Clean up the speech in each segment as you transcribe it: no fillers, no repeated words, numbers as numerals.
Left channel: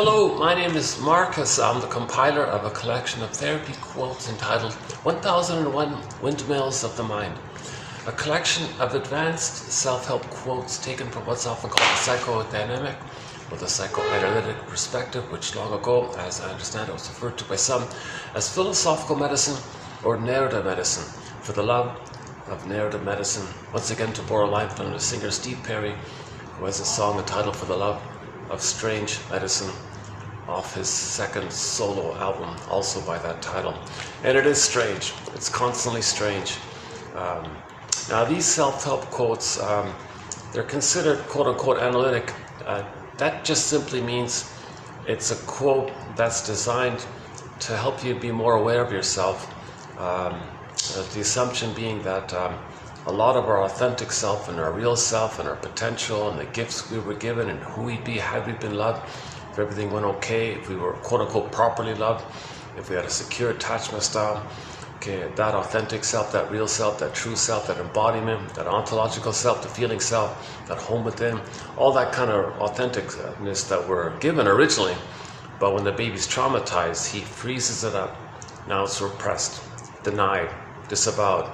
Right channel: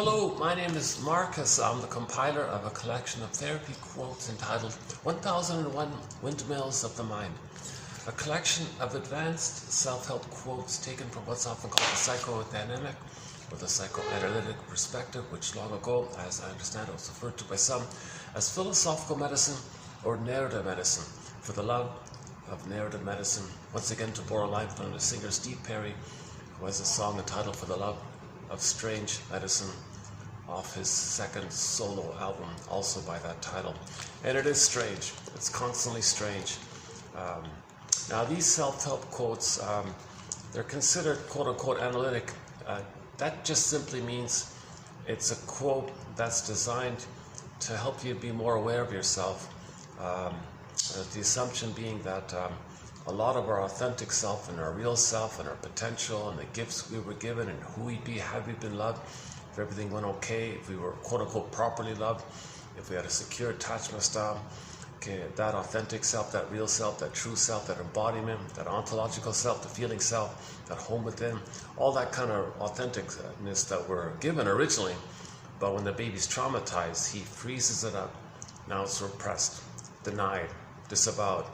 Hello, my name is Marcus. I'm the compiler of a collection of therapy quotes entitled 1001 Windmills of the Mind, a collection of advanced self-help quotes taken from what's often called the psychodynamic or the psychoanalytic perspective, which long ago, as I understand it, was referred to by some as philosophical medicine or narrative medicine, for the love of narrative medicine. Once again, to borrow a line from the singer Steve Perry, who has a song entitled For the Love of Strange Medicine, off his second solo album, also by that title. And it is strange. It's constantly strange. Now these self-help quotes, they're considered quote-unquote analytic. That just simply means it's a quote that's designed to help you be more aware of yourself. The assumption being that a lot of our authentic self and our real self and our potential and the gifts we were given and who we'd be had we been loved, if everything went okay, if we were quote-unquote properly loved, if we had a secure attachment style, okay, that authentic self, that real self, that true self, that embodiment, that ontological self, the feeling self, that home within, all that kind of authenticness that we're given originally, but when the baby's traumatized, he freezes it up. Now it's repressed, denied, disavowed,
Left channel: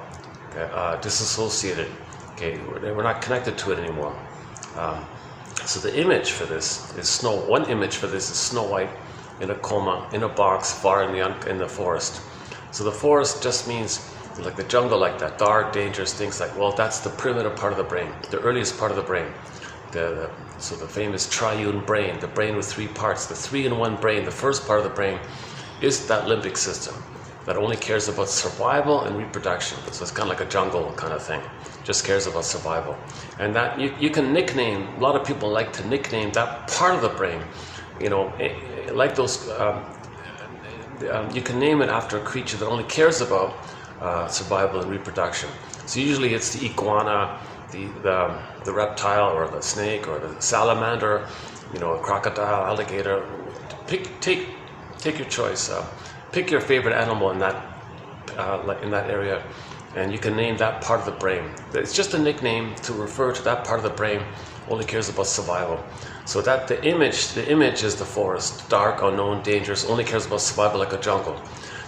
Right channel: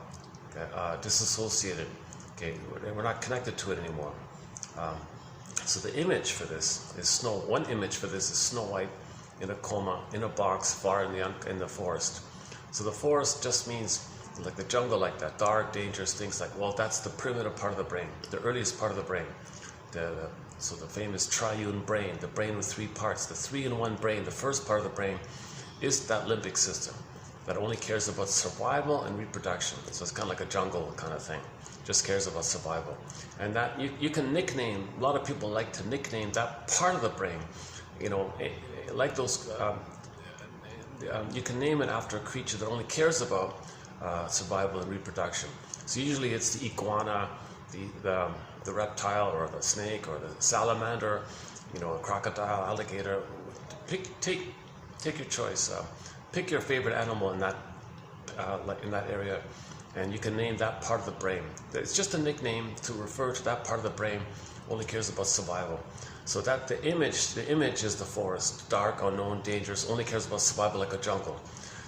disassociated. Okay, we're not connected to it anymore. So the image for this is one image for this is Snow White in a coma in a box far in the forest. So the forest just means like the jungle, like that, dark, dangerous things. Like, well, that's the primitive part of the brain, the earliest part of the brain. So the famous triune brain, the brain with three parts, the three-in-one brain. The first part of the brain is that limbic system that only cares about survival and reproduction. So it's kind of like a jungle kind of thing, just cares about survival. And that you can nickname, a lot of people like to nickname that part of the brain, you know, like those, you can name it after a creature that only cares about survival and reproduction. So usually it's the iguana, the reptile, or the snake, or the salamander, you know, a crocodile, alligator. Take your choice. Pick your favorite animal in that area, and you can name that part of the brain. It's just a nickname to refer to that part of the brain only cares about survival. So that the image is the forest, dark, unknown, dangerous, only cares about survival, like a jungle.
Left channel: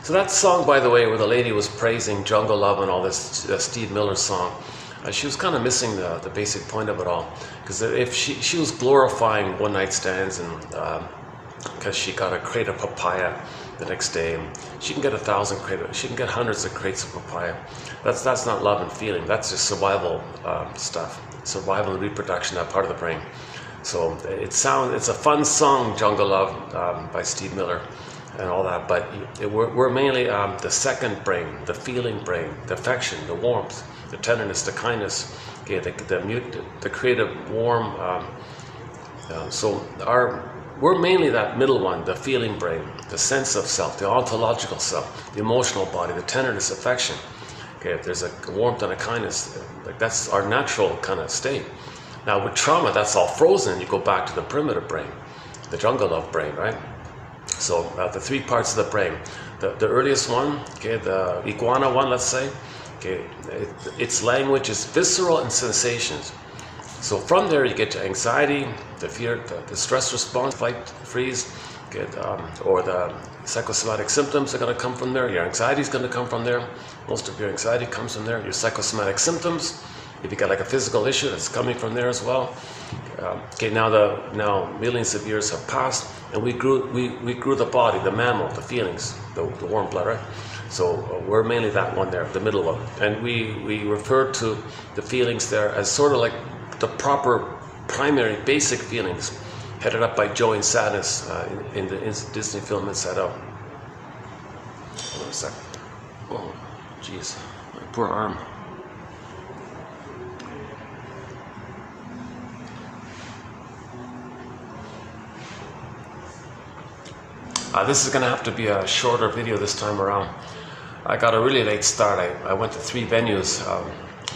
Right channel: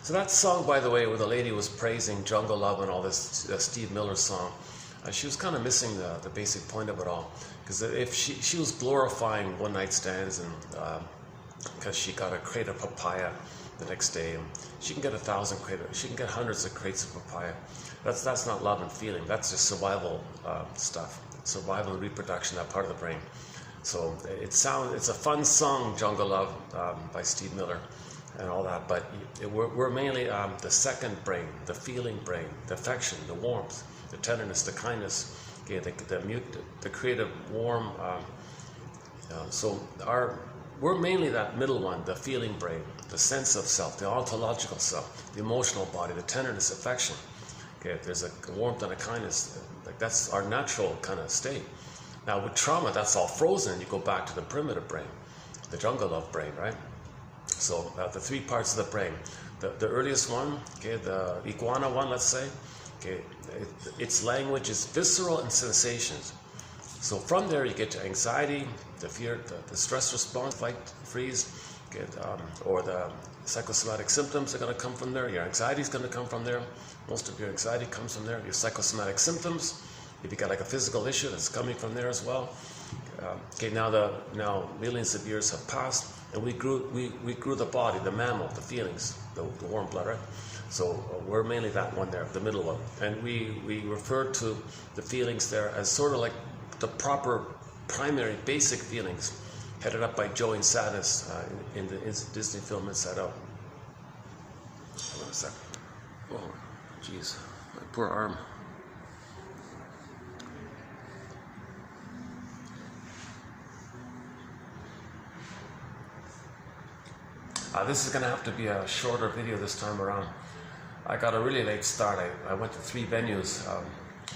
So that song, by the way, where the lady was praising jungle love and all this, Steve Miller song, she was kind of missing the basic point of it all, because if she was glorifying one night stands and because she got a crate of papaya the next day. She can get 1,000 crates, she can get hundreds of crates of papaya. That's not love and feeling, that's just survival stuff. Survival and reproduction, that part of the brain. So it's a fun song, Jungle Love, by Steve Miller and all that, but we're mainly the second brain, the feeling brain, the affection, the warmth, the tenderness, the kindness, okay, the creative, warm, we're mainly that middle one, the feeling brain, the sense of self, the ontological self, the emotional body, the tenderness, affection. Okay, if there's a warmth and a kindness, like that's our natural kind of state. Now with trauma, that's all frozen. You go back to the primitive brain, the jungle love brain, right? So the three parts of the brain. The earliest one, okay, the iguana one, let's say, okay, its language is visceral and sensations. So from there you get to anxiety, the fear, the stress response, fight, freeze, or the psychosomatic symptoms are going to come from there. Your anxiety is going to come from there. Most of your anxiety comes from there. Your psychosomatic symptoms, if you got like a physical issue, that's coming from there as well. Okay, now millions of years have passed, and we grew the body, the mammal, the feelings, the warm blood, right? So we're mainly that one there, the middle one, and we refer to the feelings there as sort of like the proper primary basic feelings, headed up by joy and sadness in the Disney film Inside Out. Hold on a sec. Oh, jeez, my poor arm. This is going to have to be a shorter video this time around. I got a really late start. I went to 3 venues. I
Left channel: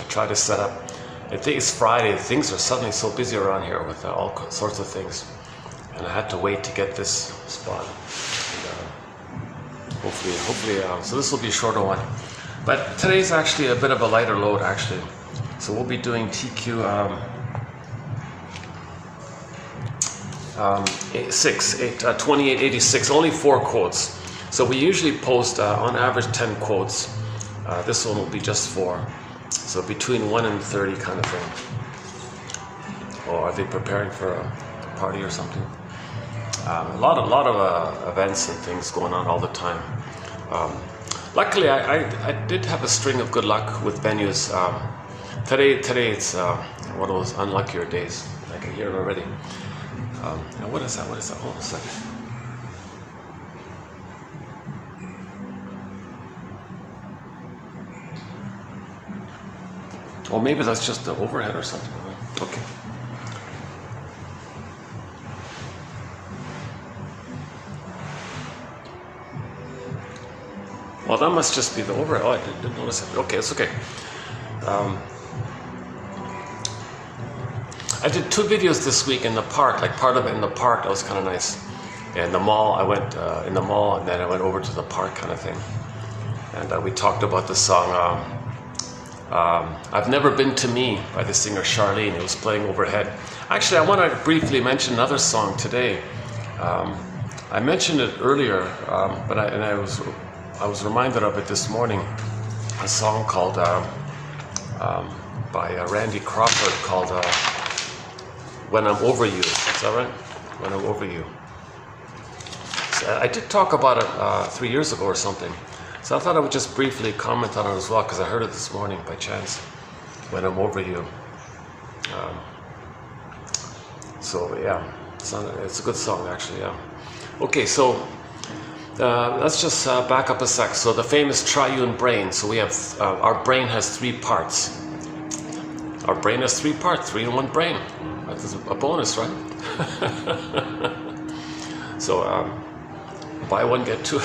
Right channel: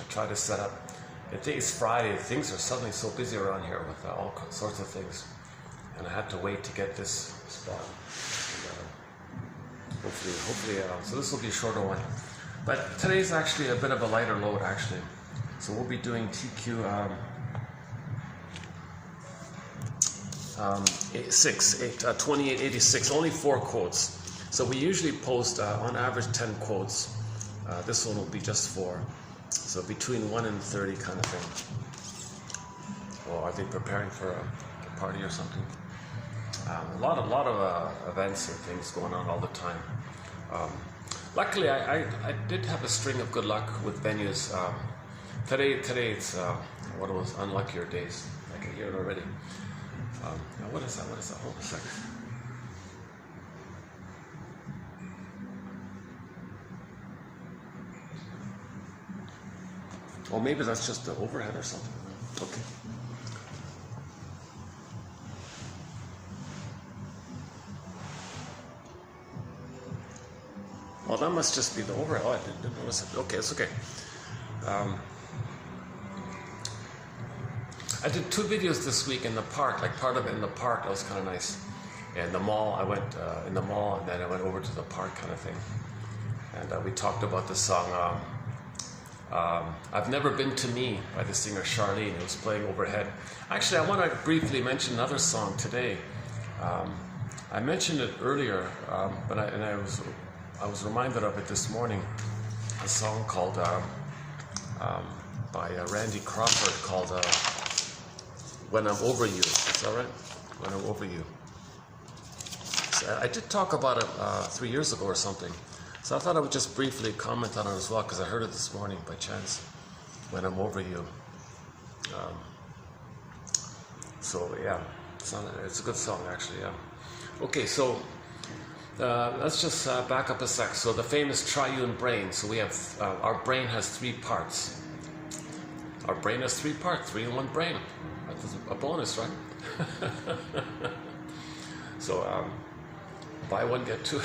tried to set up. I think it's Friday. Things are suddenly so busy around here with all sorts of things, and I had to wait to get this spot. And, hopefully, so this will be a shorter one. But today's actually a bit of a lighter load, actually. So we'll be doing TQ 2886, only 4 quotes. So we usually post on average 10 quotes. This one will be just 4. So between 1 and 30 kind of thing. Or are they preparing for a party or something? A lot of events and things going on all the time. Luckily, I did have a string of good luck with venues. Today it's one of those unluckier days. I can hear it already. Now what is that? Hold on a second. Or maybe that's just the overhead or something. Okay. Well, that must just be the overhead. Oh, I didn't notice it. Okay, it's okay. I did 2 videos this week in the park, like part of it in the park. That was kind of nice. And the mall, I went in the mall, and then I went over to the park kind of thing. And we talked about the song I've Never Been to Me by the singer Charlene. It was playing overhead. Actually, I want to briefly mention another song today. I mentioned it earlier, but I was reminded of it this morning. A song called by Randy Crawford called When I'm Over You. Is that right? When I'm Over You. So I did talk about it 3 years ago or something. So I thought I would just briefly comment on it as well, because I heard it this morning by chance. When I'm Over You. So yeah, it's a good song actually, yeah. Okay, so let's just back up a sec. So the famous triune brain. So we have, our brain has 3 parts. Our brain has 3 parts, 3 in 1 brain. That's a bonus, right? So buy 1, get 2.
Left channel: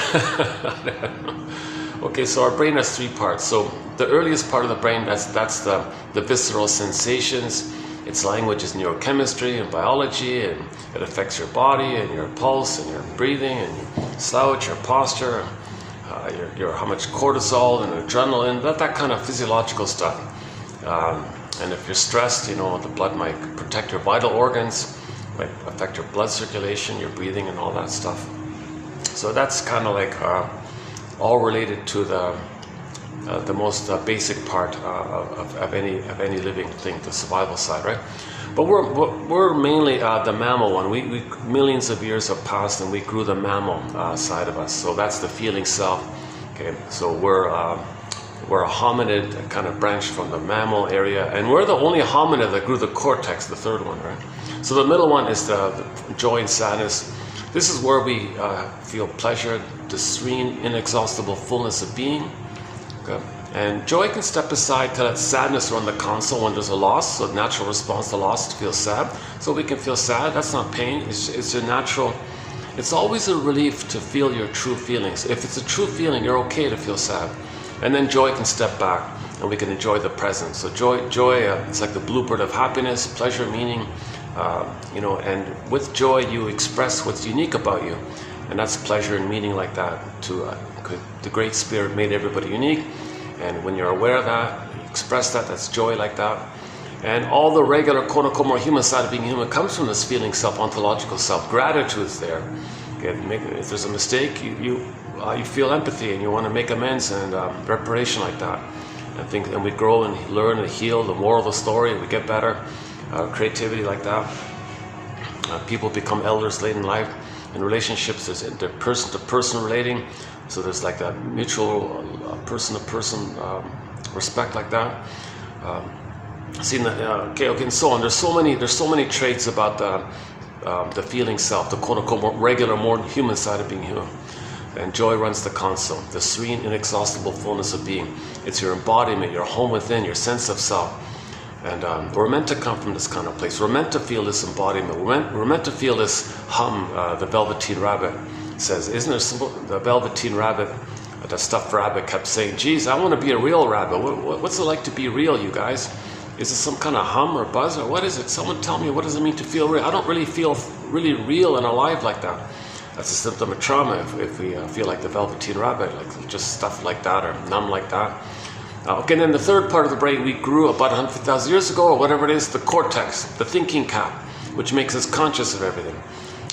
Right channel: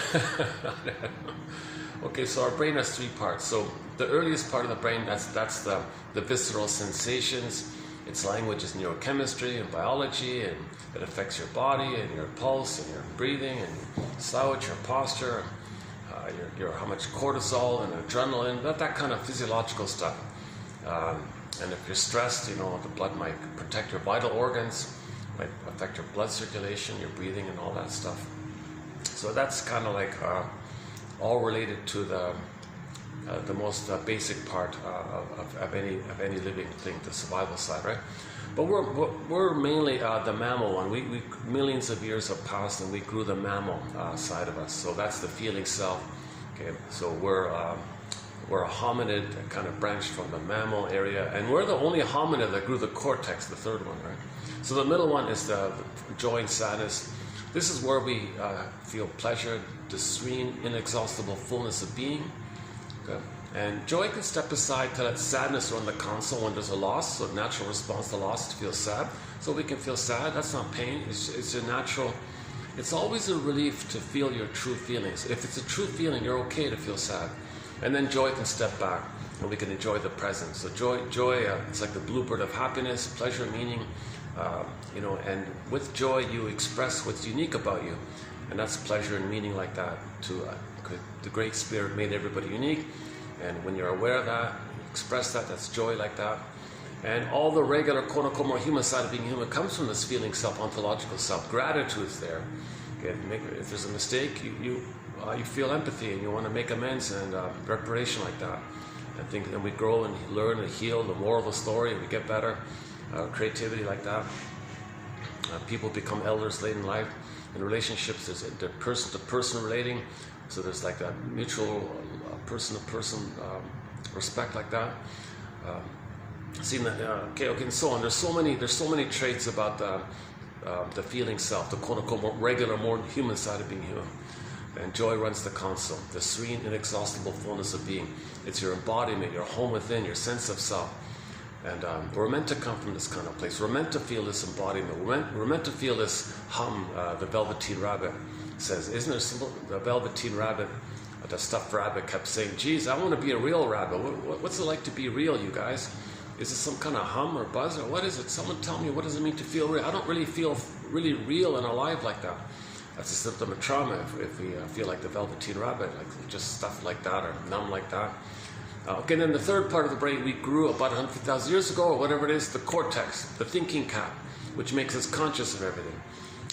Okay, so our brain has 3 parts. So the earliest part of the brain, that's the visceral sensations. Its language is neurochemistry and biology, and it affects your body and your pulse and your breathing and your slouch, your posture, your how much cortisol and adrenaline, that kind of physiological stuff. And if you're stressed, you know, the blood might protect your vital organs, might affect your blood circulation, your breathing, and all that stuff. So that's kind of like all related to the most basic part of any living thing, the survival side, right? But we're mainly the mammal one. We millions of years have passed, and we grew the mammal side of us. So that's the feeling self. Okay, so we're a hominid, kind of branched from the mammal area, and we're the only hominid that grew the cortex, the 3rd one, right? So the middle one is the joy and sadness. This is where we feel pleasure, the serene, inexhaustible fullness of being. Okay. And joy can step aside to let sadness run the console when there's a loss. So natural response to loss is to feel sad. So we can feel sad. That's not pain. It's a natural. It's always a relief to feel your true feelings. If it's a true feeling, you're okay to feel sad. And then joy can step back, and we can enjoy the present. So joy, it's like the blueprint of happiness, pleasure, meaning. You know, and with joy, you express what's unique about you, and that's pleasure and meaning like that. The Great Spirit made everybody unique, and when you're aware of that, you express that. That's joy like that. And all the regular, quote-unquote, more human side of being human comes from this feeling self, ontological self. Gratitude is there. Okay, if there's a mistake, you feel empathy and you want to make amends and reparation like that. And we grow and learn and heal. The moral of the story, we get better. Creativity like that. People become elders late in life. In relationships, there's the person-to-person relating. So there's like that mutual person-to-person respect like that. Okay, and so on. There's so many traits about the feeling self, the quote-unquote more regular, more human side of being human. And joy runs the console, the serene, inexhaustible fullness of being. It's your embodiment, your home within, your sense of self. And we're meant to come from this kind of place. We're meant to feel this embodiment. We're meant to feel this hum. The Velveteen Rabbit says, isn't there simple? The Velveteen Rabbit, the stuffed rabbit, kept saying, geez, I want to be a real rabbit. What's it like to be real, you guys? Is it some kind of hum or buzz, or what is it? Someone tell me, what does it mean to feel real? I don't really feel really real and alive like that. That's a symptom of trauma if we feel like the Velveteen Rabbit, like just stuff like that or numb like that. Okay, and then the 3rd part of the brain we grew about 100,000 years ago, or whatever it is, the cortex, the thinking cap. which makes us conscious of everything.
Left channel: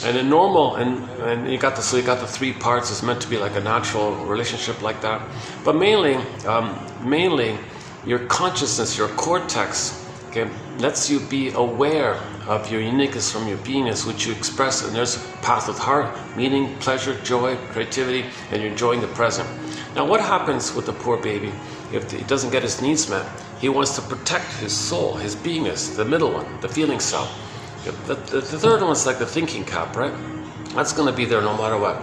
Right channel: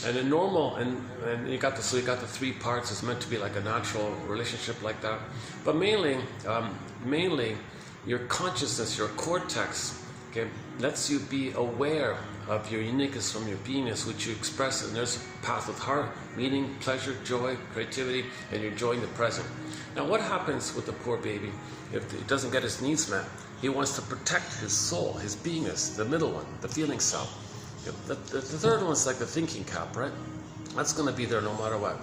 And in normal, and you got the 3 parts. It's meant to be like a natural relationship like that. But mainly your consciousness, your cortex, okay, lets you be aware of your uniqueness from your beingness, which you express. And there's a path with heart, meaning, pleasure, joy, creativity, and you're enjoying the present. Now, what happens with the poor baby if he doesn't get his needs met? He wants to protect his soul, his beingness, the middle one, the feeling self. The third one's like the thinking cap, right? That's going to be there no matter what.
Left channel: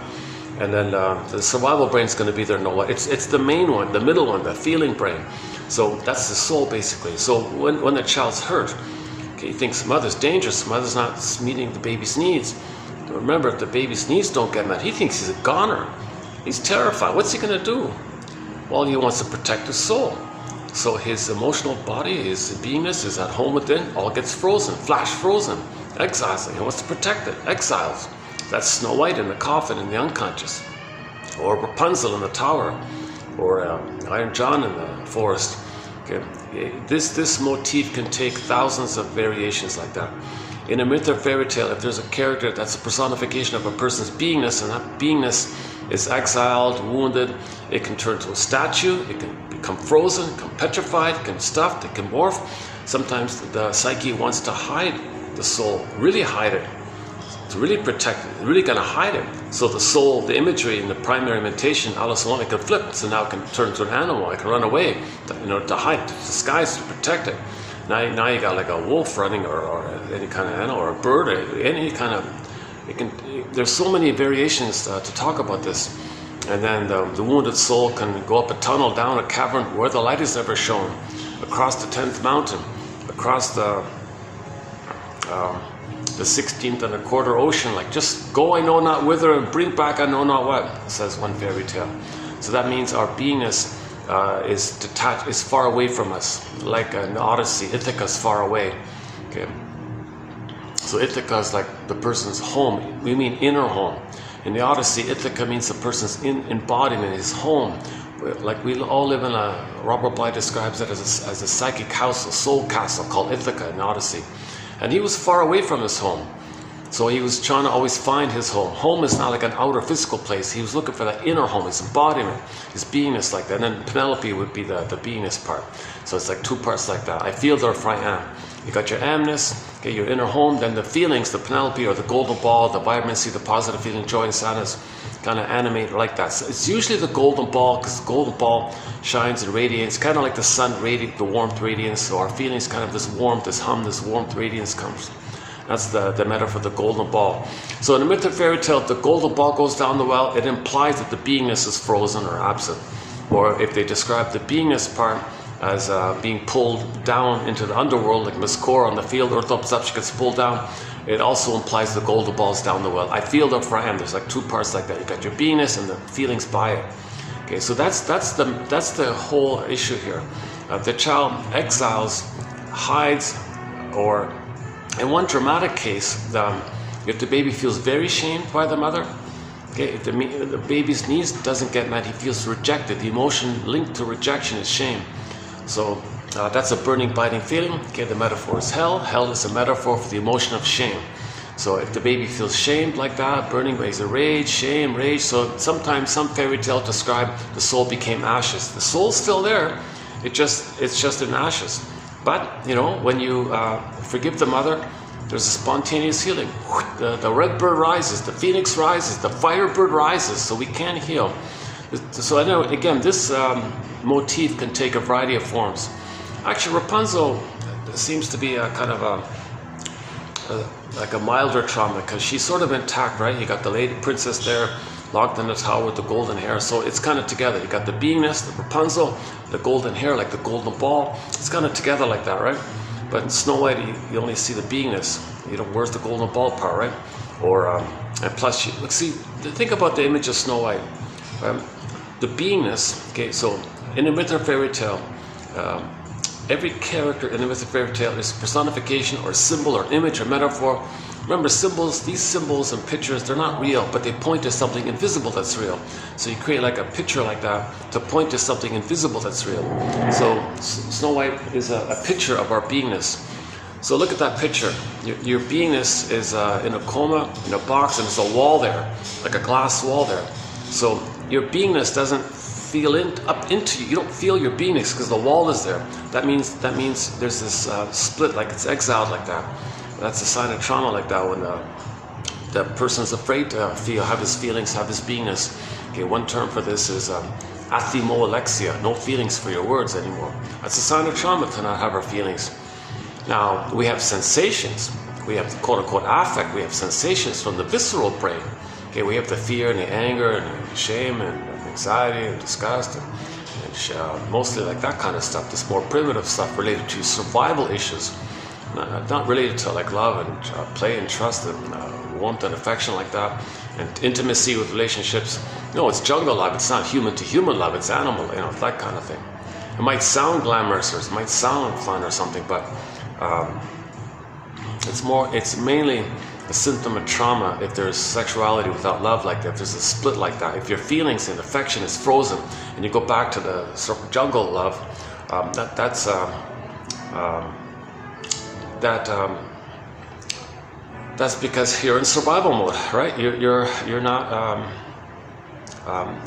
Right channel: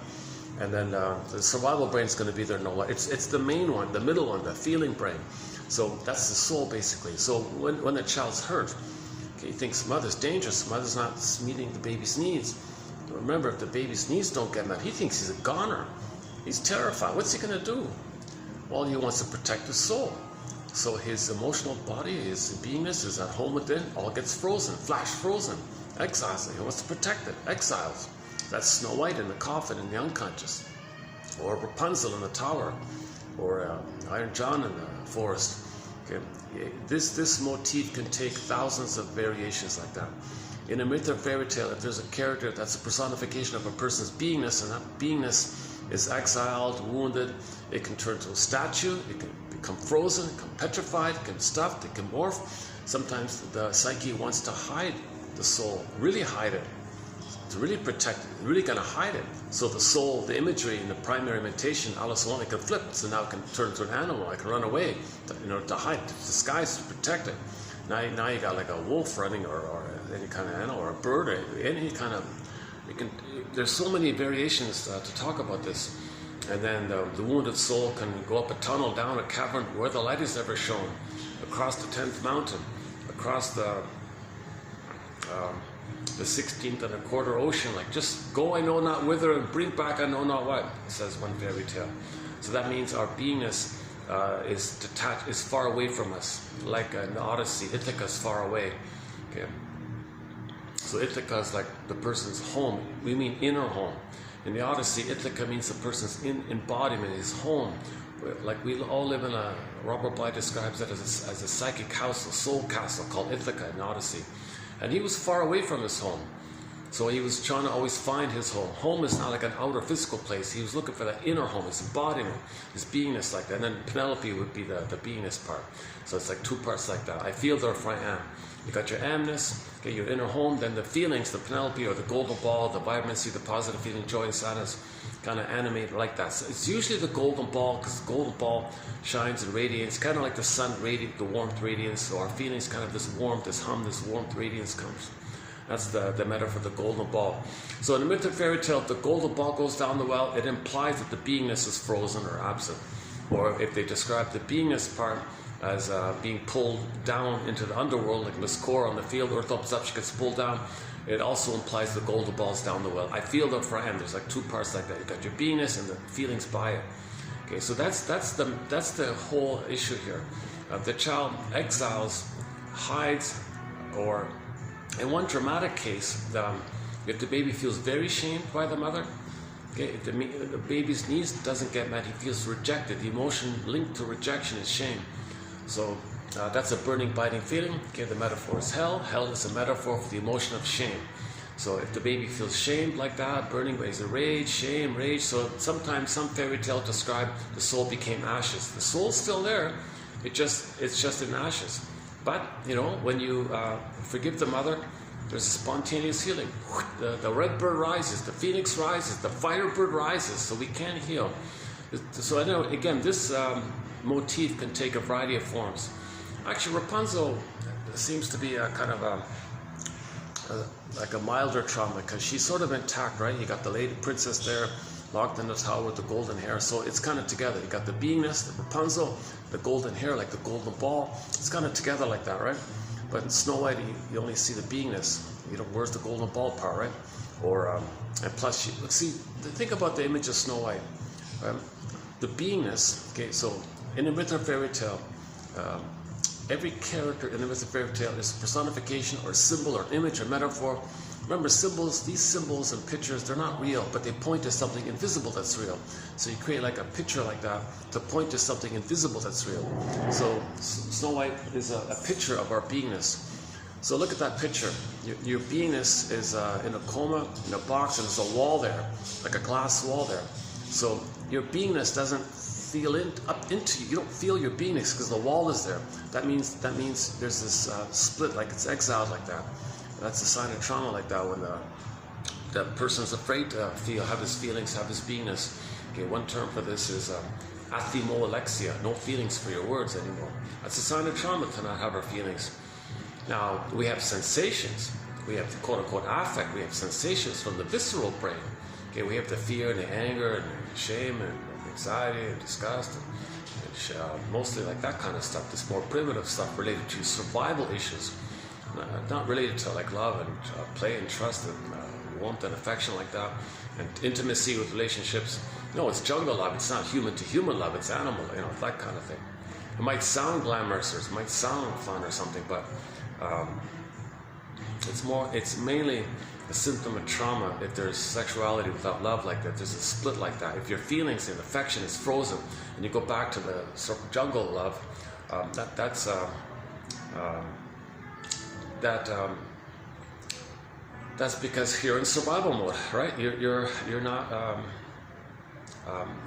And then the survival brain's going to be there no matter what. It's the main one, the middle one, the feeling brain. So that's the soul, basically. So when the child's hurt, okay, he thinks mother's dangerous, mother's not meeting the baby's needs. Remember, if the baby's needs don't get met, he thinks he's a goner. He's terrified. What's he going to do? Well, he wants to protect his soul. So his emotional body, his beingness is at home within, all gets frozen, flash frozen, exiles it. He wants to protect it, exiles. That's Snow White in the coffin in the unconscious, or Rapunzel in the tower, or Iron John in the forest. Okay. This motif can take thousands of variations like that. In a myth or fairy tale, if there's a character that's a personification of a person's beingness, and that beingness is exiled, wounded, it can turn to a statue, it can become frozen, it can petrified, it can be stuffed, it can morph. Sometimes the psyche wants to hide the soul, really hide it, to really protect it, really gonna hide it. So the soul, the imagery in the primary imitation, Alice in Wonderland, can flip, so now it can turn to an animal, it can run away, to hide, to disguise, to protect it. Now you got like a wolf running, or any kind of animal, or a bird, or any kind of, there's so many variations to talk about this. And then the wounded soul can go up a tunnel, down a cavern where the light is never shown, across the 10th mountain, across the 16th and a quarter ocean, like just go I know not whither and bring back I know not what, says one fairy tale. So that means our beingness is detached, is far away from us, like an Odyssey. Ithaca is far away. Okay. So Ithaca is like the person's home. We mean inner home. In the Odyssey, Ithaca means the person's embodiment, his home. Like we all live in a, Robert Bly describes it as a psychic house, a soul castle called Ithaca in the Odyssey. And he was far away from his home. So he was trying to always find his home. Home is not like an outer physical place. He was looking for that inner home, his embodiment, his beingness like that. And then Penelope would be the beingness part. So it's like 2 parts like that. I feel, therefore I am. You got your amness, okay, your inner home, then the feelings, the Penelope or the golden ball, the vibrancy, the positive feeling, joy and sadness, kind of animate like that. So it's usually the golden ball, because the golden ball shines and radiates, kind of like the sun radiates, the warmth radiance. So our feelings, kind of this warmth, this hum, this warmth radiance comes. That's the metaphor, the golden ball. So in the myth or fairy tale, if the golden ball goes down the well, it implies that the beingness is frozen or absent. Or if they describe the beingness part as being pulled down into the underworld, like Miss Core on the field, she gets pulled down, it also implies the golden ball's down the well. I feel, therefore I am. There's like 2 parts like that. You got your beingness and the feelings by it. Okay, so that's the whole issue here. The child exiles, hides, or in one dramatic case, if the baby feels very shamed by the mother, okay, if the baby's needs doesn't get met, he feels rejected. The emotion linked to rejection is shame. So that's a burning, biting feeling. Okay, the metaphor is hell. Hell is a metaphor for the emotion of shame. So if the baby feels shamed like that, burning waves of rage, shame, rage. So sometimes some fairy tales describe the soul became ashes. The soul's still there. It's just in ashes. But you know, when you forgive the mother, there's a spontaneous healing. The red bird rises, the phoenix rises, the firebird rises. So we can heal. So I know, again, this motif can take a variety of forms. Actually, Rapunzel seems to be a kind of like a milder trauma, because she's sort of intact, right? You got the lady princess there, locked in the tower with the golden hair. So it's kind of together. You got the beingness, the Rapunzel, the golden hair, like the golden ball. It's kind of together like that, right? But in Snow White, you only see the beingness. You know, where's the golden ball part, right? Or and plus, think about the image of Snow White. The beingness. Okay, so in a myth or fairy tale, every character in the myth or fairy tale is a personification or symbol or image or metaphor. Remember, symbols, these symbols and pictures, they're not real, but they point to something invisible that's real. So you create like a picture like that to point to something invisible that's real. So Snow White is a picture of our beingness. So look at that picture. Your beingness is in a coma, in a box, and there's a wall there, like a glass wall there. So your beingness doesn't feel up into you. You don't feel your beingness because the wall is there. That means there's this split, like it's exiled like that. That's a sign of trauma like that, when the person's afraid to have his feelings, have his beingness. Okay, one term for this is athimoalexia, no feelings for your words anymore. That's a sign of trauma to not have our feelings. Now, we have sensations. We have the quote-unquote affect. We have sensations from the visceral brain. Okay, we have the fear and the anger and the shame and anxiety and disgust and mostly like that kind of stuff. This more primitive stuff related to survival issues, not related to like love and play and trust and warmth and affection like that, and intimacy with relationships. No, it's jungle love. It's not human to human love. It's animal, that kind of thing. It might sound glamorous or it might sound fun or something, but it's mainly a symptom of trauma if there's sexuality without love like that, if there's a split like that, if your feelings and affection is frozen and you go back to the sort of jungle love, that's because you're in survival mode, right? You're not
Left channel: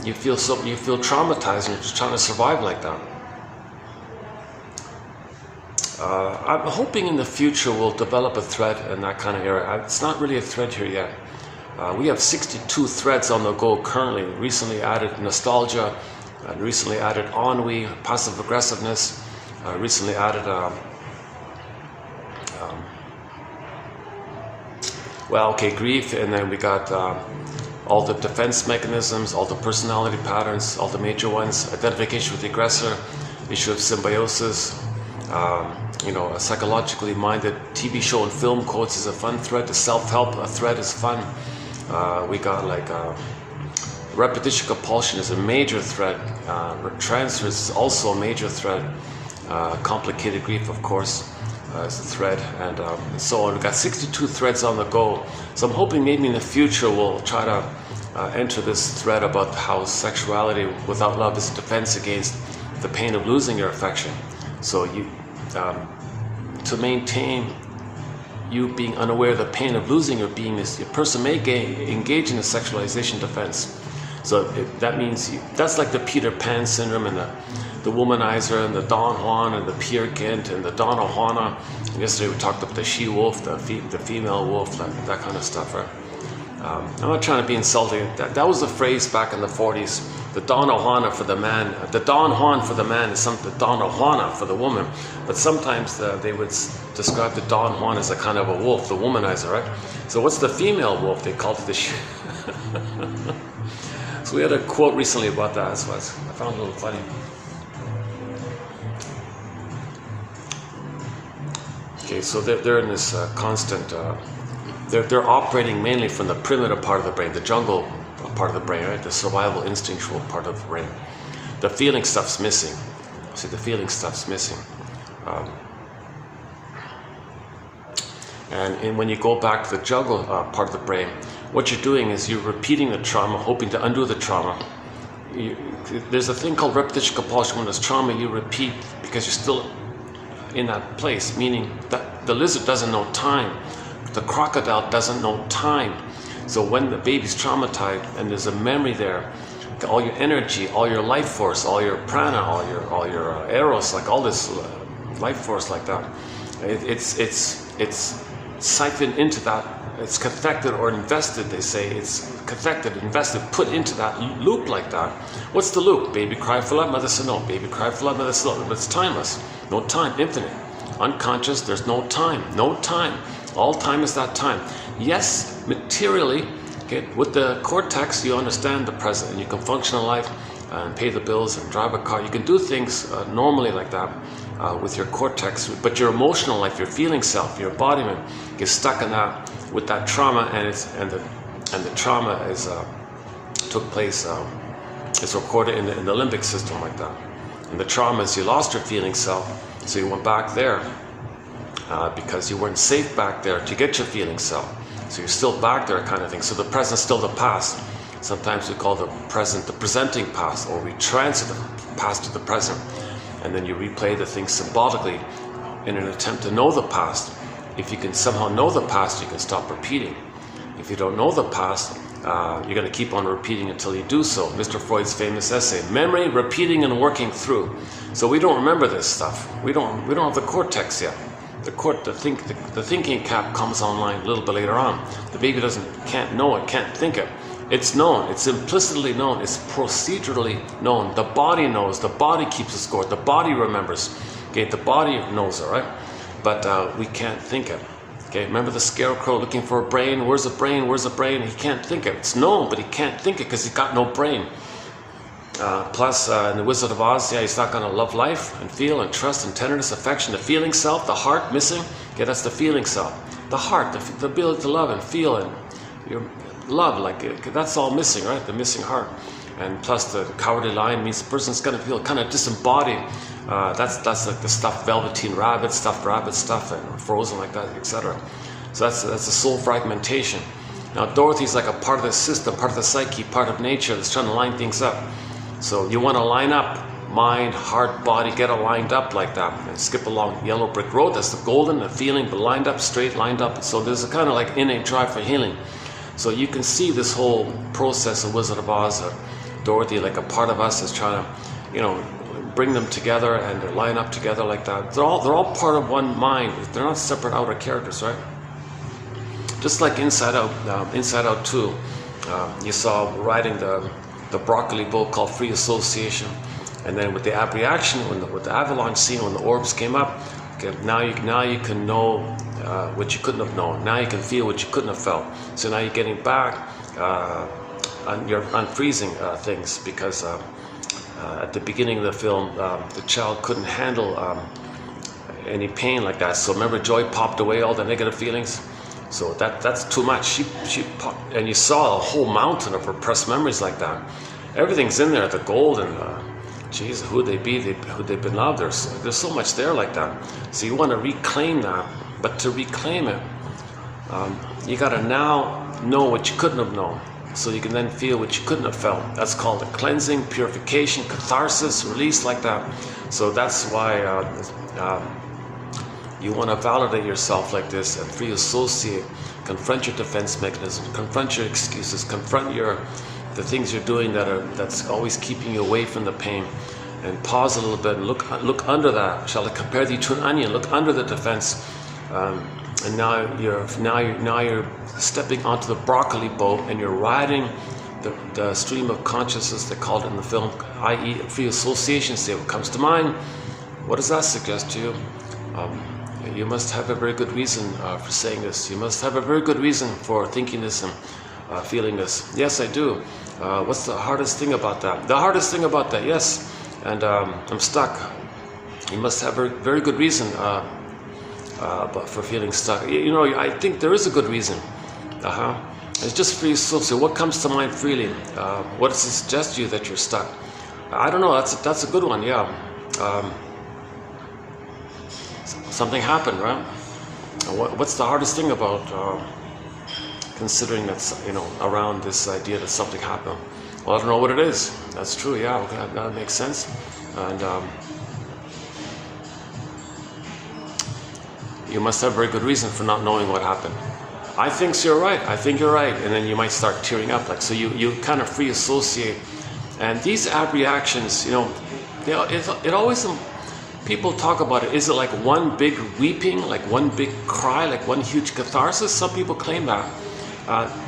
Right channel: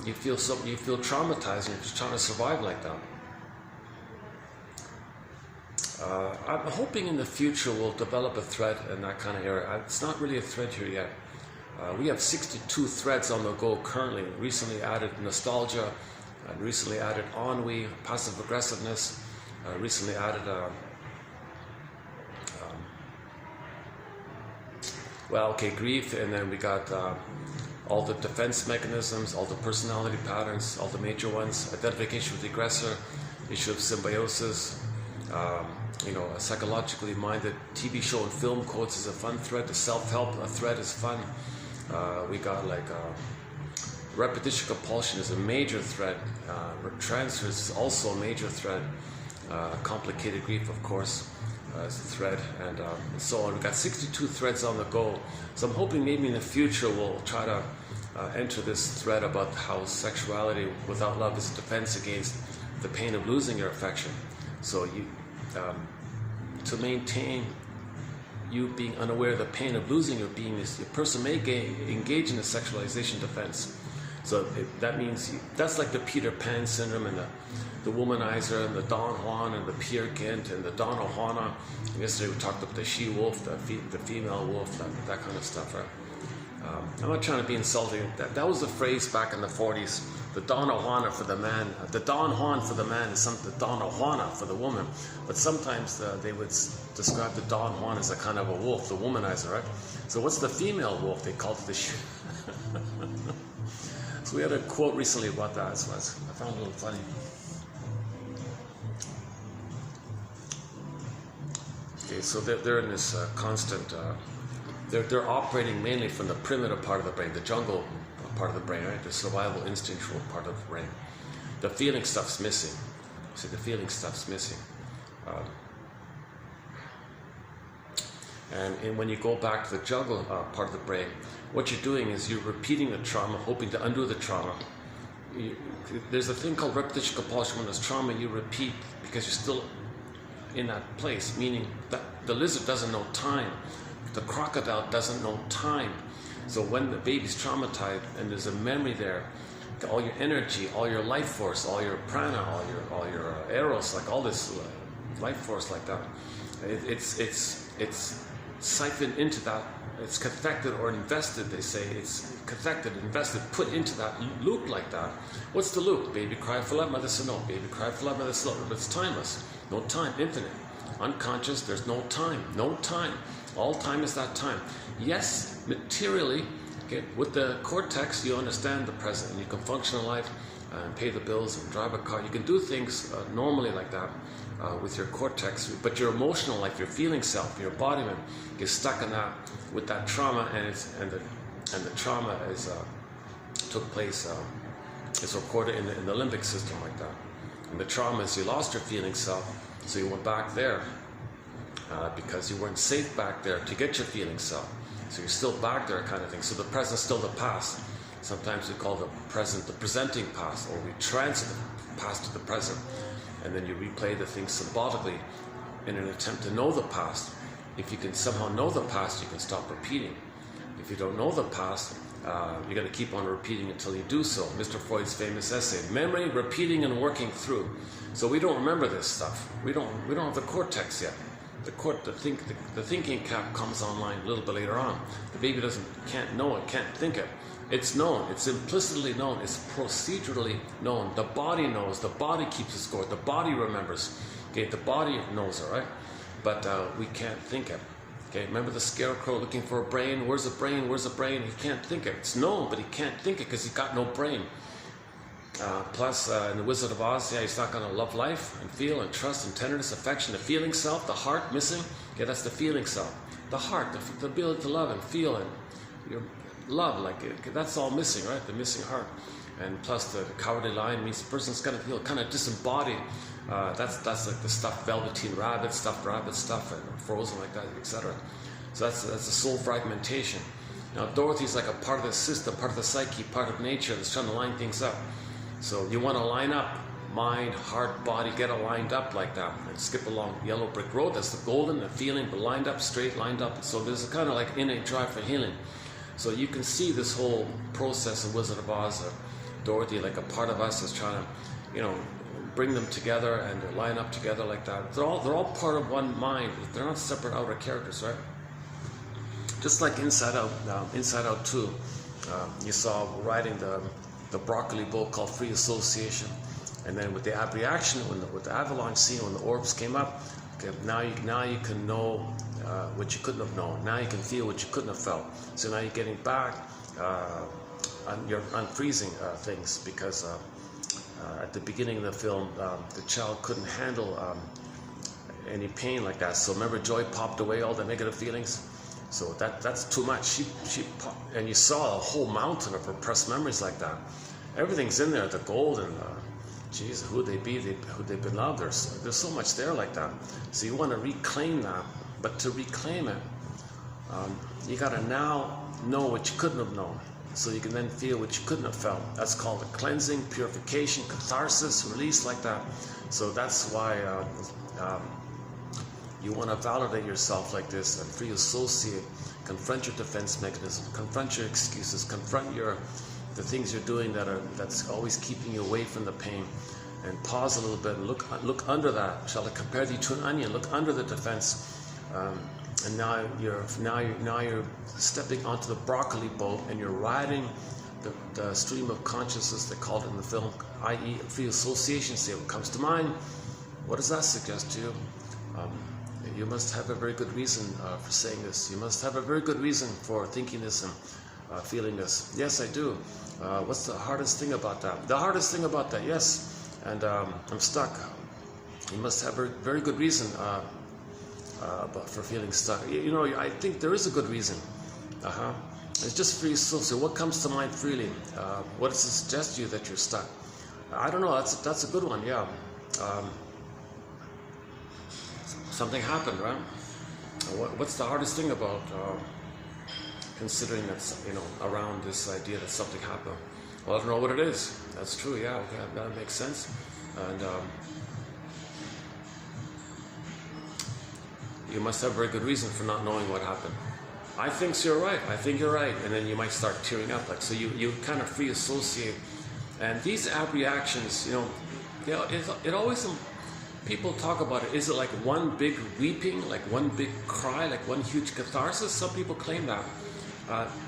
you feel traumatized and you're just trying to survive like that. I'm hoping in the future we'll develop a thread in that kind of area. It's not really a thread here yet. We have 62 threads on the go currently. Recently added nostalgia, recently added ennui, passive aggressiveness, recently added grief, and then we got all the defense mechanisms, all the personality patterns, all the major ones, identification with the aggressor, issue of symbiosis. A psychologically minded TV show and film quotes is a fun thread. The self-help thread is fun. We got like repetition compulsion is a major thread. Transfers is also a major thread. Complicated grief, of course, is a thread, and so on. We got 62 threads on the go. So I'm hoping maybe in the future we'll try to enter this thread about how sexuality without love is a defense against the pain of losing your affection. So to maintain you being unaware of the pain of losing your beingness, a person may engage in a sexualization defense. So that means that's like the Peter Pan syndrome and the womanizer and the Don Juan and the Peer Gynt and the Donna Juana. And yesterday we talked about the she-wolf, the female wolf, that kind of stuff, right? I'm not trying to be insulting. That was a phrase back in the 40s. The Donna Juana for the man, the Don Juan for the man is something, the Donna Juana for the woman. But sometimes they would describe the Don Juan as a kind of a wolf, the womanizer, right? So what's the female wolf? They called it the she. So we had a quote recently about that. So I found it a little funny. Okay, so they're in this constant. They're operating mainly from the primitive part of the brain, the jungle part of the brain, right? The survival instinctual part of the brain. The feeling stuff's missing. See, the feeling stuff's missing. And when you go back to the jungle part of the brain, what you're doing is you're repeating the trauma, hoping to undo the trauma. There's a thing called repetition compulsion. When there's trauma, you repeat because you're still in that place, meaning that the lizard doesn't know time. The crocodile doesn't know time. So when the baby's traumatized and there's a memory there, all your energy, all your life force, all your prana, all your eros, like all this life force like that, it's siphoned into that. It's cathected or invested, they say. It's cathected, invested, put into that loop like that. What's the loop? Baby cry for love, mother said no. Baby cry for love, mother said no. But it's timeless. No time, infinite. Unconscious, there's no time. No time. All time is that time. Yes, materially, okay, with the cortex, you understand the present and you can function in life and pay the bills and drive a car. You can do things normally like that with your cortex, but your emotional life, your feeling self, your embodiment gets stuck in that with that trauma, and the trauma is took place. It's recorded in the limbic system like that. And the trauma is you lost your feeling self, so you went back there. Because you weren't safe back there to get your feeling self. So you're still back there kind of thing. So the present's still the past. Sometimes we call the present the presenting past, or we transit the past to the present. And then you replay the thing symbolically in an attempt to know the past. if you can somehow know the past, you can stop repeating. If you don't know the past, you're going to keep on repeating until you do so. Mr. Freud's famous essay, memory, repeating, and working through. So we don't remember this stuff. We don't have the cortex yet. The thinking cap comes online a little bit later on. The baby can't know it, can't think it. It's known. It's implicitly known. It's procedurally known. The body knows. The body keeps a score. The body remembers. Okay, the body knows it, right? But we can't think it. Okay, remember the scarecrow looking for a brain? Where's the brain? Where's the brain? He can't think it. It's known, but he can't think it because he's got no brain. Plus, in the Wizard of Oz, yeah, he's not going to love life and feel and trust and tenderness, affection, the feeling self, the heart missing. Okay, that's the feeling self. The heart, the ability to love and feel and your love, like that's all missing, right? The missing heart. And plus, the cowardly lion means the person's going to feel kind of disembodied. That's like the stuffed velveteen rabbit, stuffed rabbit stuff, and frozen like that, etc. So that's the soul fragmentation. Now, Dorothy's like a part of the system, part of the psyche, part of nature that's trying to line things up. So you want to line up mind, heart, body, get it lined up like that, and skip along yellow brick road. That's the golden, the feeling, but lined up, straight, lined up. So there's a kind of like innate drive for healing. So you can see this whole process of Wizard of Oz, Dorothy, like a part of us is trying to, bring them together and line up together like that. They're all part of one mind. They're not separate outer characters, right? Just like Inside Out 2, you saw riding the broccoli boat called Free Association, and then with the abreaction, with the avalanche scene, when the orbs came up, okay, now you can know what you couldn't have known. Now you can feel what you couldn't have felt. So now you're getting back, you're unfreezing things, because at the beginning of the film, the child couldn't handle any pain like that. So remember, Joy popped away all the negative feelings. So that's too much. She popped, and you saw a whole mountain of repressed memories like that. Everything's in there, the gold and geez, who'd they be? Who'd they been loved? There's so much there like that. So you want to reclaim that, but to reclaim it, you got to now know what you couldn't have known, so you can then feel what you couldn't have felt. That's called a cleansing, purification, catharsis, release like that. So that's why you want to validate yourself like this and free associate, confront your defense mechanism, confront your excuses, confront the things you're doing that's always keeping you away from the pain, and pause a little bit and look under that. Shall I compare thee to an onion? Look under the defense. And now you're stepping onto the broccoli boat, and you're riding the stream of consciousness, they called it in the film, i.e. free association state. What comes to mind? What does that suggest to you? You must have a very good reason for saying this. You must have a very good reason for thinking this and feeling this. Yes, I do. What's the hardest thing about that? The hardest thing about that, yes. And I'm stuck. You must have a very good reason but for feeling stuck. I think there is a good reason. It's just free association. What comes to mind freely? What does it suggest to you that you're stuck? I don't know. That's a good one. Yeah. Something happened, right? What's the hardest thing about considering that, around this idea that something happened? Well, I don't know what it is. That's true. Yeah. Okay, that makes sense. And you must have a very good reason for not knowing what happened. I think so, you're right. I think you're right. And then you might start tearing up. Like, so you kind of free associate. And these abreactions, it always, people talk about it. Is it like one big weeping, like one big cry, like one huge catharsis? Some people claim that.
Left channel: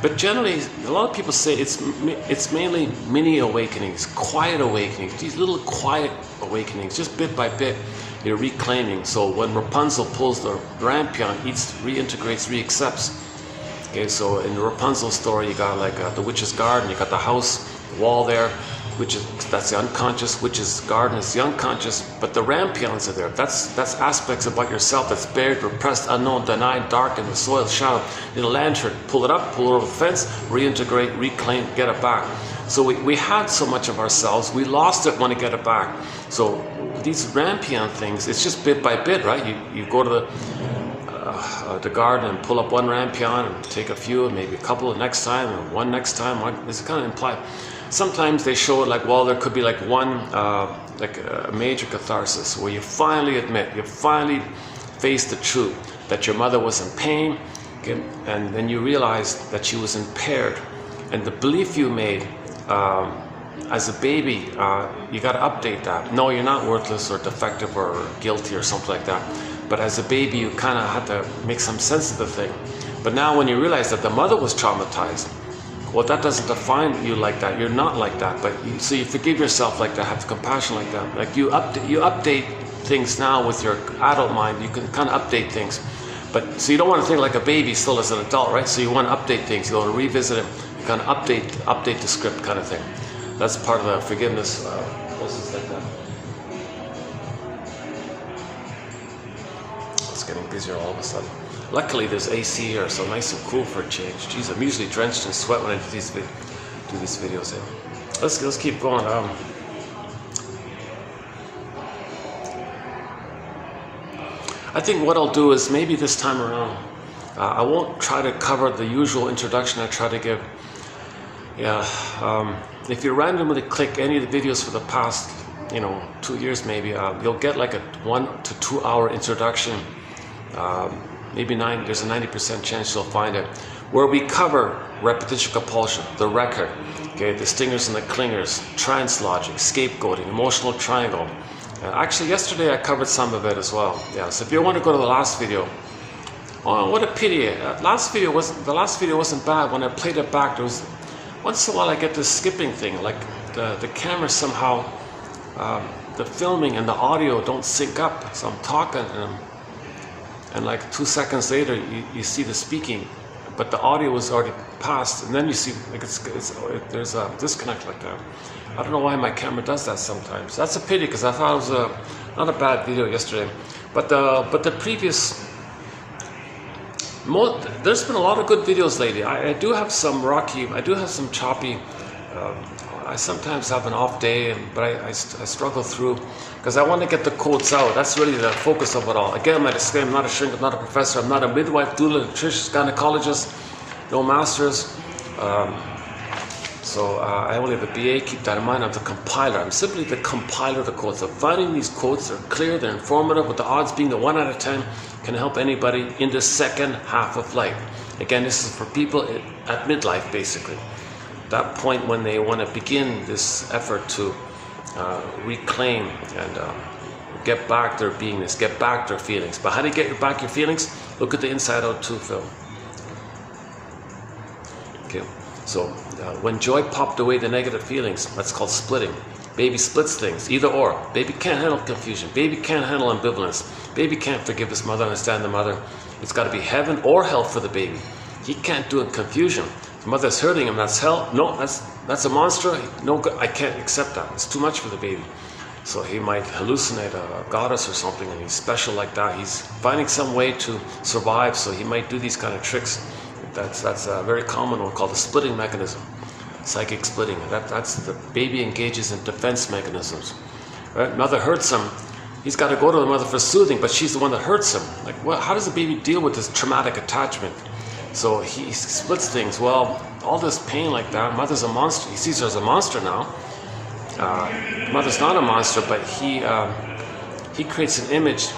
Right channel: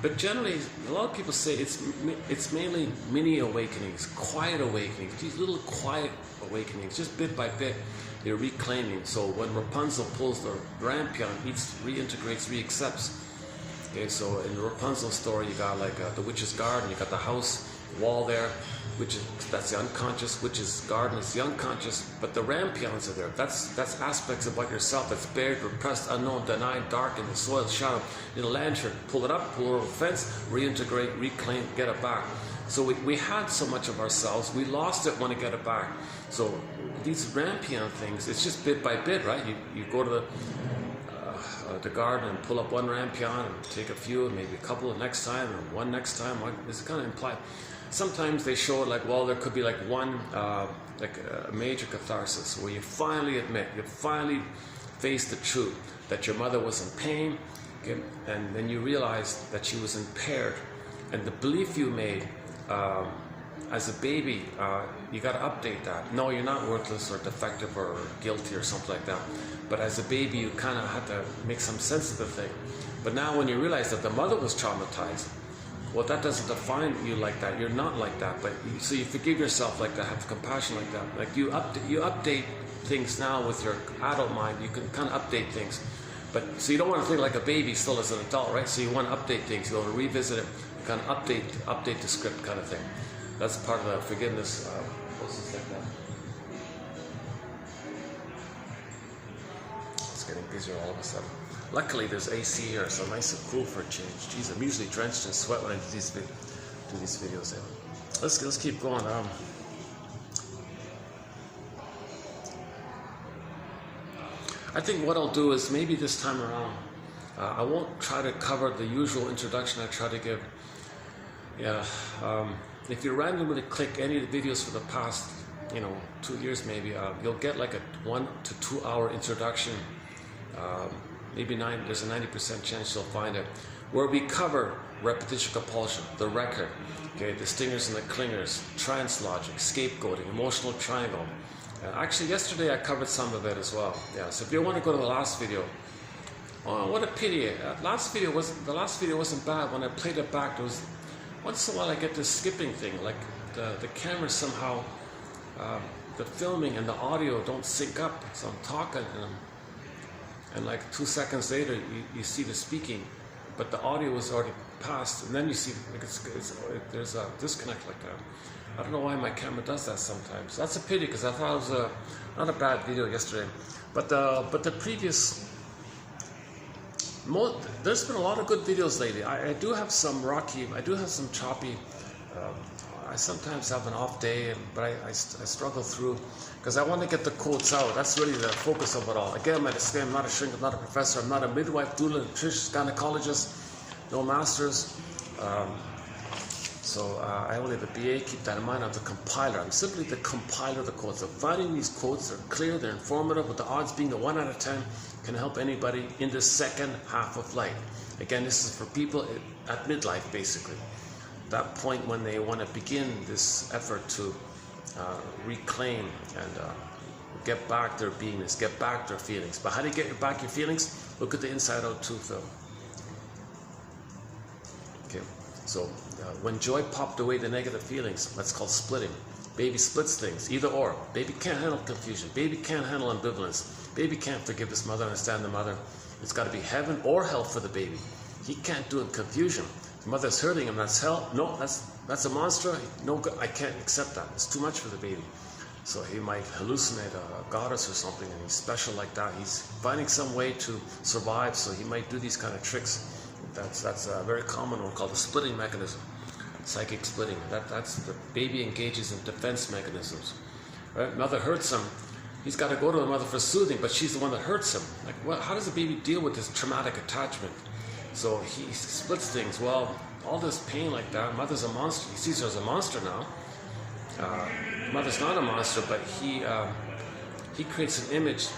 But generally, a lot of people say it's mainly mini awakenings, quiet awakenings, these little quiet awakenings, just bit by bit. You're reclaiming. So when Rapunzel pulls the rampion, reintegrates, reaccepts. Okay, so in the Rapunzel story, you got like the witch's garden, you got the house, the wall there, that's the unconscious. Witch's garden is the unconscious, but the rampions are there. That's aspects about yourself that's buried, repressed, unknown, denied, dark in the soil, shadow. In a lantern, pull it up, pull it over the fence, reintegrate, reclaim, get it back. So we had so much of ourselves, we lost it, want to get it back. So these rampion things, it's just bit by bit, right? You go to the garden and pull up one rampion and take a few, maybe a couple the next time, and one next time. It's kind of implied. Sometimes they show it like, well, there could be like one, like a major catharsis where you finally admit, you finally face the truth. that your mother was in pain, okay, and then you realized that she was impaired, and the belief you made as a baby, you got to update that. No, you're not worthless or defective or guilty or something like that. But as a baby, you kind of had to make some sense of the thing. But now when you realize that the mother was traumatized, well, that doesn't define you like that. You're not like that. But so you forgive yourself like that, have compassion like that. Like you update things now with your adult mind. You can kind of update things. But so you don't want to think like a baby still as an adult, right? So you want to update things. You want to revisit it. You kind of update the script kind of thing. That's part of the forgiveness process like that. It's getting busier all of a sudden. Luckily there's AC here, so nice and cool for a change. Jeez, I'm usually drenched in sweat when I do these videos. Let's keep going. I think what I'll do is maybe this time around, I won't try to cover the usual introduction I try to give. Yeah. If you randomly click any of the videos for the past, 2 years maybe, you'll get like a 1 to 2 hour introduction. There's a 90% chance you'll find it, where we cover repetition compulsion, the record, okay, the stingers and the clingers, trance logic, scapegoating, emotional triangle. Actually, yesterday I covered some of it as well. Yeah, so if you want to go to the last video, oh, what a pity! The last video wasn't bad. When I played it back, there was once in a while I get this skipping thing, like the camera somehow, the filming and the audio don't sync up. So I'm talking and like 2 seconds later you see the speaking, but the audio was already passed, and then you see like there's a disconnect like that. I don't know why my camera does that sometimes. That's a pity, because I thought it was not a bad video yesterday, but the previous. There's been a lot of good videos lately. I do have some rocky, I do have some choppy. I sometimes have an off day, but I struggle through because I want to get the quotes out. That's really the focus of it all. Again, my disclaimer: I'm not a shrink, I'm not a professor, I'm not a midwife, doula, nutritionist, gynecologist, no masters. I only have a BA, keep that in mind. I'm the compiler. I'm simply the compiler of the quotes. So finding these quotes, they're clear, they're informative, with the odds being the 1 out of 10 can help anybody in the second half of life. Again, this is for people at midlife, basically. That point when they want to begin this effort to reclaim and get back their beingness, get back their feelings. But how do you get back your feelings? Look at the Inside Out 2 film. Okay, so when joy popped away the negative feelings, that's called splitting. Baby splits things, either or. Baby can't handle confusion. Baby can't handle ambivalence. Baby can't forgive his mother, understand the mother. It's got to be heaven or hell for the baby. He can't do it in confusion. The mother's hurting him, that's hell. No, that's a monster. No, I can't accept that. It's too much for the baby. So he might hallucinate a goddess or something, and he's special like that. He's finding some way to survive, so he might do these kind of tricks. That's a very common one called the splitting mechanism. Psychic splitting. That's the baby engages in defense mechanisms. Right? Mother hurts him. He's got to go to the mother for soothing, but she's the one that hurts him. Like, well, how does the baby deal with this traumatic attachment? So he splits things. Well, all this pain like that, mother's a monster. He sees her as a monster now. Mother's not a monster, but he creates an image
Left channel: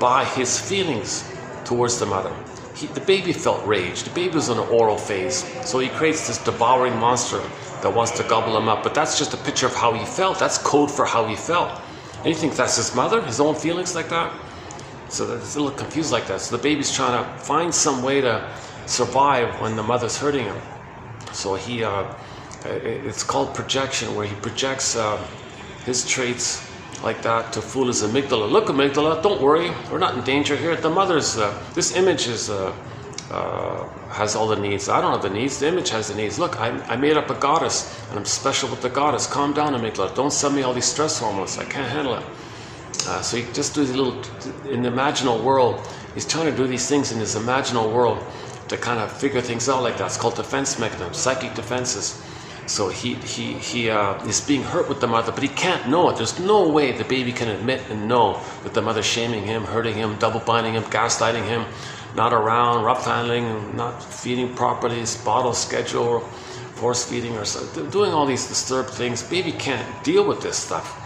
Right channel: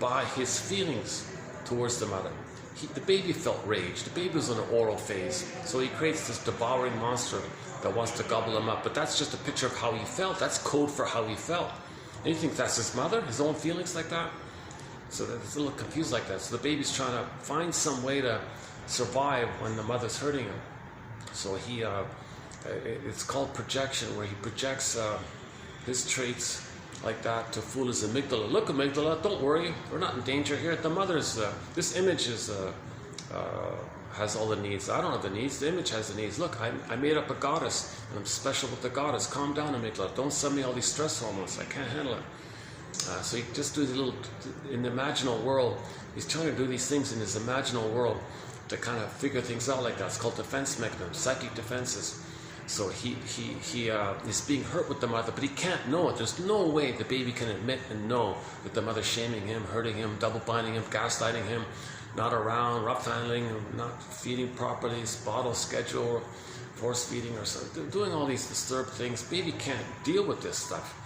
by his feelings towards the mother. The baby felt rage. The baby was in an oral phase. So he creates this devouring monster that wants to gobble him up. But that's just a picture of how he felt. That's code for how he felt. And you think that's his mother, his own feelings like that? So it's a little confused like that. So the baby's trying to find some way to survive when the mother's hurting him. So it's called projection, where he projects his traits like that to fool his amygdala. Look, amygdala, don't worry, we're not in danger here. The mother's, this image has all the needs. I don't have the needs, the image has the needs. Look, I made up a goddess, and I'm special with the goddess. Calm down, amygdala, don't send me all these stress hormones, I can't handle it. So he just does a little, in the imaginal world, he's trying to do these things in his imaginal world to kind of figure things out like that. It's called defense mechanism, psychic defenses. So he is being hurt with the mother, but he can't know it. There's no way the baby can admit and know that the mother's shaming him, hurting him, double binding him, gaslighting him, not around, rough handling, not feeding properly, his bottle schedule, force feeding, or so, doing all these disturbed things. Baby can't deal with this stuff.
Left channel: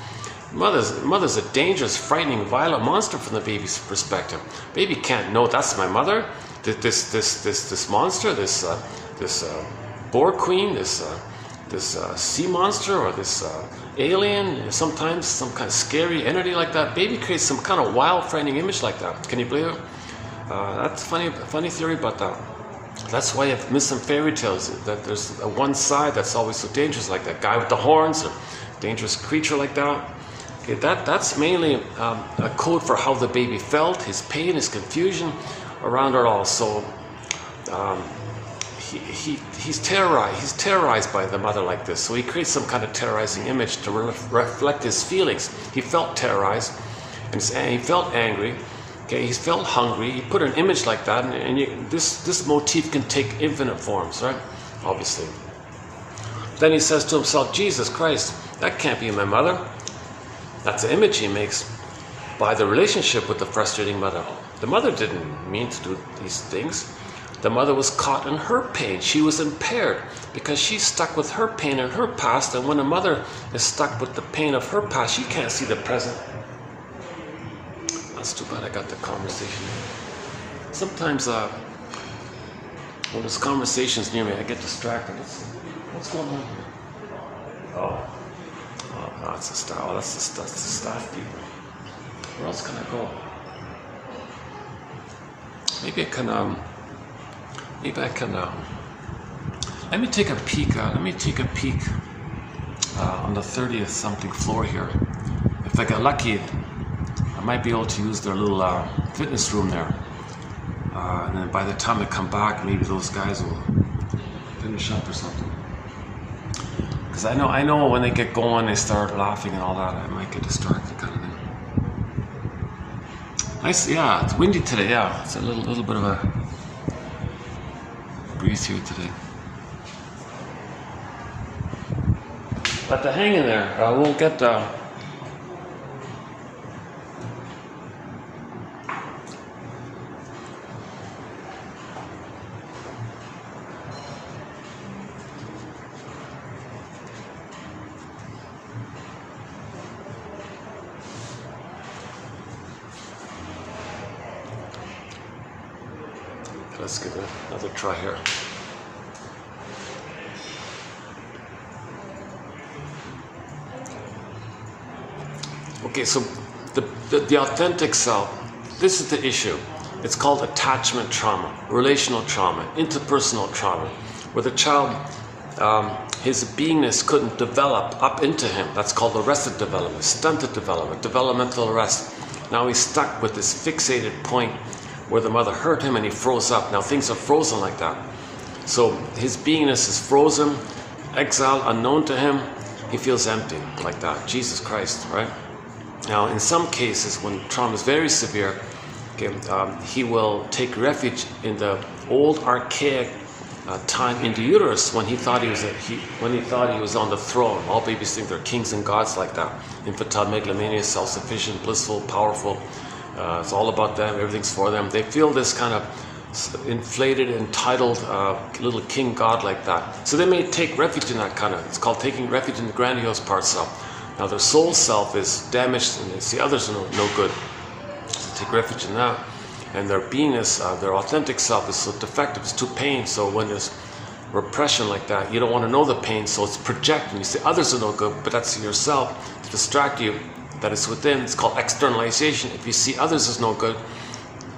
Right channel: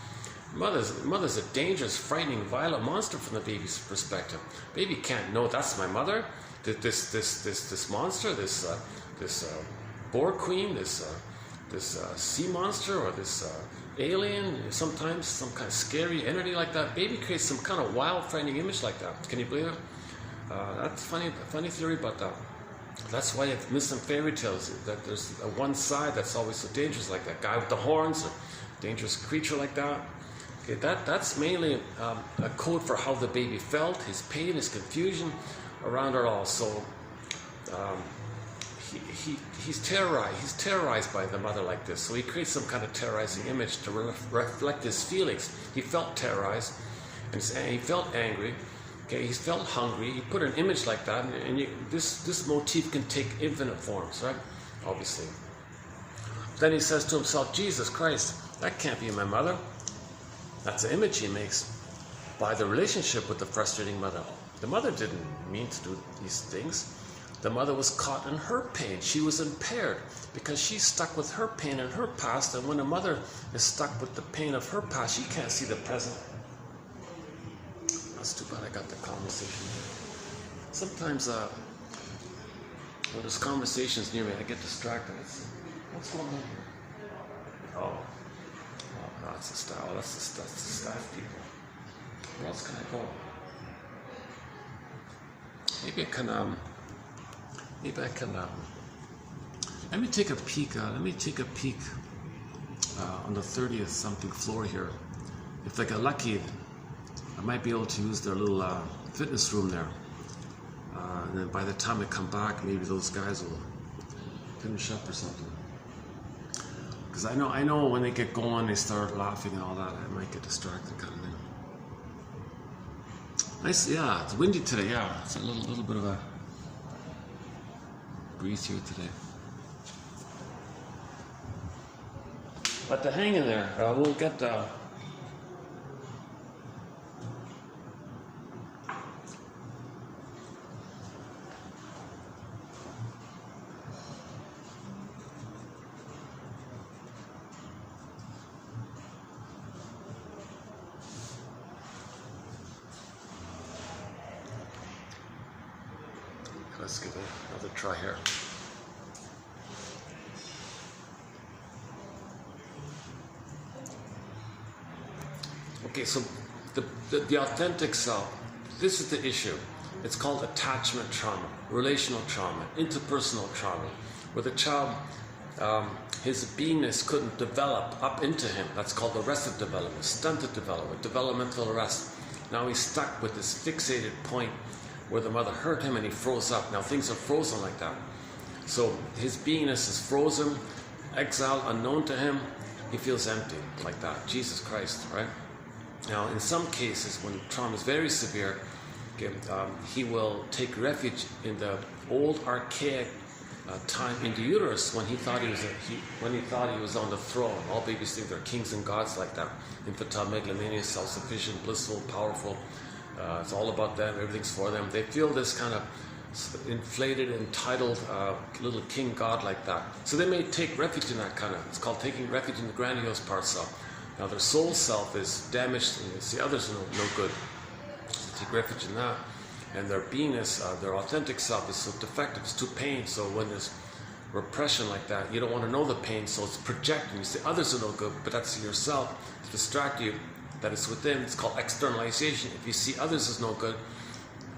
Mother's a dangerous, frightening, violent monster from the baby's perspective. Baby can't know that's my mother. This monster, this boar queen, this sea monster, or this alien, sometimes some kind of scary entity like that. Baby creates some kind of wild, frightening image like that. Can you believe it? That's funny theory, but that's why I've missed some fairy tales, that there's a one side that's always so dangerous, like that guy with the horns, or dangerous creature like that. Okay, that's mainly a code for how the baby felt, his pain, his confusion around it all. So he's terrorized by the mother like this. So he creates some kind of terrorizing image to reflect his feelings. He felt terrorized, and he felt angry. Okay, he felt hungry. He put an image like that, and this motif can take infinite forms, right? Obviously. Then he says to himself, Jesus Christ, that can't be my mother. That's the image he makes by the relationship with the frustrating mother. The mother didn't mean to do these things. The mother was caught in her pain. She was impaired because she's stuck with her pain in her past, and when a mother is stuck with the pain of her past, she can't see the present. That's too bad I got the conversation. Sometimes when there's conversations near me, I get distracted. What's going on here? Oh, that's the style. Oh, that's the staff people. Where else can I go? Maybe I can. Let me take a peek. On the 30th something floor here. If I get lucky, I might be able to use their little fitness room there. And then by the time I come back, maybe those guys will finish up or something. Because I know when they get going, they start laughing and all that. I might get distracted, kind of thing. Nice, yeah. It's windy today. Yeah, it's a little bit of a breeze here today. But hang in there. We'll get. Let's give it another try here. Okay, so the authentic self, this is the issue. It's called attachment trauma, relational trauma, interpersonal trauma, where the child, his beingness couldn't develop up into him. That's called arrested development, stunted development, developmental arrest. Now he's stuck with this fixated point where the mother hurt him and he froze up. Now things are frozen like that. So his beingness is frozen, exiled, unknown to him. He feels empty like that. Jesus Christ, right? Now in some cases, when trauma is very severe, okay, he will take refuge in the old archaic time in the uterus when he thought he was on the throne. All babies think they're kings and gods like that. Infantile megalomania, self-sufficient, blissful, powerful. It's all about them, everything's for them. They feel this kind of inflated, entitled little king god like that. So they may take refuge in that kind of, it's called taking refuge in the grandiose part self. Now their soul self is damaged and they see others are no good. So take refuge in that. And their beingness, their authentic self is so defective, it's too pain. So when there's repression like that, you don't want to know the pain, so it's projecting. You say others are no good, but that's yourself to distract you. That is within. It's called externalization. If you see others as no good,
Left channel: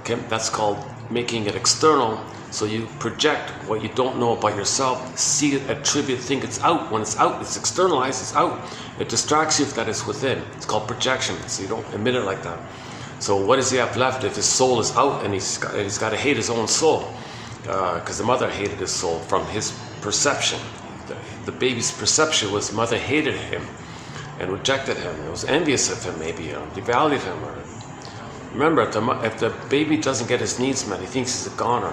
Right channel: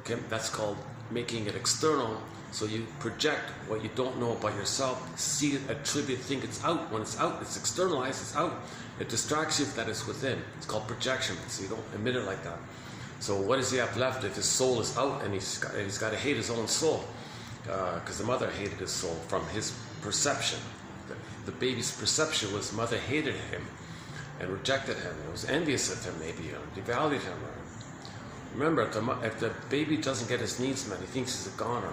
okay, that's called making it external. So you project what you don't know about yourself, see it, attribute, think it's out. When it's out, it's externalized, it's out. It distracts you if that is within. It's called projection. So you don't emit it like that. So what does he have left if his soul is out and he's got to hate his own soul? Because the mother hated his soul from his perception. The baby's perception was mother hated him and rejected him. It was envious of him, maybe devalued him. Remember, if the baby doesn't get his needs met, he thinks he's a goner.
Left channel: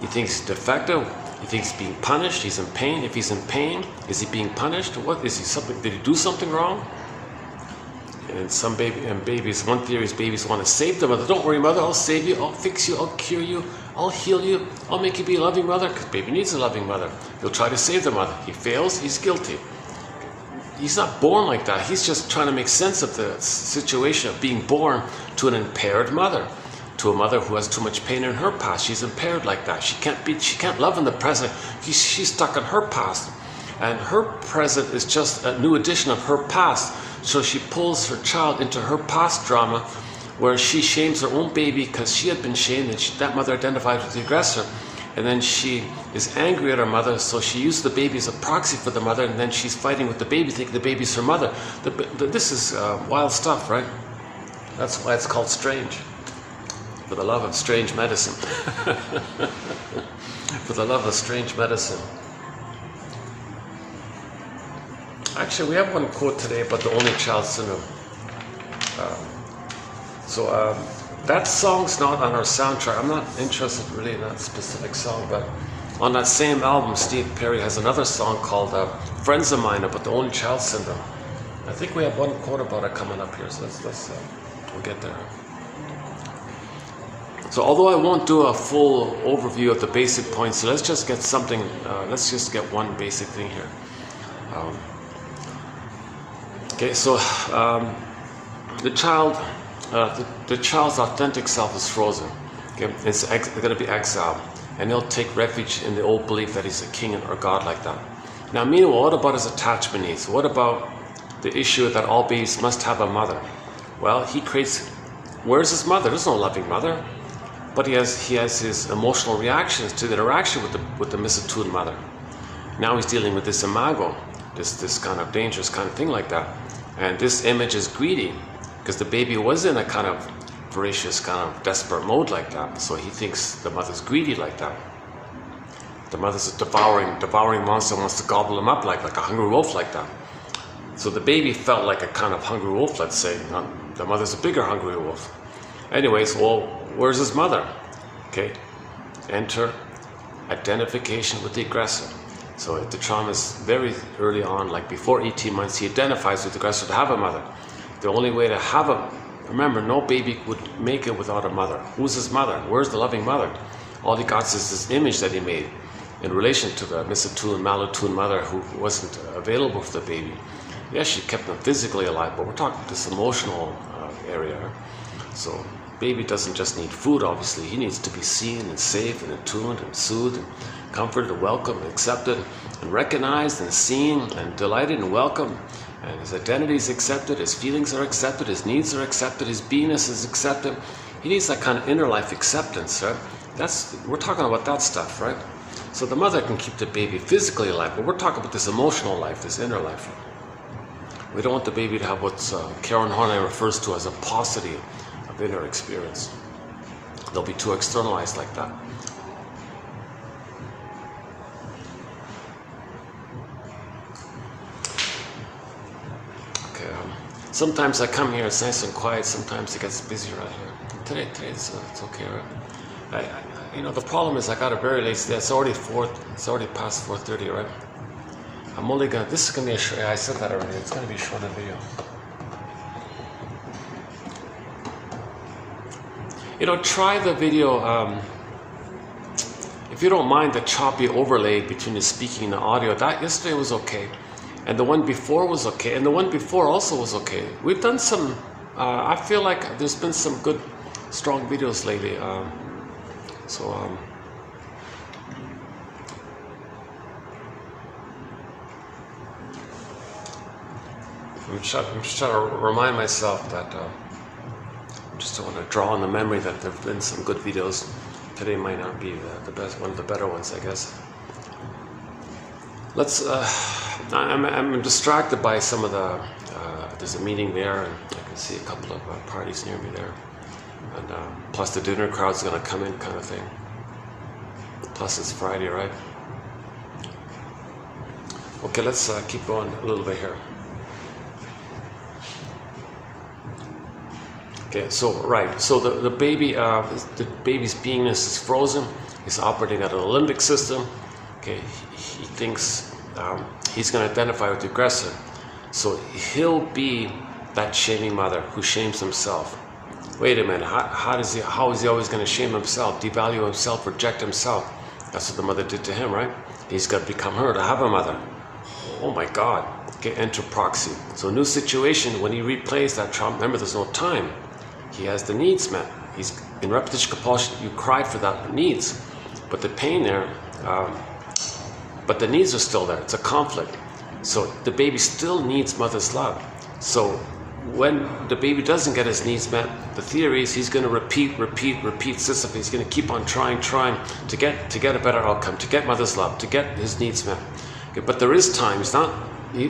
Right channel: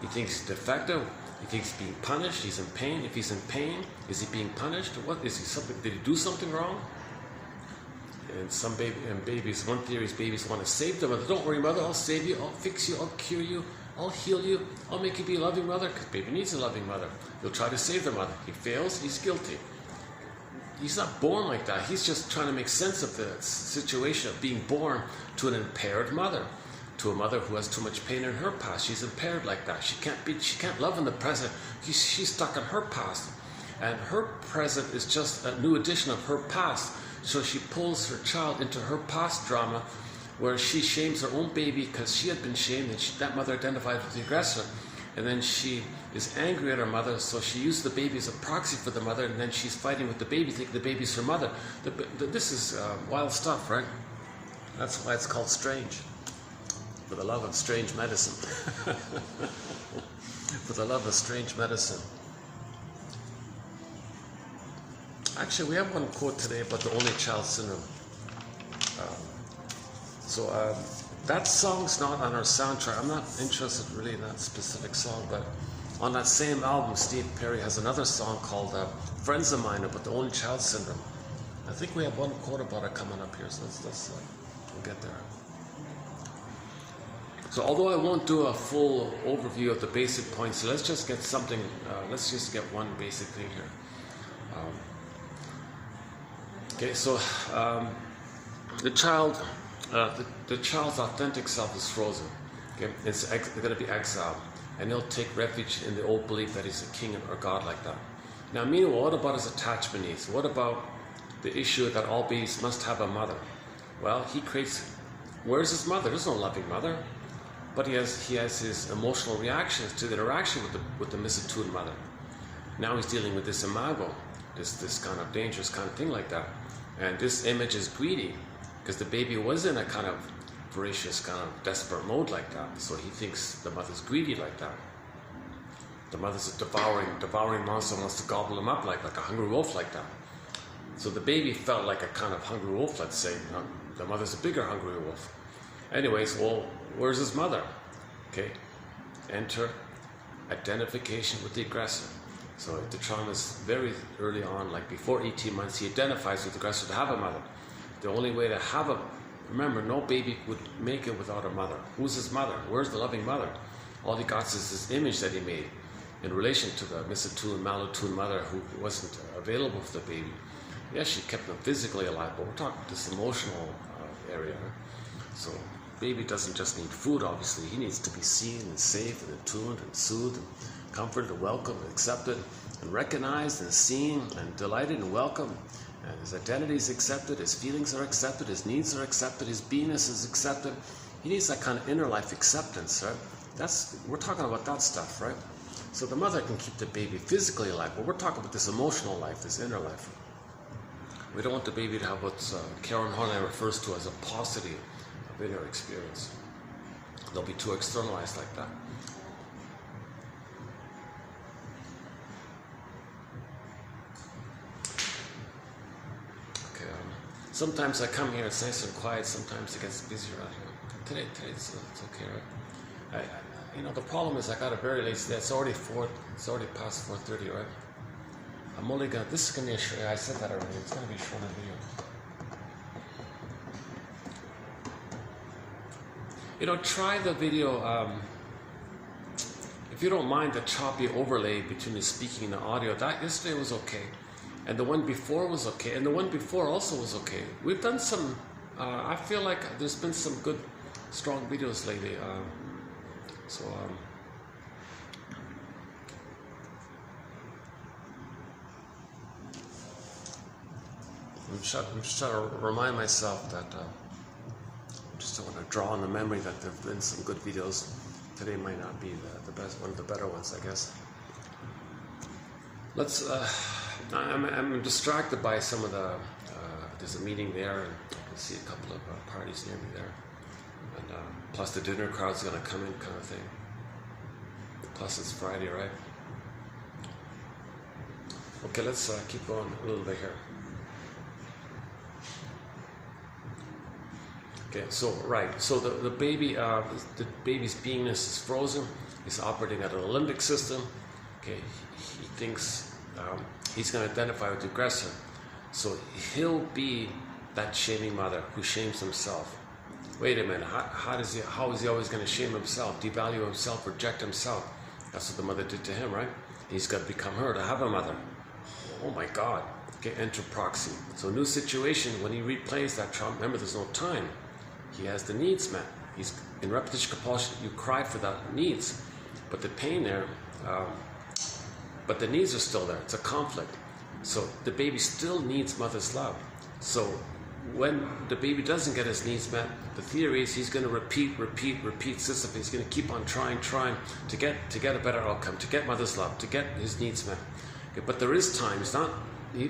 He thinks he's defective. He thinks he's being punished. He's in pain. If he's in pain, is he being punished? What is he? Did he do something wrong? And babies, one theory is babies want to save their mother. Don't worry, mother. I'll save you. I'll fix you. I'll cure you. I'll heal you. I'll make you be a loving mother. Because baby needs a loving mother. He'll try to save the mother. He fails. He's guilty. he's not born like that. He's just trying to make sense of the situation of being born to an impaired mother, to a mother who has too much pain in her past. She's impaired like that. She can't love in the present. She's stuck in her past, and her present is just a new edition of her past. So she pulls her child into her past drama, where she shames her own baby because she had been shamed, and that mother identified with the aggressor. And then she is angry at her mother, so she uses the baby as a proxy for the mother, and then she's fighting with the baby, thinking the baby's her mother. This is wild stuff, right? That's why it's called strange. For the love of strange medicine. For the love of strange medicine. Actually, we have one quote today about the only child syndrome. That song's not on our soundtrack. I'm not interested really in that specific song, but on that same album, Steve Perry has another song called Friends of Mine about the only child syndrome. I think we have one quote about it coming up here, so we'll get there. So although I won't do a full overview of the basic points, so let's just get something, let's just get one basic thing here. Okay, so the child's authentic self is frozen. Okay, it's going to be exiled, and he'll take refuge in the old belief that he's a king or god like that. Now, meanwhile, what about his attachment needs? What about the issue that all babies must have a mother? Well, he creates. Where's his mother? There's no loving mother, but he has his emotional reactions to the interaction with the misattuned mother. Now he's dealing with this imago, this kind of dangerous kind of thing like that, and this image is greedy. Because the baby was in a kind of voracious, kind of desperate mode like that. So he thinks the mother's greedy like that. The mother's a devouring monster, wants to gobble him up like a hungry wolf like that. So the baby felt like a kind of hungry wolf, let's say. The mother's a bigger hungry wolf. Anyways, well, where's his mother? Okay, enter identification with the aggressor. So the trauma is very early on, like before 18 months, he identifies with the aggressor to have a mother. The only way to have remember, no baby would make it without a mother. Who's his mother? Where's the loving mother? All he got is this image that he made in relation to the misattuned, malattuned mother who wasn't available for the baby. Yes, she kept him physically alive, but we're talking this emotional area. So baby doesn't just need food, obviously. He needs to be seen and safe and attuned and soothed and comforted and welcomed and accepted and recognized and seen and delighted and welcomed. And his identity is accepted, his feelings are accepted, his needs are accepted, his beingness is accepted. He needs that kind of inner life acceptance, right? We're talking about that stuff, right? So the mother can keep the baby physically alive, but we're talking about this emotional life, this inner life. We don't want the baby to have what Karen Horney refers to as a paucity of inner experience. They'll be too externalized like that. Sometimes I come here, it's nice and quiet. Sometimes it gets busy right here. Today it's okay, right? The problem is I got a very late day. It's already past 4:30, right? I'm only gonna. This is gonna be a short. I said that already. It's gonna be a short video. Try the video. If you don't mind the choppy overlay between the speaking and the audio. That yesterday was okay. And the one before was okay, and the one before also was okay. We've done some, I feel like there's been some good, strong videos lately. I'm just trying to remind myself that, just want to draw on the memory that there have been some good videos. Today might not be the best, one of the better ones, I guess. Let's, I'm distracted by some of the, there's a meeting there, and I can see a couple of parties near me there. And plus the dinner crowd's gonna come in kind of thing. Plus it's Friday, right? Okay, let's keep going a little bit here. Okay, so the baby's beingness is frozen. He's operating at an limbic system. Okay, he thinks he's going to identify with the aggressor. So he'll be that shaming mother who shames himself. Wait a minute, how is he always going to shame himself, devalue himself, reject himself? That's what the mother did to him, right? He's got to become her to have a mother. oh my God, okay, enter proxy. So new situation, when he replays that trauma, remember there's no time. He has the needs met. He's in repetition compulsion, you cry for that needs, but the pain there, but the needs are still there. It's a conflict. So the baby still needs mother's love. So when the baby doesn't get his needs met, the theory is he's going to repeat Sisyphus. He's going to keep on trying to get a better outcome, to get mother's love, to get his needs met. Okay, but there is time. It's not.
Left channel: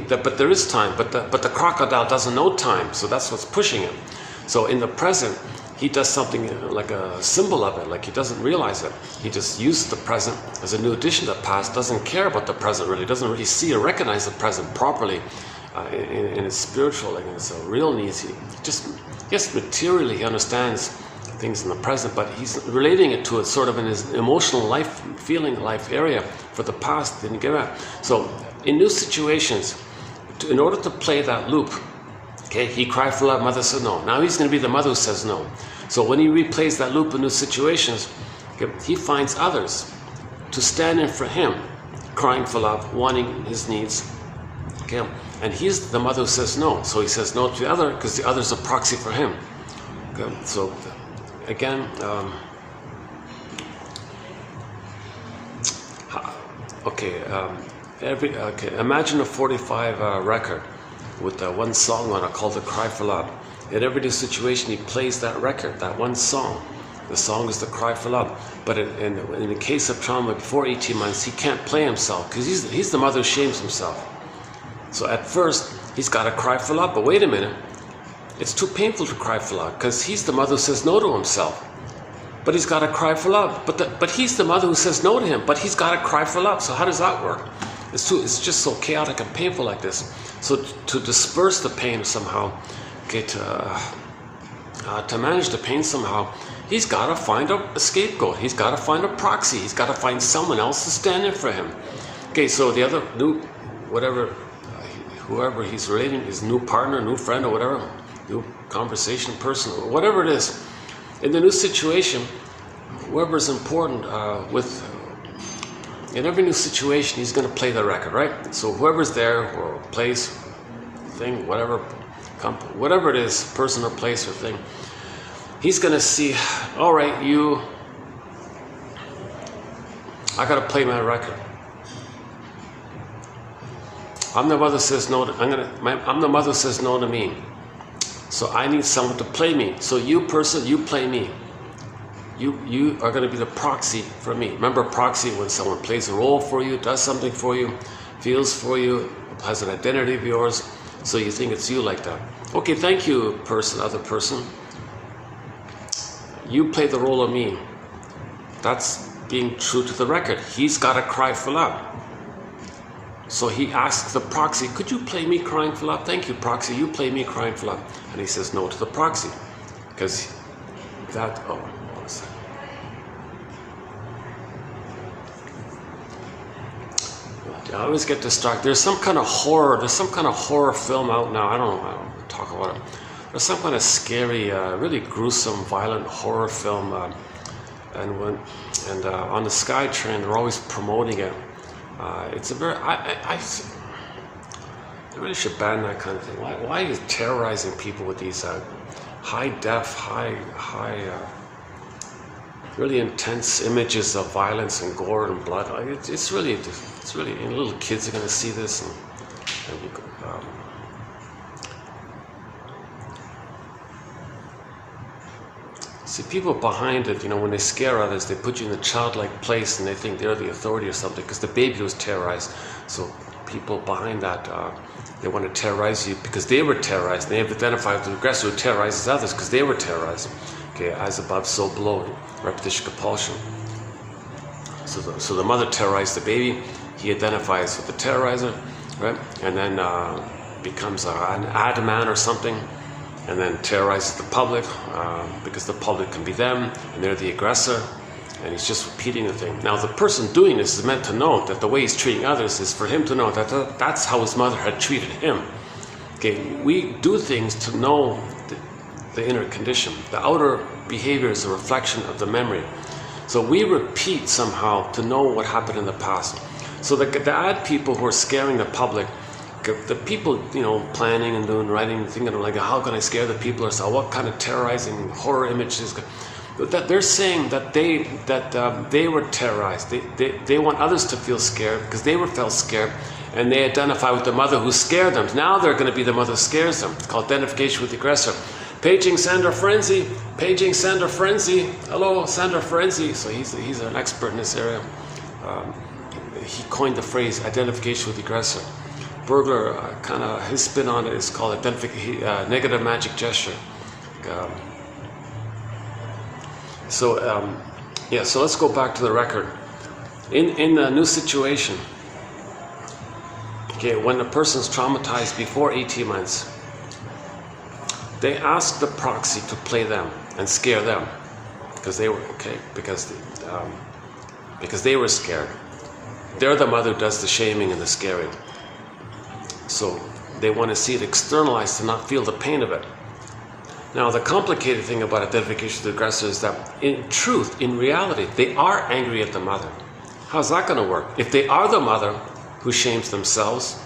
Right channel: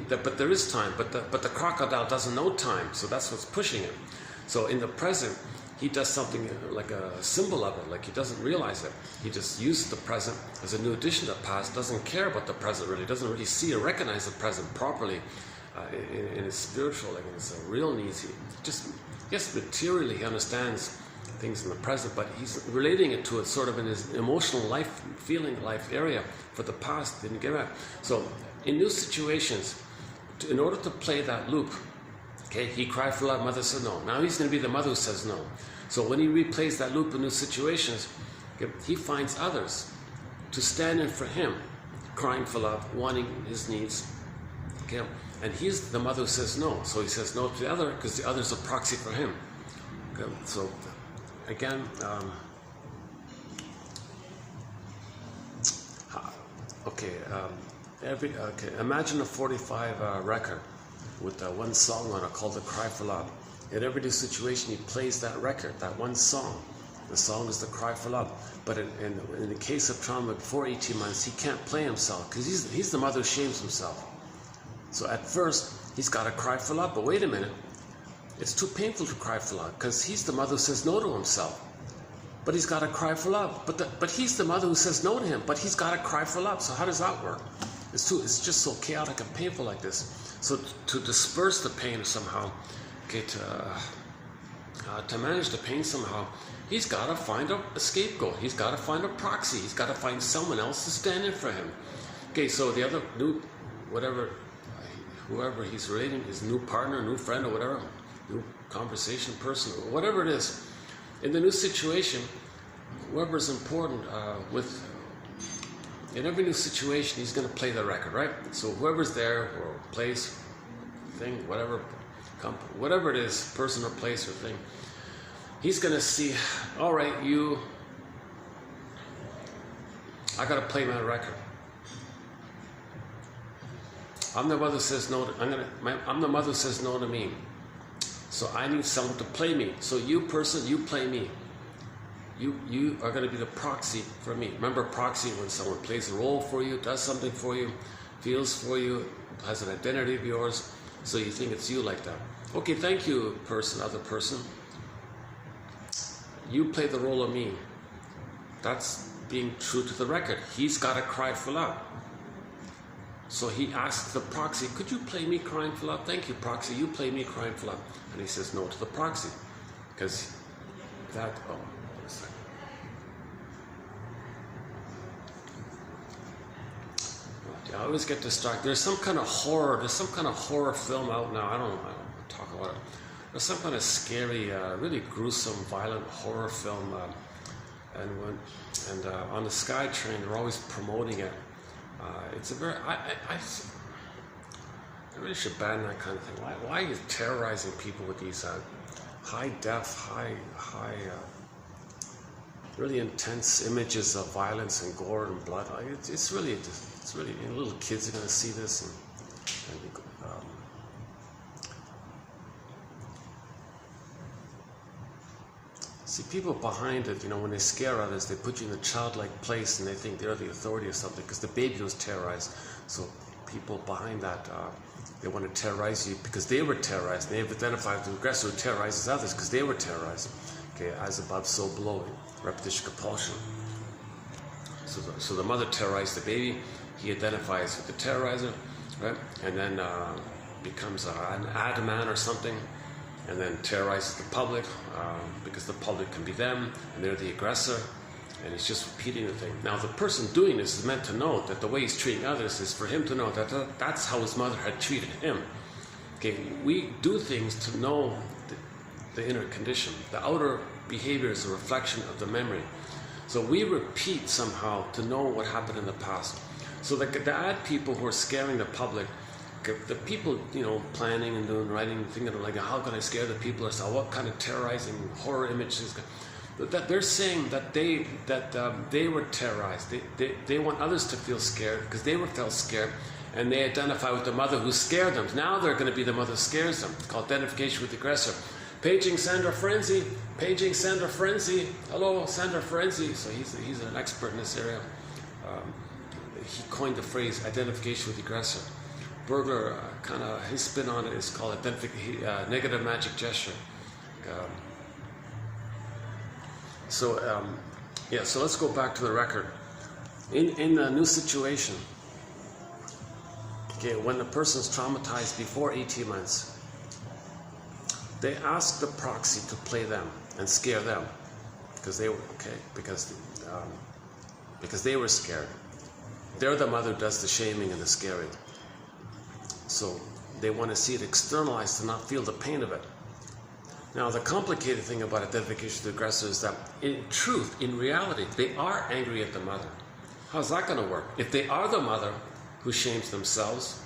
But there is time. But the crocodile doesn't know time. So that's what's pushing him. So in the present, he does something like a symbol of it, like he doesn't realize it. He just uses the present as a new addition to the past, doesn't care about the present really, doesn't really see or recognize the present properly in his spiritual, like in his real needs. He just, yes, materially he understands things in the present, but he's relating it to it sort of in his emotional life, feeling life area for the past, didn't give up. So in new situations, in order to play that loop, okay, he cried for love, mother said no. Now he's going to be the mother who says no. So when he replays that loop in new situations, okay, he finds others to stand in for him, crying for love, wanting his needs. Okay, and he's the mother who says no. So he says no to the other because the other's a proxy for him. Okay, so again, imagine a 45 record with one song on it called The Cry for Love. In every new situation, he plays that record, that one song. The song is The Cry for Love. But in the case of trauma before 18 months, he can't play himself because he's the mother who shames himself. So at first, he's got to cry for love. But wait a minute, it's too painful to cry for love because he's the mother who says no to himself. But he's got to cry for love. But he's the mother who says no to him, but he's got to cry for love. So how does that work? It's just so chaotic and painful like this. So to disperse the pain somehow, okay, to manage the pain somehow, he's got to find a scapegoat. He's got to find a proxy. He's got to find someone else to stand in for him. Okay, so the other new, whoever he's relating, his new partner, new friend, or whatever, new conversation person, or whatever it is, in the new situation, whoever's important in every new situation, he's going to play the record, right? So whoever's there, or place, thing, whatever it is, person or place or thing, he's going to see, all right, I got to play my record. I'm the mother who says no. I'm the mother who says no to me. So I need someone to play me. So you person, you play me. You are going to be the proxy for me. Remember, proxy when someone plays a role for you, does something for you, feels for you, has an identity of yours, so you think it's you like that. Okay, thank you, person, other person. You play the role of me. That's being true to the record. He's got to cry for love. So he asks the proxy, could you play me crying for love? Thank you, proxy, you play me crying for love. And he says no to the proxy. Because that, oh, one second. I always get distracted. There's some kind of horror film out now. I don't talk about it. There's some kind of scary, really gruesome, violent horror film. And on the SkyTrain, they're always promoting it. It's a very, I really should ban that kind of thing. Why are you terrorizing people with these high really intense images of violence and gore and blood? It's really, and little kids are going to see this. See, people behind it, when they scare others, they put you in a childlike place and they think they're the authority or something because the baby was terrorized. So people behind that, they want to terrorize you because they were terrorized. They have identified with the aggressor who terrorizes others because they were terrorized. Okay, as above, so below, repetition compulsion. So the mother terrorized the baby. He identifies with the terrorizer, right? And then becomes an ad man or something. And then terrorizes the public because the public can be them and they're the aggressor, and he's just repeating the thing. Now the person doing this is meant to know that the way he's treating others is for him to know that that's how his mother had treated him. Okay, we do things to know the inner condition. The outer behavior is a reflection of the memory. So we repeat somehow to know what happened in the past. So the ad people who are scaring the public, the people, you know, planning and doing writing, thinking like, how can I scare the people, or so, what kind of terrorizing horror images? That they're saying that they were terrorized. They want others to feel scared because they felt scared, and they identify with the mother who scared them. Now they're going to be the mother who scares them. It's called identification with the aggressor. Paging sender frenzy. Paging sender frenzy. Hello, sender frenzy. So he's an expert in this area. He coined the phrase identification with the aggressor. Burglar, kind of his spin on it is called negative magic gesture. Yeah, so let's go back to the record. In a new situation, okay, when a person's traumatized before 18 months, they ask the proxy to play them and scare them because they were because they were scared. They're the mother who does the shaming and the scaring. So they want to see it externalized to not feel the pain of it. Now, the complicated thing about identification with the aggressor is that in truth, in reality, they are angry at the mother. How's that going to work? If they are the mother who shames themselves,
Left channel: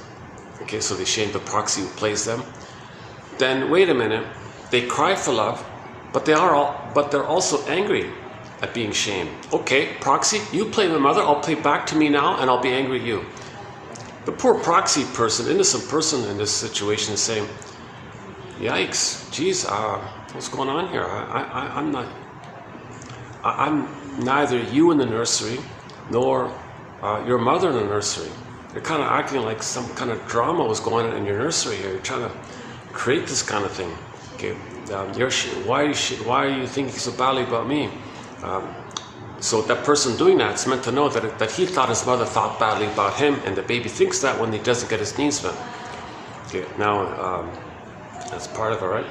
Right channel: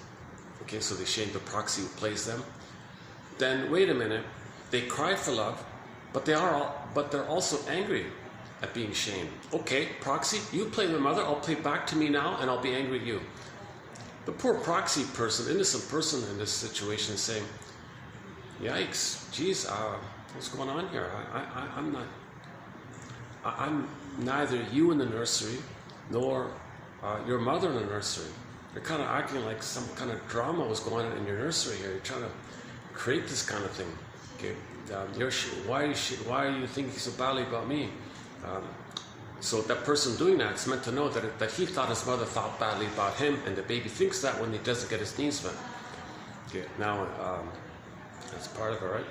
okay, so they shame the proxy who plays them, then wait a minute, they cry for love, but they're also angry at being shamed. Okay, proxy, you play my mother, I'll play back to me now, and I'll be angry at you. The poor proxy person, innocent person in this situation is saying, yikes, geez, what's going on here? I'm neither you in the nursery nor your mother in the nursery. You're kind of acting like some kind of drama was going on in your nursery here. You're trying to create this kind of thing. Okay, why are you thinking so badly about me? So that person doing that is meant to know that he thought his mother thought badly about him, and the baby thinks that when he doesn't get his needs met. Okay, now that's part of it, right?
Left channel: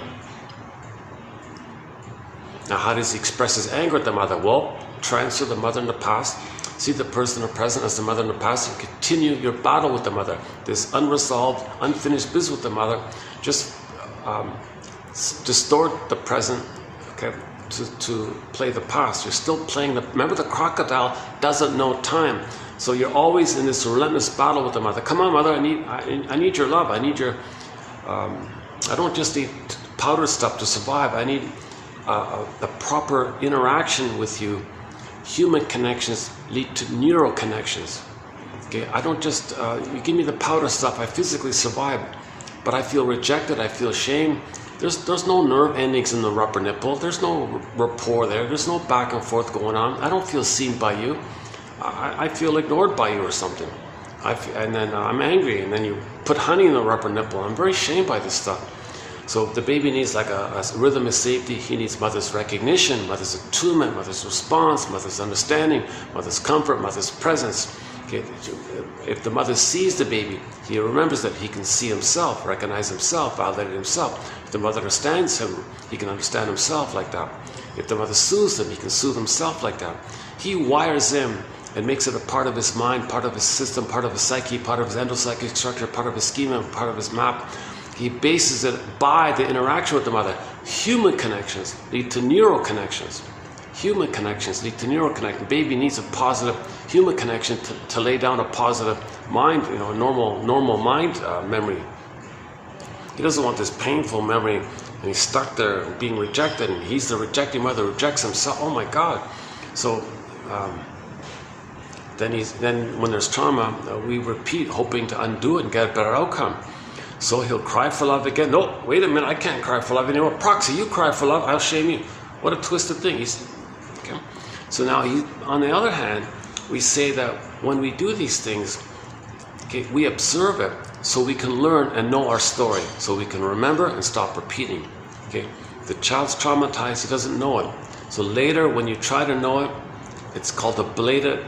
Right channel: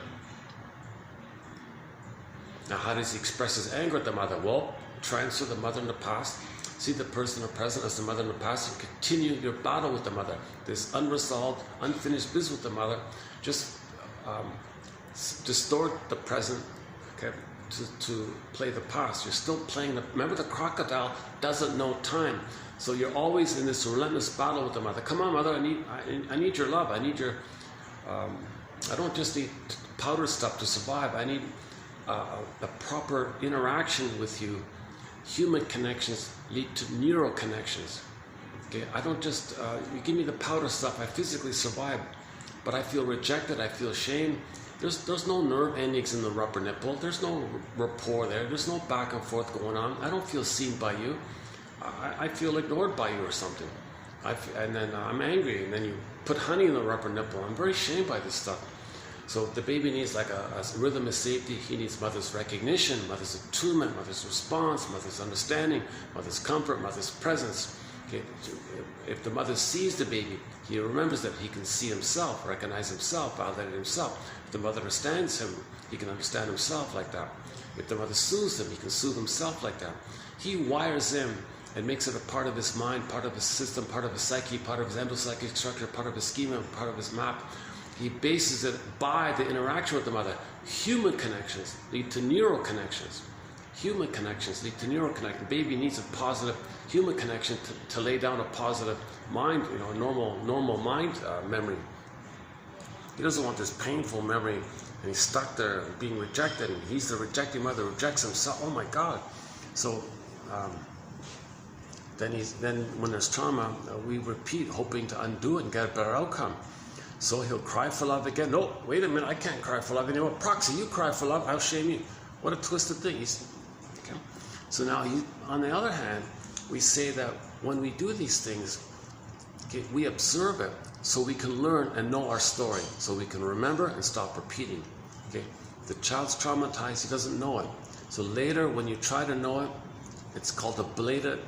Now, how does he express his anger at the mother? Well, transfer the mother in the past, see the person in the present as the mother in the past, and continue your battle with the mother. This unresolved, unfinished business with the mother. Just distort the present, okay, to play the past. You're still playing remember, the crocodile doesn't know time. So you're always in this relentless battle with the mother. Come on, mother, I need your love. I need your, I don't just need powder stuff to survive. I need a proper interaction with you. Human connections lead to neural connections. Okay, I don't just, you give me the powder stuff, I physically survive. But I feel rejected, I feel shame. There's no nerve endings in the upper nipple. There's no rapport there. There's no back and forth going on. I don't feel seen by you. I feel ignored by you or something. And then I'm angry, and then you put honey in the upper nipple. I'm very shamed by this stuff. So the baby needs like a rhythm of safety. He needs mother's recognition, mother's attunement, mother's response, mother's understanding, mother's comfort, mother's presence. Okay. If the mother sees the baby, he remembers that he can see himself, recognize himself, validate himself. If the mother understands him, he can understand himself like that. If the mother soothes him, he can soothe himself like that. He wires him and makes it a part of his mind, part of his system, part of his psyche, part of his endopsychic structure, part of his schema, part of his map. He bases it by the interaction with the mother. Human connections lead to neural connections. Human connections lead to neural connections. Baby needs a positive human connection to lay down a positive mind, you know, a normal mind memory. He doesn't want this painful memory, and he's stuck there being rejected, and he's the rejecting mother, rejects himself. Oh my God! So then when there's trauma, we repeat, hoping to undo it and get a better outcome. So he'll cry for love again. No, wait a minute, I can't cry for love anymore. Proxy, you cry for love, I'll shame you. What a twisted thing. Okay? So now, on the other hand, we say that when we do these things, okay, we observe it so we can learn and know our story, so we can remember and stop repeating. Okay? The child's traumatized, he doesn't know it. So later, when you try to know it, it's called a belated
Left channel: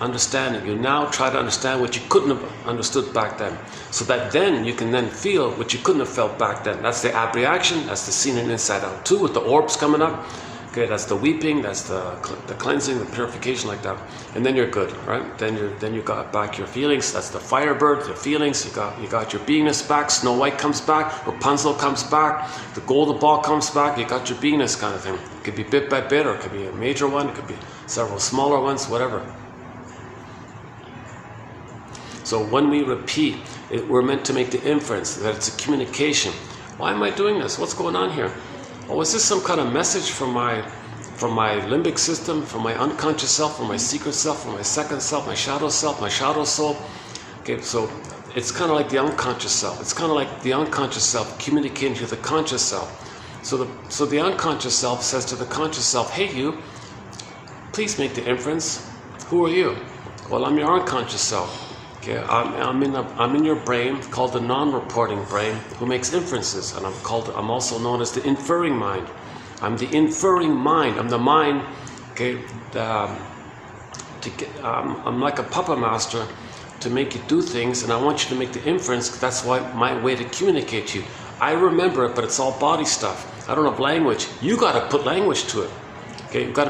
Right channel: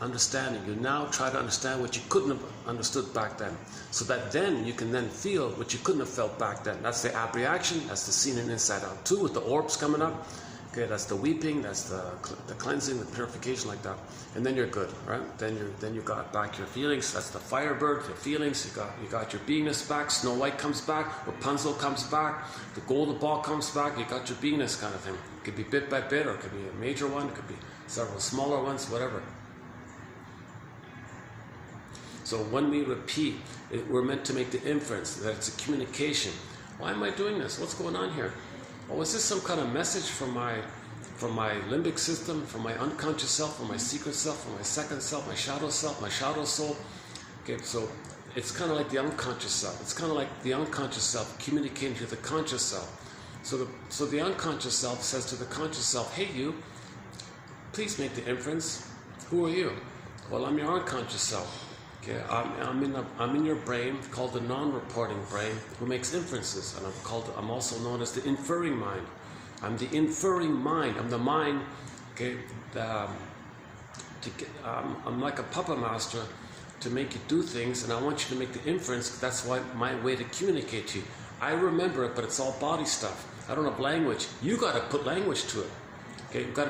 understanding. You now try to understand what you couldn't have understood back then, so that then you can then feel what you couldn't have felt back then. That's the abreaction. That's the scene in Inside Out 2 with the orbs coming up. Okay, that's the weeping. That's the cleansing, the purification, like that. And then you're good, right? Then you got back your feelings. That's the Firebird, the feelings. You got your beingness back. Snow White comes back. Rapunzel comes back. The golden ball comes back. You got your beingness kind of thing. It could be bit by bit, or it could be a major one. It could be several smaller ones, whatever. So when we repeat, we're meant to make the inference that it's a communication. Why am I doing this? What's going on here? Oh, is this some kind of message from my limbic system, from my unconscious self, from my secret self, from my second self, my shadow soul? Okay, so it's kind of like the unconscious self. It's kind of like the unconscious self communicating to the conscious self. So the unconscious self says to the conscious self, hey you, please make the inference. Who are you? Well, I'm your unconscious self. Okay, I'm in your brain called the non-reporting brain who makes inferences, and I'm also known as the inferring mind. I'm the inferring mind. I'm the mind. Okay, I'm like a puppet master to make you do things, and I want you to make the inference. That's why my way to communicate to you. I remember it, but it's all body stuff. I don't have language. You got to put language to it. Okay, you got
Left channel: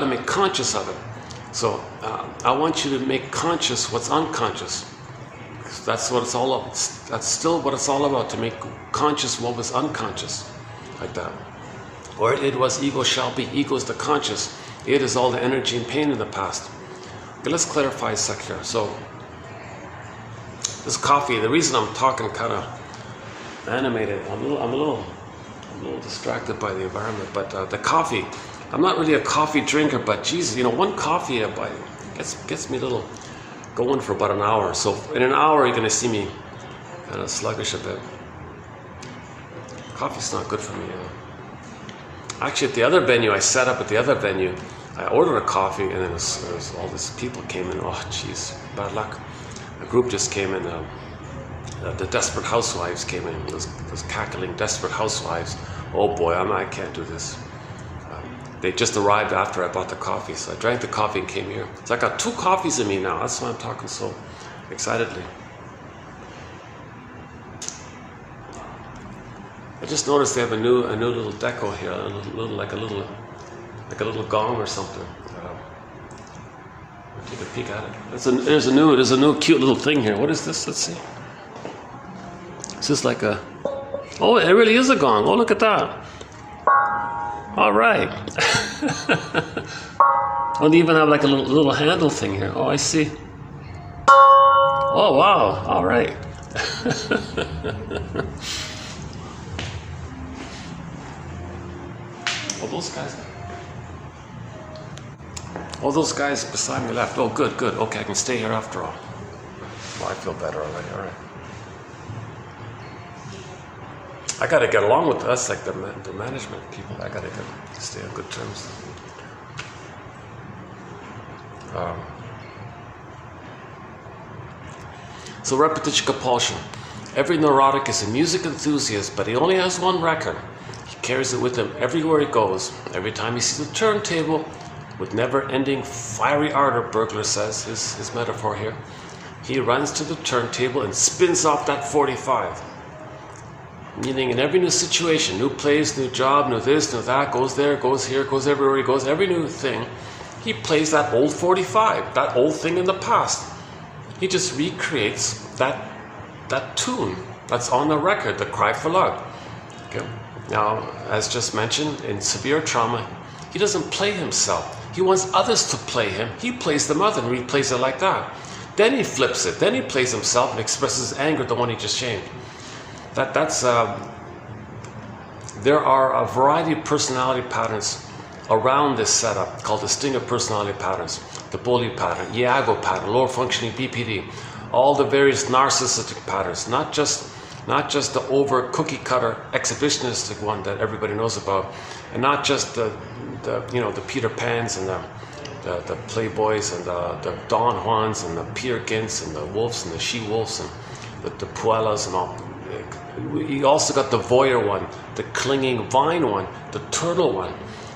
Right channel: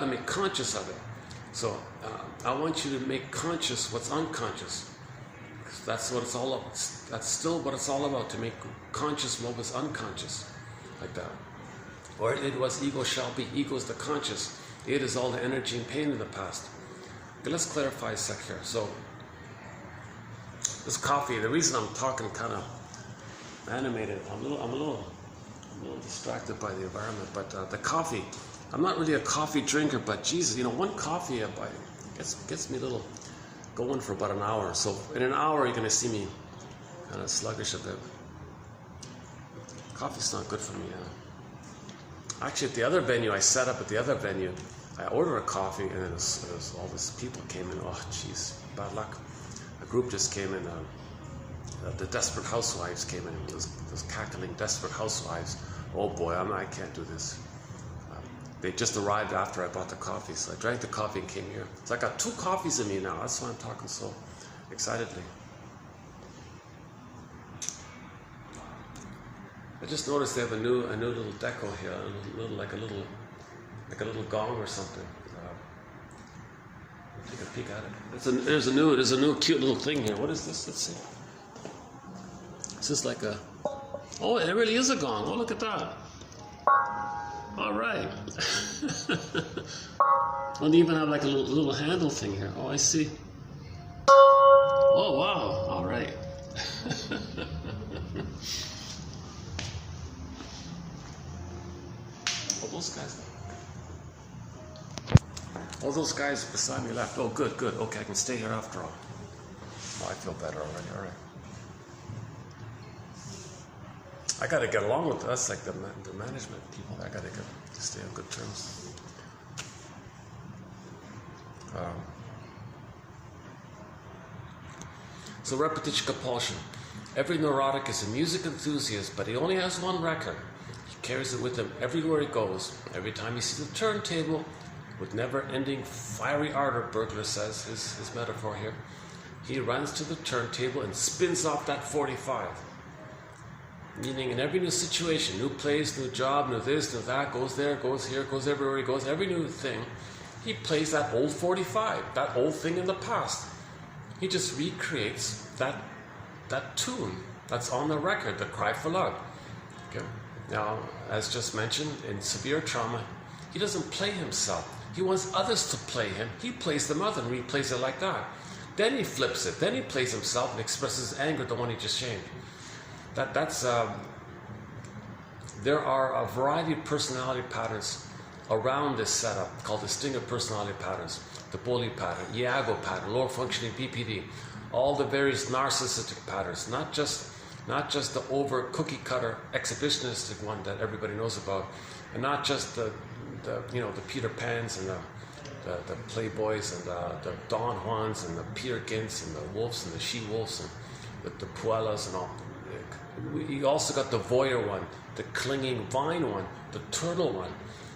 to make conscious of it. So I want you to make conscious what's unconscious. That's what it's all about. That's still what it's all about, to make conscious what was unconscious, like that. Or it was ego shall be. Ego is the conscious. It is all the energy and pain in the past. Okay, let's clarify a sec here. So this coffee, the reason I'm talking kind of animated, I'm a little distracted by the environment, but the coffee, I'm not really a coffee drinker, but Jesus, one coffee I buy gets me a little going for about an hour. So in an hour, you're going to see me kind of sluggish a bit. Coffee's not good for me. Actually, at the other venue, I set up at the other venue, I ordered a coffee, and then there's all these people came in. Oh, jeez, bad luck. A group just came in. The desperate housewives came in. Those cackling desperate housewives. Oh boy, I can't do this. They just arrived after I bought the coffee, so I drank the coffee and came here. So I got 2 coffees in me now. That's why I'm talking so excitedly. I just noticed they have a new little deco here, like a little gong or something. Take a peek at it. There's a new cute little thing here. What is this? Let's see. Is this like a? Oh, it really is a gong. Oh, look at that. All right. Oh, they even have like a little handle thing here. Oh, I see. Oh, wow. All right. Those guys beside me left. Oh, good. Okay, I can stay here after all. Well, I feel better already. All right. I gotta get along with us, like the management people. I gotta stay on good terms. So repetition compulsion. Every neurotic is a music enthusiast, but he only has one record. He carries it with him everywhere he goes. Every time he sees a turntable with never-ending fiery ardor, Burglar says, his metaphor here, he runs to the turntable and spins off that 45. Meaning in every new situation, new place, new job, new this, new that, goes there, goes here, goes everywhere he goes, every new thing, he plays that old 45, that old thing in the past. He just recreates that tune that's on the record, the cry for love. Okay. Now, as just mentioned, in severe trauma, he doesn't play himself. He wants others to play him. He plays them other and replays it like that. Then he flips it. Then he plays himself and expresses anger at the one he just shamed. There are a variety of personality patterns around this setup called the Stinger personality patterns, the Bowlby pattern, Iago pattern, lower functioning BPD, all the various narcissistic patterns, not just the over cookie cutter exhibitionistic one that everybody knows about, and not just the Peter Pans and the Playboys and the Don Juans and the Peter Gints and the Wolves and the She Wolves and the Puellas and all. You also got the voyeur one, the clinging vine one, the turtle one,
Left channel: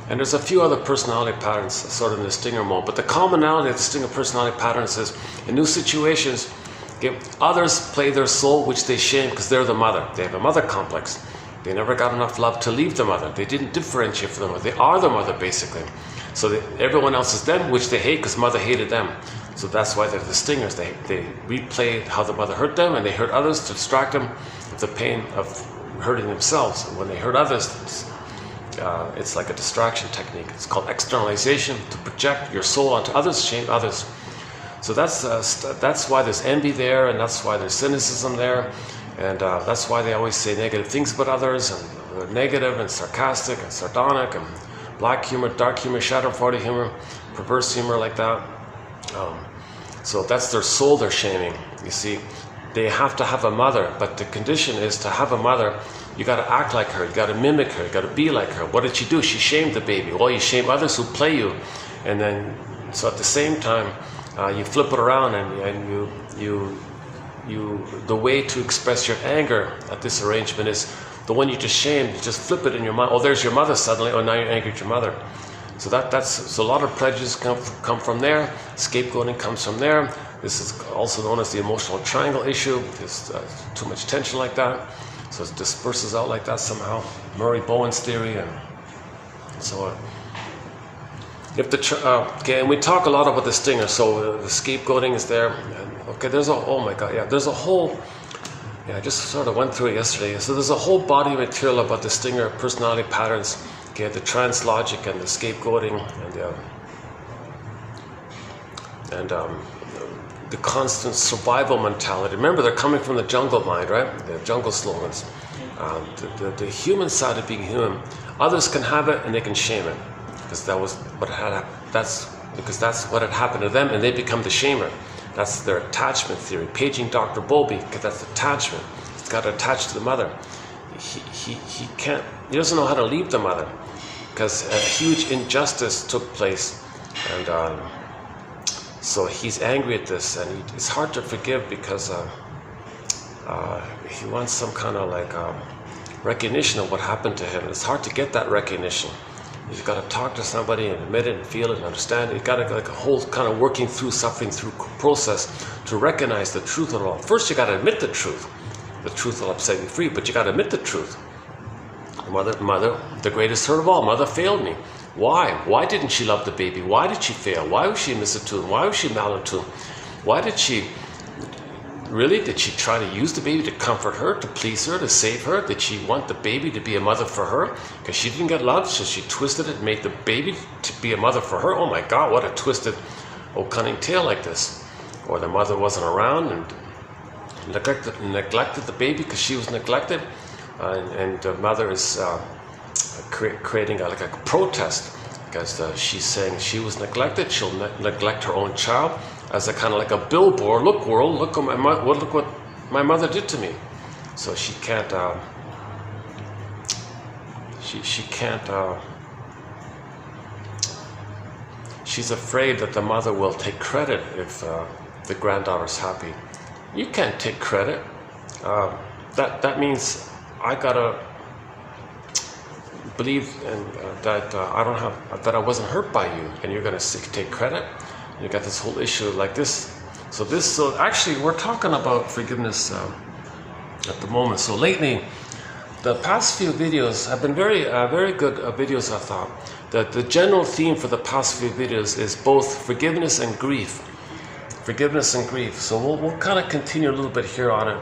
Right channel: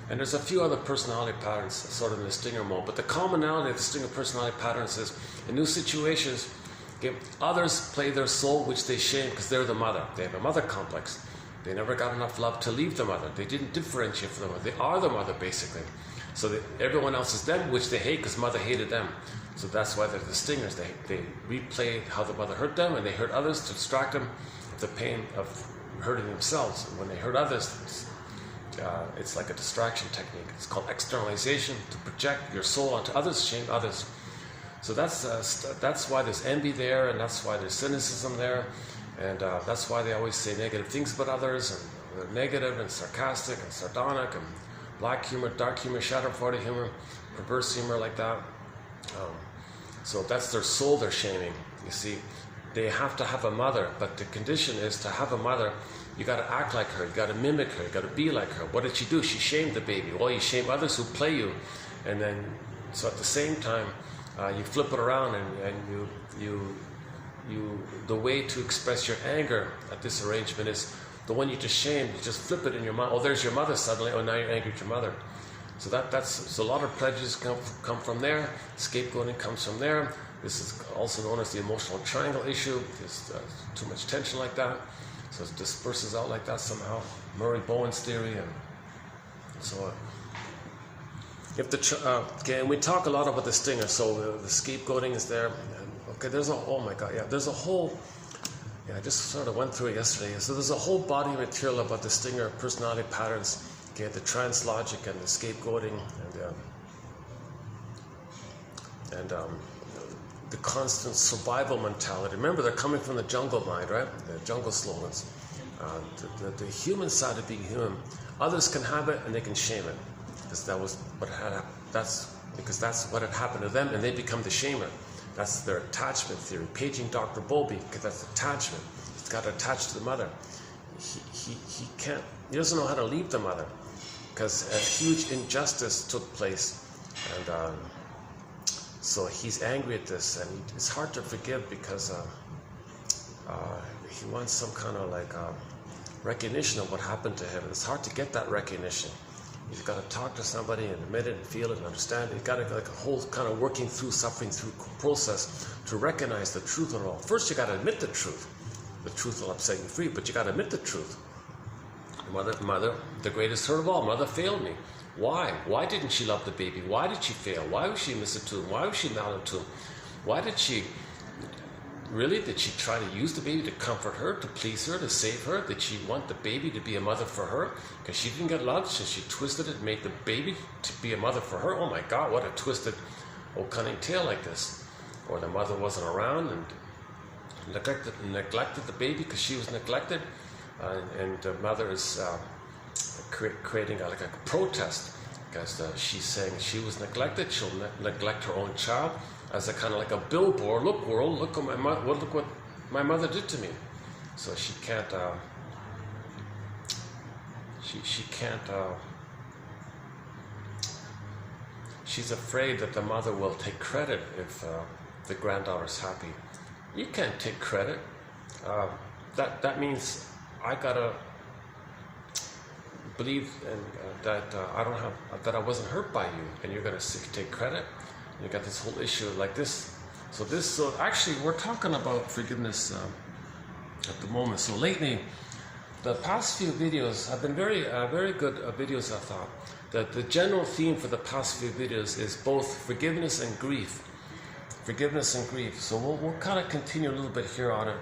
and there's a few other personality patterns sort of in the Stinger mode. But the commonality of the Stinger personality patterns is in new situations, others play their soul, which they shame because they're the mother. They have a mother complex. They never got enough love to leave the mother. They didn't differentiate from the mother. They are the mother basically. So everyone else is them, which they hate because mother hated them. So that's why they're the stingers. They replay how the mother hurt them, and they hurt others to distract them with the pain of hurting themselves. And when they hurt others, it's like a distraction technique. It's called externalization, to project your soul onto others, shame others. So that's why there's envy there, and that's why there's cynicism there, and that's why they always say negative things about others, and they're negative and sarcastic and sardonic and black humor, dark humor, shadow party humor, perverse humor like that. So that's their soul they're shaming. You see, they have to have a mother, but the condition is to have a mother, you got to act like her, you got to mimic her, you got to be like her. What did she do? She shamed the baby. Well, you shame others who play you, and then so at the same time you flip it around, and the way to express your anger at this arrangement is the one you just shamed. You just flip it in your mind. Oh, there's your mother suddenly. Oh, now you're angry at your mother. So so a lot of prejudice come from there. Scapegoating comes from there. This is also known as the emotional triangle issue. There's too much tension like that, so it disperses out like that somehow. Murray Bowen's theory and so on. If okay, and we talk a lot about the stinger. So the scapegoating is there. And, okay, oh my God, yeah, there's a whole. Yeah, I just sort of went through it yesterday. So there's a whole body of material about the stinger personality patterns. Okay, the trans logic and the scapegoating and the constant survival mentality. Remember, they're coming from the jungle mind, right? The jungle slogans. The human side of being human. Others can have it and they can shame it, because that was what had. Because that's what had happened to them, and they become the shamer. That's their attachment theory. Paging Dr. Bowlby, because that's attachment. He's got to attach to the mother. He can't. He doesn't know how to leave the mother, because a huge injustice took place, and so he's angry at this, and it's hard to forgive because he wants some kind of like recognition of what happened to him. It's hard to get that recognition. You've got to talk to somebody and admit it and feel it and understand it. You've got to like a whole kind of working through suffering through process to recognize the truth of it all. First, you got to admit the truth. The truth will set you free, but you got to admit the truth. Mother, the greatest hurt of all. Mother failed me. Why? Why didn't she love the baby? Why did she fail? Why was she misattuned? Why was she maladaptive? Why did she? Really? Did she try to use the baby to comfort her, to please her, to save her? Did she want the baby to be a mother for her? Because she didn't get love, so she twisted it and made the baby to be a mother for her. Oh my God, what a twisted, cunning tale like this. Or the mother wasn't around and neglected the baby because she was neglected. And the mother is creating like a protest because she's saying she was neglected. She'll neglect her own child as a kind of like a billboard. Look, world, look what my mother did to me. So she can't. She can't. She's afraid that the mother will take credit if the granddaughter's happy. You can't take credit. That means I gotta believe that I wasn't hurt by you, and you're gonna take credit. You got this whole issue like this. So actually, we're talking about forgiveness at the moment. So lately, the past few videos have been very good videos. I thought that the general theme for the past few videos is both forgiveness and grief. Forgiveness and grief. So we'll kind of continue a little bit here on it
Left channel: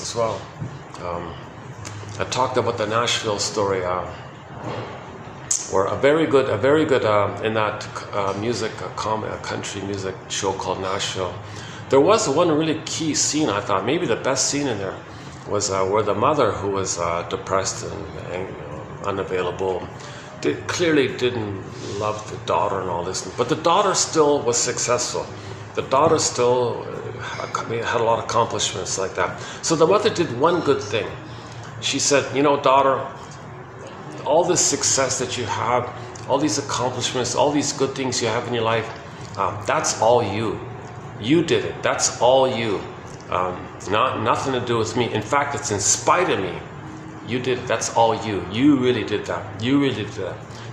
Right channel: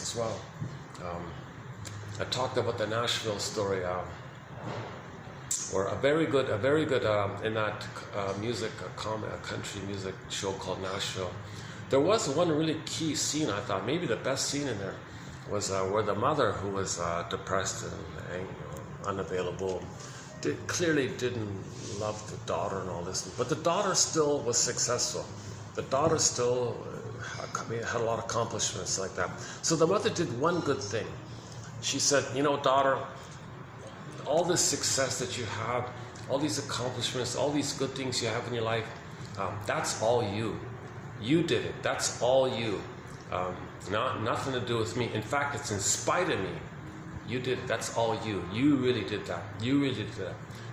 as well. I talked about the Nashville story, where a very good in that country music show called Nashville. There was one really key scene. I thought maybe the best scene in there was where the mother, who was depressed and unavailable, clearly didn't love the daughter and all this, but the daughter still was successful. The daughter still had a lot of accomplishments like that. So the mother did one good thing. She said, you know, daughter, all this success that you have, all these accomplishments, all these good things you have in your life, that's all you. You did it. That's all you. Nothing to do with me. In fact, it's in spite of me. You did it. That's all you. You really did that. You really did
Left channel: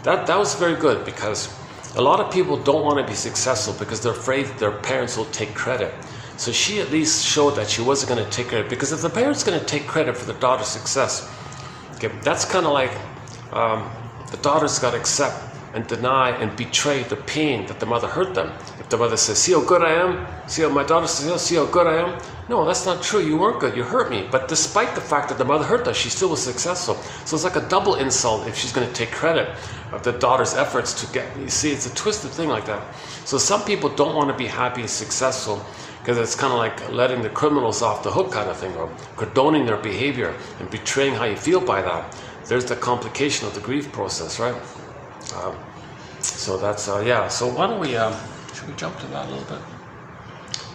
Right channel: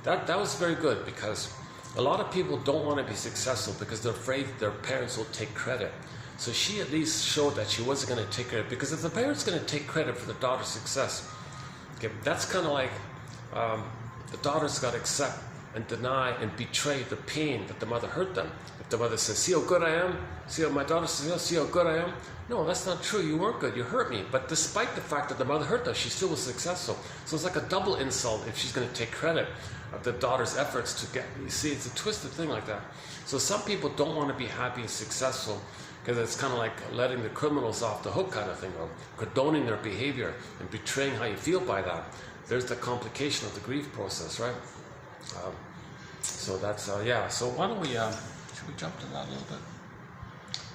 that. That was very good, because a lot of people don't want to be successful because they're afraid their parents will take credit. So she at least showed that she wasn't going to take credit, because if the parents are going to take credit for the daughter's success, okay, that's kind of like the daughter's got to accept and deny and betray the pain that the mother hurt them. The The mother says, see how good I am? See how my daughter says, see how good I am? No, that's not true. You weren't good. You hurt me. But despite the fact that the mother hurt us, she still was successful. So it's like a double insult if she's going to take credit of the daughter's efforts to get, you see, it's a twisted thing like that. So some people don't want to be happy and successful because it's kind of like letting the criminals off the hook kind of thing, or condoning their behavior and betraying how you feel by that. There's the complication of the grief process, right? So that's, yeah. So why don't we, should we jump to that a little bit?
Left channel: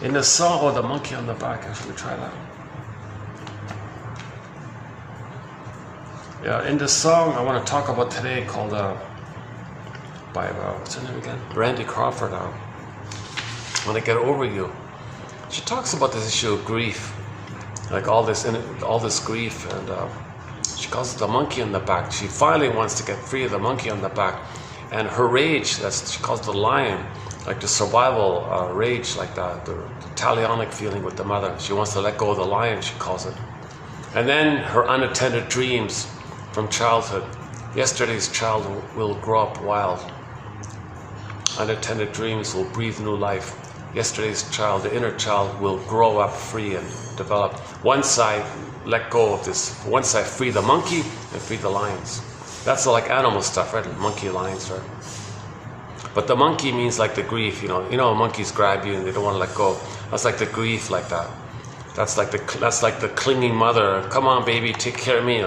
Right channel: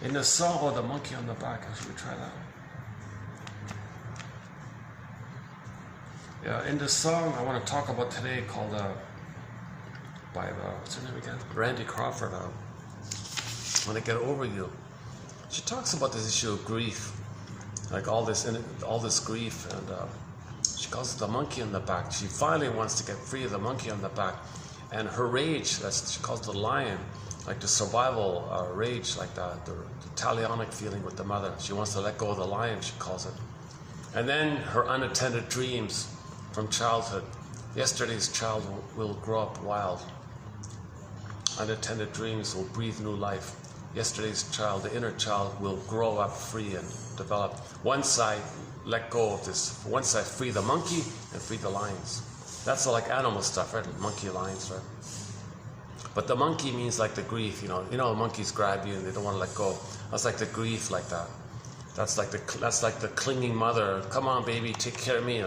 In the song, oh, the monkey on the back, should we try that? Yeah, in the song I want to talk about today called, by, what's her name again? Randy Crawford, When I Get Over You. She talks about this issue of grief, like all this grief, and she calls it the monkey on the back. She finally wants to get free of the monkey on the back, and her rage, she calls it the lion, like the survival rage, like the talionic feeling with the mother. She wants to let go of the lion, she calls it. And then her unattended dreams from childhood. Yesterday's child will grow up wild. Unattended dreams will breathe new life. Yesterday's child, the inner child, will grow up free and develop. Once I let go of this, once I free the monkey and free the lions. That's like animal stuff, right? Monkey, lions, right? But the monkey means like the grief, you know, monkeys grab you and they don't want to let go. That's like the grief, like that. That's like the clinging mother. Come on, baby, take care of me.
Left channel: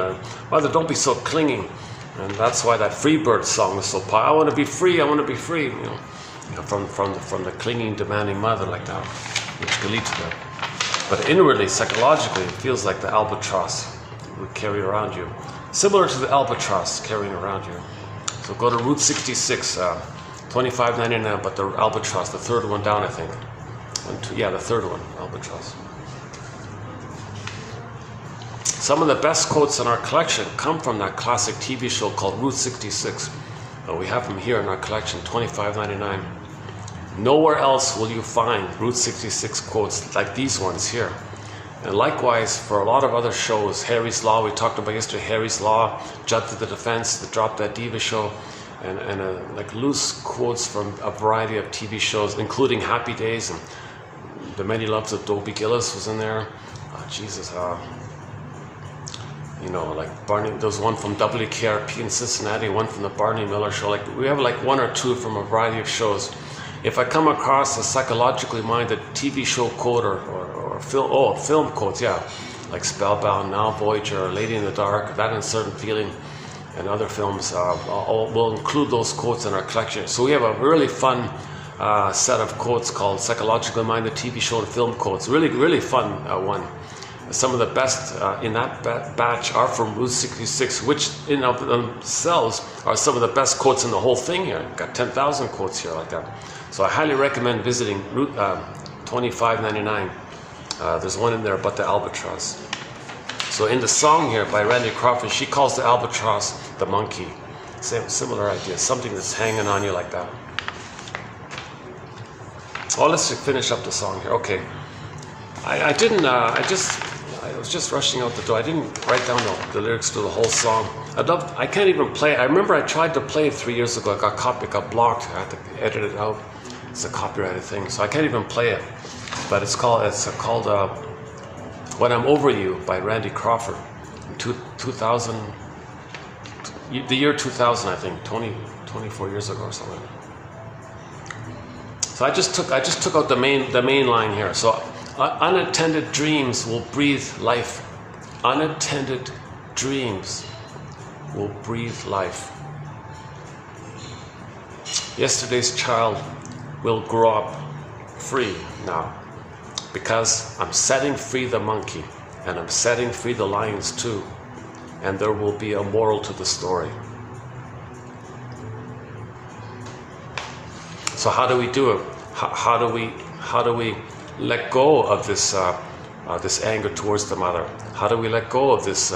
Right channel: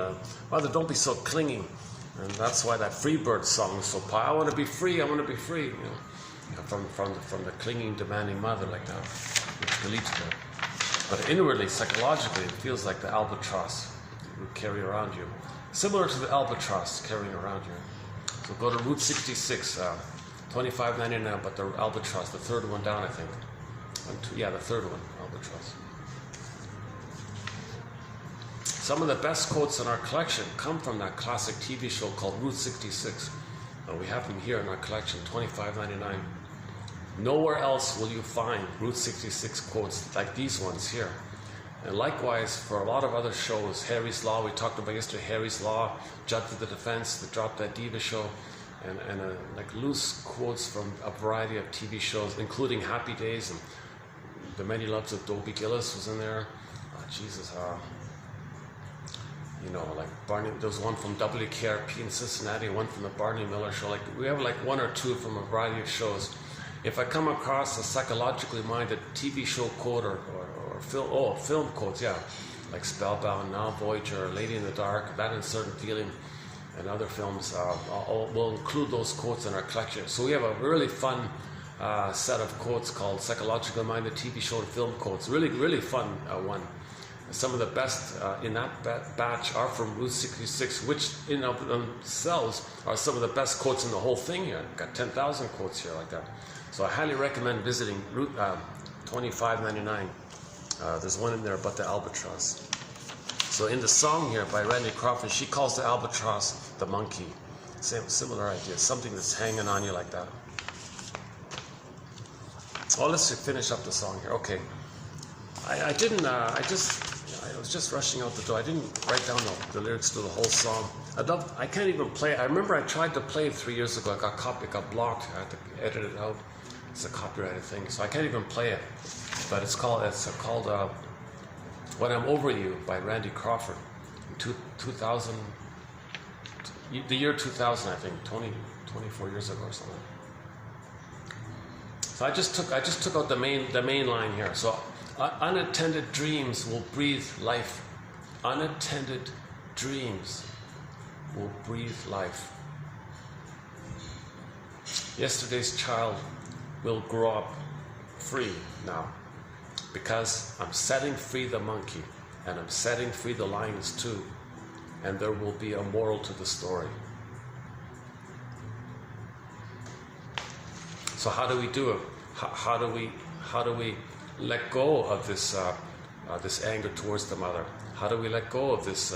Mother, don't be so clinging. And that's why that Freebird song is so powerful. I want to be free. I want to be free. You know, from the clinging, demanding mother, like that, which can lead to that. But inwardly, psychologically, it feels like the albatross would carry around you, similar to the albatross carrying around you. So go to Route 66, $25.99, but the albatross, the third one down, I think. Yeah, the third one, albatross. Some of the best quotes in our collection come from that classic TV show called Route 66. We have them here in our collection, $25.99. Nowhere else will you find Route 66 quotes like these ones here. And likewise, for a lot of other shows, Harry's Law, we talked about yesterday, Harry's Law, Judd to the Defense, the Drop That Diva show, and like loose quotes from a variety of TV shows, including Happy Days, and The Many Loves of Dobie Gillis was in there. Jesus, you know, like Barney, there's one from WKRP in Cincinnati, one from the Barney Miller show. Like we have like one or two from a variety of shows. If I come across a psychologically minded TV show quote or film quotes, yeah, like Spellbound, Now Voyager, Lady in the Dark, That Uncertain Feeling, and other films, we'll include those quotes in our collection. So we have a really fun set of quotes called Psychologically Minded TV Show and Film Quotes. Really, really fun one. Some of the best in that batch are from Route 66, which in of themselves are some of the best quotes in the whole thing here. Got 10,000 quotes here like that. So I highly recommend visiting Route $25.99. There's one in there about the albatross. So in the song here by Randy Crawford, she calls the albatross the monkey. Similar idea, something that's hanging on you like that. Oh, let's finish up the song here. Okay. I was just rushing out the door. I didn't write down the lyrics to the whole song. I can't even play it. I remember I tried to play it 3 years ago. It got blocked. I had to edit it out. It's a copyrighted thing, so I can't even play it. But it's called When I'm Over You by Randy Crawford. 2000, the year 2000, I think, 24 years ago or something. So I just took out the main line here. So unattended dreams will breathe life. Unattended dreams will breathe life. Yesterday's child will grow up free now, because I'm setting free the monkey, and I'm setting free the lions too, and there will be a moral to the story. So how do we do it? How do we let go of this this anger towards the mother? How do we let go of this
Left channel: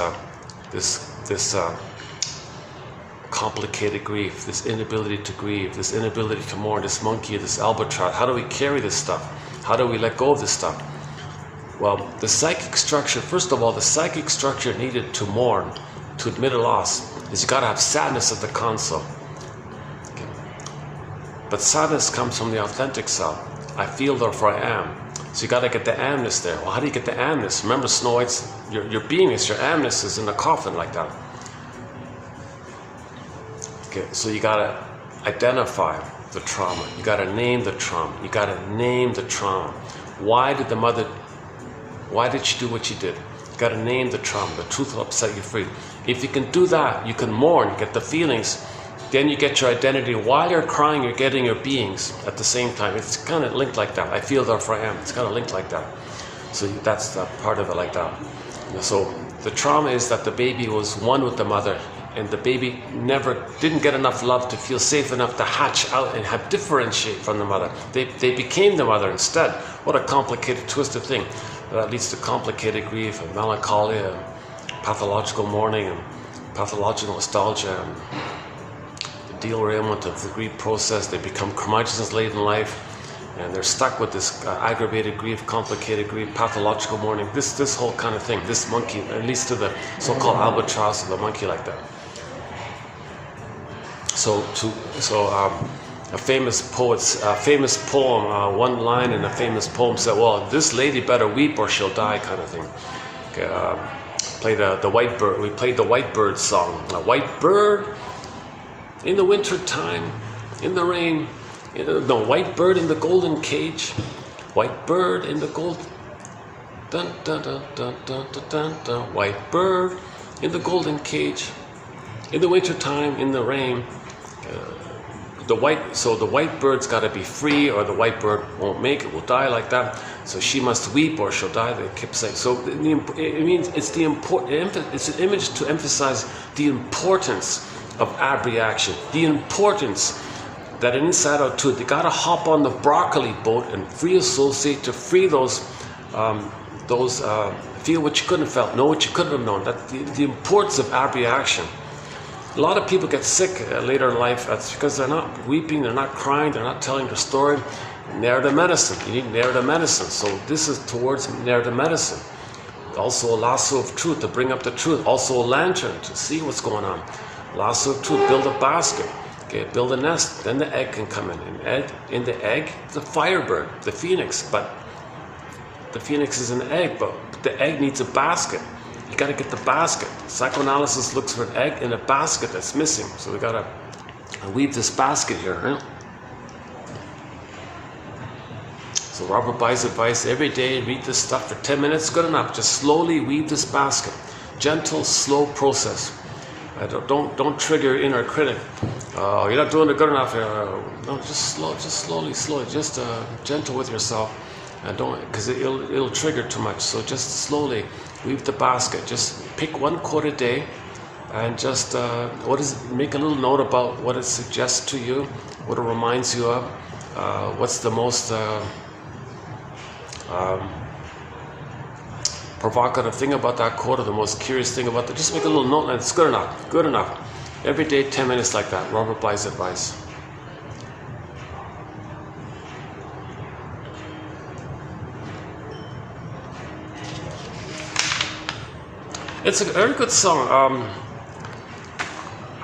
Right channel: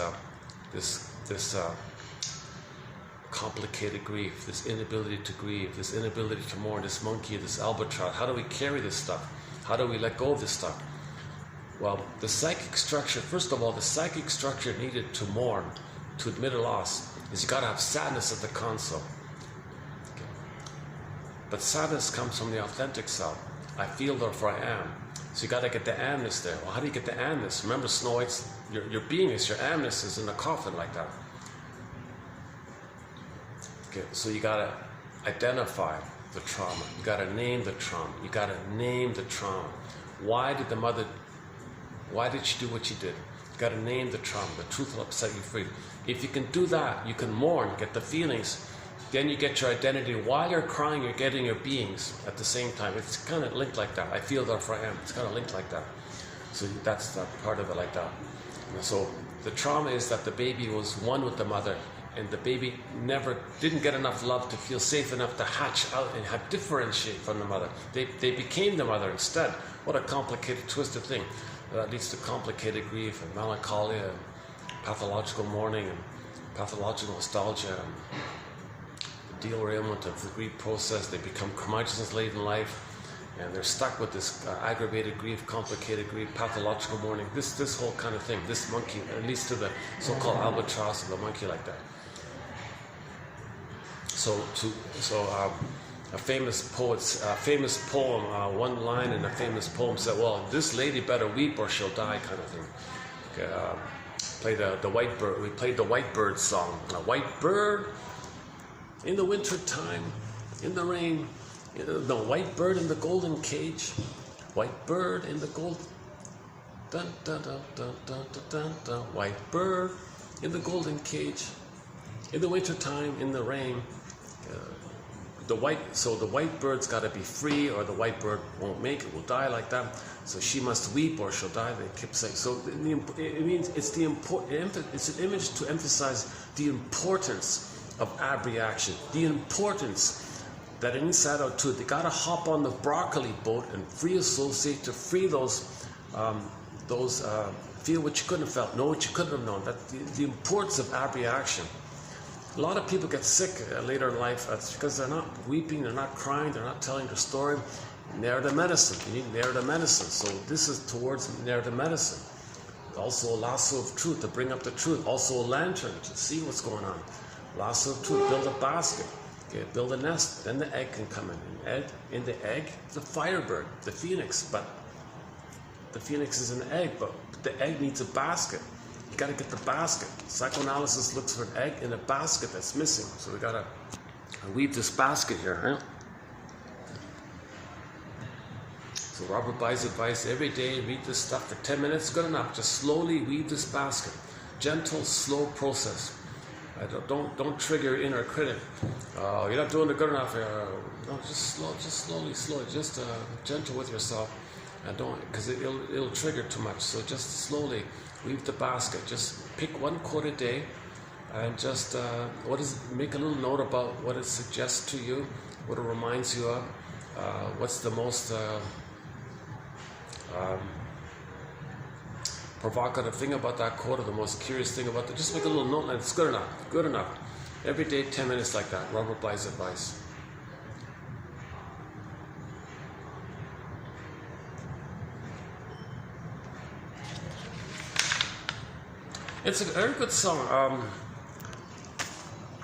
complicated grief, this inability to grieve, this inability to mourn, this monkey, this albatross? How do we carry this stuff? How do we let go of this stuff? Well, the psychic structure, first of all, the psychic structure needed to mourn, to admit a loss, is you got to have sadness at the console. Okay. But sadness comes from the authentic self. I feel, therefore I am. So you got to get the amness there. Well, how do you get the amness? Remember, Snow White's, your beingness, your amness is in the coffin like that. Okay, so you got to identify the trauma. You got to name the trauma. You got to name the trauma. Why did she do what she did? You got to name the trauma. The truth will set you free. If you can do that, you can mourn, get the feelings. Then you get your identity. While you're crying, you're getting your beings at the same time. It's kind of linked like that. I feel, therefore I am. It's kind of linked like that. So that's that part of it like that. So the trauma is that the baby was one with the mother, and the baby didn't get enough love to feel safe enough to hatch out and have differentiate from the mother. They became the mother instead. What a complicated, twisted thing. That leads to complicated grief and melancholy and pathological mourning and pathological nostalgia and derailment of the grief process. They become curmudgeons late in life, and they're stuck with this aggravated grief, complicated grief, pathological mourning. This whole kind of thing. This monkey, at least to the so-called albatross of the monkey like that. A famous poem, one line in a famous poem said, "Well, this lady better weep or she'll die," kind of thing. Okay, we played the White Bird song. A white bird in the winter time, in the rain. White bird in the golden cage. White bird in the gold. Dun dun dun dun dun dun dun dun. White bird in the golden cage. In the winter time, in the rain. The white bird's got to be free, or the white bird won't make it, will die like that. So she must weep, or she'll die. They kept saying. So it means it's an image to emphasize the importance of abreaction, the importance that inside out too. They got to hop on the broccoli boat and free associate to free those feel what you couldn't have felt, know what you couldn't have known. That the importance of abreaction. A lot of people get sick later in life. That's because they're not weeping, they're not crying, they're not telling their story. Narrative medicine. You need narrative medicine. So this is towards narrative medicine. Also a lasso of truth to bring up the truth. Also a lantern to see what's going on. Lasso of truth. Build a basket. Okay, build a nest. Then the egg can come in. And in the egg, the firebird, the phoenix. But the phoenix is an egg, but the egg needs a basket. You got to get the basket. Psychoanalysis looks for an egg in a basket that's missing. So we got to weave this basket here. Right? So Robert buys advice every day. Read this stuff for 10 minutes. Good enough. Just slowly weave this basket. Gentle, slow process. Don't trigger your inner critic. You're not doing it good enough. No, just slowly. Just gentle with yourself, and don't, because it'll trigger too much. So just slowly weave the basket. Just pick one quote a day, and just make a little note about what it suggests to you, what it reminds you of, what's the most provocative thing about that quote, or the most curious thing about that. Just make a little note, and it's good enough. Every day, 10 minutes like that. Robert Bly's advice. It's a very good song.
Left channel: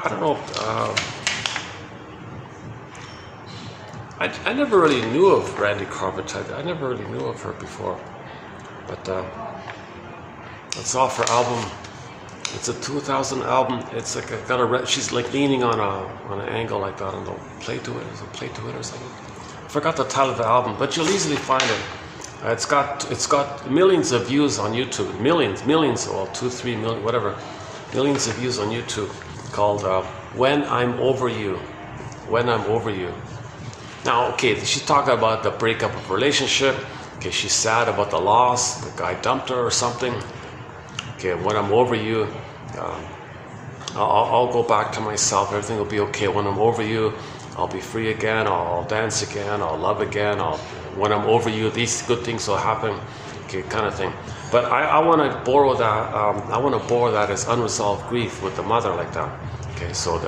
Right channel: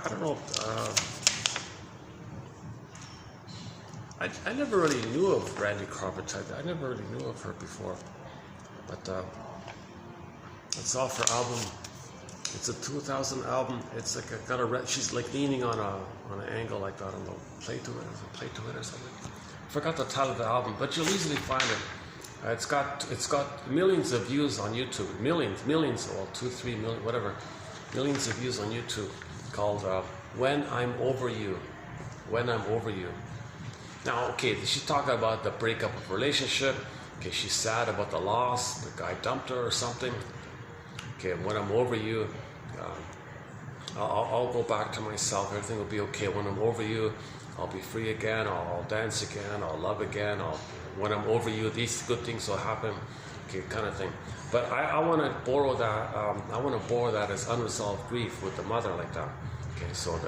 I don't know. I never really knew of Randy Carpenter. I never really knew of her before. But it's off her album. It's a 2000 album. It's like she's like leaning on an angle like that, and they'll play to it. Is it play to it or something? I forgot the title of the album, but you'll easily find it. It's got millions of views on YouTube. Millions, well, 2, 3 million, whatever. Millions of views on YouTube. Called "When I'm Over You." When I'm Over You. Now, okay, she's talking about the breakup of a relationship. Okay, she's sad about the loss. The guy dumped her or something. Okay, when I'm over you, I'll go back to myself. Everything will be okay. When I'm over you, I'll be free again. I'll dance again. I'll love again. When I'm over you, these good things will happen. Okay, kind of thing. But I want to borrow that. I want to borrow that as unresolved grief with the mother like that. Okay, so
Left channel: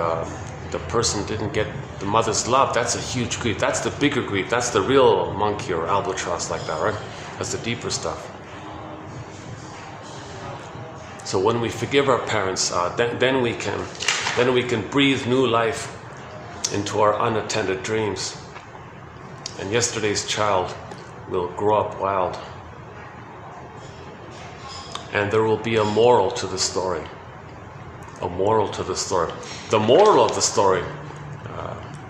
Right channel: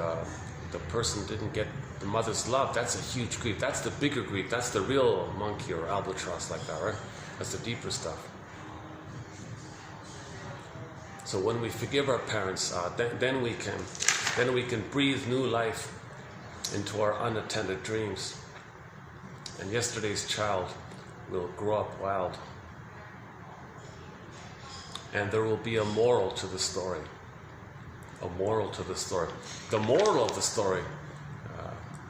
the person didn't get the mother's love. That's a huge grief. That's the bigger grief. That's the real monkey or albatross like that, right? That's the deeper stuff. So when we forgive our parents, then we can breathe new life into our unattended dreams. and yesterday's child will grow up wild. And there will be a moral to the story. A moral to the story. The moral of the story,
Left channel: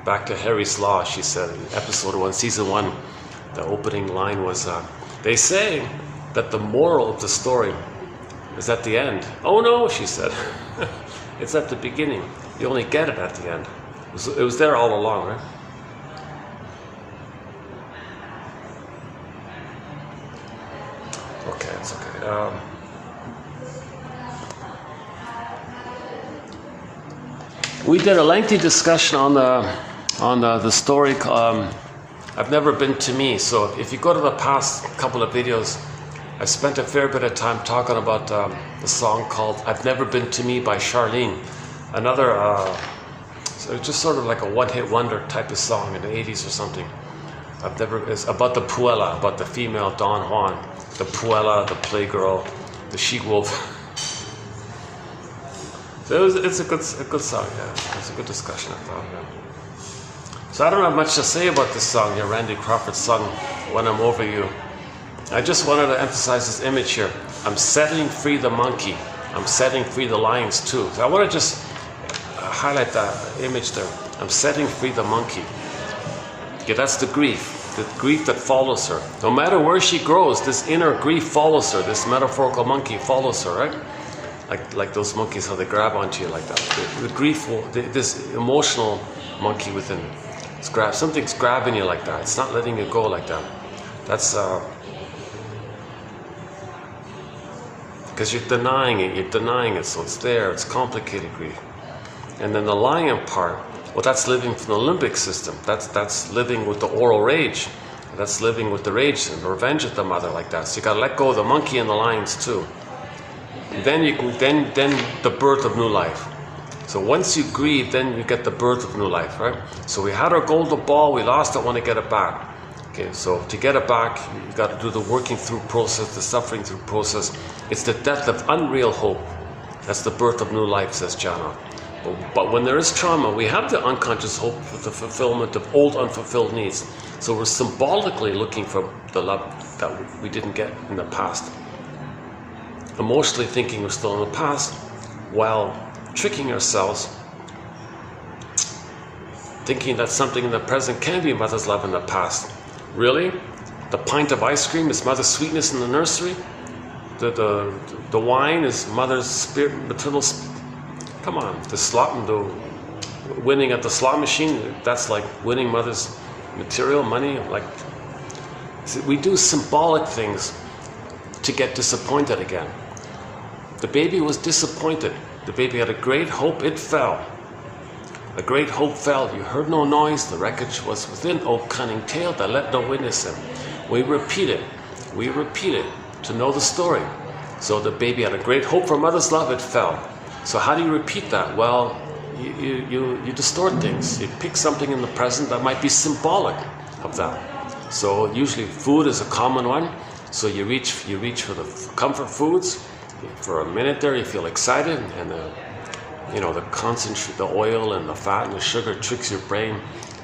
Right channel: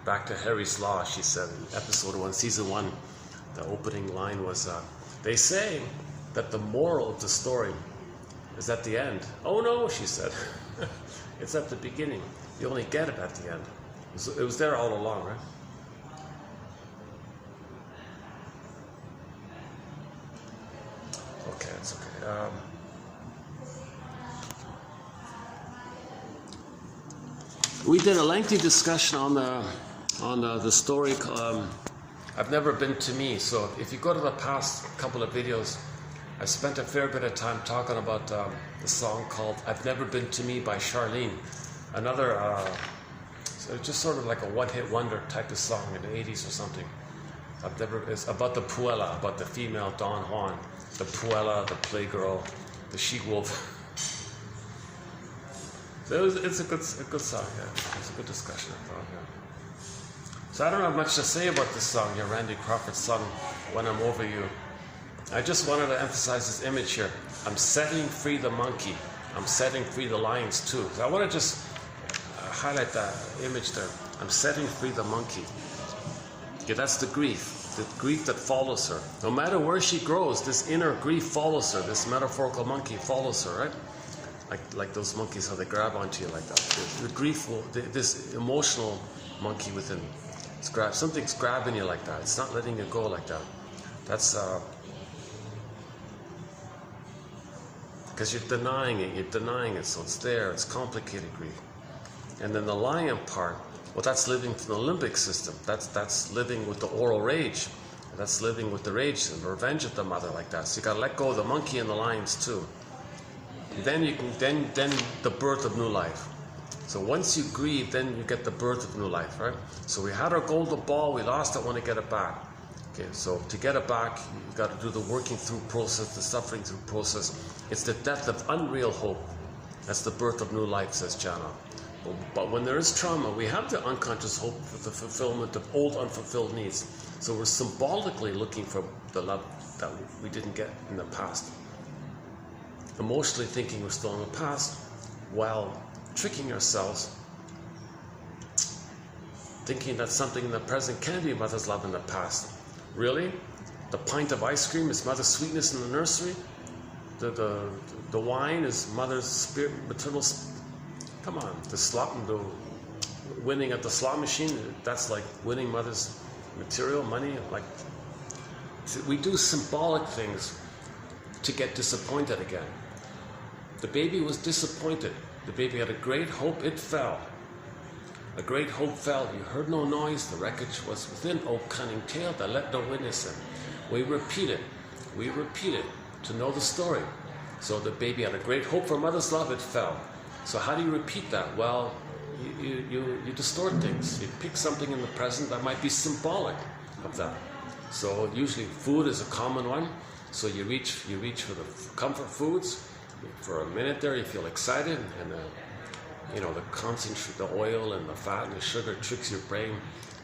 back to Harry's Law, she said in episode 1, season 1, the opening line was, they say that the moral of the story is at the end. Oh no, she said. It's at the beginning. You only get it at the end. It was there all along, right? Okay, it's okay. We did a lengthy discussion on the story. I've never been to me. So if you go to the past couple of videos, I spent a fair bit of time talking about the song called "I've Never Been to Me" by Charlene. Another, so it's just sort of like a one-hit wonder type of song in the 80s or something. It's about the puella, about the female Don Juan, the puella, the playgirl, the she-wolf. So it's a good song, yeah. It's a good discussion, I thought, yeah. So I don't have much to say about this song here, Randy Crawford's song, When I'm Over You. I just wanted to emphasize this image here. I'm setting free the monkey. I'm setting free the lions too. So I want to just highlight that image there. I'm setting free the monkey. Okay, that's the grief that follows her. No matter where she grows, this inner grief follows her. This metaphorical monkey follows her, right? Like those monkeys, how they grab onto you like that. The grief, this emotional monkey within, something's grabbing you like that. It's not letting you go like that. That's because you're denying it, so it's there. It's complicated grief. And then the lion part, well, that's living from the limbic system. That's living with the oral rage. That's living with the rage and the revenge at the mother like that. So you gotta let go of the monkey and the lions too. Then you can then the birth of new life. So once you grieve, then you get the birth of new life, right? So we had our golden ball, we lost it, want to get it back. Okay, so to get it back, you got to do the working through process, the suffering through process. It's the death of unreal hope. That's the birth of new life, says Jana. But when there is trauma, we have the unconscious hope for the fulfillment of old unfulfilled needs. So we're symbolically looking for the love that we didn't get in the past. Emotionally thinking we're still in the past, while tricking ourselves, thinking that something in the present can be mother's love in the past. Really? The pint of ice cream is mother's sweetness in the nursery? The wine is mother's spirit, maternal. Come on, the winning at the slot machine, that's like winning mother's material, money. Like, see, we do symbolic things to get disappointed again. The baby was disappointed. The baby had a great hope, it fell. A great hope fell. You heard no noise, the wreckage was within, O cunning tale that let no witness in. We repeat it to know the story. So the baby had a great hope for mother's love, it fell. So how do you repeat that? Well, you distort things. You pick something in the present that might be symbolic of that. So usually food is a common one. So you reach for the comfort foods. For a minute there, you feel excited, and the concentrate, the oil and the fat and the sugar tricks your brain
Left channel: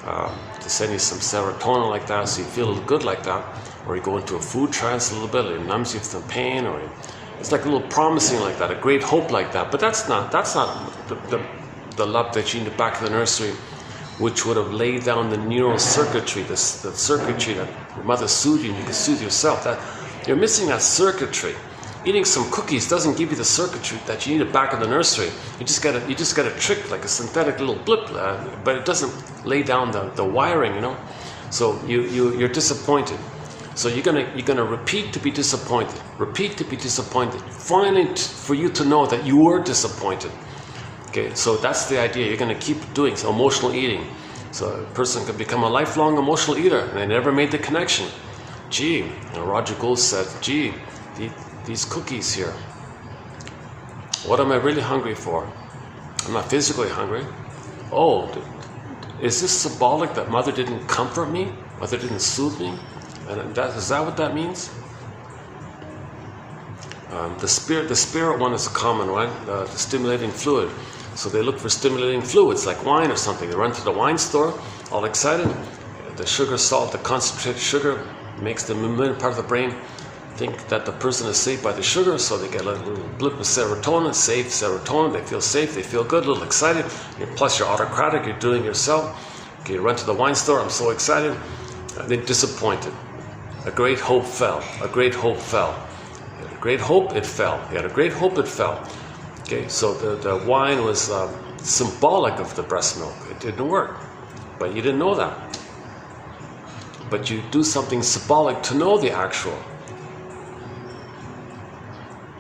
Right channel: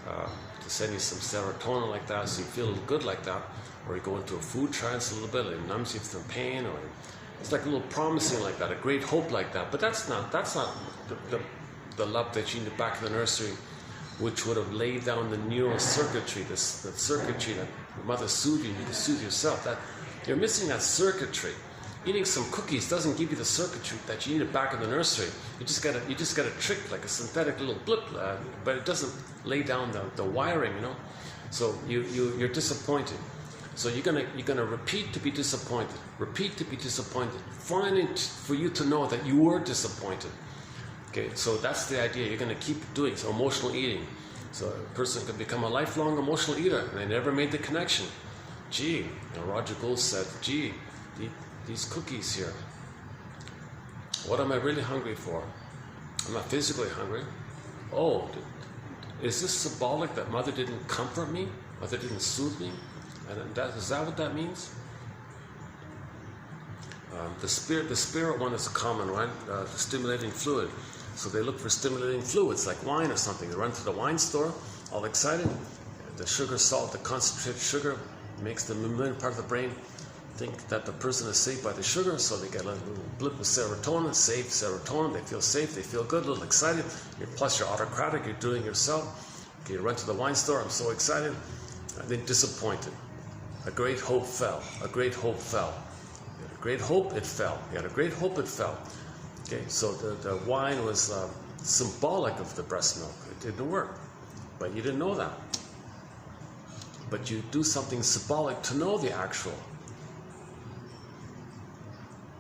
to send you some serotonin like that, so you feel good like that. Or you go into a food trance a little bit, it numbs you from pain, or it's like a little promising like that, a great hope like that. But that's not the love that you need back in the nursery, which would have laid down the neural circuitry, the circuitry that your mother soothed you and you can soothe yourself. That you're missing that circuitry. Eating some cookies doesn't give you the circuitry that you needed back in the nursery. You just get a trick, like a synthetic little blip, but it doesn't lay down the wiring, So you're disappointed. So you're gonna repeat to be disappointed. Repeat to be disappointed. Finally, for you to know that you were disappointed. Okay, so that's the idea. You're gonna keep doing so emotional eating. So a person can become a lifelong emotional eater, and they never made the connection. Gee, Roger Gould said, gee, these cookies here, what am I really hungry for? I'm not physically hungry. Oh, is this symbolic that mother didn't comfort me? Mother didn't soothe me? And is that what that means? The spirit one is a common one, the stimulating fluid. So they look for stimulating fluids like wine or something. They run to the wine store, all excited. the sugar salt, the concentrated sugar, makes the mammalian part of the brain think that the person is safe by the sugar, so they get a little blip of serotonin, safe serotonin, they feel safe, they feel good, a little excited, plus you're autocratic, you're doing yourself. Okay, you run to the wine store, I'm so excited, and then disappointed. A great hope fell, a great hope fell. You had a great hope, it fell. You had a great hope, it fell. Okay, so the wine was symbolic of the breast milk. It didn't work, but you didn't know that. But you do something symbolic to know the actual.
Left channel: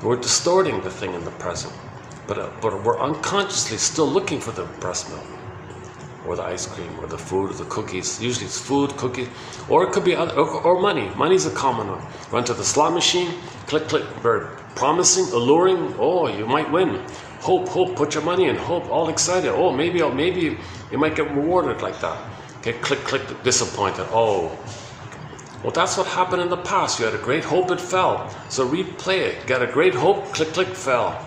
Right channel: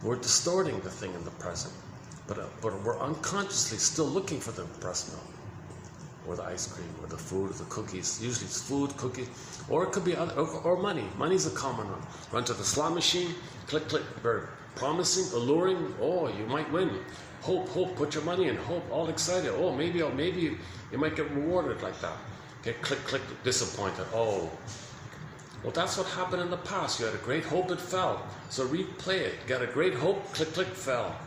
We're distorting the thing in the present, but we're unconsciously still looking for the breast milk, or the ice cream, or the food, or the cookies. Usually it's food, cookies, or it could be other, or money. Money's a common one. Run to the slot machine, click, click, very promising, alluring. Oh, you might win. Hope, hope. Put your money in. Hope. All excited. Oh, maybe you might get rewarded like that. Okay, click, click. Disappointed. Oh. Well, that's what happened in the past. You had a great hope, it fell. So replay it. Got a great hope, click, click, fell.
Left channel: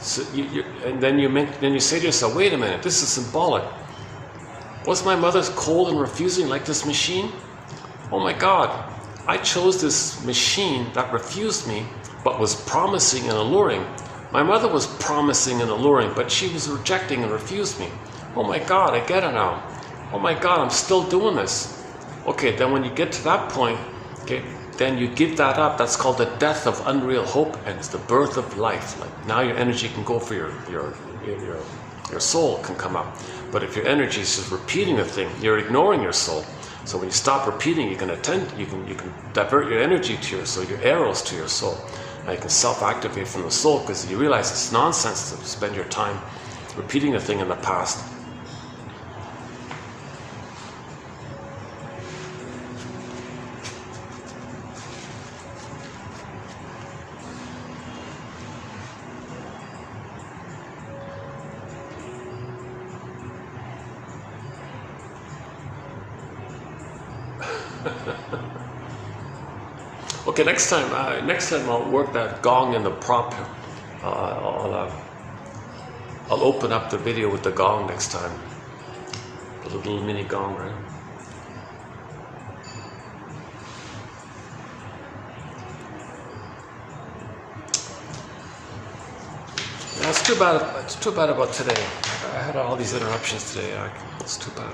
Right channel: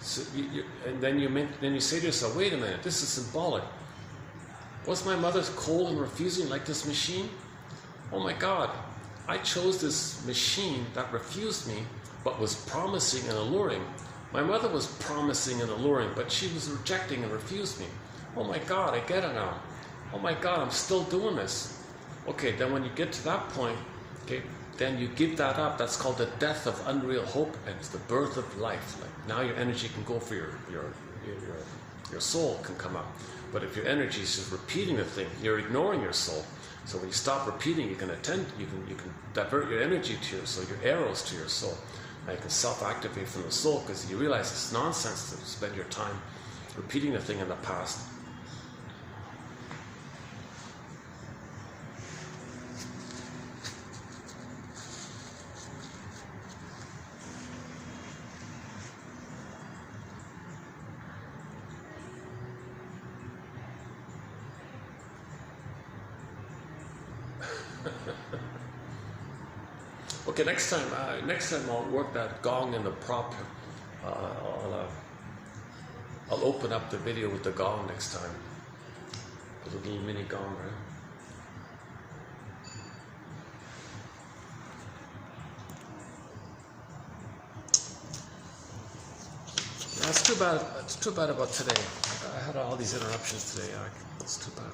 So and then you say to yourself, wait a minute, this is symbolic. Was my mother cold and refusing like this machine? Oh my God, I chose this machine that refused me, but was promising and alluring. My mother was promising and alluring, but she was rejecting and refused me. Oh my God, I get it now. Oh my God, I'm still doing this. Okay, then when you get to that point, okay, then you give that up. That's called the death of unreal hope, and it's the birth of life. Like now your energy can go for your soul can come up. But if your energy is just repeating a thing, you're ignoring your soul. So when you stop repeating, you can divert your energy to your soul, your arrows to your soul. Now you can self-activate from the soul because you realize it's nonsense to spend your time repeating a thing in the past. Okay, next time I'll work that gong and the prop. I'll open up the video with the gong next time. The little mini gong, right? Yeah, it's too bad. It's too bad about today. I had all these interruptions today. It's too bad.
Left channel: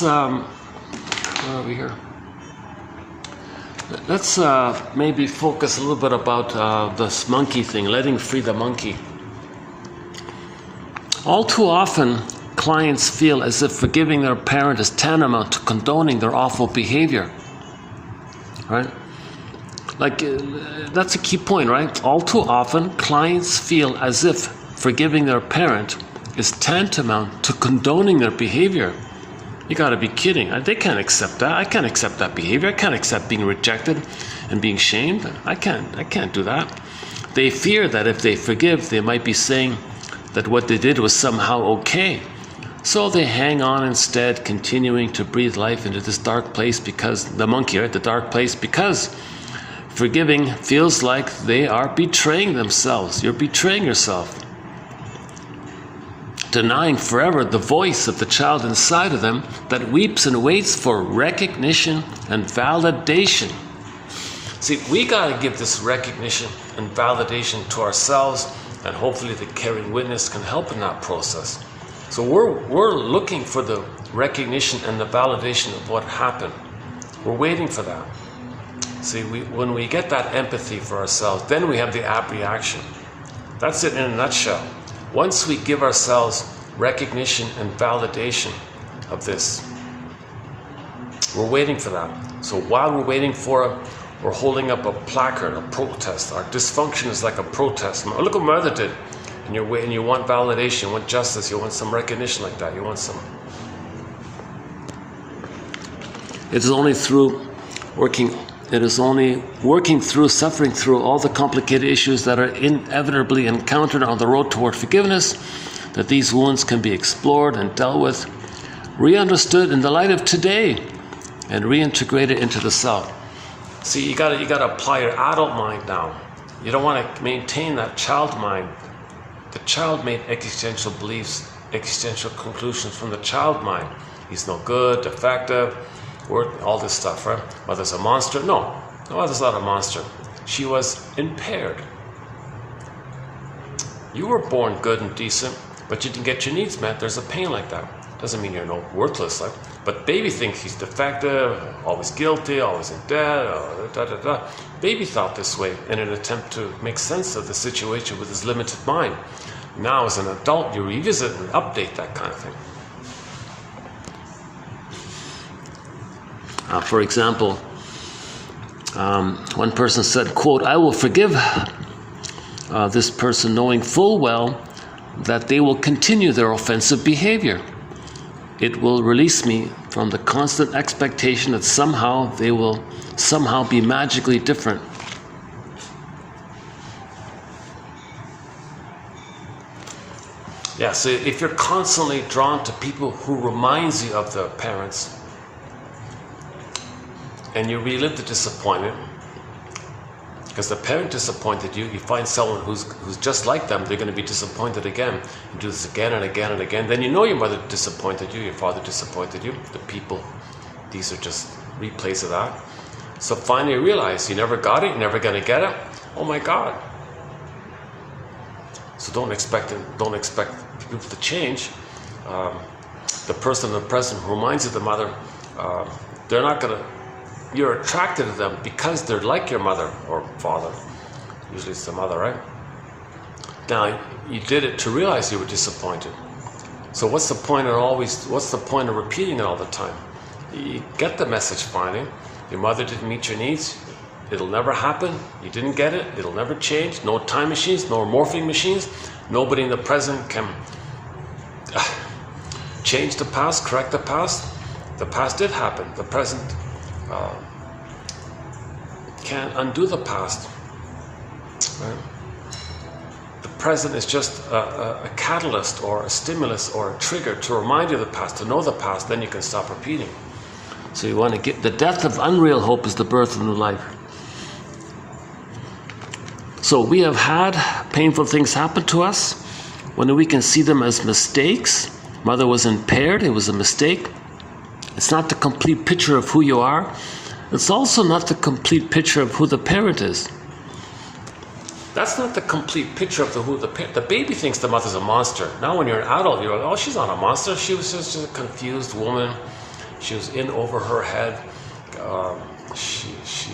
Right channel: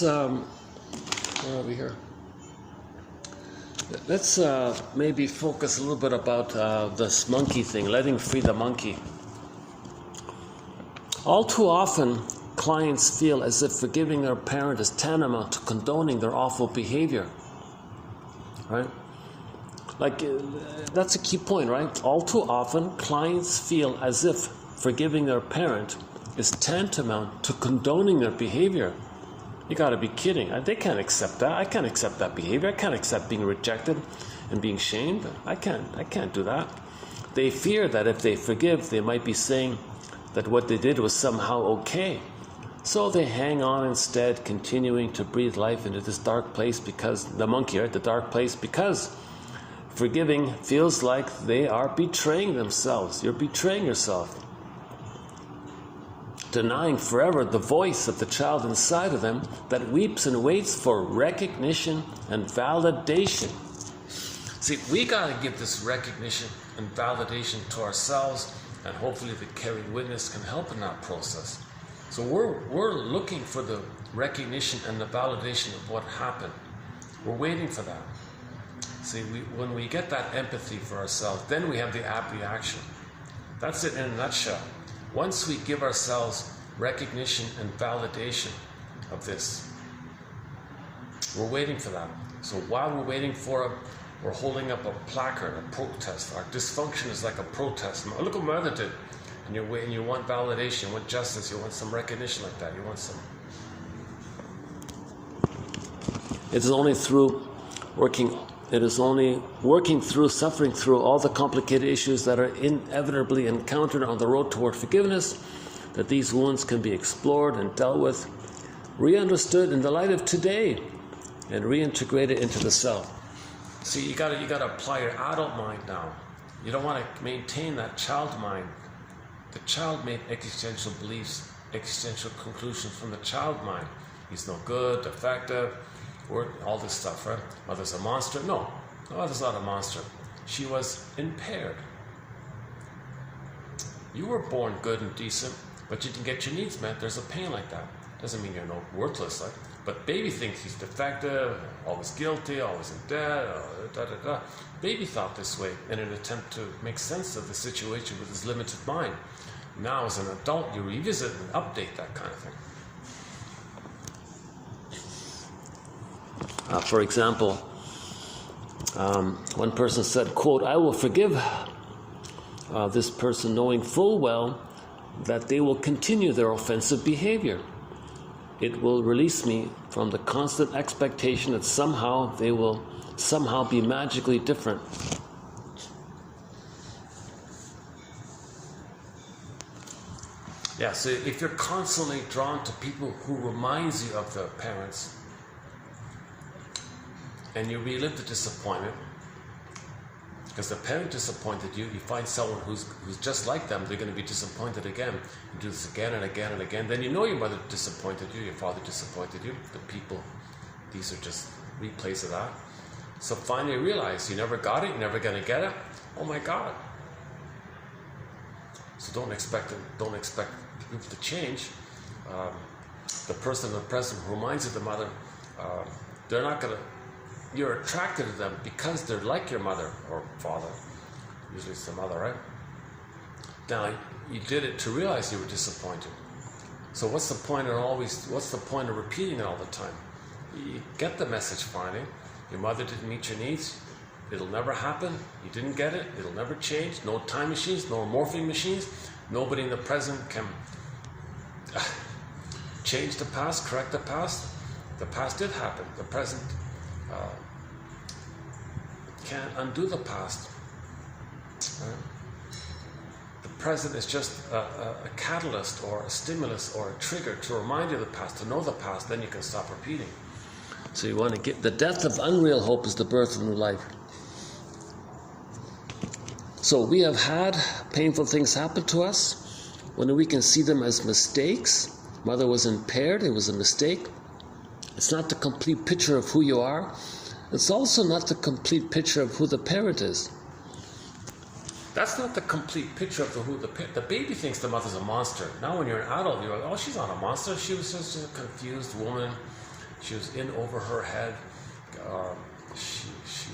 Where are we here? Let's maybe focus a little bit about this monkey thing, letting free the monkey. All too often, clients feel as if forgiving their parent is tantamount to condoning their awful behavior. Right? Like, that's a key point, right? All too often, clients feel as if forgiving their parent is tantamount to condoning their behavior. You gotta be kidding. They can't accept that. I can't accept that behavior. I can't accept being rejected and being shamed. I can't do that. They fear that if they forgive, they might be saying that what they did was somehow okay. So they hang on instead, continuing to breathe life into this dark place because, the monkey, right? The dark place, because forgiving feels like they are betraying themselves. You're betraying yourself. Denying forever the voice of the child inside of them that weeps and waits for recognition and validation. See, we gotta give this recognition and validation to ourselves, and hopefully the caring witness can help in that process. So we're looking for the recognition and the validation of what happened. We're waiting for that. See, when we get that empathy for ourselves, then we have the abreaction. That's it in a nutshell. Once we give ourselves recognition and validation of this, we're waiting for that. So while we're waiting for it, we're holding up a placard, a protest. Our dysfunction is like a protest. Look what my mother did. And you're waiting, you want validation, you want justice, you want some recognition like that, you want some. It is only working through, suffering through all the complicated issues that are inevitably encountered on the road toward forgiveness that these wounds can be explored and dealt with, re-understood in the light of today, and reintegrate it into the self. See, you gotta apply your adult mind now. You don't want to maintain that child mind. The child made existential beliefs, existential conclusions from the child mind. He's no good, defective, all this stuff, right? Mother's a monster. No, mother's not a monster. She was impaired. You were born good and decent, but you didn't get your needs met. There's a pain like that. Doesn't mean you're worthless. But baby thinks he's defective, always guilty, always in debt, Baby thought this way in an attempt to make sense of the situation with his limited mind. Now as an adult, you revisit and update that kind of thing. For example, one person said, quote, "I will forgive this person knowing full well that they will continue their offensive behavior. It will release me from the constant expectation that somehow they will somehow be magically different." Yeah, so if you're constantly drawn to people who reminds you of the parents, and you relive the disappointment, because the parent disappointed you, you find someone who's just like them, they're going to be disappointed again. You do this again and again and again. Then you know your mother disappointed you, your father disappointed you, the people. These are just replays of that. So finally you realize you never got it, you're never going to get it. Oh my God. So don't expect people to change. The person in the present who reminds you of the mother, they're not going to, you're attracted to them because they're like your mother or father. Usually it's the mother, right? Now, you did it to realize you were disappointed. So what's the point of repeating it all the time? You get the message finally. Your mother didn't meet your needs. It'll never happen. You didn't get it. It'll never change. No time machines, no morphing machines. Nobody in the present can change the past, correct the past. The past did happen. The present can't undo the past. Right? The present is just a catalyst or a stimulus or a trigger to remind you of the past, to know the past, then you can stop repeating. So you want to get the death of unreal hope is the birth of new life. So we have had painful things happen to us when we can see them as mistakes. Mother was impaired, it was a mistake. It's not the complete picture of who you are. It's also not the complete picture of who the parent is. That's not the complete picture of the baby thinks the mother's a monster. Now when you're an adult, you're like, oh, she's not a monster. She was just a confused woman. She was in over her head. She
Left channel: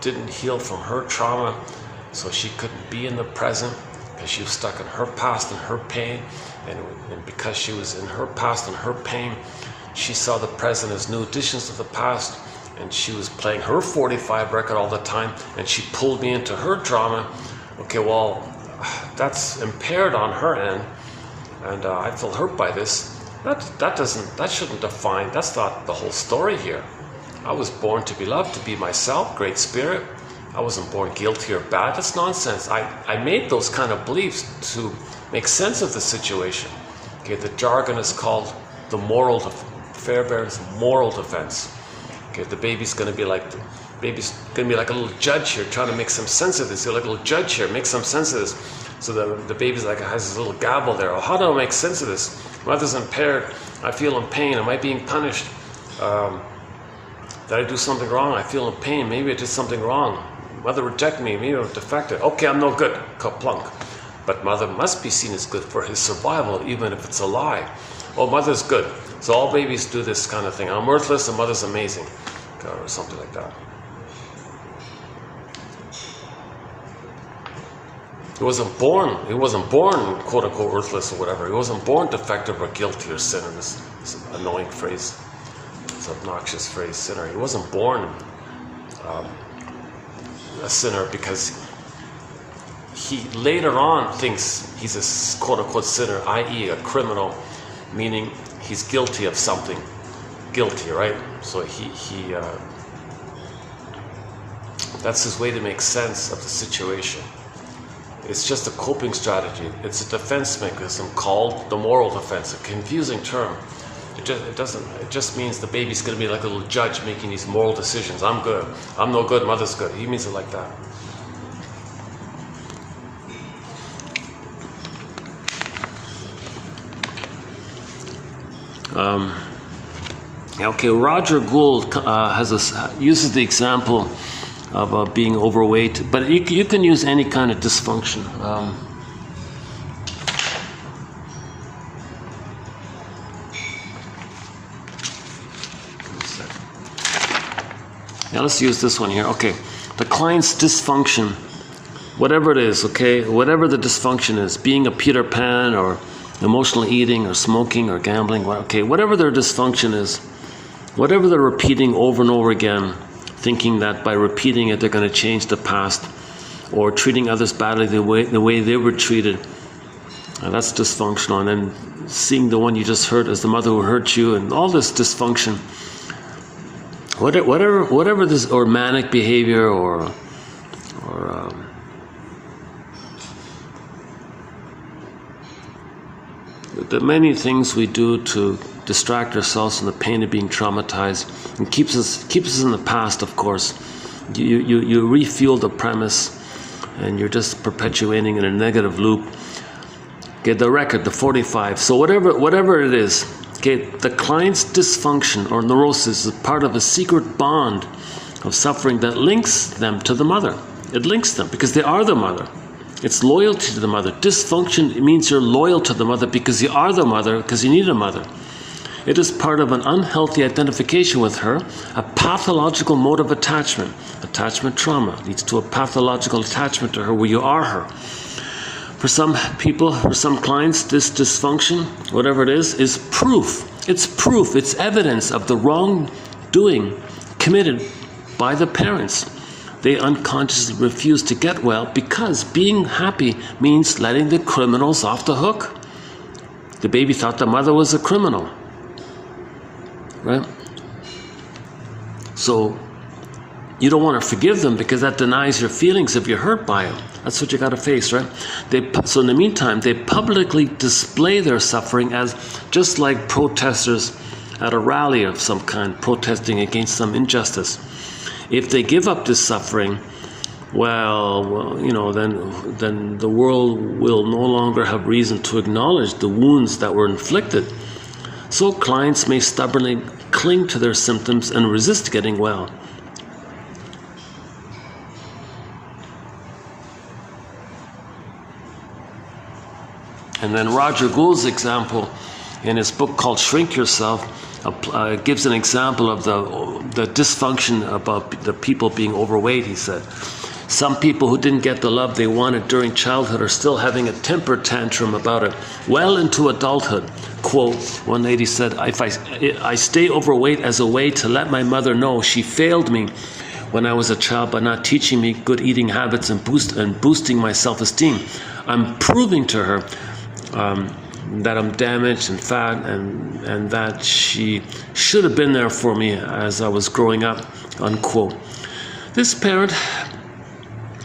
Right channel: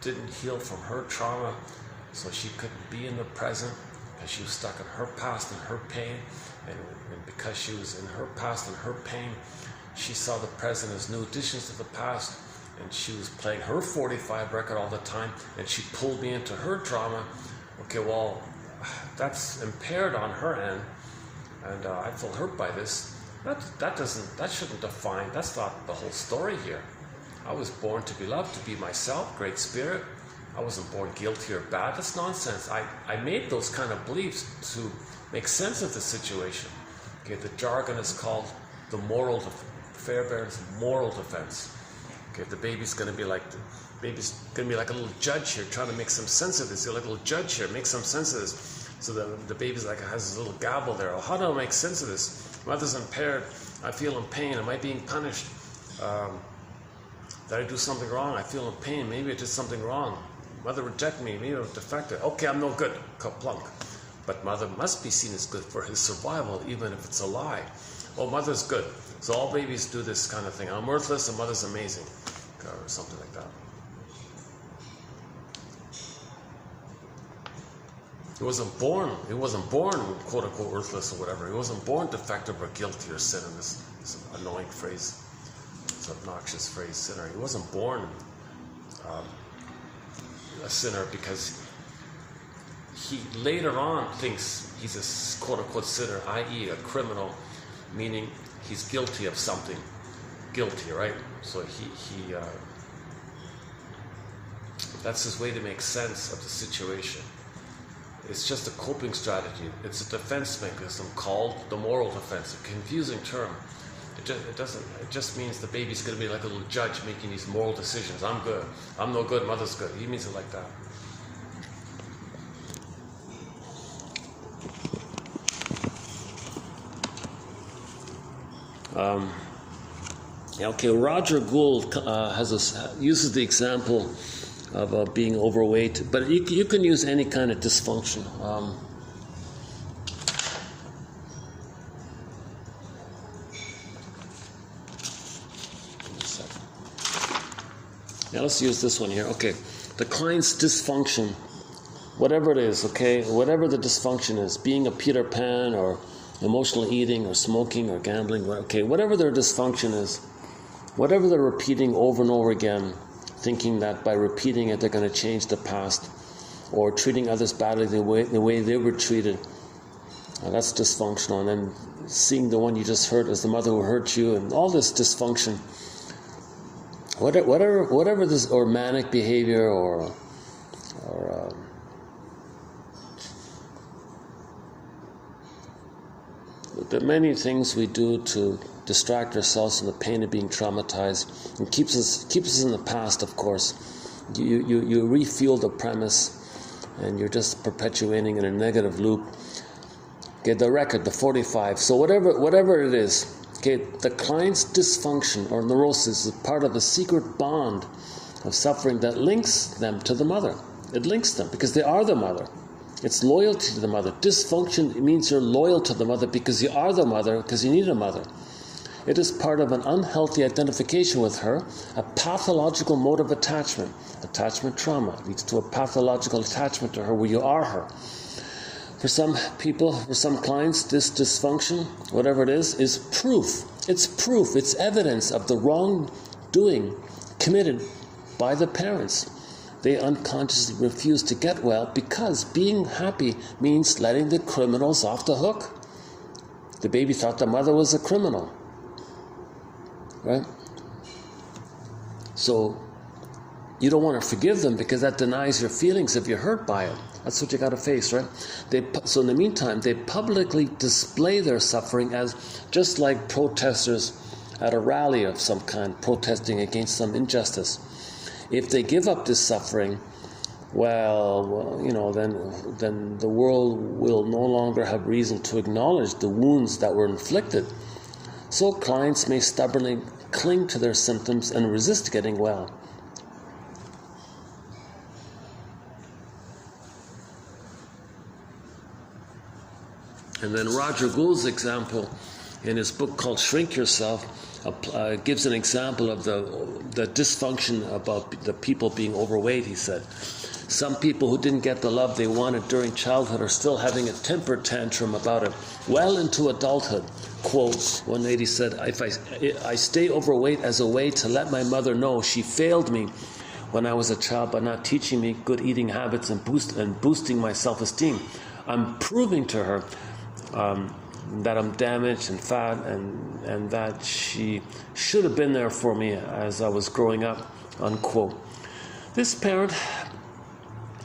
didn't heal from her trauma, so she couldn't be in the present because she was stuck in her past and her pain. And because she was in her past and her pain, she saw the present as new additions to the past, and she was playing her 45 record all the time, and she pulled me into her drama. Okay, well, that's impaired on her end, and I feel hurt by this. That shouldn't define, that's not the whole story here. I was born to be loved, to be myself, great spirit. I wasn't born guilty or bad. That's nonsense. I made those kind of beliefs to make sense of the situation. Okay, the jargon is called the Fairbairn's moral defense. Okay, the baby's going to be like a little judge here, trying to make some sense of this. You're like a little judge here, make some sense of this. So the baby's like has this little gavel there. Oh, how do I make sense of this? Mother's impaired. I feel in pain. Am I being punished? Did I do something wrong? I feel in pain. Maybe I did something wrong. Mother rejected me. Maybe I'm defective. Okay, I'm no good. Kaplunk. But mother must be seen as good for his survival, even if it's a lie. Oh, mother's good. So all babies do this kind of thing. I'm worthless and mother's amazing. Or something like that. He wasn't born quote unquote worthless or whatever. He wasn't born defective or guilty or sinner. This annoying phrase, this obnoxious phrase, sinner. He wasn't born a sinner because he later on thinks he's a quote unquote sinner, i.e. a criminal, meaning he's guilty of something. Guilty, right? So that's his way to make sense of the situation. It's just a coping strategy. It's a defense mechanism called the moral defense, a confusing term. It just means the baby's going to be like a little judge making these moral decisions. I'm good. I'm no good. Mother's good. He means it like that. Okay, Roger Gould uses the example of being overweight, but you can use any kind of dysfunction. Now let's use this one here. Okay, the client's dysfunction, whatever it is, okay, whatever the dysfunction is, being a Peter Pan or emotional eating or smoking or gambling, okay, whatever their dysfunction is, whatever they're repeating over and over again, thinking that by repeating it they're going to change the past, or treating others badly the way they were treated, that's dysfunctional. And then seeing the one you just hurt as the mother who hurt you, and all this dysfunction, whatever this, or manic behavior, or the many things we do to distract ourselves from the pain of being traumatized, and keeps us in the past. Of course, you refuel the premise, and you're just perpetuating in a negative loop. Okay, the record, the 45. So whatever it is, okay, the client's dysfunction or neurosis is part of a secret bond of suffering that links them to the mother. It links them because they are the mother. It's loyalty to the mother. Dysfunction means you're loyal to the mother because you are the mother, because you need a mother. It is part of an unhealthy identification with her, a pathological mode of attachment. Attachment trauma leads to a pathological attachment to her where you are her. For some people, for some clients, this dysfunction, whatever it is proof. It's proof, it's evidence of the wrongdoing committed by the parents. They unconsciously refuse to get well because being happy means letting the criminals off the hook. The baby thought the mother was a criminal, right? So you don't want to forgive them because that denies your feelings if you're hurt by them. That's what you got to face, right? So in the meantime, they publicly display their suffering as just like protesters at a rally of some kind, protesting against some injustice. If they give up this suffering, well, you know, then the world will no longer have reason to acknowledge the wounds that were inflicted. So clients may stubbornly cling to their symptoms and resist getting well. And then Roger Gould's example in his book called Shrink Yourself gives an example of the dysfunction about the people being overweight. He said, some people who didn't get the love they wanted during childhood are still having a temper tantrum about it well into adulthood. Quote, one lady said, I stay overweight as a way to let my mother know she failed me when I was a child by not teaching me good eating habits and boosting my self-esteem. I'm proving to her that I'm damaged and fat, and that she should have been there for me as I was growing up, unquote. This parent,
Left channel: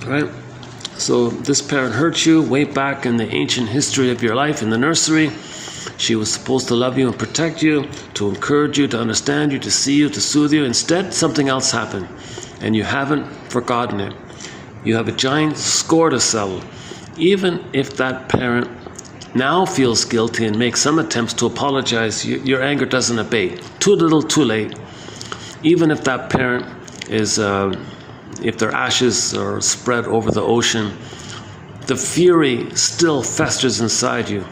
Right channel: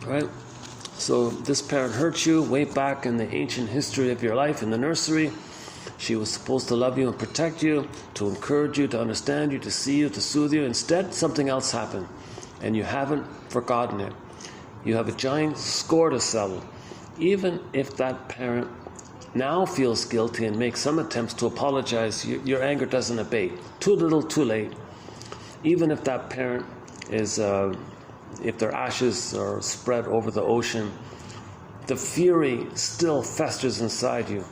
right? So this parent hurt you way back in the ancient history of your life in the nursery. She was supposed to love you and protect you, to encourage you, to understand you, to see you, to soothe you. Instead, something else happened, and you haven't forgotten it. You have a giant score to settle. Even if that parent now feels guilty and makes some attempts to apologize, your anger doesn't abate. Too little, too late. Even if that parent is, if their ashes are spread over the ocean, the fury still festers inside you.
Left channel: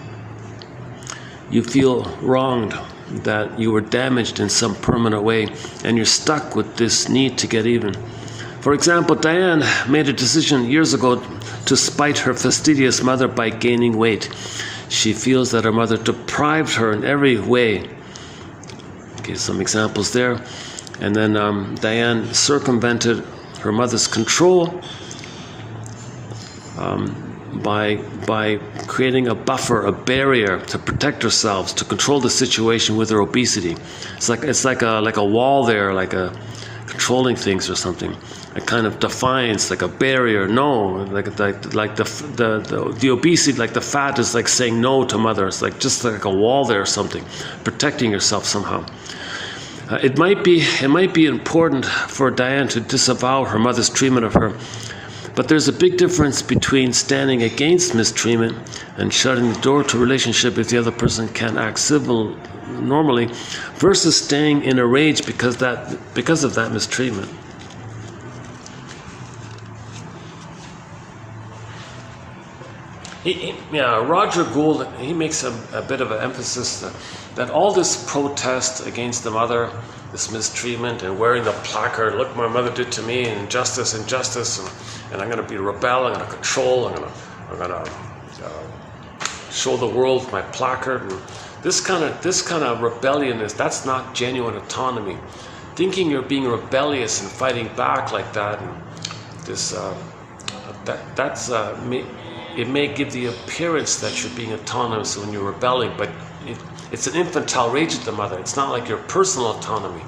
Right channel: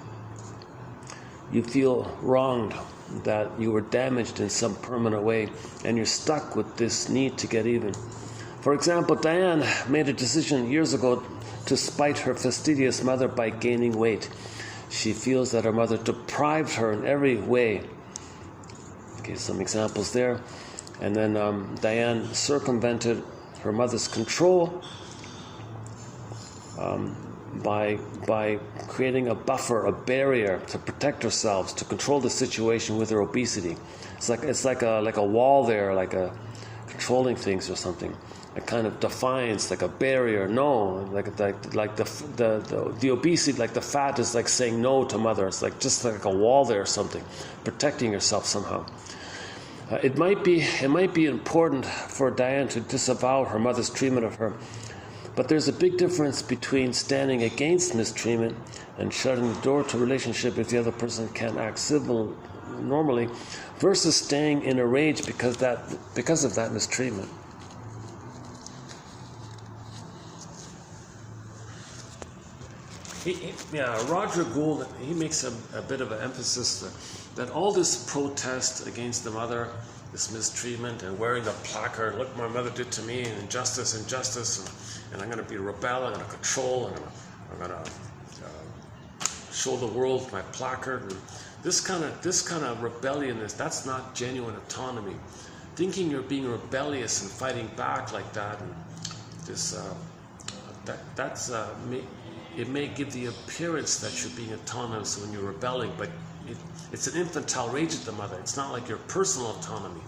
You feel wronged, that you were damaged in some permanent way, and you're stuck with this need to get even. For example, Diane made a decision years ago to spite her fastidious mother by gaining weight. She feels that her mother deprived her in every way. Okay, some examples there. And then Diane circumvented her mother's control by creating a buffer, a barrier to protect herself, to control the situation with her obesity. It's like a wall there, like a controlling things or something. A kind of defiance, like a barrier, no, like the obesity, like the fat is like saying no to mother. It's like just like a wall there or something, protecting yourself somehow. It might be important for Diane to disavow her mother's treatment of her, but there's a big difference between standing against mistreatment and shutting the door to a relationship if the other person can act civil normally, versus staying in a rage because of that mistreatment. Roger Gould, he makes a bit of an emphasis that all this protest against the mother, this mistreatment, and wearing the placard, look what my mother did to me, injustice, and I'm going to be rebel, I'm going to control, I'm going to show the world my placard. And this kind of rebellion that's not genuine autonomy. Thinking you're being rebellious and fighting back like that, and it may give the appearance that you're being autonomous when you're rebelling, but it's an infantile rage at the mother. It's not like your personal autonomy.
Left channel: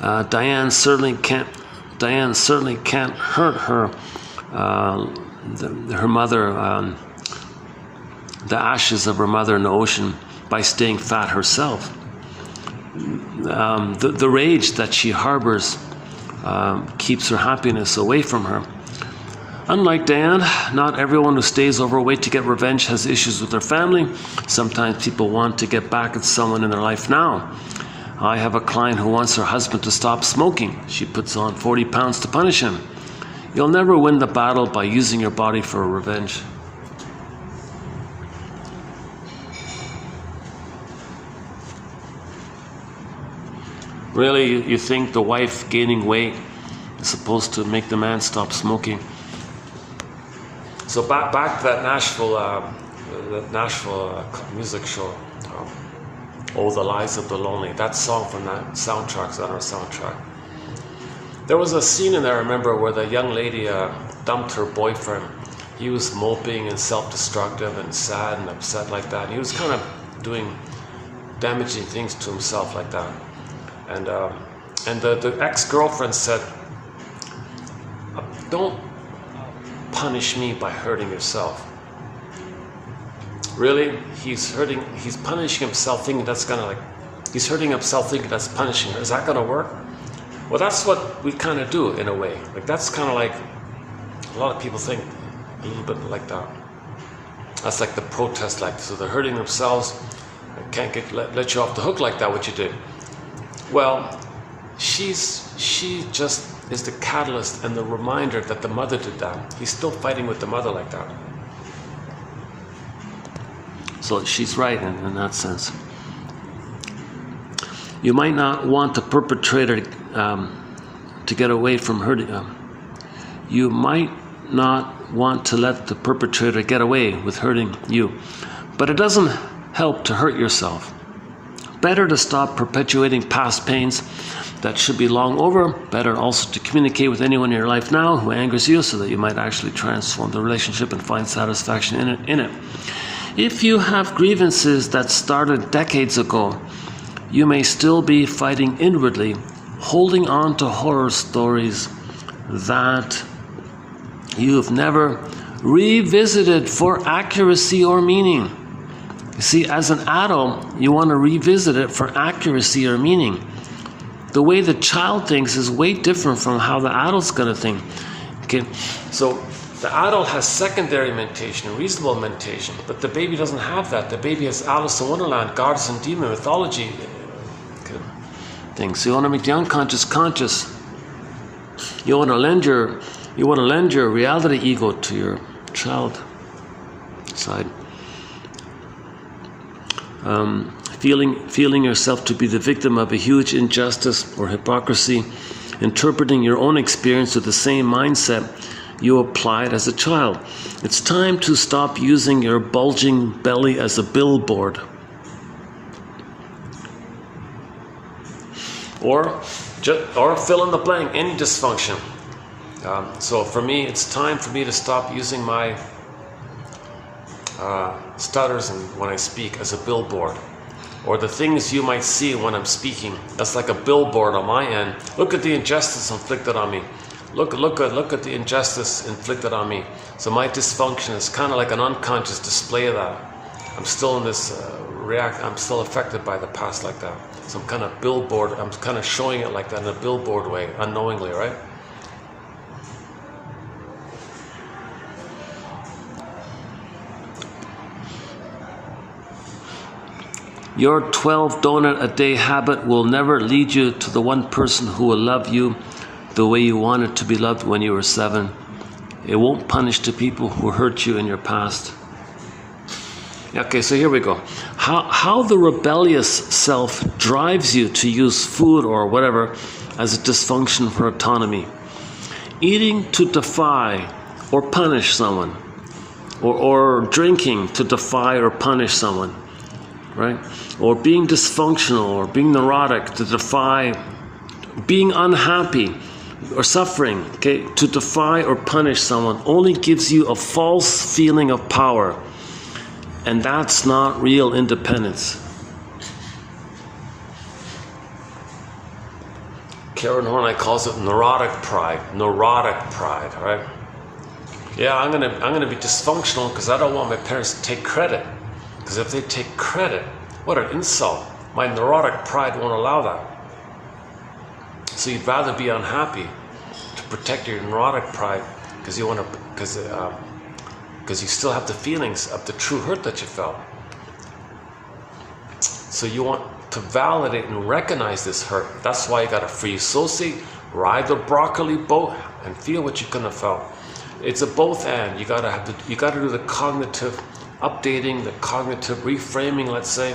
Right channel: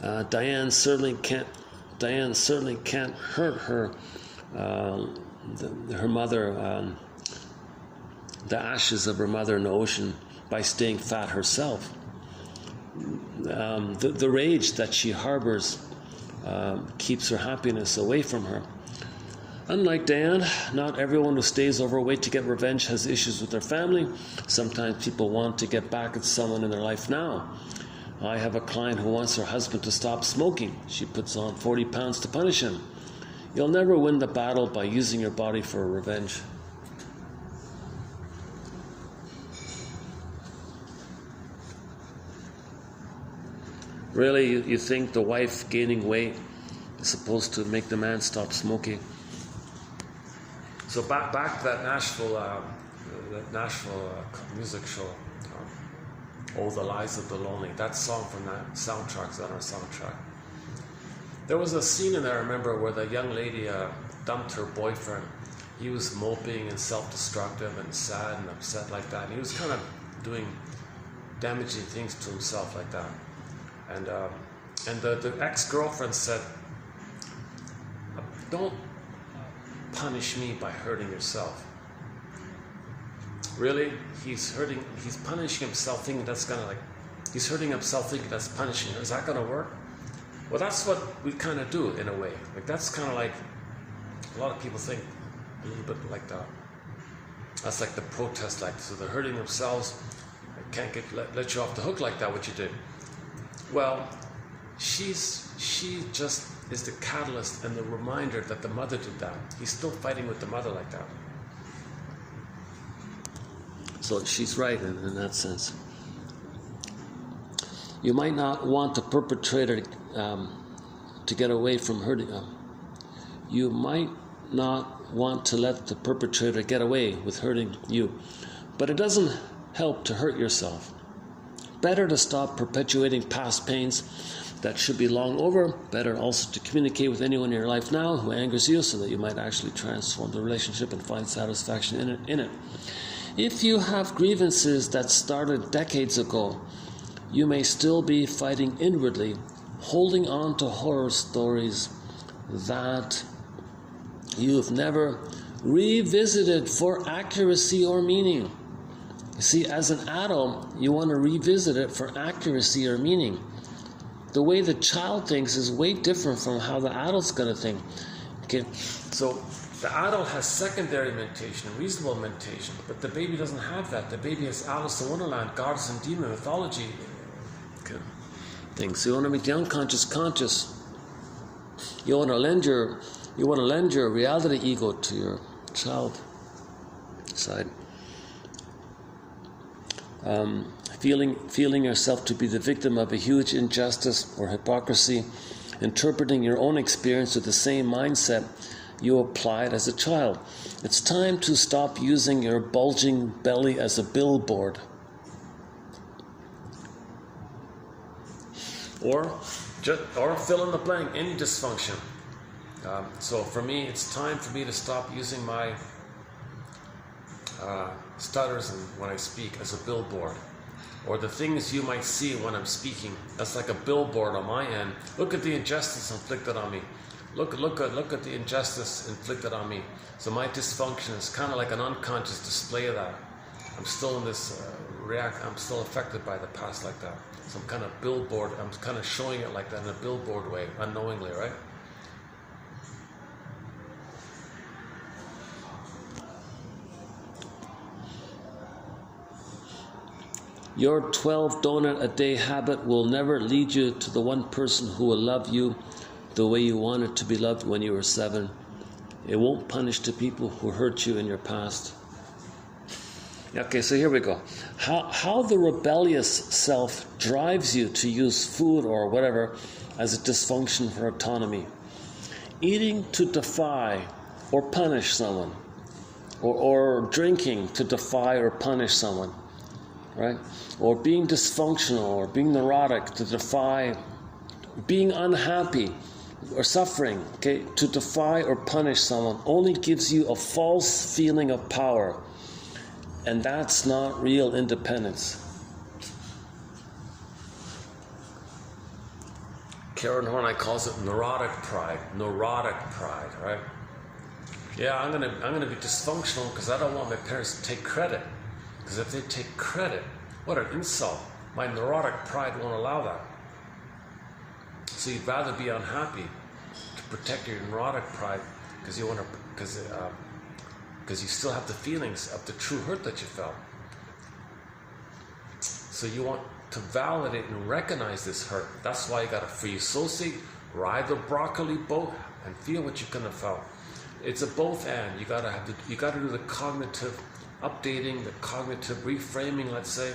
Diane certainly can't hurt her mother, the ashes of her mother in the ocean, by staying fat herself. The rage that she harbors keeps her happiness away from her. Unlike Diane, not everyone who stays overweight to get revenge has issues with their family. Sometimes people want to get back at someone in their life now. I have a client who wants her husband to stop smoking. She puts on 40 pounds to punish him. You'll never win the battle by using your body for revenge. Really, you think the wife gaining weight is supposed to make the man stop smoking? So back to that Nashville music show. Oh, the Lies of the Lonely. That song from that soundtrack's on our soundtrack. There was a scene in there, I remember, where the young lady dumped her boyfriend. He was moping and self-destructive and sad and upset like that. He was kind of doing damaging things to himself like that. And the ex-girlfriend said, don't punish me by hurting yourself. Really? He's punishing himself thinking he's hurting himself thinking that's punishing her. Is that going to work? Well, that's what we kind of do in a way. Like that's kind of like, a lot of people think a little bit like that. That's like the protest, like, so they're hurting themselves. I can't let you off the hook like that, what you did. Well, she just is the catalyst and the reminder that the mother did that. He's still fighting with the mother like that. So she's right in that sense. You might not want the perpetrator to get away from hurting. You might not want to let the perpetrator get away with hurting you, but it doesn't help to hurt yourself. Better to stop perpetuating past pains that should be long over. Better also to communicate with anyone in your life now who angers you, so that you might actually transform the relationship and find satisfaction in it. If you have grievances that started decades ago, you may still be fighting inwardly, holding on to horror stories that you've never revisited for accuracy or meaning. You see, as an adult, you want to revisit it for accuracy or meaning. The way the child thinks is way different from how the adult's going to think. Okay, so the adult has secondary mentation, reasonable mentation, but the baby doesn't have that. The baby has Alice in Wonderland, goddess and demon mythology things. So you want to make the unconscious conscious. You want to lend your reality ego to your child side. Feeling yourself to be the victim of a huge injustice or hypocrisy, interpreting your own experience with the same mindset you applied as a child. It's time to stop using your bulging belly as a billboard. Or fill in the blank, any dysfunction. So for me, it's time for me to stop using my stutters and when I speak as a billboard. or the things you might see when I'm speaking. That's like a billboard on my end. Look at the injustice inflicted on me. Look at the injustice inflicted on me. So my dysfunction is kind of like an unconscious display of that. I'm still in this I'm still affected by the past like that. Some kind of billboard. I'm kind of showing it like that in a billboard way, unknowingly, right? Your 12 donut a day habit will never lead you to the one person who will love you the way you wanted to be loved when you were 7. It won't punish the people who hurt you in your past. Okay, so here we go. How the rebellious self drives you to use food or whatever as a dysfunction for autonomy. Eating to defy or punish someone. Or drinking to defy or punish someone. Right? Or being dysfunctional or being neurotic to defy, being unhappy or suffering, okay, to defy or punish someone only gives you a false feeling of power. And that's not real independence. Karen Horney calls it neurotic pride. Neurotic pride, right? Yeah, I'm gonna be dysfunctional because I don't want my parents to take credit. Because if they take credit, what an insult. My neurotic pride won't allow that. So you'd rather be unhappy to protect your neurotic pride because you want to, because you still have the feelings of the true hurt that you felt. So you want to validate and recognize this hurt. That's why you got to free associate, ride the broccoli boat, and feel what you couldn't have felt. It's a both and. You gotta do the cognitive updating, the cognitive reframing. Let's say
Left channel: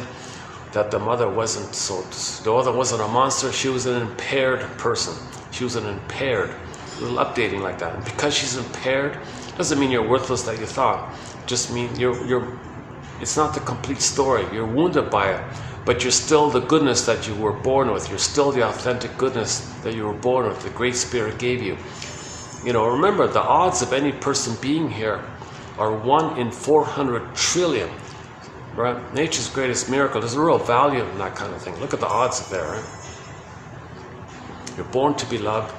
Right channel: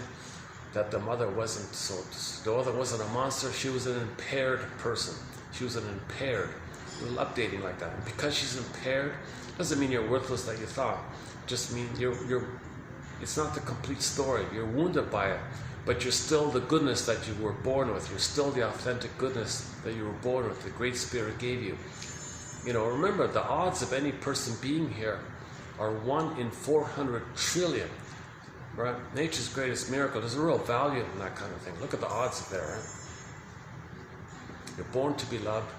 that the mother wasn't a monster. She was an impaired person. She was an impaired. A little updating like that. And because she's impaired, doesn't mean you're worthless that you thought. Just mean it's not the complete story. You're wounded by it, but you're still the goodness that you were born with. You're still the authentic goodness that you were born with. The Great Spirit gave you. You know, remember the odds of any person being here are 1 in 400 trillion. Right? Nature's greatest miracle. There's a real value in that kind of thing. Look at the odds there. Right? You're born to be loved.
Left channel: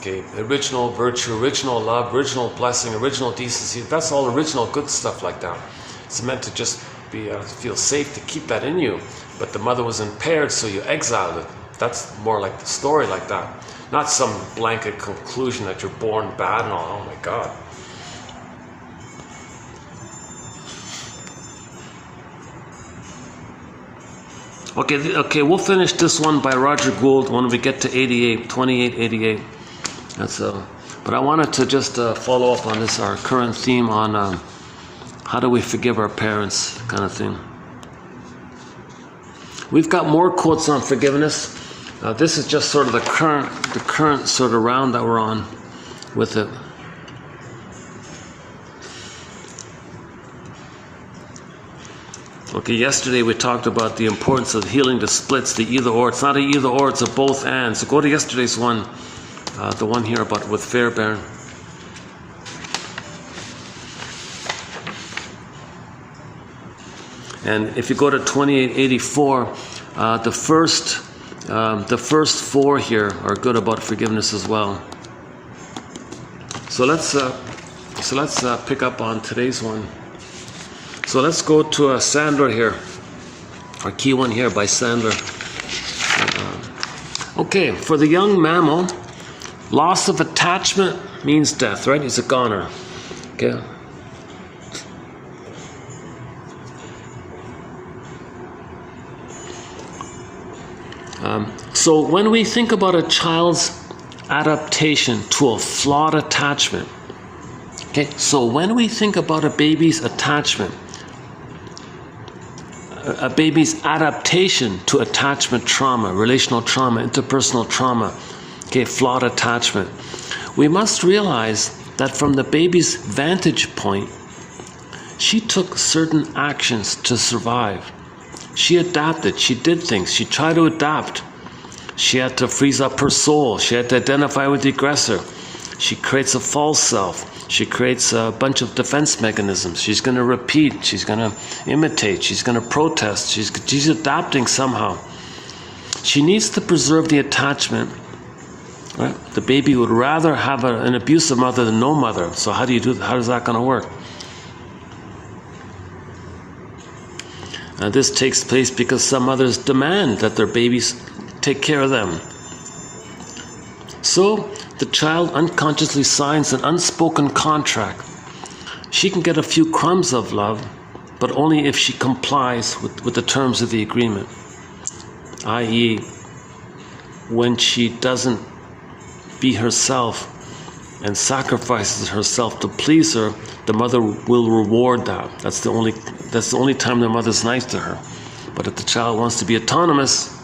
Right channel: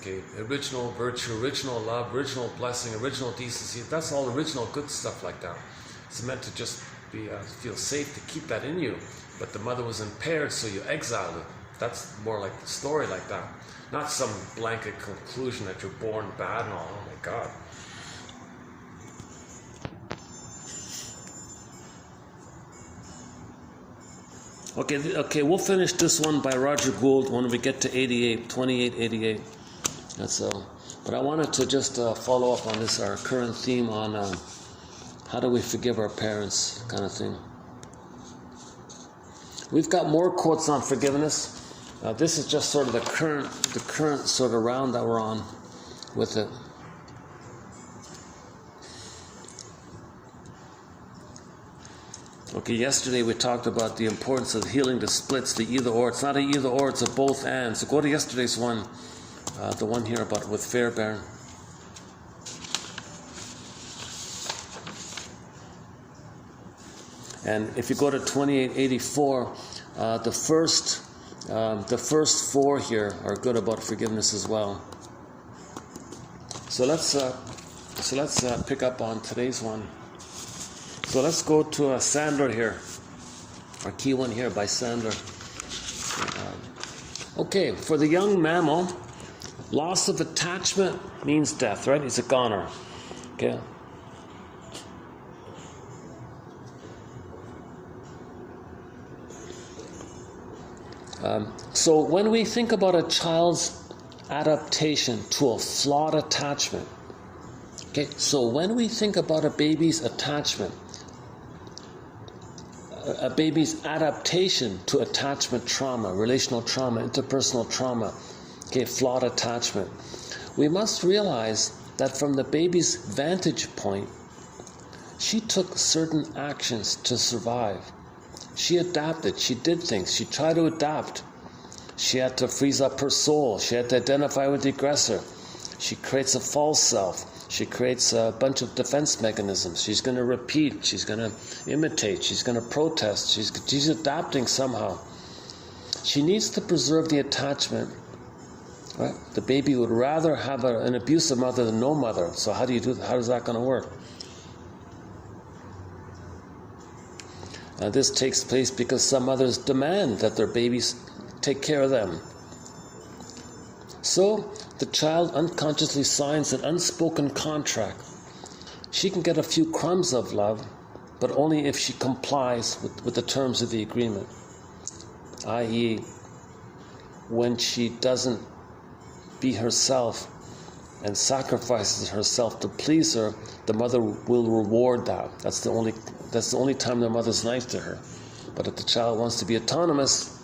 Okay, original virtue, original love, original blessing, original decency. That's all original good stuff like that. It's meant to just be feel safe to keep that in you. But the mother was impaired, so you exiled it. That's more like the story like that. Not some blanket conclusion that you're born bad and all. Oh my God. Okay, we'll finish this one by Roger Gould when we get to 2888. But I wanted to just follow up on this, our current theme on how do we forgive our parents, kind of thing. We've got more quotes on forgiveness. This is just sort of the current sort of round that we're on with it. Okay, yesterday we talked about the importance of healing the splits, the either or. It's not an either or, it's a both and. So go to yesterday's one, the one here about with Fairbairn. And if you go to 2884, the first 4 here are good about forgiveness as well. So let's pick up on today's one. So let's go to Sandler here, our key one here by Sandler. Okay, for the young mammal, loss of attachment means death, right? He's a goner. Okay. So when we think about a child's adaptation to a flawed attachment, okay, so when we think about a baby's attachment, a baby's adaptation to attachment trauma, relational trauma, interpersonal trauma, okay, flawed attachment, we must realize that from the baby's vantage point, she took certain actions to survive. She adapted, she did things, she tried to adapt. She had to freeze up her soul, she had to identify with the aggressor. She creates a false self. She creates a bunch of defense mechanisms. She's going to repeat. She's going to imitate. She's going to protest. She's adapting somehow. She needs to preserve the attachment. Right? The baby would rather have an abusive mother than no mother. So how do you do that? How is that going to work? This takes place because some mothers demand that their babies take care of them. So the child unconsciously signs an unspoken contract. She can get a few crumbs of love, but only if she complies with the terms of the agreement. I.e., when she doesn't be herself and sacrifices herself to please her, the mother will reward that. That's the only time the mother's nice to her. But if the child wants to be autonomous,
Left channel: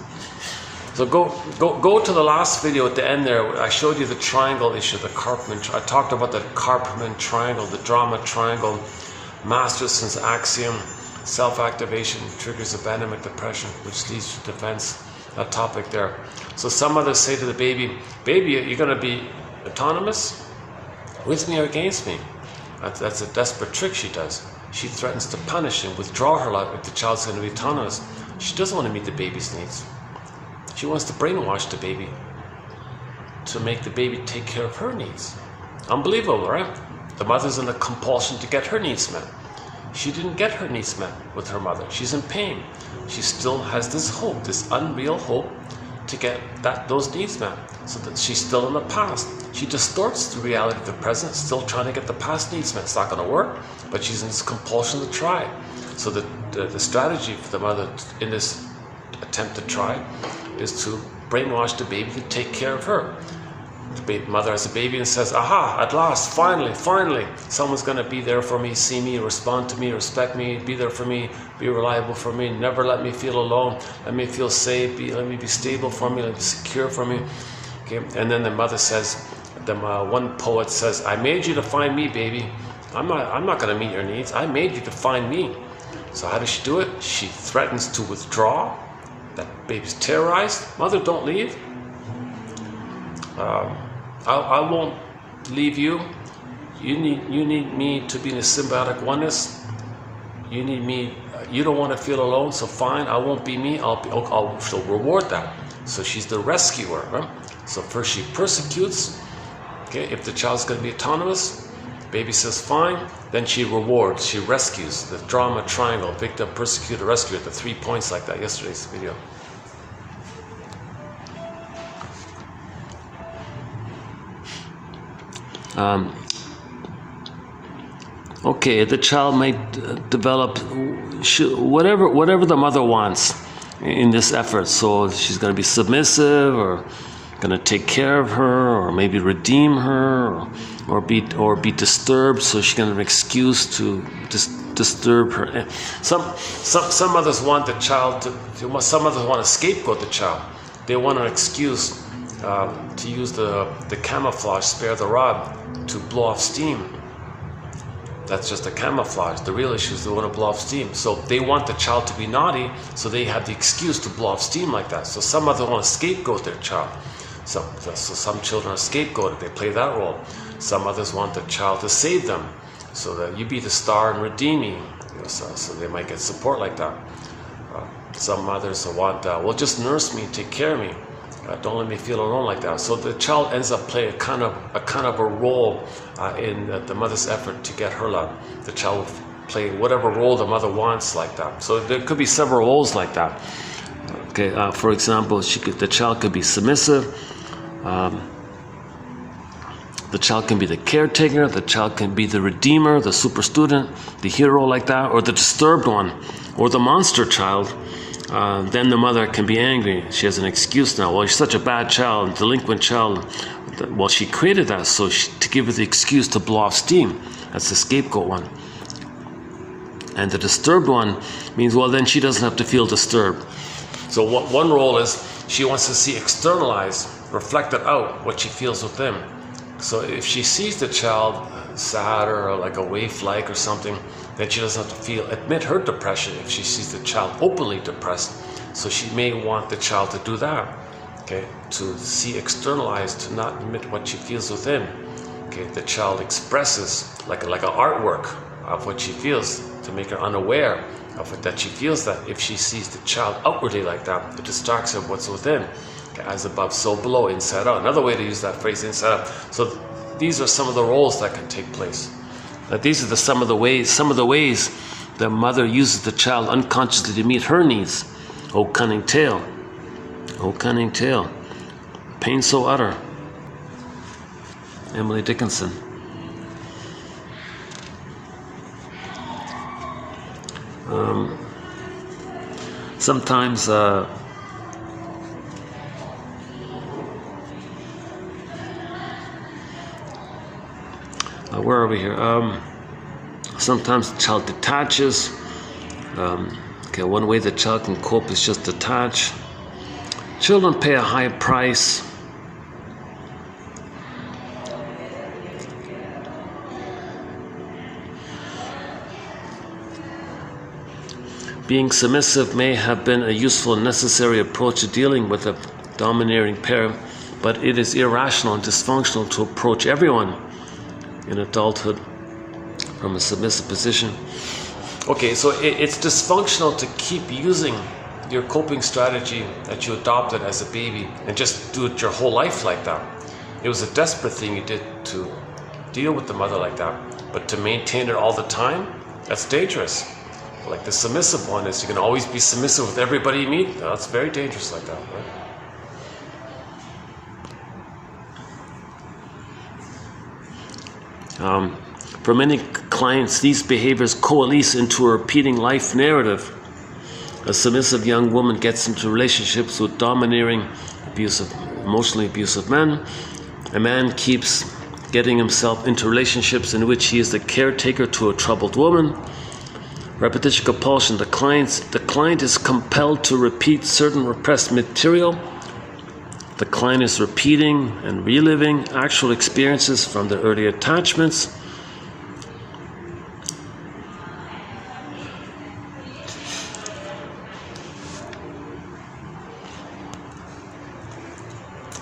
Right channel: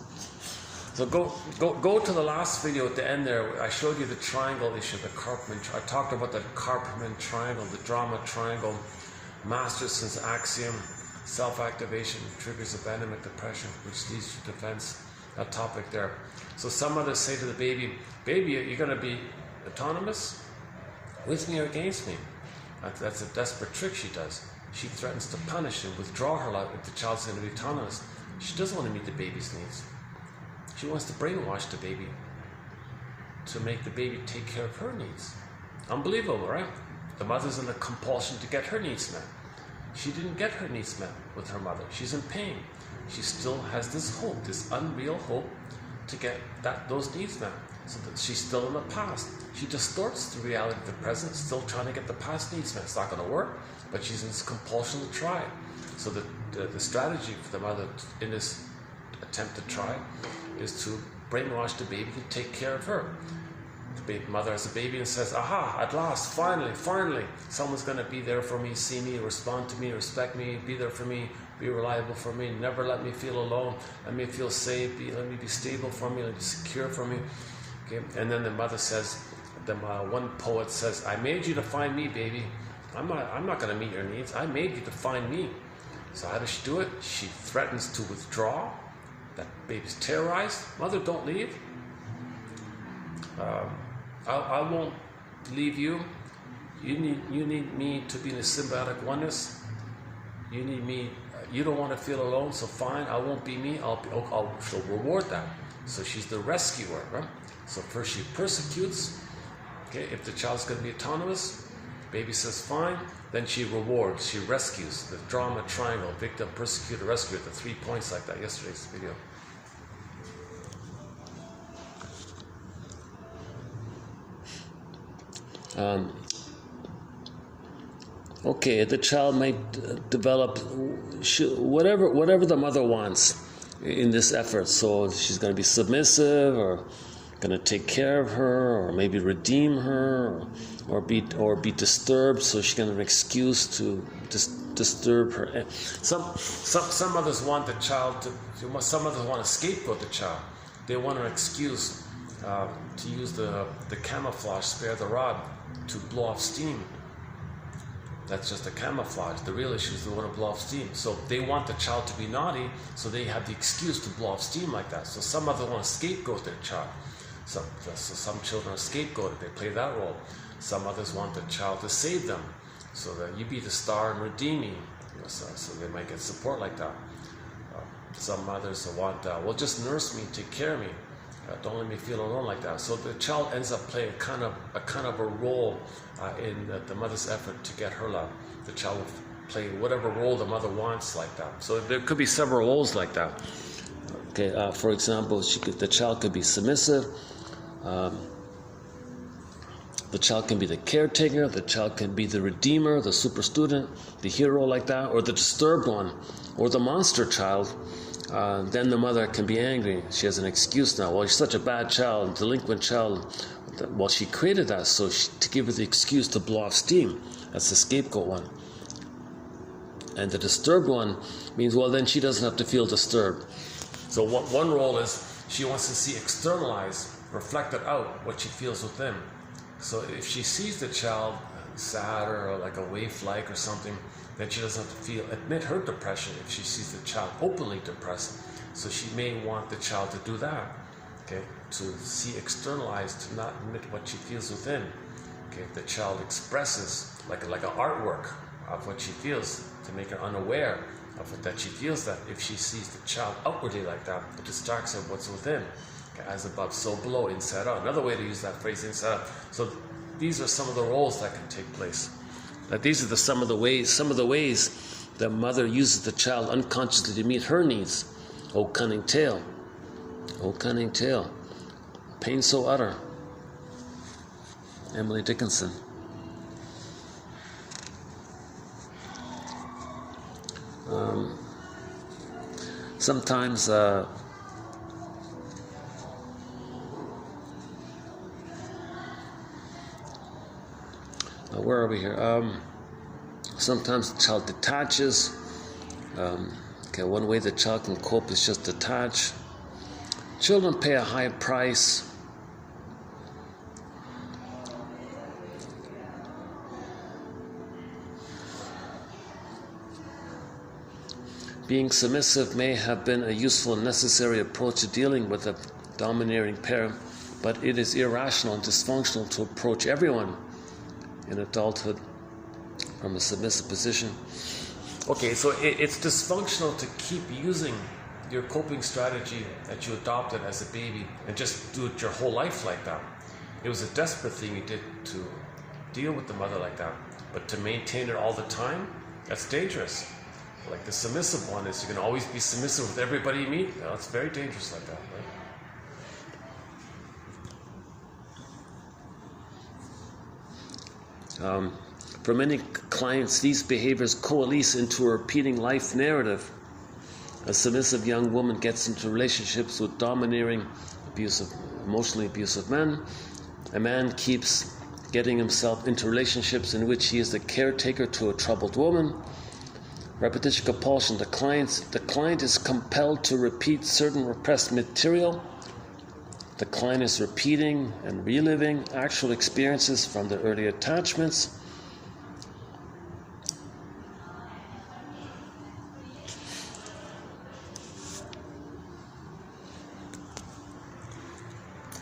so go to the last video at the end there. I showed you the triangle issue, the Karpman. I talked about the Karpman triangle, the drama triangle, Masterson's axiom, self-activation triggers abandonment depression, which leads to defense. That topic there. So some mothers say to the baby, you're going to be autonomous with me or against me. That's a desperate trick she does. She threatens to punish and withdraw her love if the child's going to be autonomous. She doesn't want to meet the baby's needs. She wants to brainwash the baby to make the baby take care of her needs. Unbelievable, right? The mother's in a compulsion to get her needs met. She didn't get her needs met with her mother. She's in pain. She still has this hope, this unreal hope to get those needs met. So that she's still in the past. She distorts the reality of the present, still trying to get the past needs met. It's not going to work, but she's in this compulsion to try. So the strategy for the mother in this attempt to try is to brainwash the baby to take care of her. The mother has a baby and says, aha, at last, finally, someone's going to be there for me, see me, respond to me, respect me, be there for me, be reliable for me, never let me feel alone, let me feel safe, let me be stable for me, let me be secure for me. Okay? And then the mother says, one poet says, I made you to find me, baby. I'm not going to meet your needs. I made you to find me. So how does she do it? She threatens to withdraw. That baby's terrorized. Mother, don't leave. I won't leave you. You need me to be in a symbiotic oneness. You need me. You don't want to feel alone, so fine. I won't be me. She'll reward that. So she's the rescuer. Right? So first she persecutes. Okay, if the child's going to be autonomous, baby says fine. Then she rewards. She rescues. The drama triangle: victim, persecutor, rescuer. The 3 points like that. Yesterday's video. Okay, the child might develop whatever the mother wants in this effort. So she's going to be submissive, or going to take care of her, or maybe redeem her, or be disturbed. So she's going to have an excuse to disturb her. Some mothers want the child to. Some mothers want to scapegoat the child. They want an excuse to use the camouflage, spare the rod, to blow off steam. That's just a camouflage. The real issue is they want to blow off steam. So they want the child to be naughty, so they have the excuse to blow off steam like that. So some mothers want to scapegoat their child. So some children are scapegoated. They play that role. Some others want the child to save them, so that you be the star and redeem me. So they might get support like that. Some mothers want, well, just nurse me, take care of me. Don't let me feel alone like that. So the child ends up playing a kind of a role in the mother's effort to get her love. The child will play whatever role the mother wants like that. So there could be several roles like that. Okay, for example, the child could be submissive. The child can be the caretaker. The child can be the redeemer, the super student, the hero like that, or the disturbed one, or the monster child. Then the mother can be angry. She has an excuse now. Well, she's such a bad child, delinquent child. Well, she created that to give her the excuse to blow off steam. That's the scapegoat one. And the disturbed one means, well, then she doesn't have to feel disturbed. So one role is she wants to see externalized, reflected out what she feels within. So if she sees the child sad or like a waif-like or something, then she doesn't have to admit her depression if she sees the child openly depressed. So she may want the child to do that, okay, to see externalized, to not admit what she feels within. Okay, okay, the child expresses like an artwork of what she feels to make her unaware of it, that she feels that if she sees the child outwardly like that, it distracts her what's within. Okay, as above, so below, inside out. Another way to use that phrase, inside out. So these are some of the roles that can take place. Now these are some of the ways the mother uses the child unconsciously to meet her needs. Oh cunning tale, pain so utter. Emily Dickinson. Sometimes where are we here? Sometimes the child detaches. Okay, one way the child can cope is just detach. Children pay a high price. Being submissive may have been a useful and necessary approach to dealing with a domineering parent, but it is irrational and dysfunctional to approach everyone in adulthood from a submissive position. Okay, so it's dysfunctional to keep using your coping strategy that you adopted as a baby and just do it your whole life like that. It was a desperate thing you did to deal with the mother like that, but to maintain it all the time, that's dangerous. Like the submissive one is, you can always be submissive with everybody you meet. That's very dangerous like that, right? For many clients, these behaviors coalesce into a repeating life narrative. A submissive young woman gets into relationships with domineering, emotionally abusive men. A man keeps getting himself into relationships in which he is the caretaker to a troubled woman. Repetition compulsion. The client is compelled to repeat certain repressed material. The client is repeating and reliving actual experiences from the early attachments.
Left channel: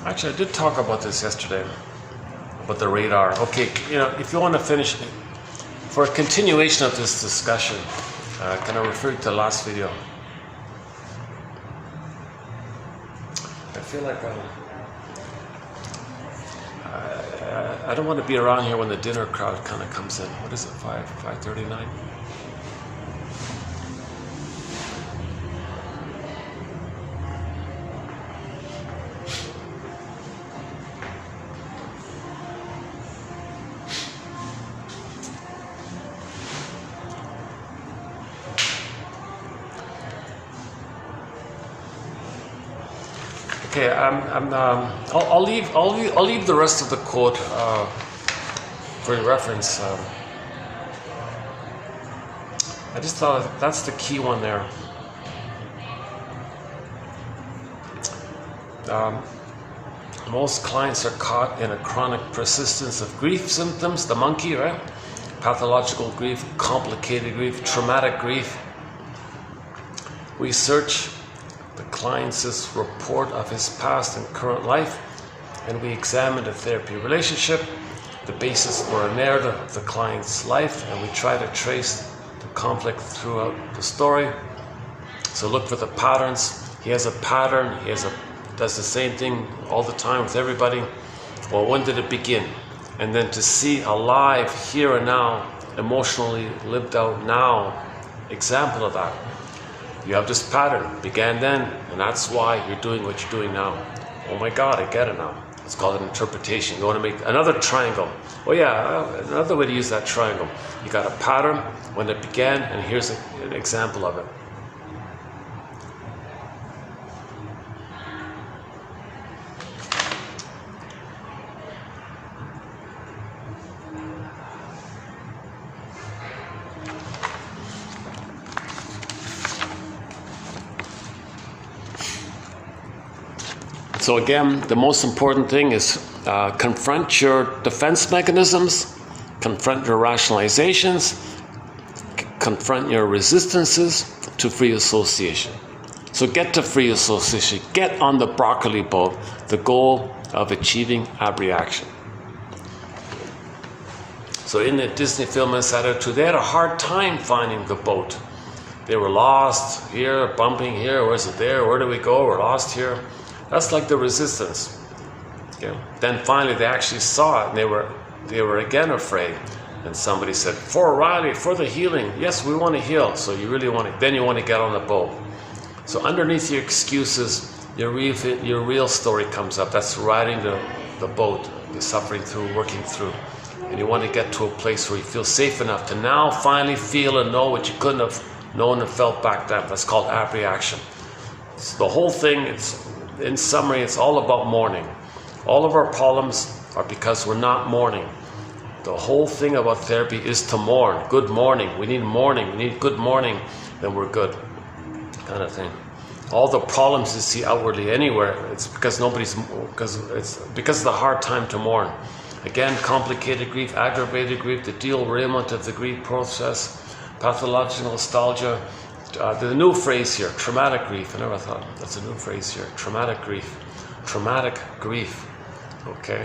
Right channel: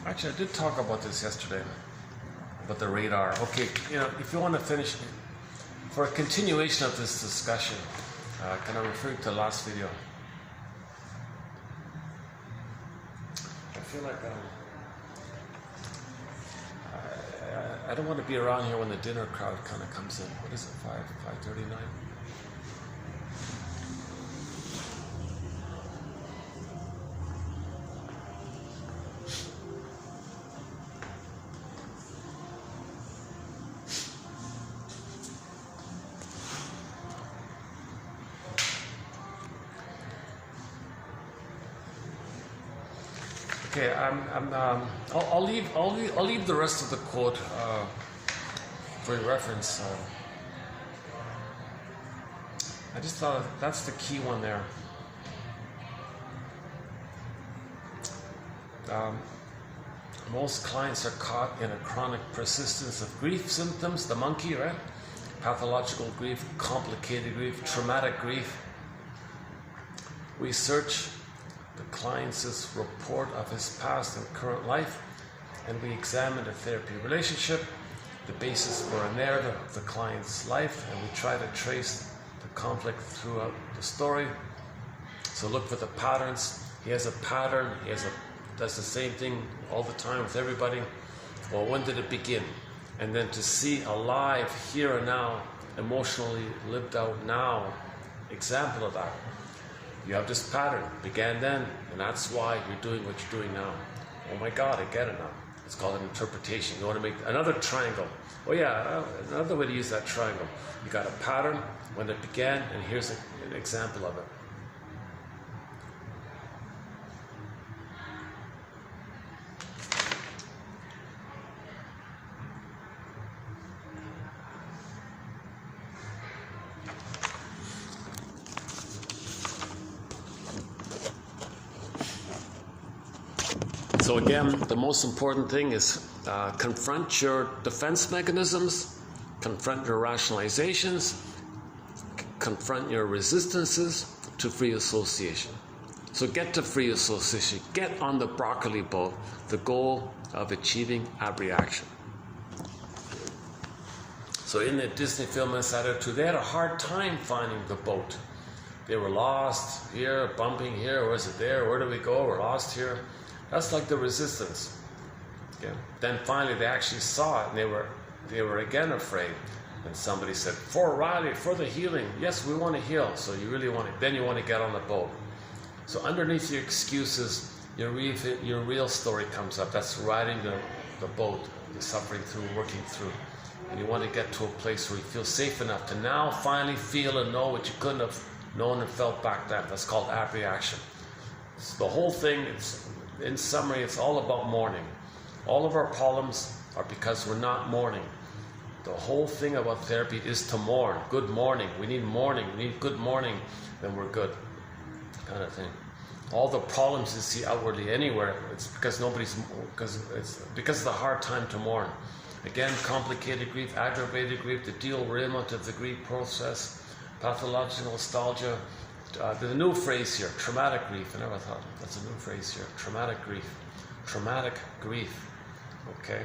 Actually, I did talk about this yesterday, about the radar. Okay, if you want to finish, for a continuation of this discussion, can I refer to the last video? I feel like I don't want to be around here when the dinner crowd kind of comes in. What is it, 5:39? Okay, I'll leave the rest of the quote for your reference. I just thought that's the key one there. Most clients are caught in a chronic persistence of grief symptoms, the monkey, right? Pathological grief, complicated grief, traumatic grief. We search the client's report of his past and current life, and we examine the therapy relationship, the basis for a narrative of the client's life, and we try to trace the conflict throughout the story. So look for the patterns. He has a pattern, does the same thing all the time with everybody. Well, when did it begin? And then to see a live, here and now, emotionally lived out now example of that. You have this pattern, began then, and that's why you're doing what you're doing now. Oh my God, I get it now. It's called an interpretation. You want to make another triangle. Oh yeah, another way to use that triangle. You got a pattern, when it began, and here's an example of it. So again, the most important thing is confront your defense mechanisms, confront your rationalizations, confront your resistances to free association. So get to free association, get on the broccoli boat, the goal of achieving abreaction. So in the Disney film Inside Out 2, they had a hard time finding the boat. They were lost here, bumping here, where's it there, where do we go, we're lost here. That's like the resistance. Okay. Then finally they actually saw it, and they were again afraid. And somebody said, for Riley, for the healing, yes, we want to heal. So you really want to, then you want to get on the boat. So underneath your excuses, your real story comes up. That's riding the boat, the suffering through, working through. And you want to get to a place where you feel safe enough to now finally feel and know what you couldn't have known and felt back then. That's called abreaction. So the whole thing, in summary, it's all about mourning. All of our problems are because we're not mourning. The whole thing about therapy is to mourn. Good morning. We need mourning. We need good morning, then we're good. Kind of thing. All the problems you see outwardly anywhere, it's because because of the hard time to mourn. Again, complicated grief, aggravated grief, the derailment of the grief process, pathological nostalgia. The new phrase here, traumatic grief. I never thought that's a new phrase here. Traumatic grief. Traumatic grief. Okay.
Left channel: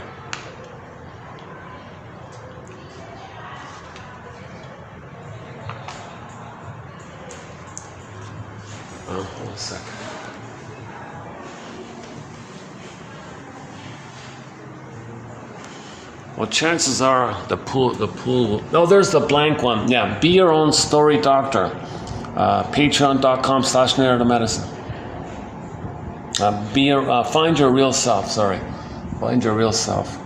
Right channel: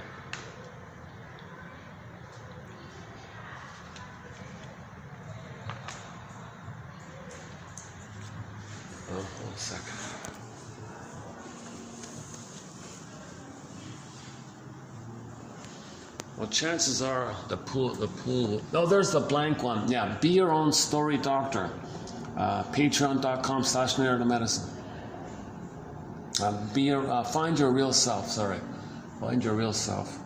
Hold on a second. Well, chances are the pool. No, there's the blank one. Yeah, be your own story doctor. Patreon.com/narrative medicine. Find your real self. Sorry, find your real self.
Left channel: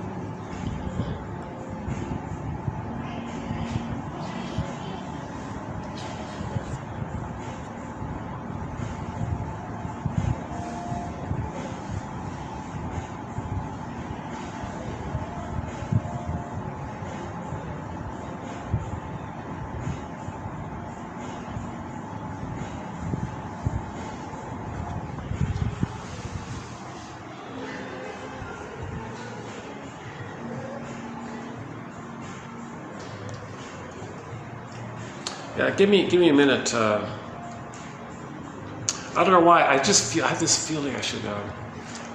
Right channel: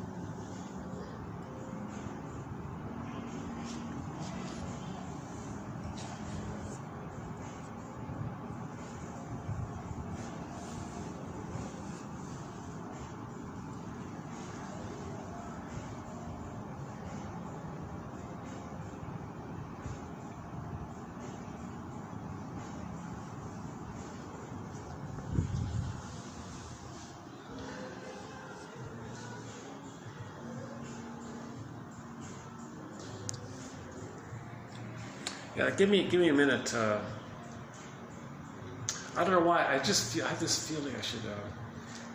Yeah, give me a minute. I don't know why. I have this feeling I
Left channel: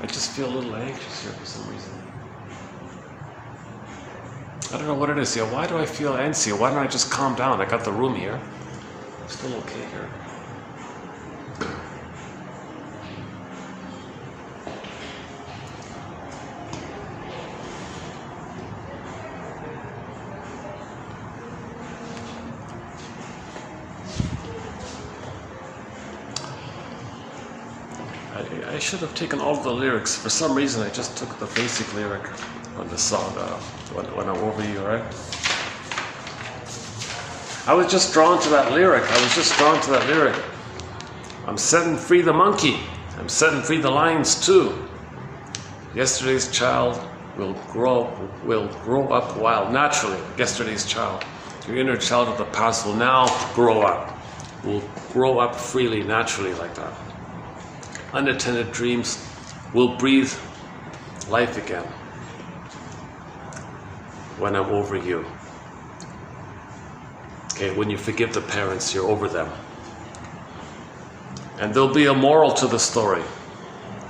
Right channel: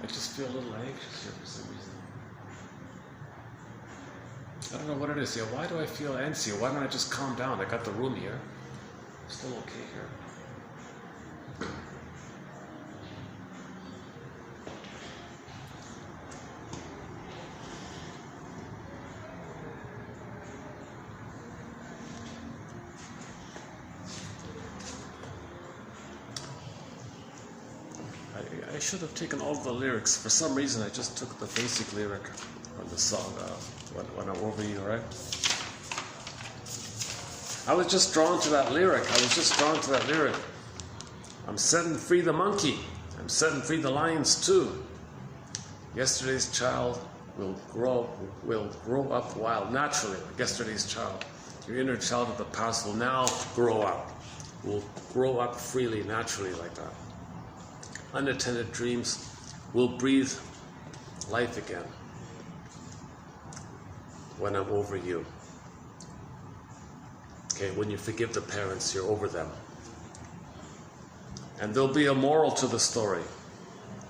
just feel a little anxious here for some reason. I don't know what it is here. Why do I feel antsy? Why don't I just calm down? I got the room here. I'm still okay here. I should have taken all the lyrics. For some reason, I just took the basic lyric on the song when I'm over you, right? I was just drawn to that lyric. I'm setting free the monkey. I'm setting free the lions too. Yesterday's child will grow up wild. Naturally, yesterday's child. Your inner child of the past will now grow up. Will grow up freely, naturally like that. Unattended dreams will breathe life again when I'm over you. Okay, when you forgive the parents, you're over them. And there'll be a moral to the story.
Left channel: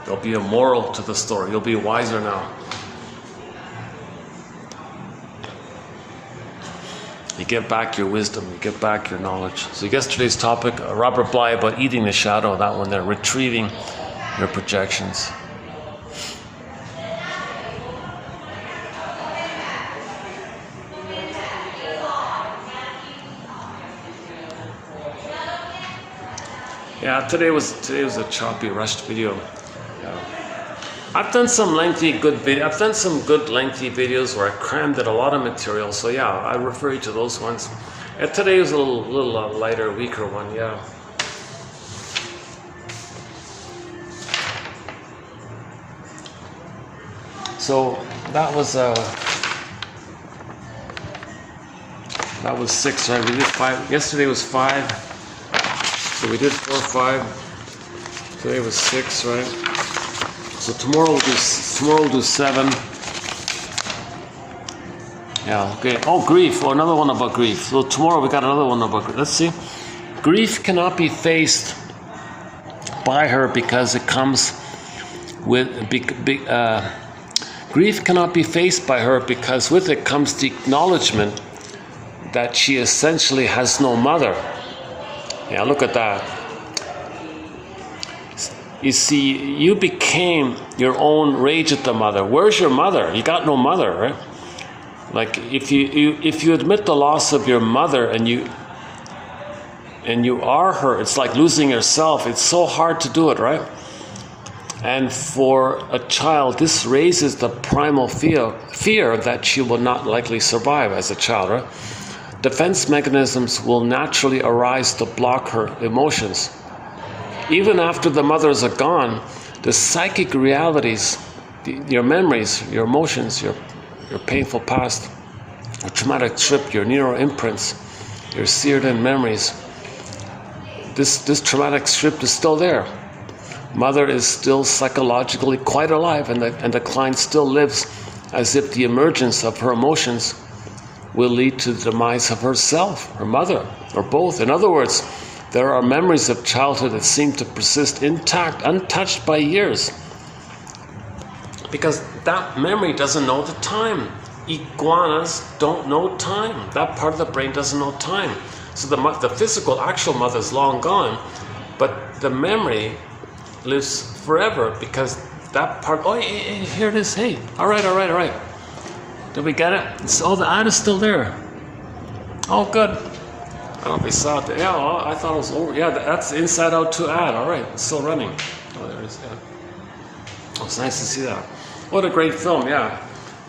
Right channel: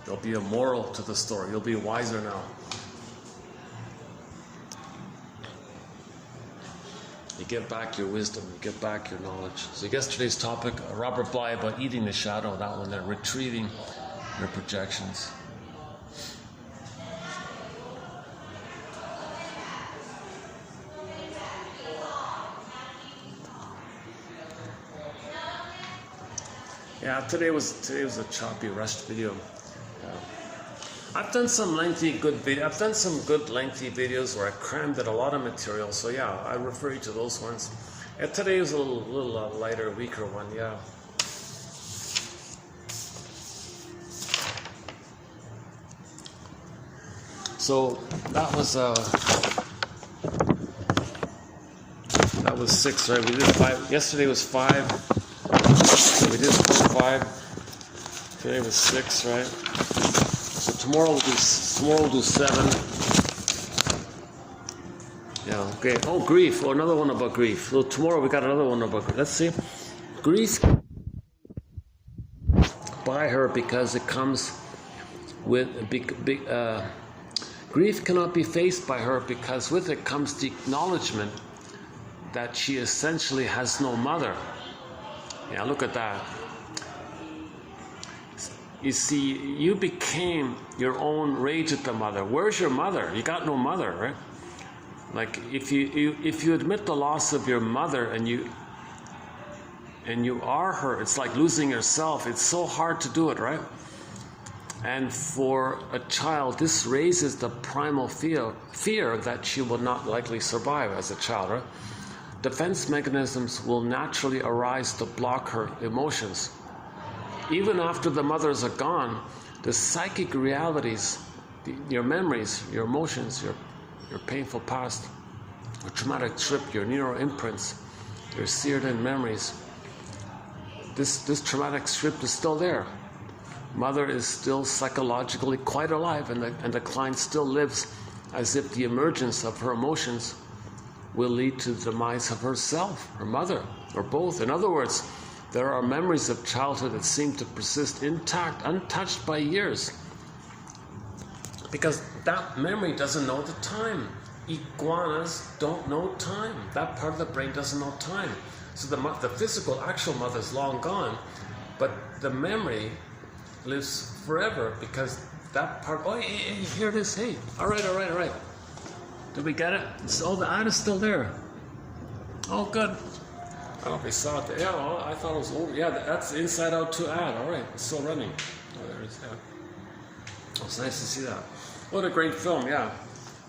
There'll be a moral to the story. You'll be wiser now. You get back your wisdom, you get back your knowledge. So yesterday's topic, Robert Bly, about eating the shadow, that one there, retrieving your projections. Yeah, today was a choppy, rushed video. Yeah. I've done some good lengthy videos where I crammed in a lot of material. So yeah, I refer you to those ones. And today was a little lighter, weaker one. Yeah. So that was 6, right? We did 5. Yesterday was 5. So we did 4 or 5. Today was 6, right? So tomorrow we'll do 7. Yeah, okay. Oh, grief. Oh, another one about grief. So tomorrow we got another one about grief. Let's see. Grief cannot be faced by her because it comes with grief cannot be faced by her because with it comes the acknowledgement that she essentially has no mother. Yeah, look at that. You see, you became your own rage at the mother. Where's your mother? You got no mother, right? Like if you admit the loss of your mother and you are her, it's like losing yourself. It's so hard to do it, right? And for a child, this raises the primal fear that she will not likely survive as a child, right? Defense mechanisms will naturally arise to block her emotions. Even after the mothers are gone, the psychic realities, your memories, your emotions, your painful past, your traumatic trip, your neural imprints, your seared-in memories, this traumatic script is still there. Mother is still psychologically quite alive, and the client still lives as if the emergence of her emotions will lead to the demise of herself, her mother, or both. In other words, there are memories of childhood that seem to persist intact, untouched by years. Because that memory doesn't know the time. Iguanas don't know time. That part of the brain doesn't know time. So the physical, actual mother is long gone, but the memory lives forever because that part, oh, here it is, hey, all right. Did we get it? Oh, the ad is still there. Oh, good. I don't know if we saw it. Yeah, well, I thought it was over. Yeah, that's Inside Out 2 ad. All right, it's still running. Oh, there it is. Yeah. Oh, it's nice to see that. What a great film, yeah.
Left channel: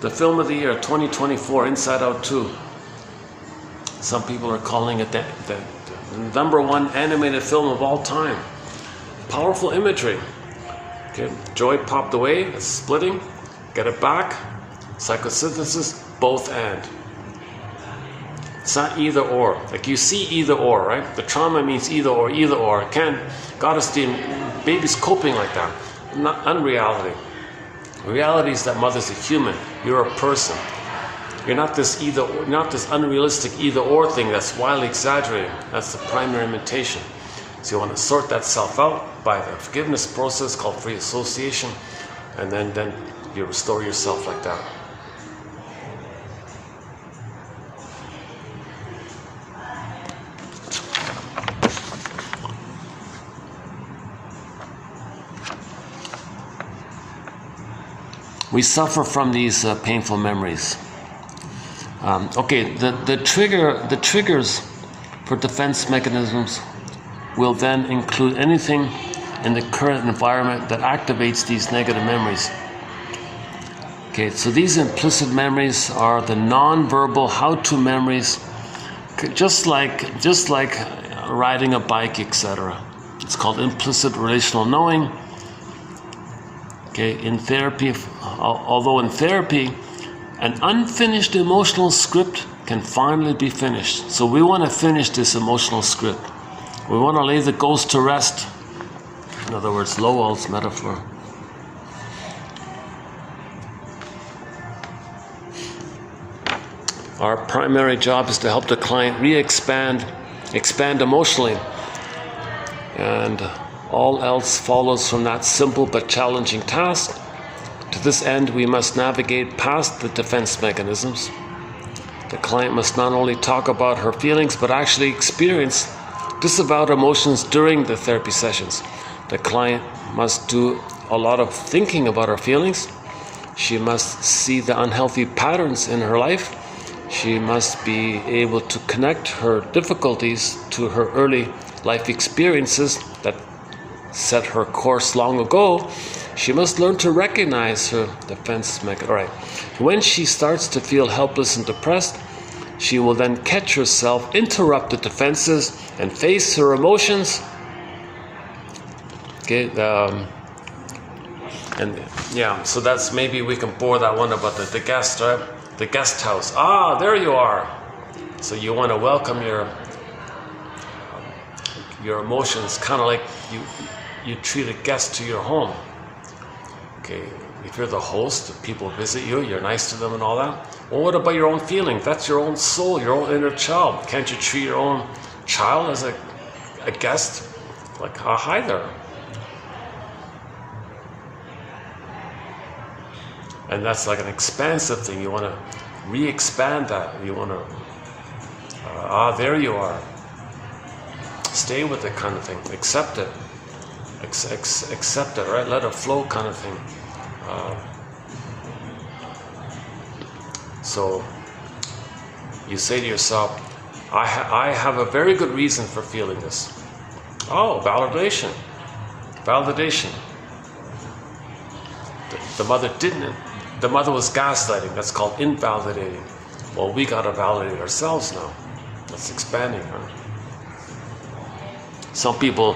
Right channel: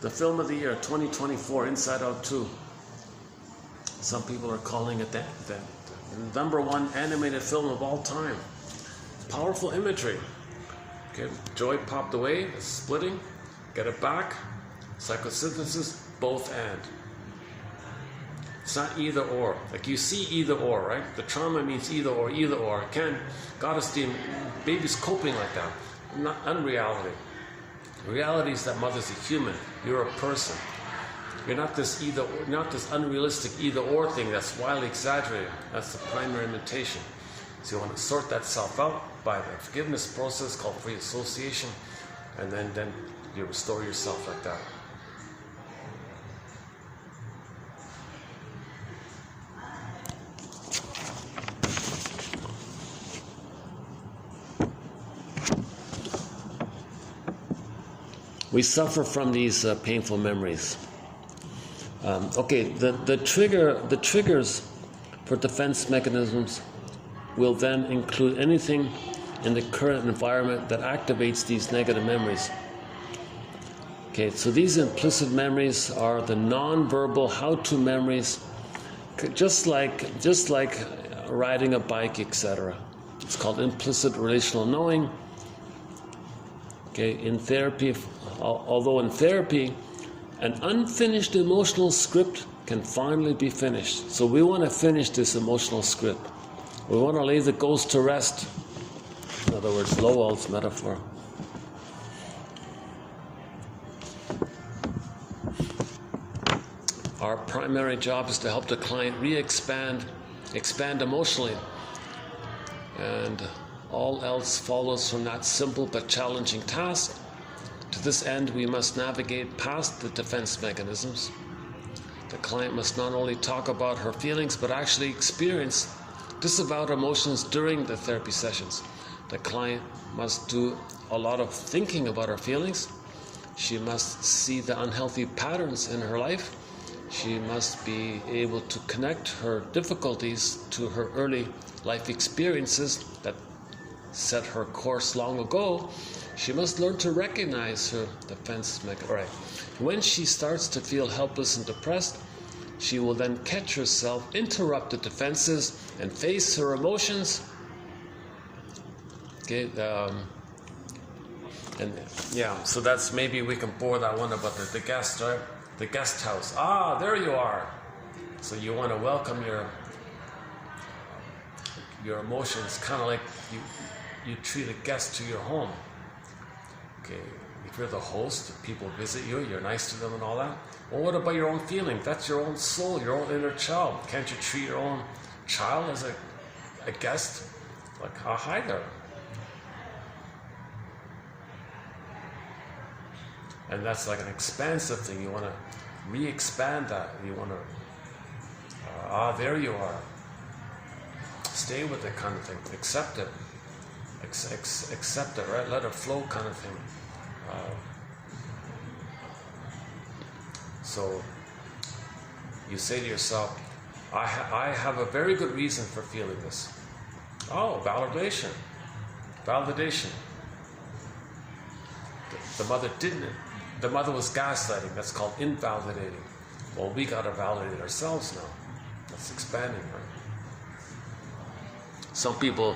The film of the year, 2024, Inside Out 2. Some people are calling it the #1 animated film of all time. Powerful imagery. Okay, joy popped away, it's splitting, get it back, psychosynthesis, both and. It's not either or. Like you see either or, right? The trauma means either or. Goddess, baby's coping like that. Not unreality. Reality is that mother's a human. You're a person. You're not this unrealistic either or thing that's wildly exaggerated. That's the primary imitation. So you want to sort that self out by the forgiveness process called free association, and then you restore yourself like that. We suffer from these painful memories. The triggers for defense mechanisms will then include anything in the current environment that activates these negative memories. Okay, so these implicit memories are the non-verbal how-to memories, just like riding a bike, etc. It's called implicit relational knowing. Okay, in therapy, although in therapy, an unfinished emotional script can finally be finished. So we want to finish this emotional script. We want to lay the ghost to rest. In other words, Lowell's metaphor. Our primary job is to help the client expand emotionally. And all else follows from that simple but challenging task. To this end, we must navigate past the defense mechanisms. The client must not only talk about her feelings, but actually experience disavowed emotions during the therapy sessions. The client must do a lot of thinking about her feelings. She must see the unhealthy patterns in her life. She must be able to connect her difficulties to her early life experiences that set her course long ago. She must learn to recognize her defense mechanism. All right. When she starts to feel helpless and depressed, she will then catch herself, interrupt the defenses, and face her emotions. Okay. So that's, maybe we can bore that one about the guest, right? The guest house. Ah, there you are. So you want to welcome your emotions, kind of like you treat a guest to your home. Okay, if you're the host, people visit you, you're nice to them and all that. Well, what about your own feelings? That's your own soul, your own inner child. Can't you treat your own child as a guest? Like, hi there. And that's like an expansive thing. You want to re-expand that. You want to There you are. Stay with it kind of thing. Accept it. Accept it, right? Let it flow kind of thing. So you say to yourself, I have a very good reason for feeling this. Oh, validation. Validation. The mother didn't. The mother was gaslighting. That's called invalidating. Well, we got to validate ourselves now. That's expanding, huh? Some people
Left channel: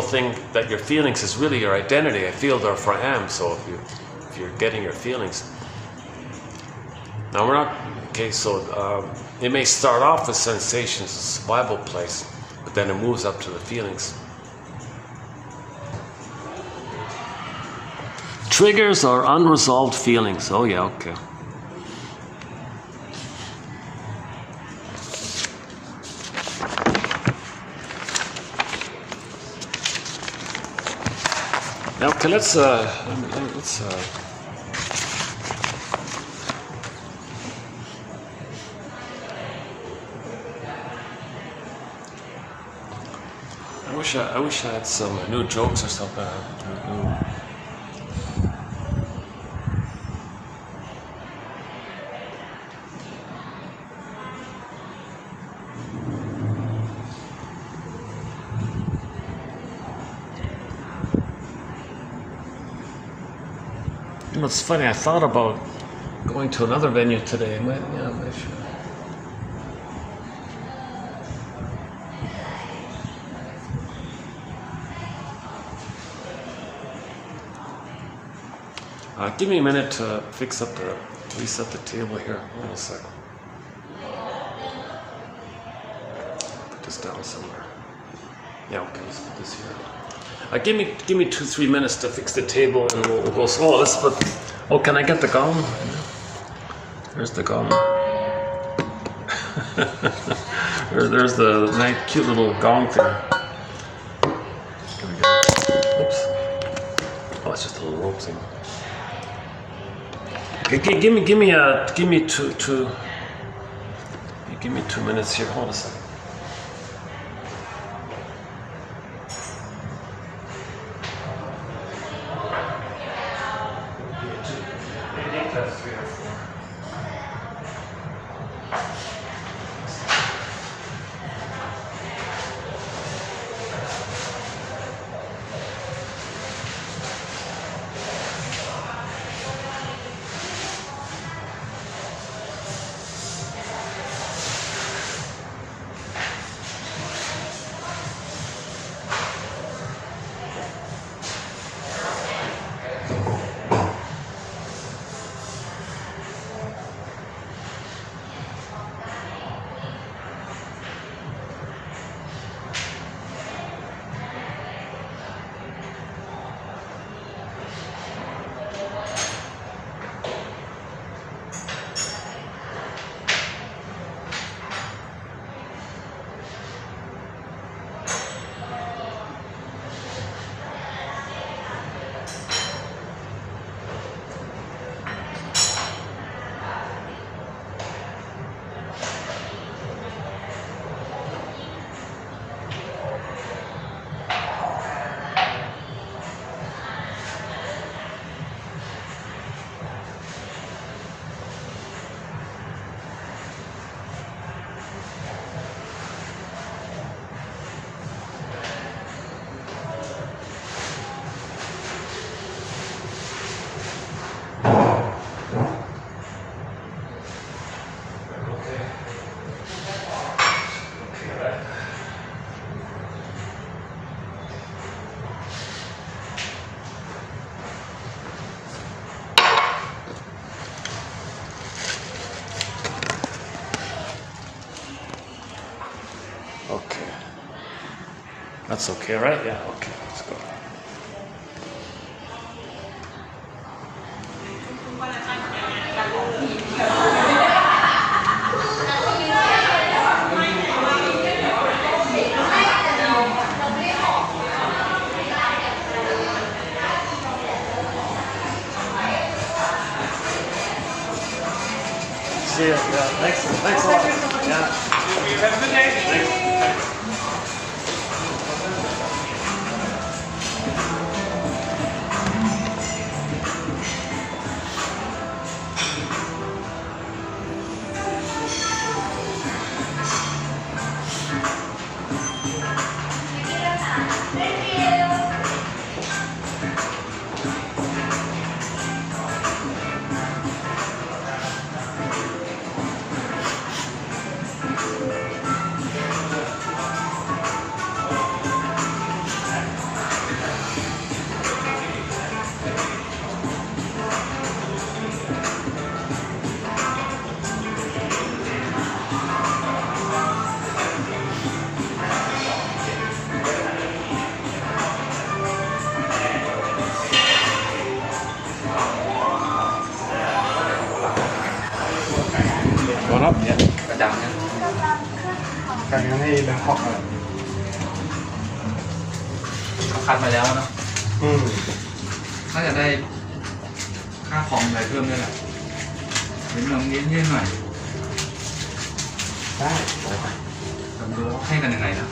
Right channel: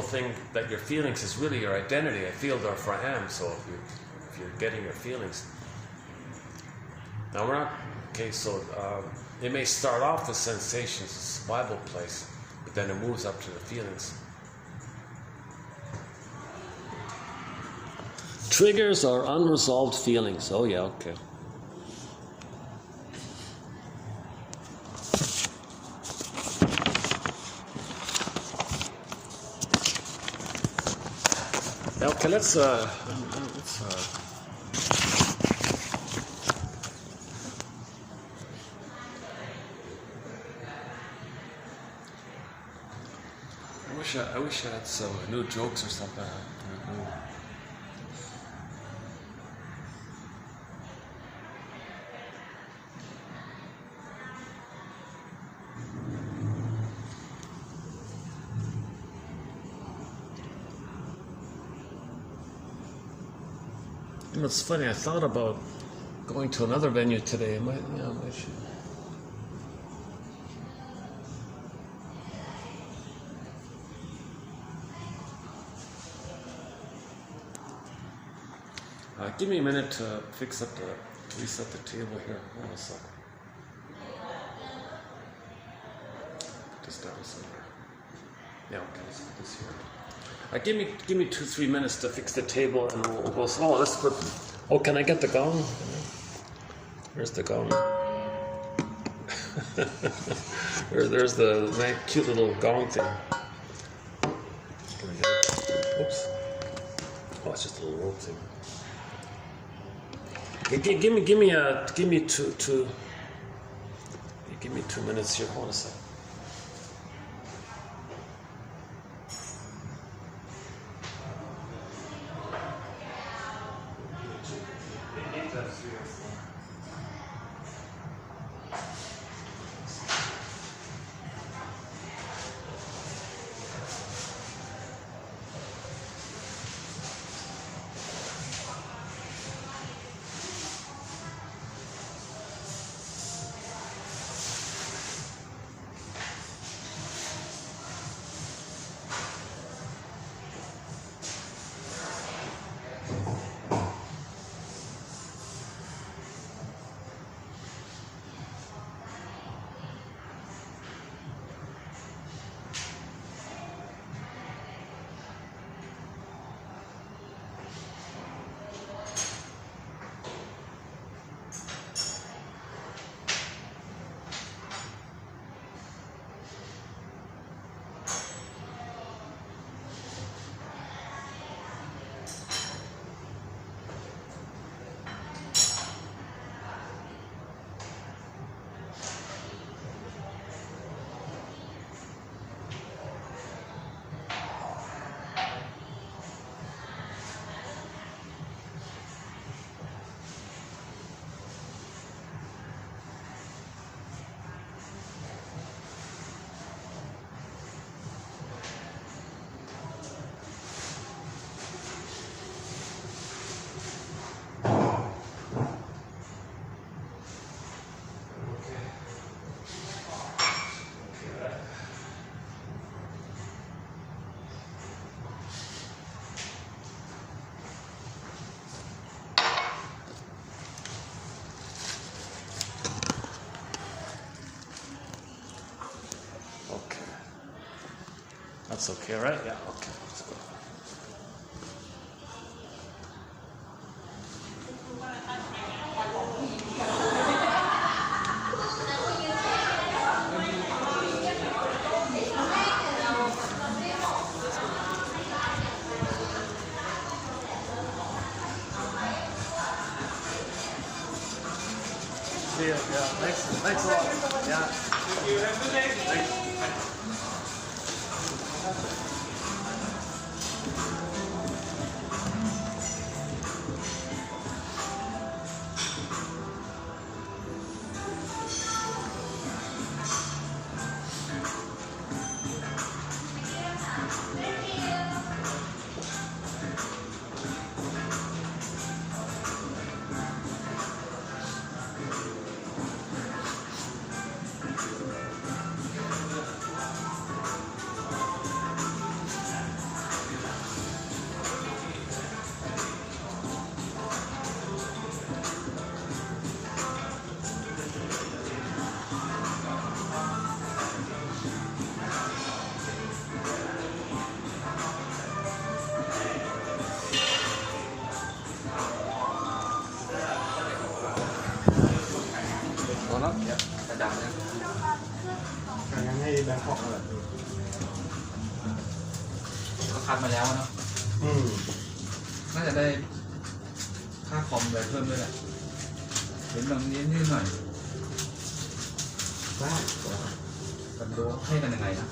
think that your feelings is really your identity. I feel, therefore I am. So if you're getting your feelings. Now we're not, okay, so it may start off with sensations, a survival place, but then it moves up to the feelings. Triggers are unresolved feelings. Oh yeah, okay. Yeah, okay, let's I wish I had some new jokes or something. You know, it's funny. I thought about going to another venue today. I might should. Give me a minute to reset the table here. Hold on a second. Put this down somewhere. Yeah, okay, let's put this here. Give me 2-3 minutes to fix the table, and we'll go. Oh, let's put. Oh, can I get the gong? There's the gong. There's the nice, cute little gong thing. Here we go. Oops. Oh, it's just a little rope thing. Give me 2 minutes here. Hold on a second. That's okay, right? Yeah, okay, let's go. See you. Yeah, thanks a lot. Yeah. You have a good day. Thanks. Going up? Yeah. กระดังนะ การงานให้แบงคอกอะไร เขาคัดมาแล้วเนาะน่าจะได้ค่าคอมอะไรเพิ่มด้วยแหละนิดหน่อยนิดหน่อย ได้ มันรู้ให้กันยังไงนะ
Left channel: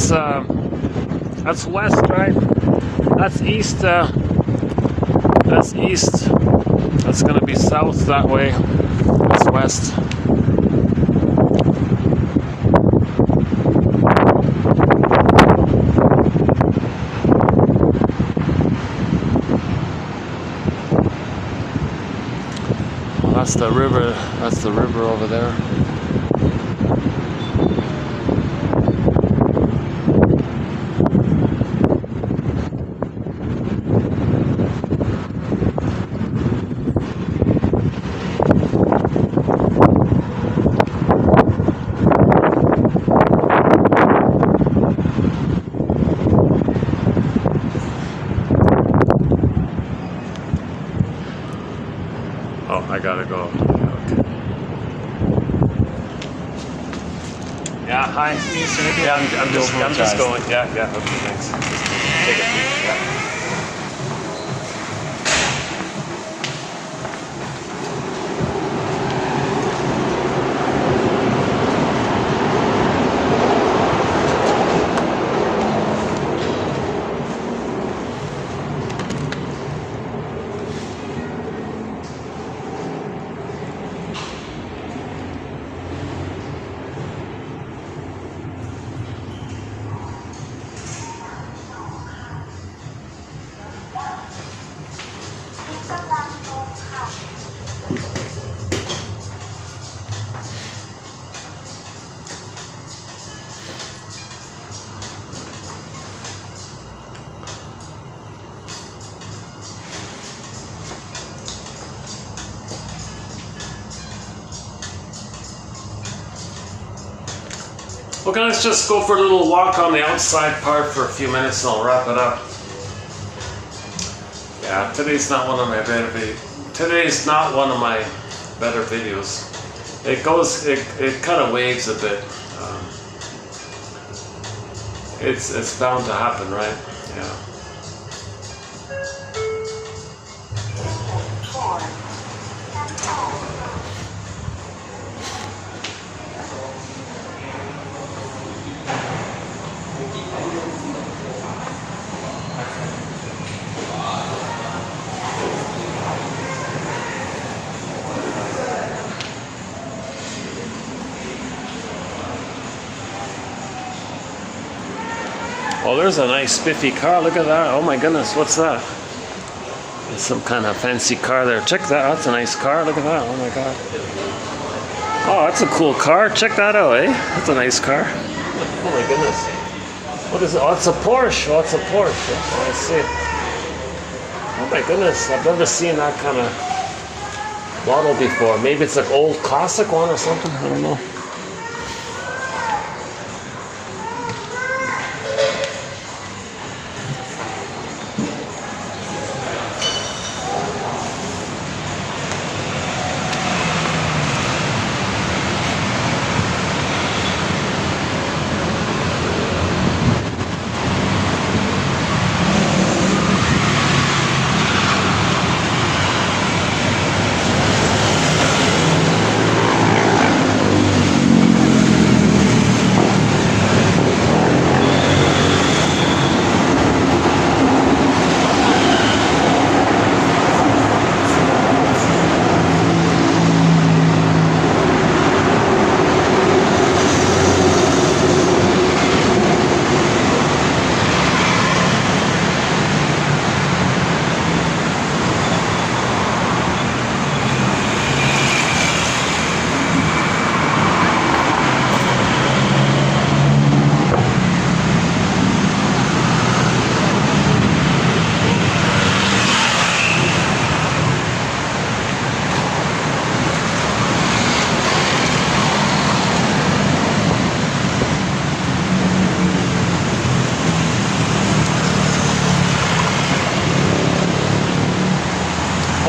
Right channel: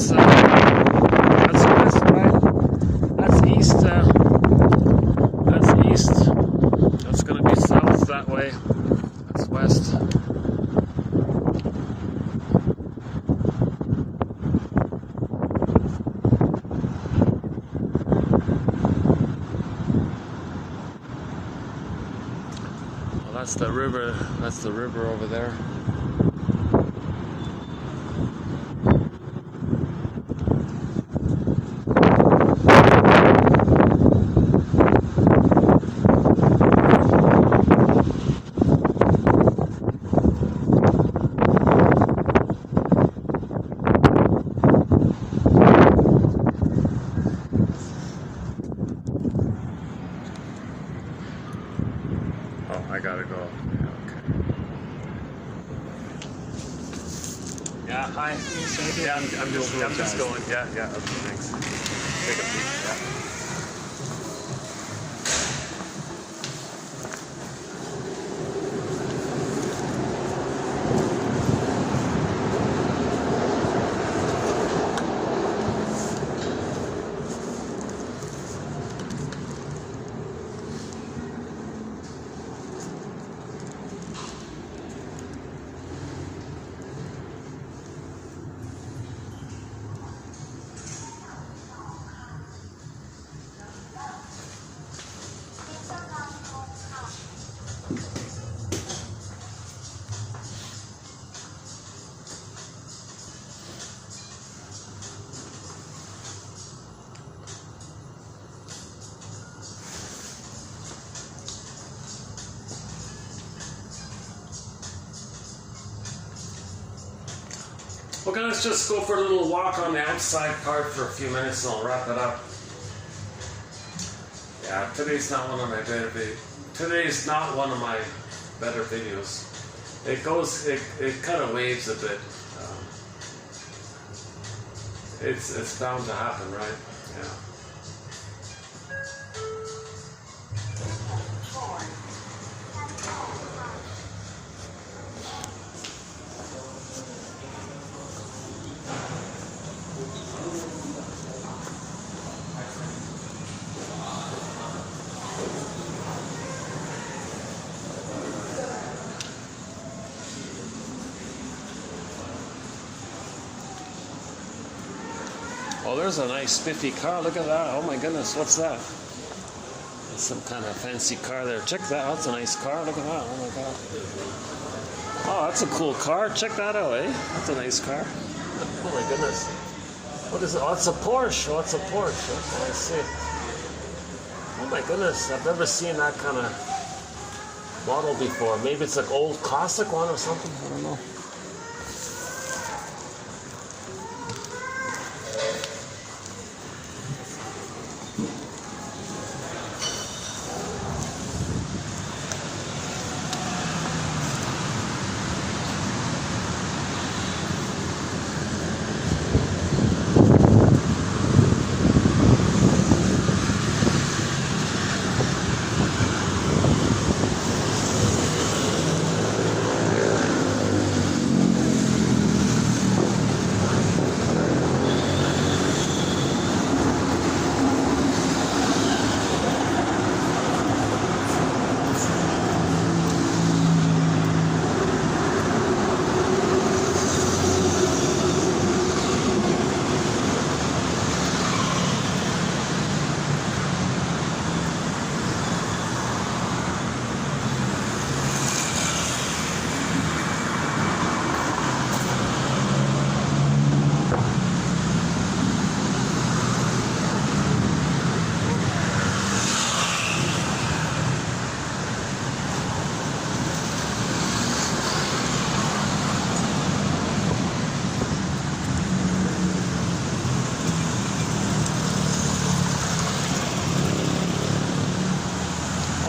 That's west, right? That's east. That's east. That's going to be south that way. That's west. Well, that's the river. That's the river over there. Oh, I gotta go. Okay. Yeah, hi. Yeah, I'm just going. Yeah, okay, thanks. Take a seat. Okay, let's just go for a little walk on the outside part for a few minutes and I'll wrap it up. Yeah, today's not one of my better Today's not one of my better videos. It kind of waves a bit. It's bound to happen, right? Yeah. Oh, there's a nice spiffy car. Look at that. Oh my goodness, what's that? It's some kind of fancy car there. Check that out. That's a nice car. Look at that. Oh my god. Oh, that's a cool car. Check that out, eh? That's a nice car. Oh my goodness. What is it? Oh, it's a Porsche. Oh, it's a Porsche. Oh, I see. Oh my goodness. I've never seen that kind of model before. Maybe it's an old classic one or something. I don't know.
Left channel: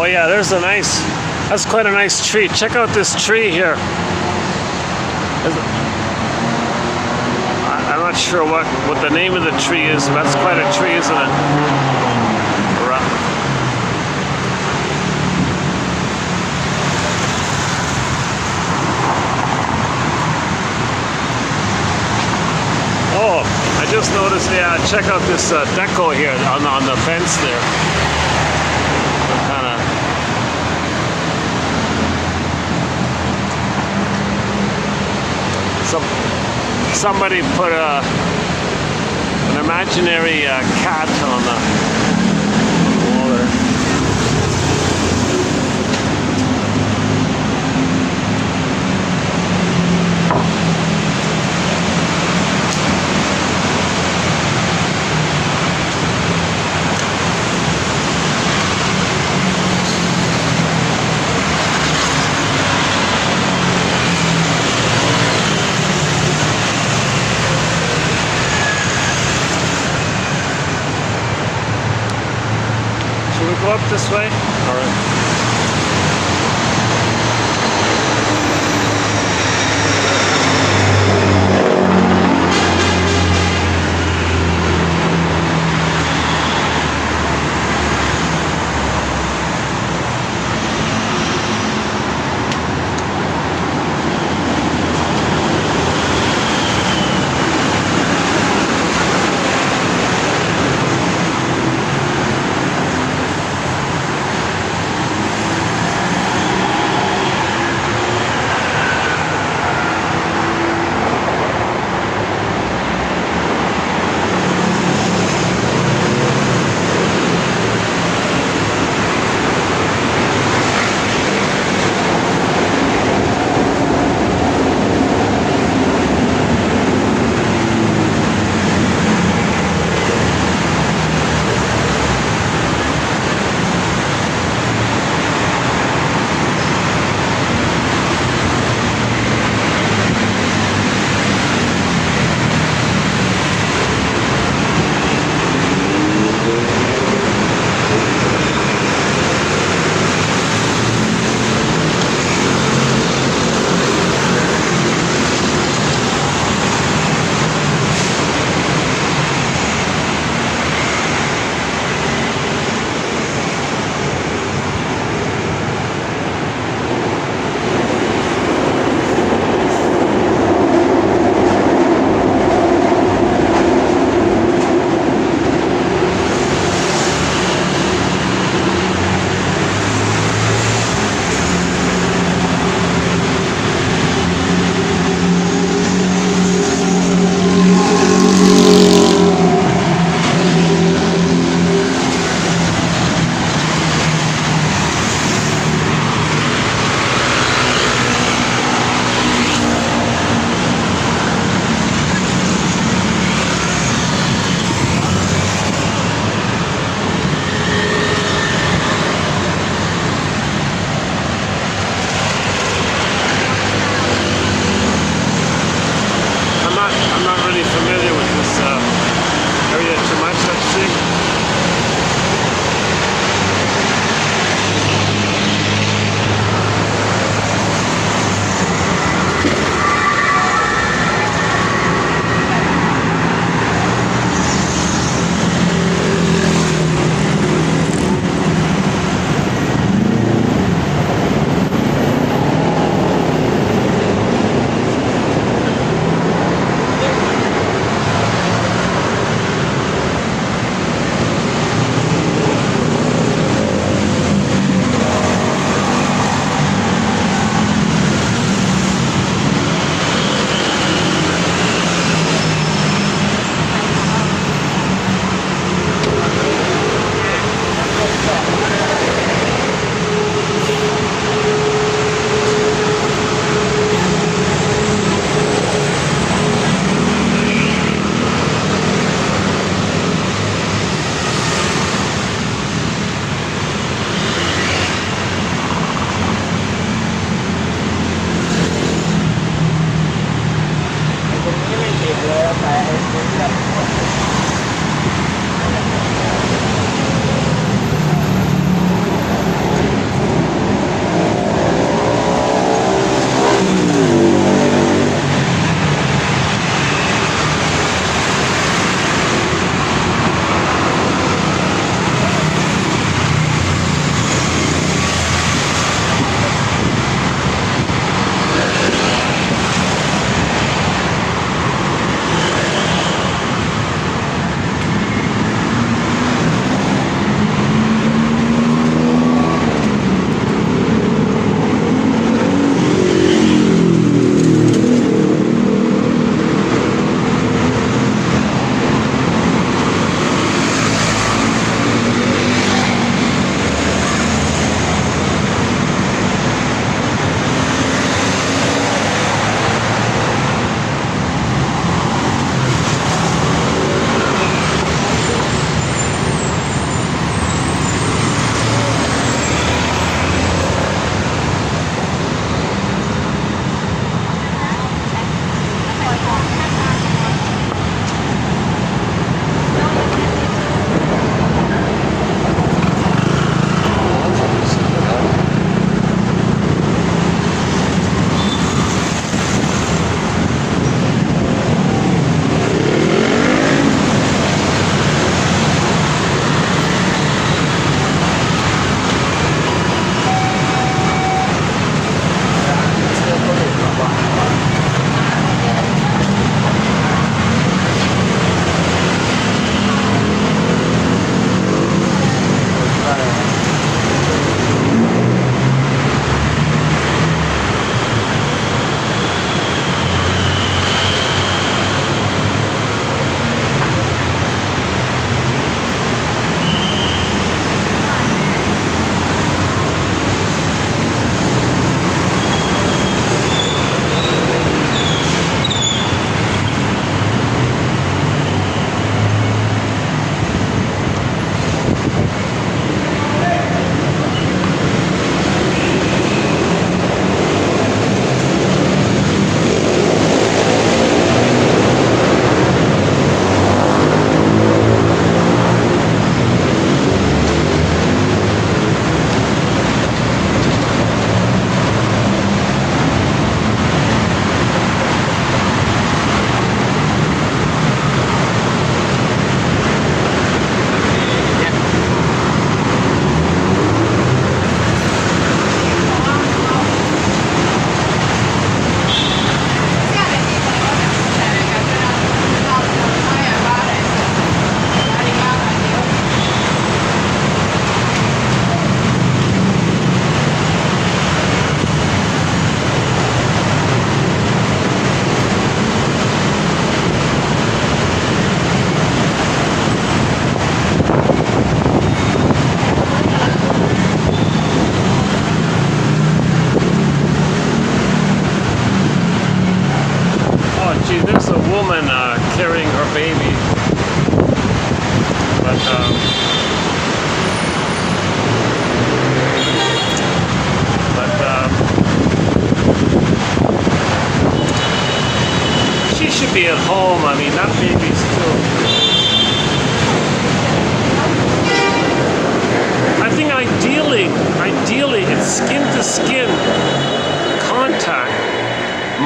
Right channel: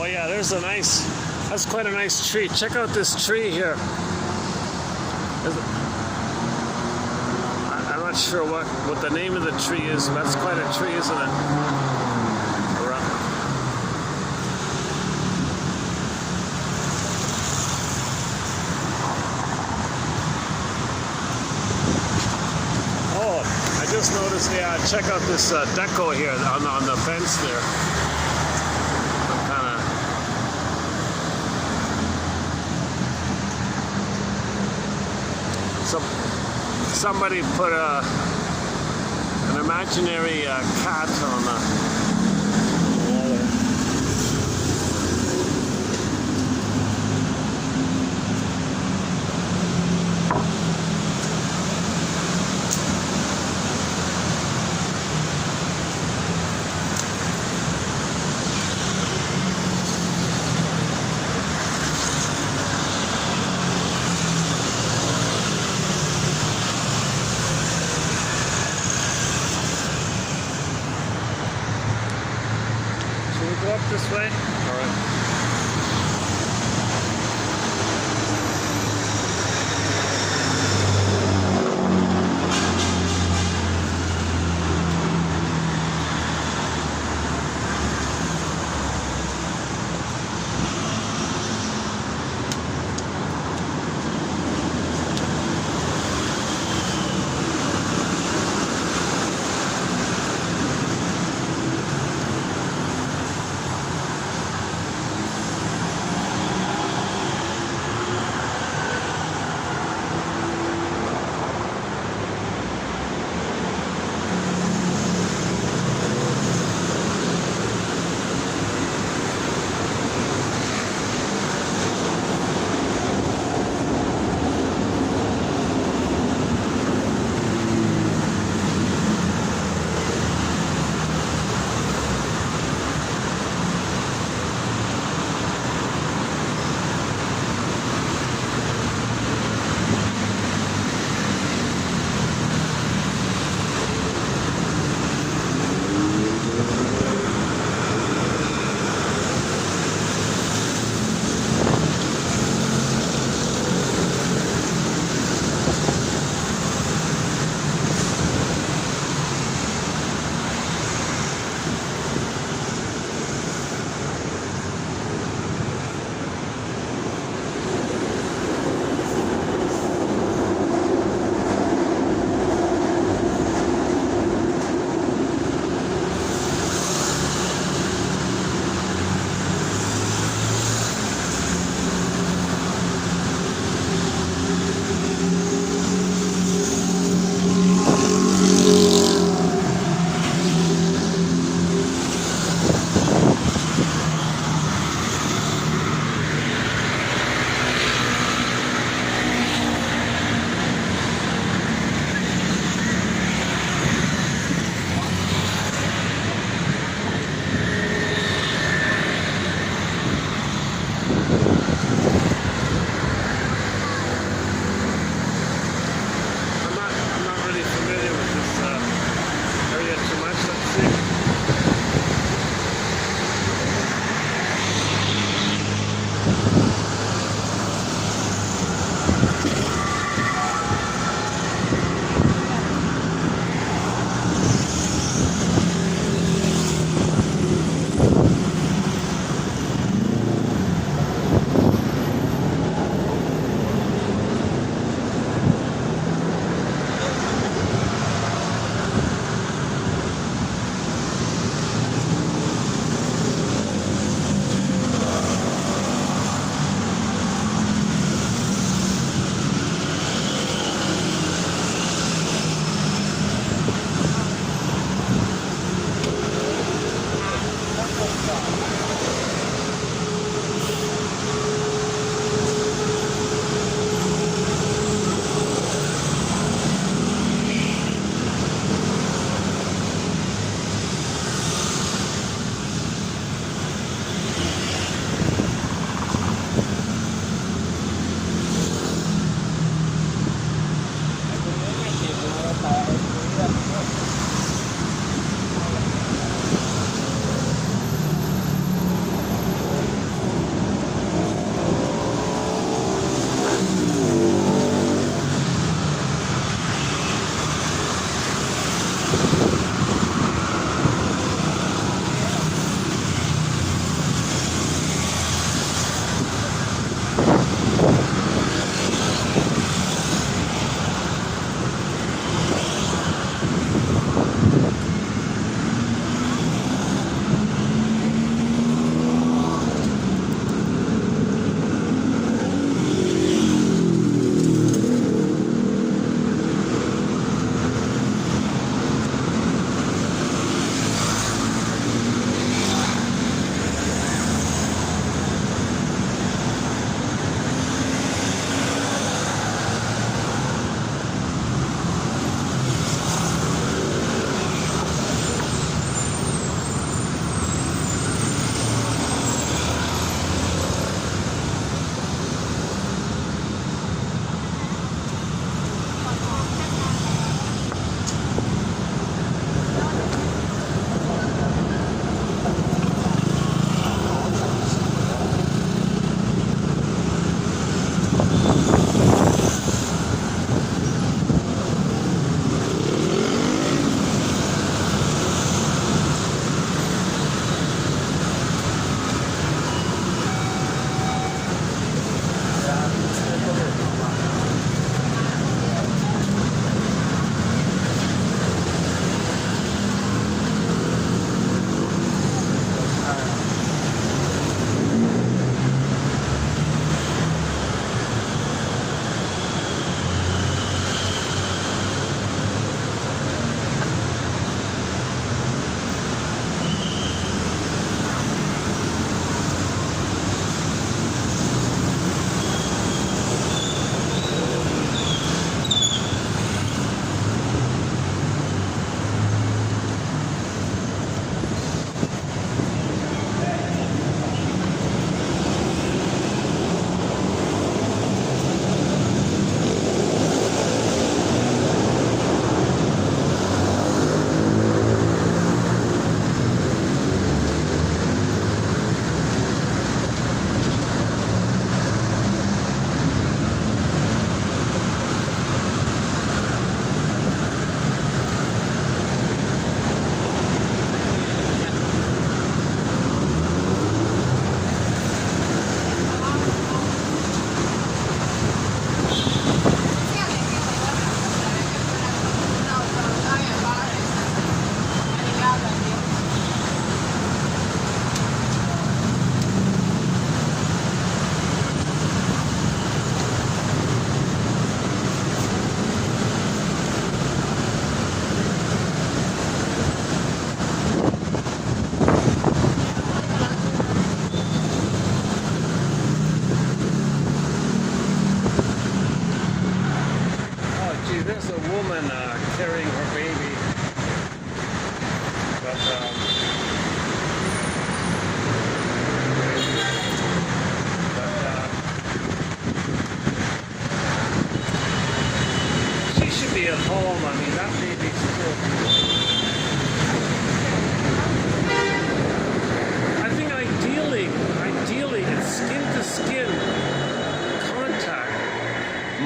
Oh yeah, there's a nice, that's quite a nice tree. Check out this tree here. I'm not sure what the name of the tree is, but that's quite a tree, isn't it? Oh, I just noticed, yeah, check out this deco here on the fence there. Somebody put an imaginary cat on the wall there. Up this way? All right.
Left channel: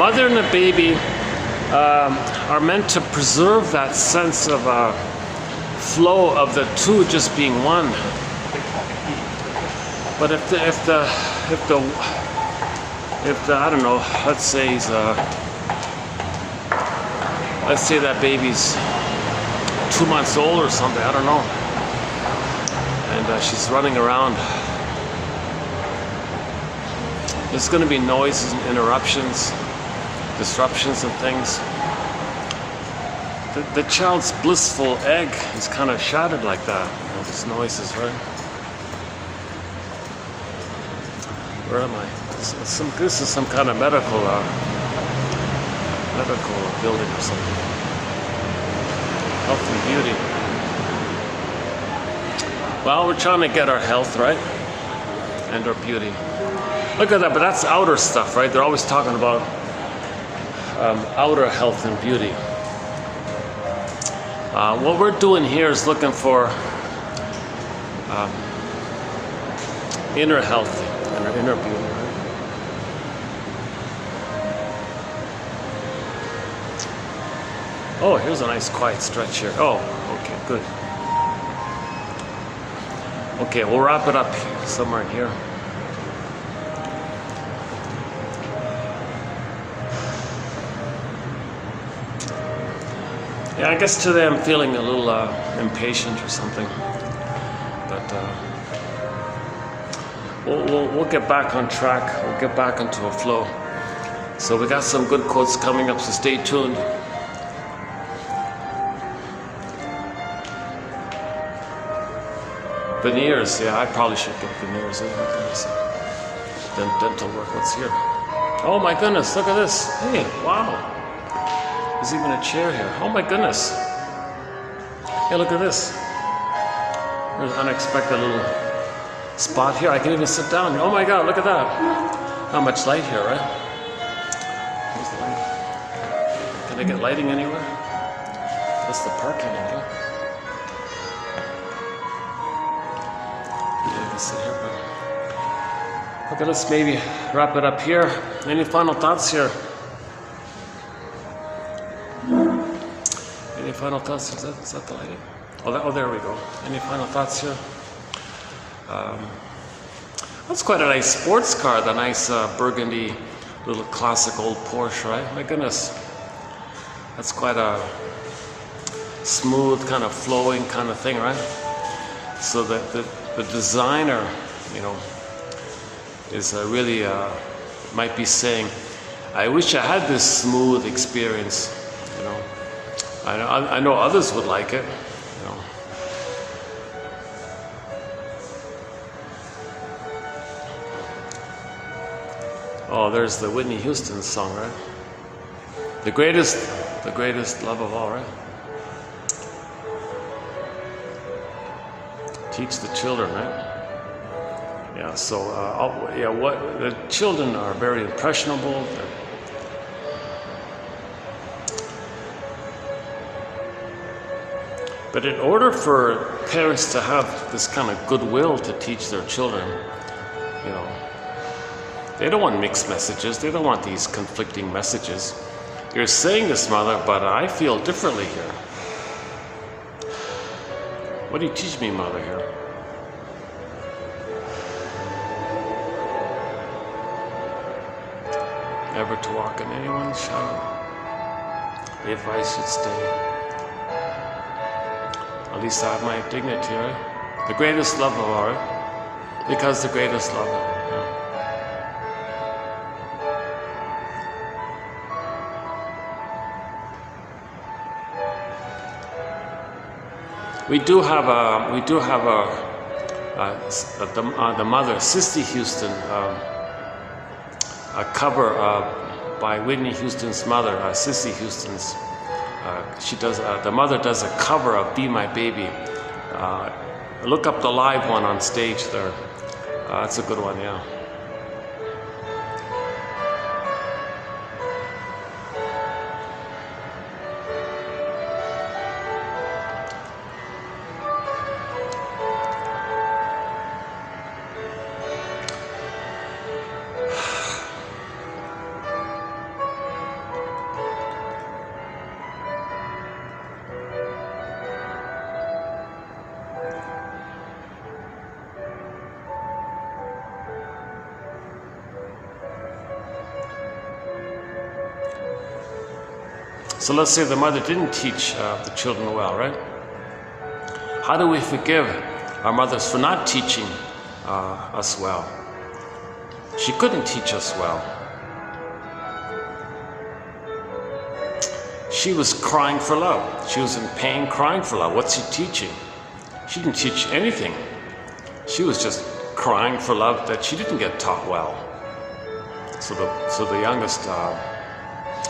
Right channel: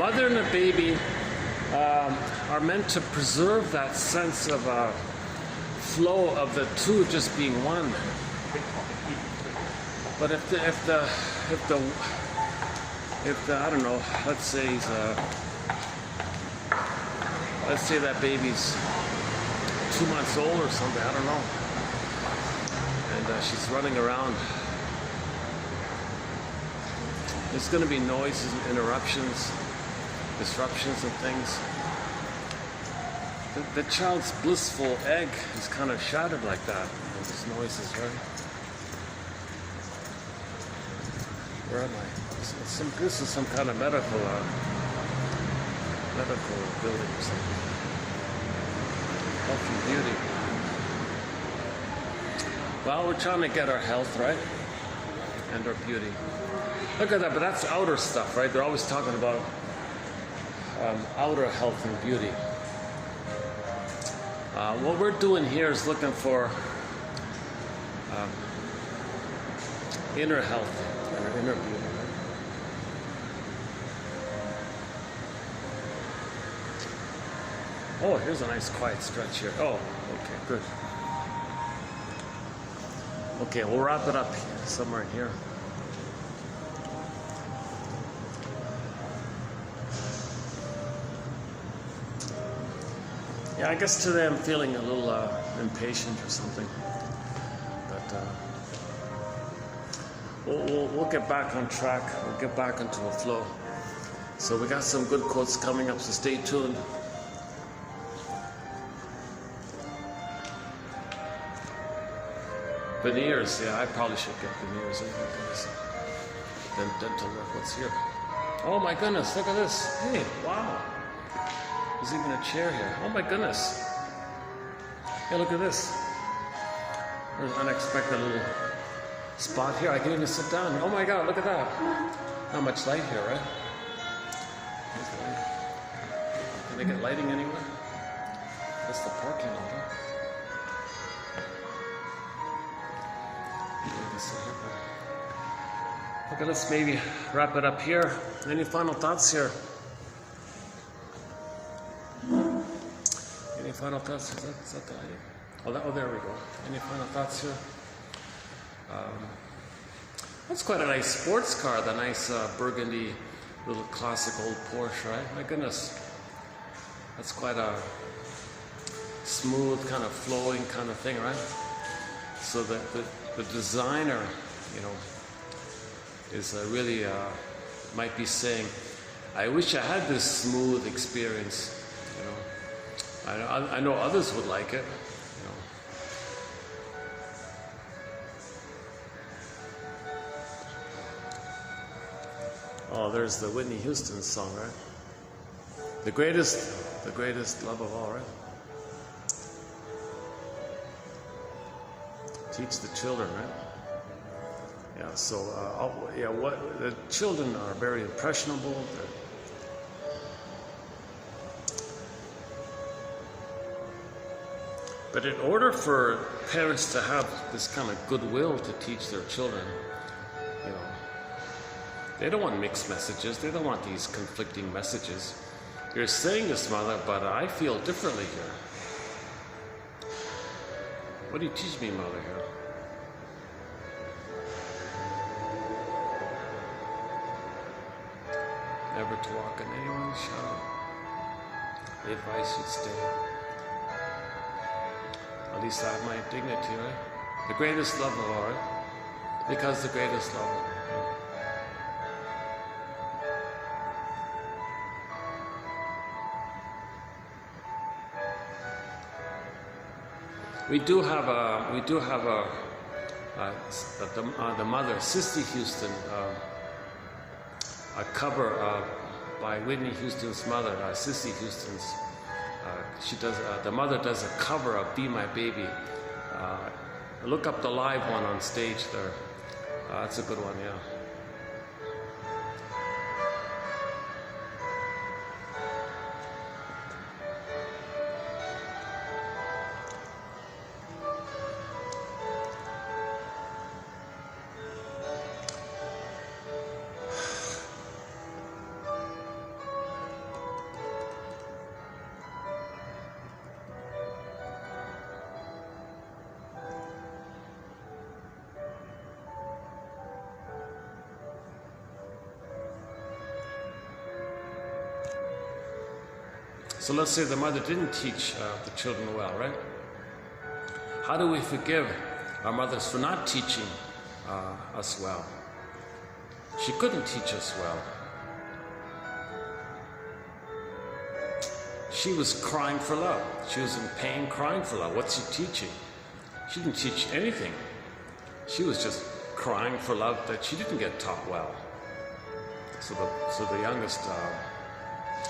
mother and the baby are meant to preserve that sense of flow of the two just being one. But if the I don't know, let's say that baby's 2 months old or something, I don't know, and she's running around, there's going to be noises and interruptions, disruptions and things. The child's blissful egg is kind of shattered like that. You know, these noises, right? Where am I? This is some kind of medical building or something. Health and beauty. Well, we're trying to get our health, right? And our beauty. Look at that, but that's outer stuff, right? They're always talking about outer health and beauty. What we're doing here is looking for inner health and inner beauty. Oh, here's a nice quiet stretch here. Oh, okay, good. Okay, we'll wrap it up somewhere in here. Yeah, I guess today I'm feeling a little impatient or something, but we'll get back on track. We'll get back into a flow. So we got some good quotes coming up, so stay tuned. Veneers, yeah, I probably should get veneers. Dental work, what's here? Oh my goodness, look at this. Hey, wow. There's even a chair here. Oh my goodness. Hey, look at this. There's an unexpected little spot here. I can even sit down here. Oh my God, look at that. How much light here, right? Here's the light. Can I get lighting anywhere? That's the parking in here. Sit here, but okay, let's maybe wrap it up here. Any final thoughts here? Any final thoughts? Is that the lighting? Oh, there we go. Any final thoughts here? That's quite a nice sports car, the nice burgundy little classic old Porsche, right? My goodness. That's quite a smooth, kind of flowing kind of thing, right? So the designer, you know, is really might be saying, I wish I had this smooth experience, you know. I know others would like it, you know. Oh, there's the Whitney Houston song, right? The greatest love of all, right? Teach the children, right? Yeah, so, what the children are very impressionable. But in order for parents to have this kind of goodwill to teach their children, you know, they don't want mixed messages. They don't want these conflicting messages. You're saying this, mother, but I feel differently here. What do you teach me, mother, here? Never to walk in anyone's shadow, if I should stay. At least I have my dignity, right? The greatest love of all, right? Because the greatest love. Yeah. We do have the mother, Sissy Houston, a cover by Whitney Houston's mother, Sissy Houston's. She does. The mother does a cover of "Be My Baby." Look up the live one on stage there. That's a good one, yeah. So let's say the mother didn't teach the children well, right? How do we forgive our mothers for not teaching us well? She couldn't teach us well. She was crying for love. She was in pain, crying for love. What's she teaching? She didn't teach anything. She was just crying for love that she didn't get taught well. So the youngest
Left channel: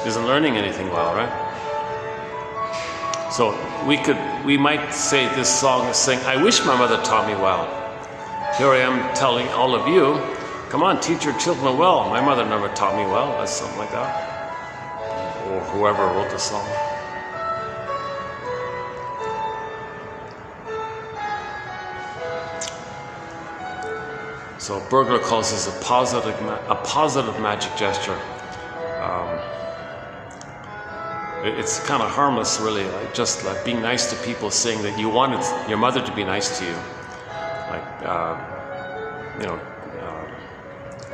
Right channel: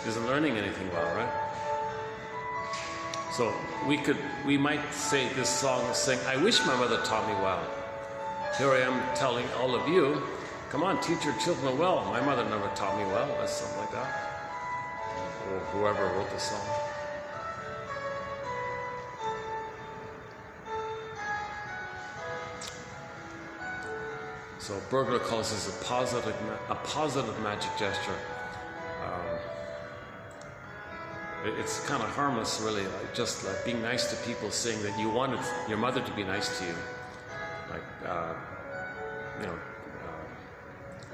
isn't learning anything well, right? So we might say this song is saying, I wish my mother taught me well. Here I am telling all of you, come on, teach your children well. My mother never taught me well. That's something like that. Or whoever wrote the song. So Berger calls this a positive magic gesture. It's kind of harmless, really, just like being nice to people, saying that you wanted your mother to be nice to you, like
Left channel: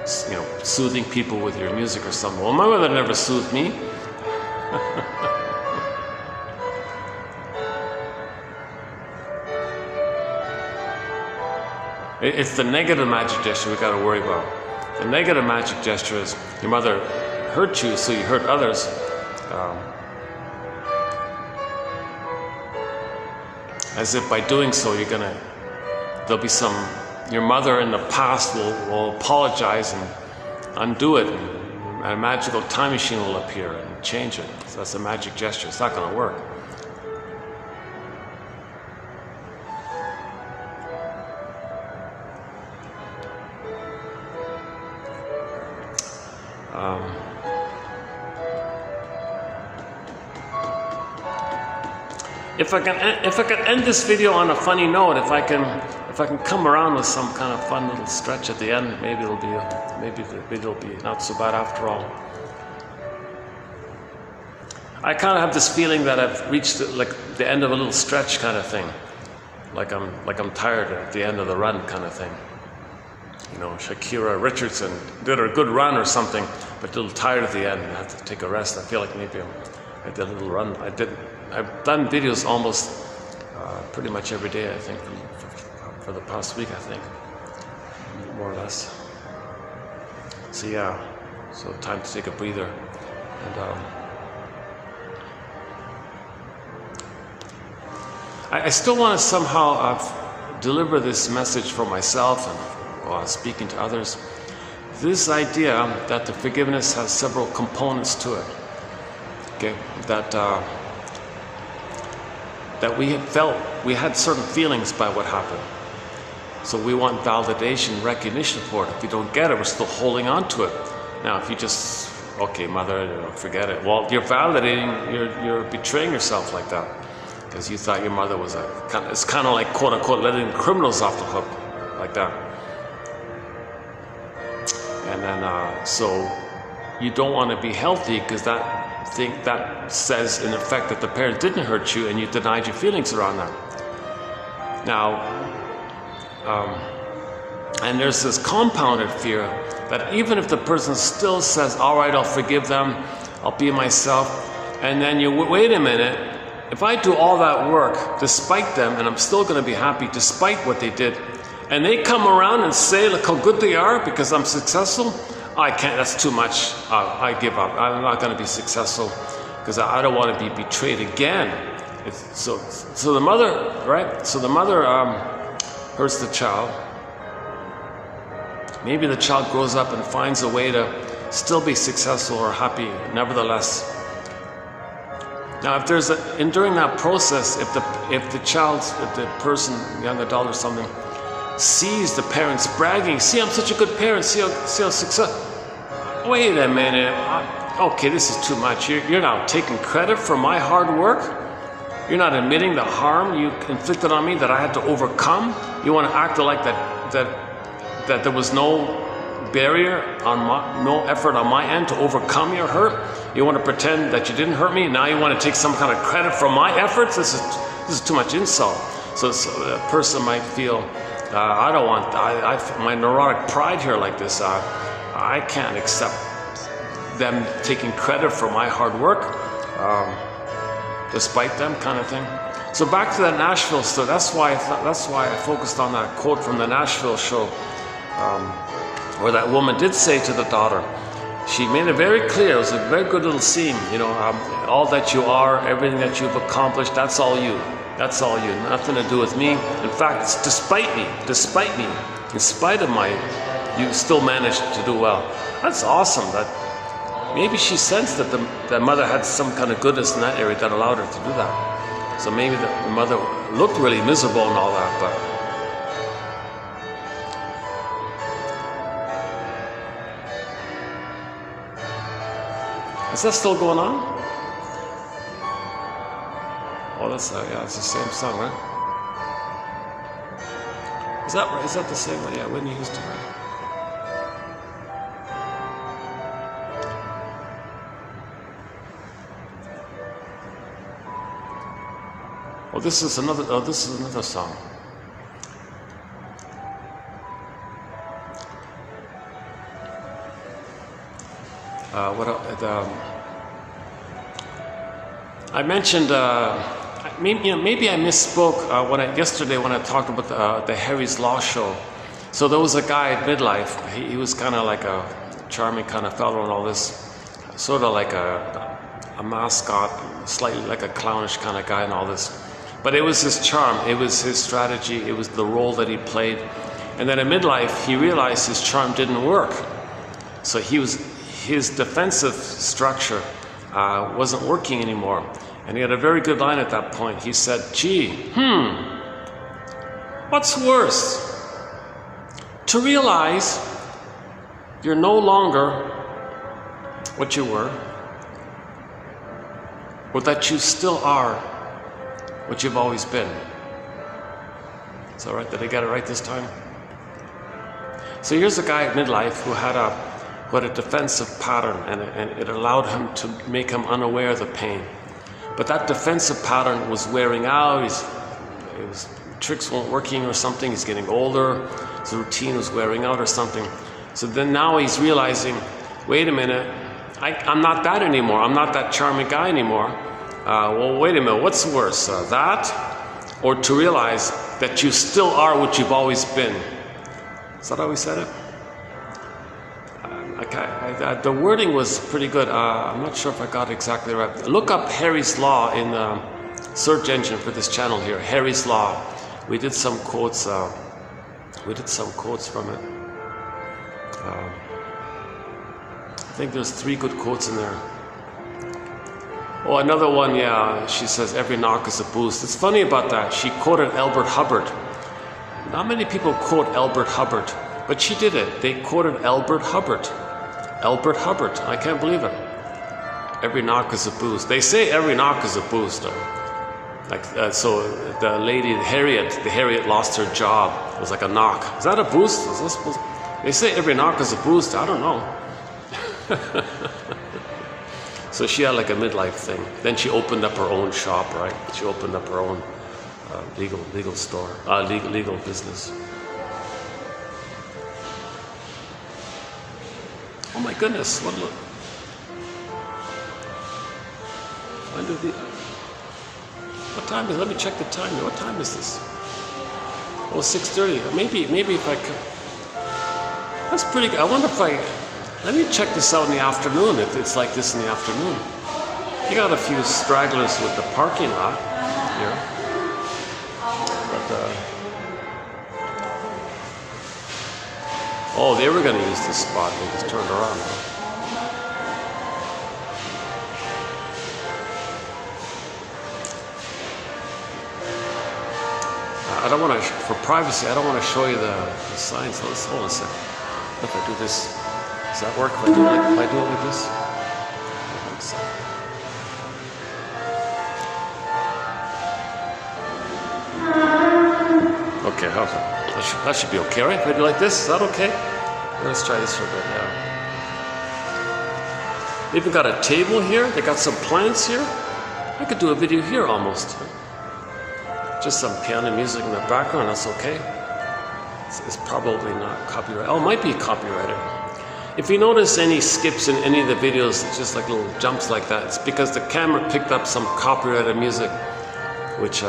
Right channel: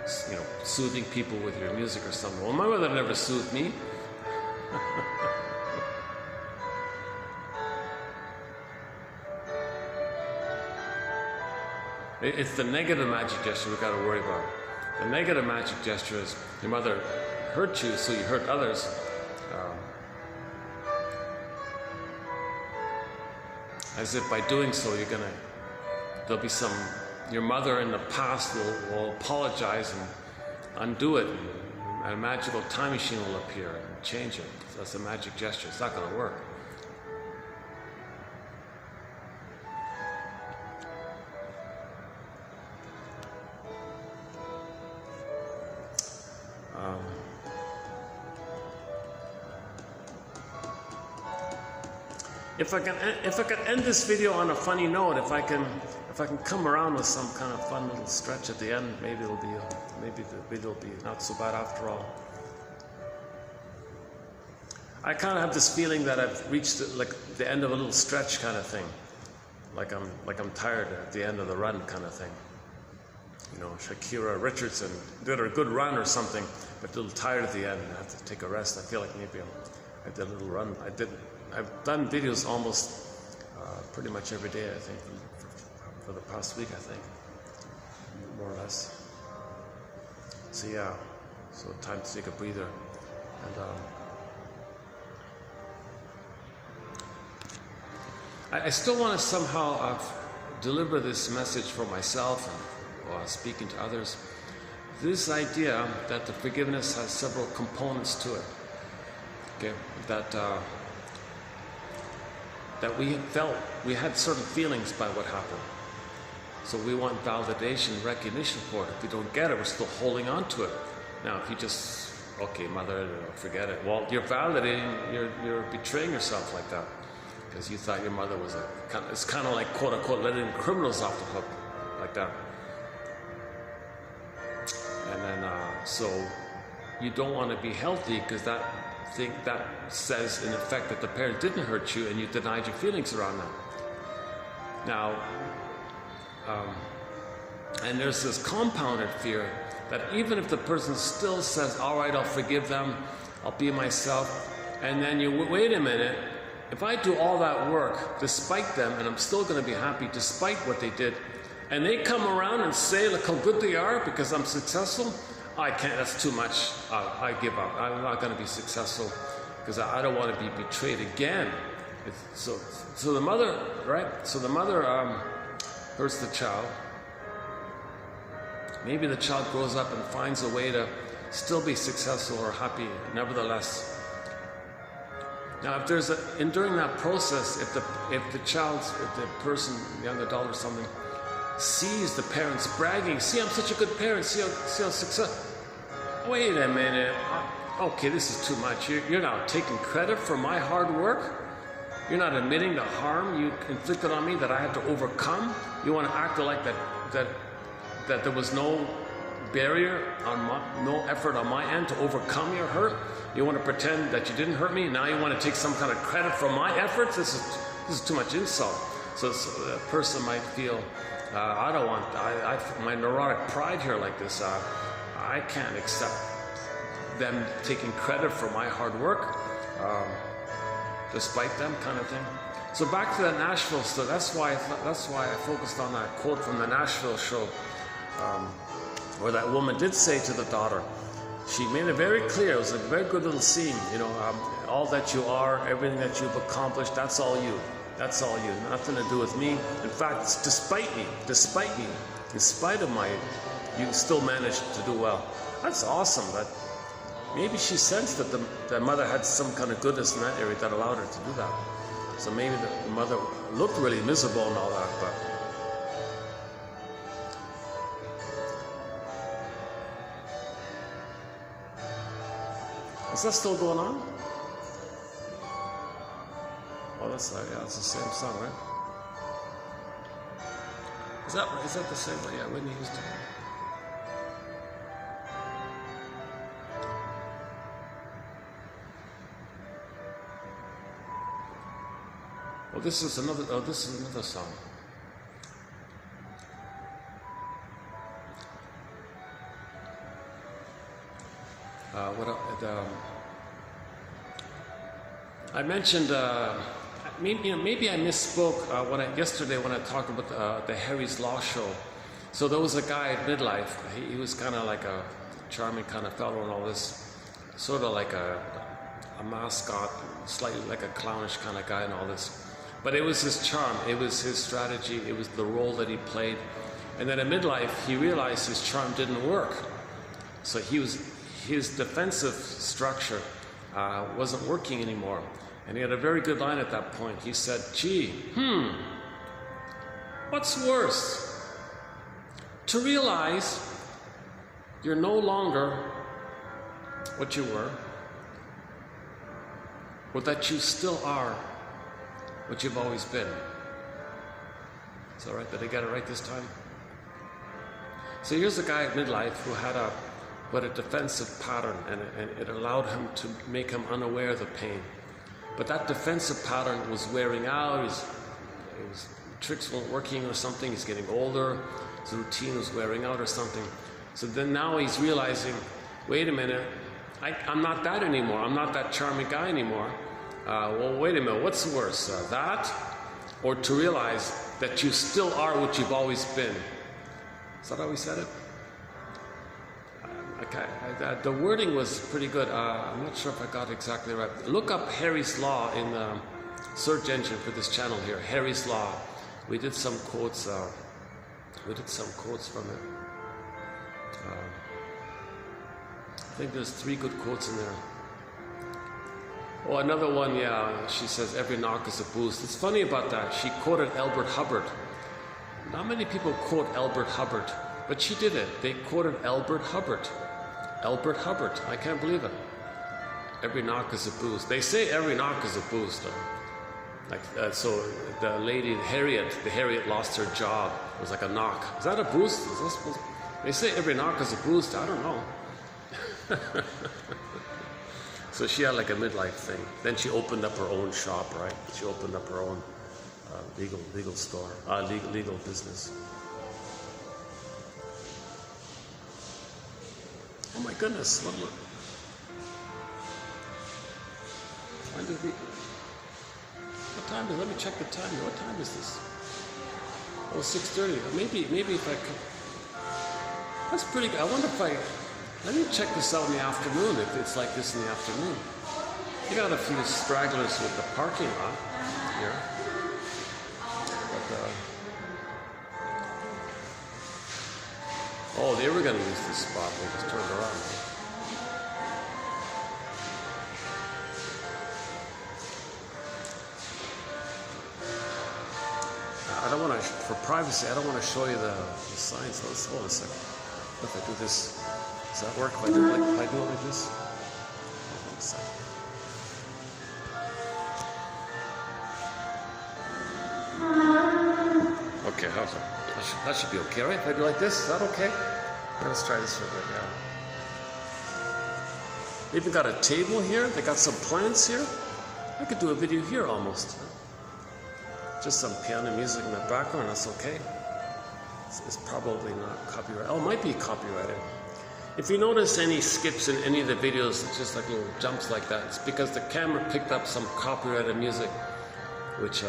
soothing people with your music or something. Well, my mother never soothed me. It's the negative magic gesture we got to worry about. The negative magic gesture is your mother hurt you, so you hurt others. As if by doing so, there'll be your mother in the past will apologize and undo it, and a magical time machine will appear and change it. So that's a magic gesture. It's not going to work. If I can end this video on a funny note, if I can come around with some kind of fun little stretch at the end, maybe the video will be not so bad after all. I kind of have this feeling that I've reached the end of a little stretch kind of thing, like I'm tired at the end of the run kind of thing. You know, Shakira Richardson did a good run or something, but a little tired at the end and had to take a rest. I feel like maybe I did a little run. I've done videos almost pretty much every day, I think, for the past week, I think, more or less. So yeah, so time to take a breather. And I still want to somehow deliver this message for myself and while speaking to others. This idea that the forgiveness has several components to it. Okay, that we had certain feelings by what happened. So we want validation, recognition for it. If we don't get it, we're still holding on to it. Now, if you just, okay, mother, forget it. Well, you're validating, you're betraying yourself like that. Because you thought your mother was it's kind of like, quote unquote, letting criminals off the hook, like that. And then, so you don't want to be healthy because that says in effect that the parent didn't hurt you and you denied your feelings around that. Now, and there's this compounded fear that even if the person still says, all right, I'll forgive them, I'll be myself, and then you wait a minute, if I do all that work despite them and I'm still going to be happy despite what they did, and they come around and say, look how good they are because I'm successful, I can't, that's too much, I give up, I'm not going to be successful because I don't want to be betrayed again. So the mother, right? So the mother hurts the child. Maybe the child grows up and finds a way to still be successful or happy, nevertheless. Now, if there's during that process, if the person, young adult or something, sees the parents bragging, see, I'm such a good parent, see how successful. Wait a minute, okay, this is too much. You're not taking credit for my hard work. You're not admitting the harm you inflicted on me that I had to overcome. You want to act like that there was no barrier no effort on my end to overcome your hurt. You want to pretend that you didn't hurt me. Now you want to take some kind of credit for my efforts. This is too much insult. So a person might feel, I don't want my neurotic pride here like this. I can't accept them taking credit for my hard work. despite them, kind of thing. So back to that Nashville story. That's why I focused on that quote from the Nashville show, where that woman did say to the daughter, she made it very clear. It was a very good little scene. All that you are, everything that you've accomplished, that's all you. That's all you. Nothing to do with me. In fact, it's despite me, in spite of you still managed to do well. That's awesome. That maybe she sensed that the mother had some kind of goodness in that area that allowed her to do that. So maybe the mother looked really miserable and all that, but is that still going on? Oh, it's the same song, right? Is that the same one? Yeah, Whitney Houston. Oh, this is another song. I mentioned. Maybe I misspoke yesterday when I talked about the Harry's Law show. So there was a guy at midlife. He was kind of like a charming kind of fellow and all this, sort of like a mascot, slightly like a clownish kind of guy and all this. But it was his charm, it was his strategy, it was the role that he played. And then at midlife, he realized his charm didn't work. So his defensive structure wasn't working anymore. And he had a very good line at that point. He said, what's worse? To realize you're no longer what you were, or that you still are what you've always been. Is that right? Did I get it right this time? So here's a guy at midlife who had a defensive pattern, and it allowed him to make him unaware of the pain. But that defensive pattern was wearing out. Tricks weren't working or something. He's getting older. His routine was wearing out or something. So then now he's realizing, wait a minute, I'm not that anymore. I'm not that charming guy anymore. Well, wait a minute, what's worse, that or to realize that you still are what you've always been? Is that how he said it? The wording was pretty good. I'm not sure if I got it exactly right. Look up Harry's Law in the search engine for this channel here. Harry's Law. We did some quotes. From it. I think there's 3 good quotes in there. Oh, another one, yeah, she says, every knock is a boost. It's funny about that. She quoted Albert Hubbard. Not many people quote Albert Hubbard, but she did it. They quoted Albert Hubbard. Albert Hubbard. I can't believe it. Every knock is a boost. They say every knock is a boost. So the lady, Harriet lost her job. It was like a knock. Is that a boost? Is this supposed? They say every knock is a boost. I don't know. So she had like a midlife thing. Then she opened up her own shop, right? She opened up her own legal store, legal business. Oh my goodness! What time is it? Let me check the time. What time is this? Oh, 6:30. Maybe if I could. That's pretty good. I wonder if let me check this out in the afternoon, if it's like this in the afternoon. You got a few stragglers with the parking lot here. But, oh, they were going to use this spot. They just turned around. I don't want to, for privacy, I don't want to show you the signs. Hold on a second. If I do this, does that work? If I do it like this? Okay, how's that? That should be okay, right? If I do like this, is that okay? Let's try this for a bit now. They even got a table here. They got some plants here. I could do a video here almost. Just some piano music in the background, that's okay. It's probably not copyrighted. Oh, it might be copyrighted. If you notice any skips in any of the videos, it's just like little jumps like that, it's because the camera picked up some copyrighted music, which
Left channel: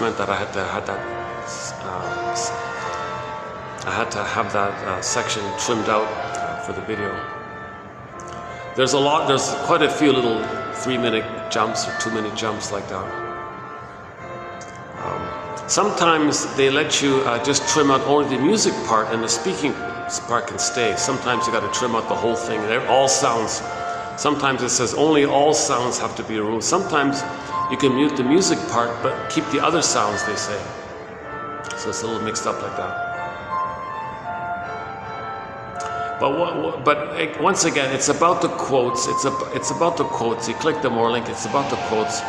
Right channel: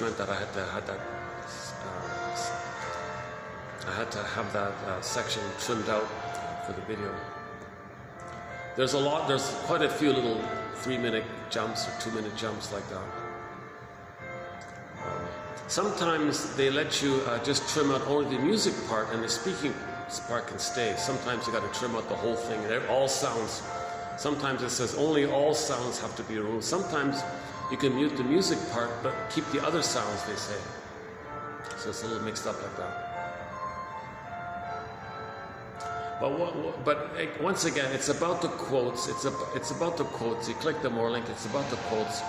meant that I had to have that section trimmed out for the video. There's quite a few little 3-minute jumps or 2-minute jumps like that. Sometimes they let you just trim out only the music part and the speaking part can stay. Sometimes you got to trim out the whole thing, all sounds. Sometimes it says only all sounds have to be removed. Sometimes you can mute the music part but keep the other sounds, they say. So it's a little mixed up like that. But once again, it's about the quotes. It's about the quotes. You click the more link. It's about the quotes.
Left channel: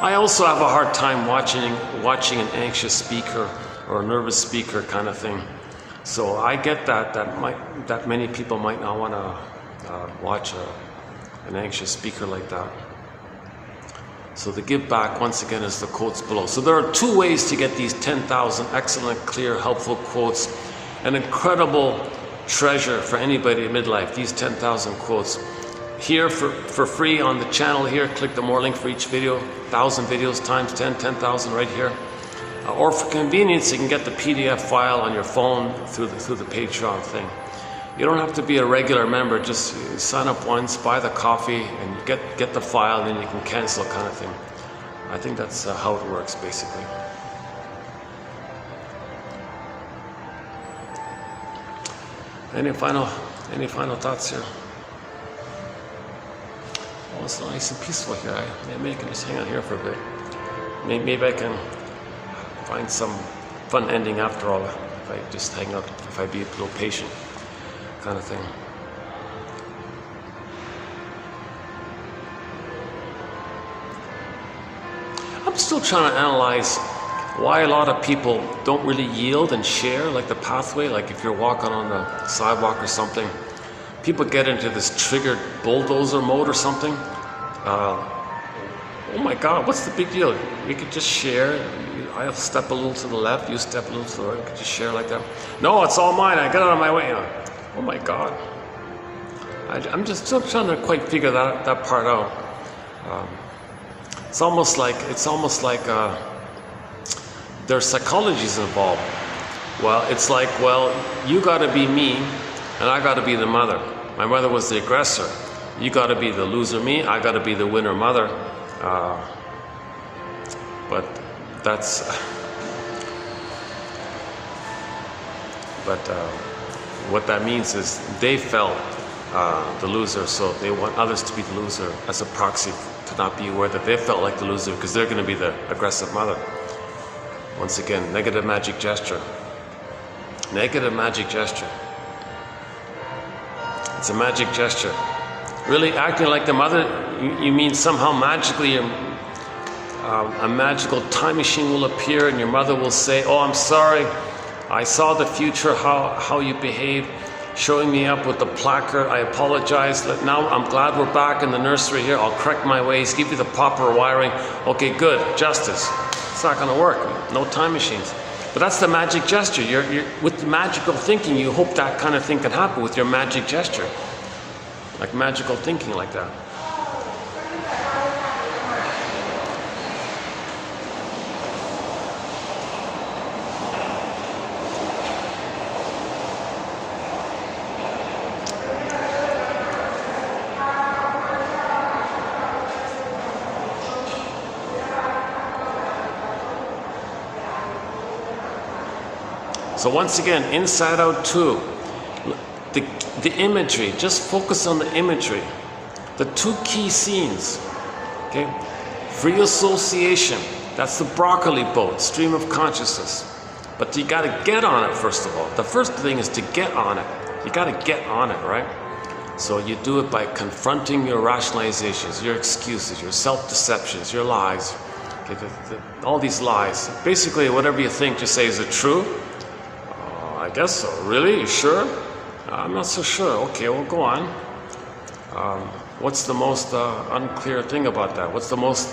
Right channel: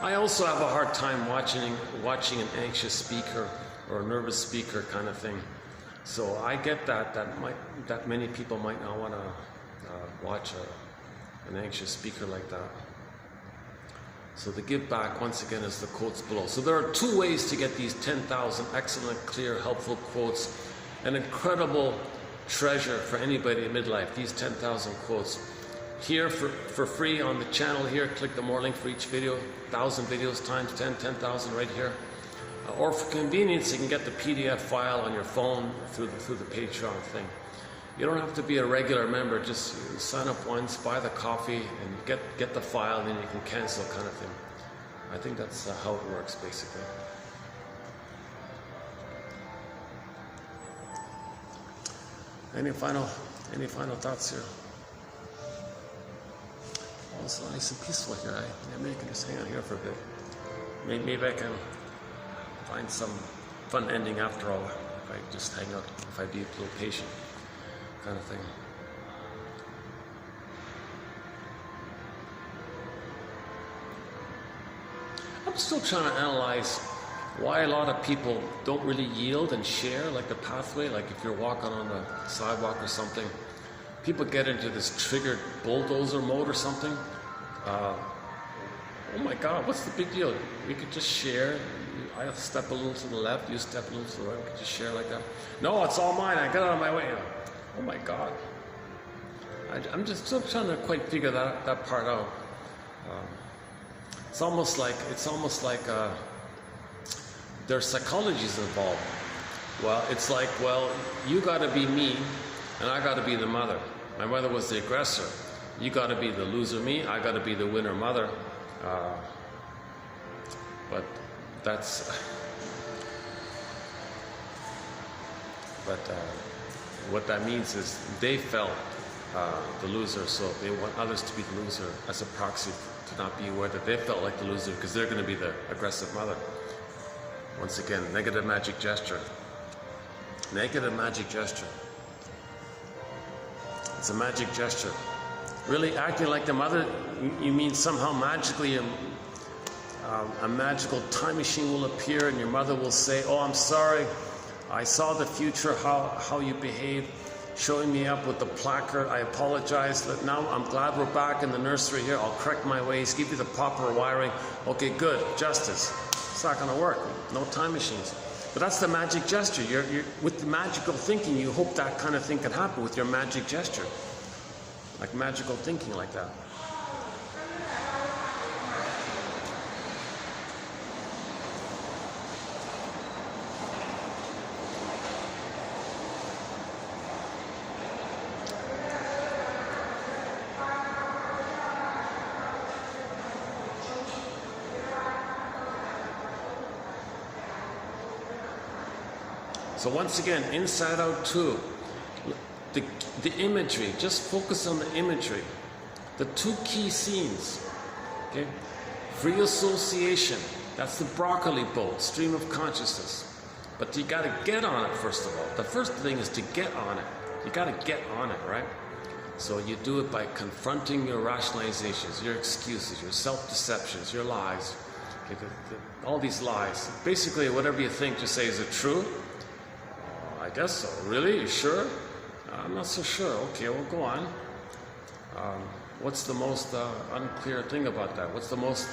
I also have a hard time watching an anxious speaker or a nervous speaker kind of thing. So I get that many people might not want to watch an anxious speaker like that. So the give back, once again, is the quotes below. So there are 2 ways to get these 10,000 excellent, clear, helpful quotes. An incredible treasure for anybody in midlife, these 10,000 quotes. Here for free on the channel here, click the more link for each video, 1,000 videos times 10,000 right here. Or for convenience, you can get the PDF file on your phone through the Patreon thing. You don't have to be a regular member, just sign up once, buy the coffee, and get the file, and then you can cancel kind of thing. I think that's how it works, basically. Any final thoughts here? Oh, it's nice and peaceful here. Maybe I can just hang out here for a bit. Maybe I can find some fun ending after all if I just hang out, if I be a little patient, kind of thing. I'm still trying to analyze why a lot of people don't really yield and share, like the pathway, like if you're walking on the sidewalk or something, people get into this triggered bulldozer mode or something. Oh my God, what's the big deal? We could just share. I'll step a little to the left, you step a little to the right, we could just share like that. No, it's all mine, I get out of my way. Oh my God. I'm just still trying to quite figure that part out. It's almost like there's psychologies involved. Well, it's like, well, you got to be me, and I got to be the mother. My mother was the aggressor. You got to be the loser me, I got to be the winner mother. But that's... what that means is they felt the loser, so they want others to be the loser as a proxy to not be aware that they felt like the loser because they're going to be the aggressive mother. Once again, negative magic gesture. Negative magic gesture. It's a magic gesture. Really acting like the mother, you mean somehow magically a magical time machine will appear and your mother will say, oh, I'm sorry, I saw the future, how you behave, showing me up with the placard, I apologize, now I'm glad we're back in the nursery here, I'll correct my ways, give you the proper wiring, okay, good, justice. It's not going to work, no time machines. But that's the magic gesture. You're with the magical thinking, you hope that kind of thing can happen with your magic gesture. Like magical thinking like that. So once again, Inside Out 2, the imagery, just focus on the imagery. The 2 key scenes, okay? Free association, that's the broccoli boat, stream of consciousness. But you gotta get on it first of all. The first thing is to get on it. You gotta get on it, right? So you do it by confronting your rationalizations, your excuses, your self-deceptions, your lies. Okay, all these lies. Basically, whatever you think, just say, is it true? I guess so. Really? You sure? I'm not so sure. Okay, well, go on. What's the most unclear thing about that? What's the most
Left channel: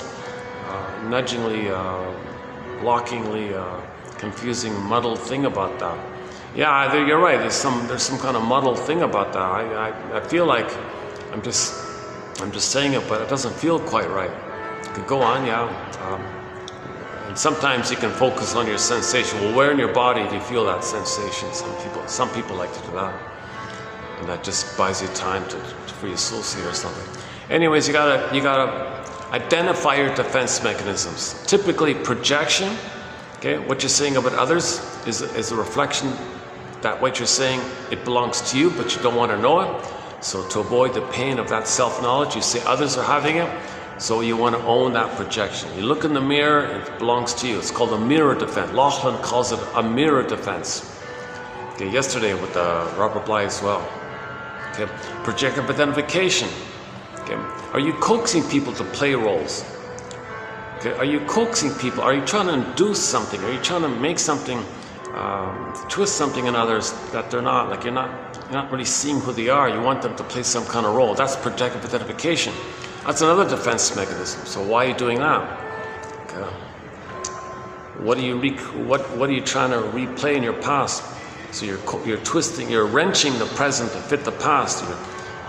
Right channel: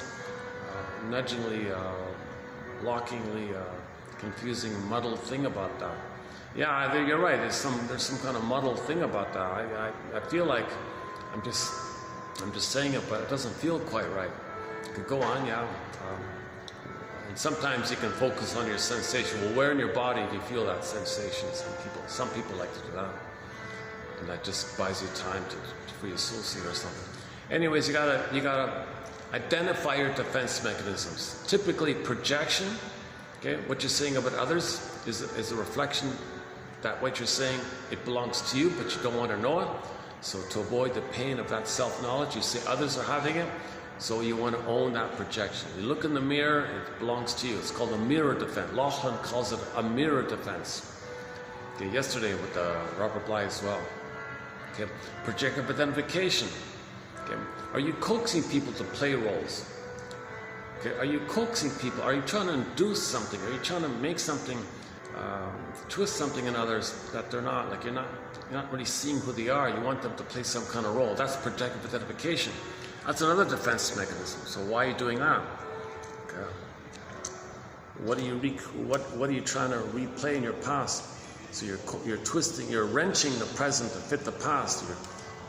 nudgingly, blockingly, confusing, muddled thing about that? Yeah, you're right. There's some kind of muddled thing about that. I feel like I'm just saying it, but it doesn't feel quite right. You could go on, yeah. And sometimes you can focus on your sensation. Well, where in your body do you feel that sensation? Some people like to do that, and that just buys you time for your soul seed or something. Anyways, you gotta identify your defense mechanisms. Typically, projection. Okay, what you're saying about others is a reflection that what you're saying, it belongs to you, but you don't want to know it. So to avoid the pain of that self-knowledge, you say others are having it, so you want to own that projection. You look in the mirror, it belongs to you. It's called a mirror defense. Laughlin calls it a mirror defense. Okay, yesterday with Robert Bly as well. Okay, projective identification. Okay, are you coaxing people to play roles? Okay, are you coaxing people? Are you trying to induce something? Are you trying to make something, twist something in others that they're not? Like you're not really seeing who they are. You want them to play some kind of role. That's projective identification. That's another defense mechanism. So why are you doing that? Okay. What are you trying to replay in your past? So you're twisting, you're wrenching the present to fit the past.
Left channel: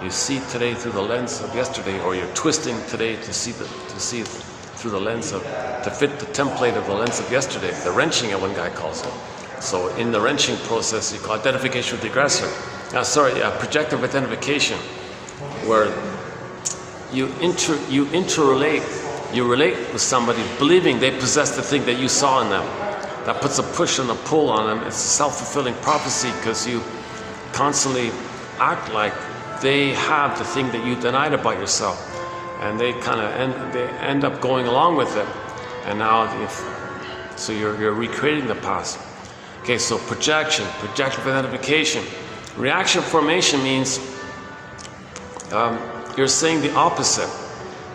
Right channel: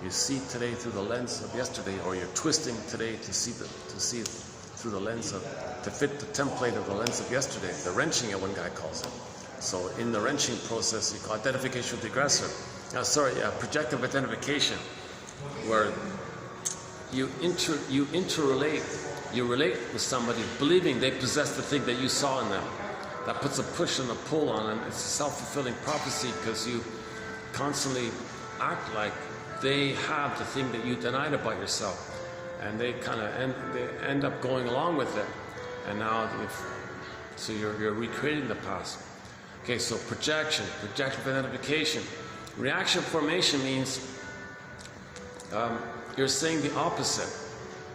You see today through the lens of yesterday, or you're twisting today to see through the lens of, to fit the template of the lens of yesterday. The wrenching, one guy calls it. So in the wrenching process, you call identification with the aggressor. Projective identification, where you interrelate, you relate with somebody believing they possess the thing that you saw in them. That puts a push and a pull on them. It's a self-fulfilling prophecy because you constantly act like they have the thing that you denied about yourself. And they kind of end up going along with it, and now so you're recreating the past. Okay, so projective identification, reaction formation means you're saying the opposite.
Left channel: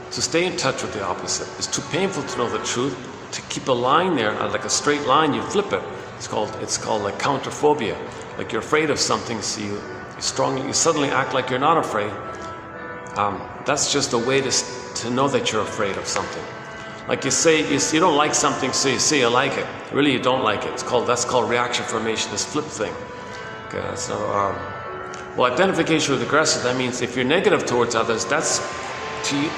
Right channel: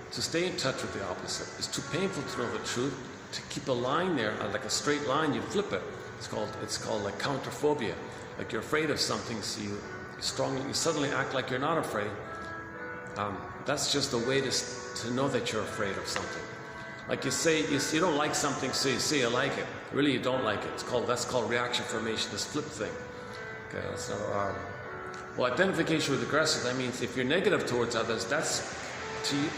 So stay in touch with the opposite. It's too painful to know the truth. To keep a line there, like a straight line, you flip it. It's called like counterphobia. Like you're afraid of something, so you suddenly act like you're not afraid. That's just a way to know that you're afraid of something. Like you don't like something, so you say you like it. Really, you don't like it. That's called reaction formation. This flip thing. Okay, so well, identification with the aggressor. That means if you're negative towards others, that's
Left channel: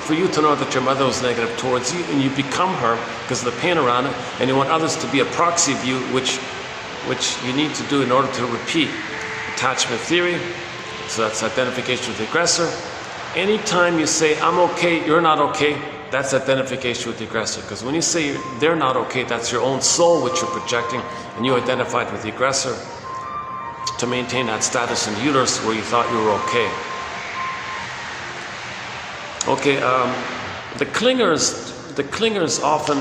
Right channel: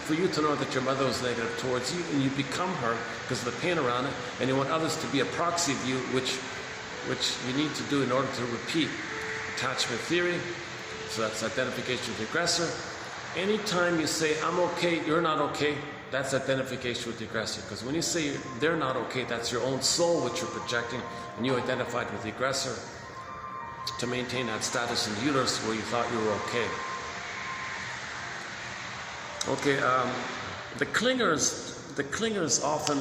for you to know that your mother was negative towards you, and you become her because of the pain around it, and you want others to be a proxy of you, which you need to do in order to repeat. Attachment theory. So that's identification with the aggressor. Anytime you say, I'm okay, you're not okay, that's identification with the aggressor. Because when you say they're not okay, that's your own soul which you're projecting, and you identified with the aggressor to maintain that status in the universe where you thought you were okay. Okay, the clingers often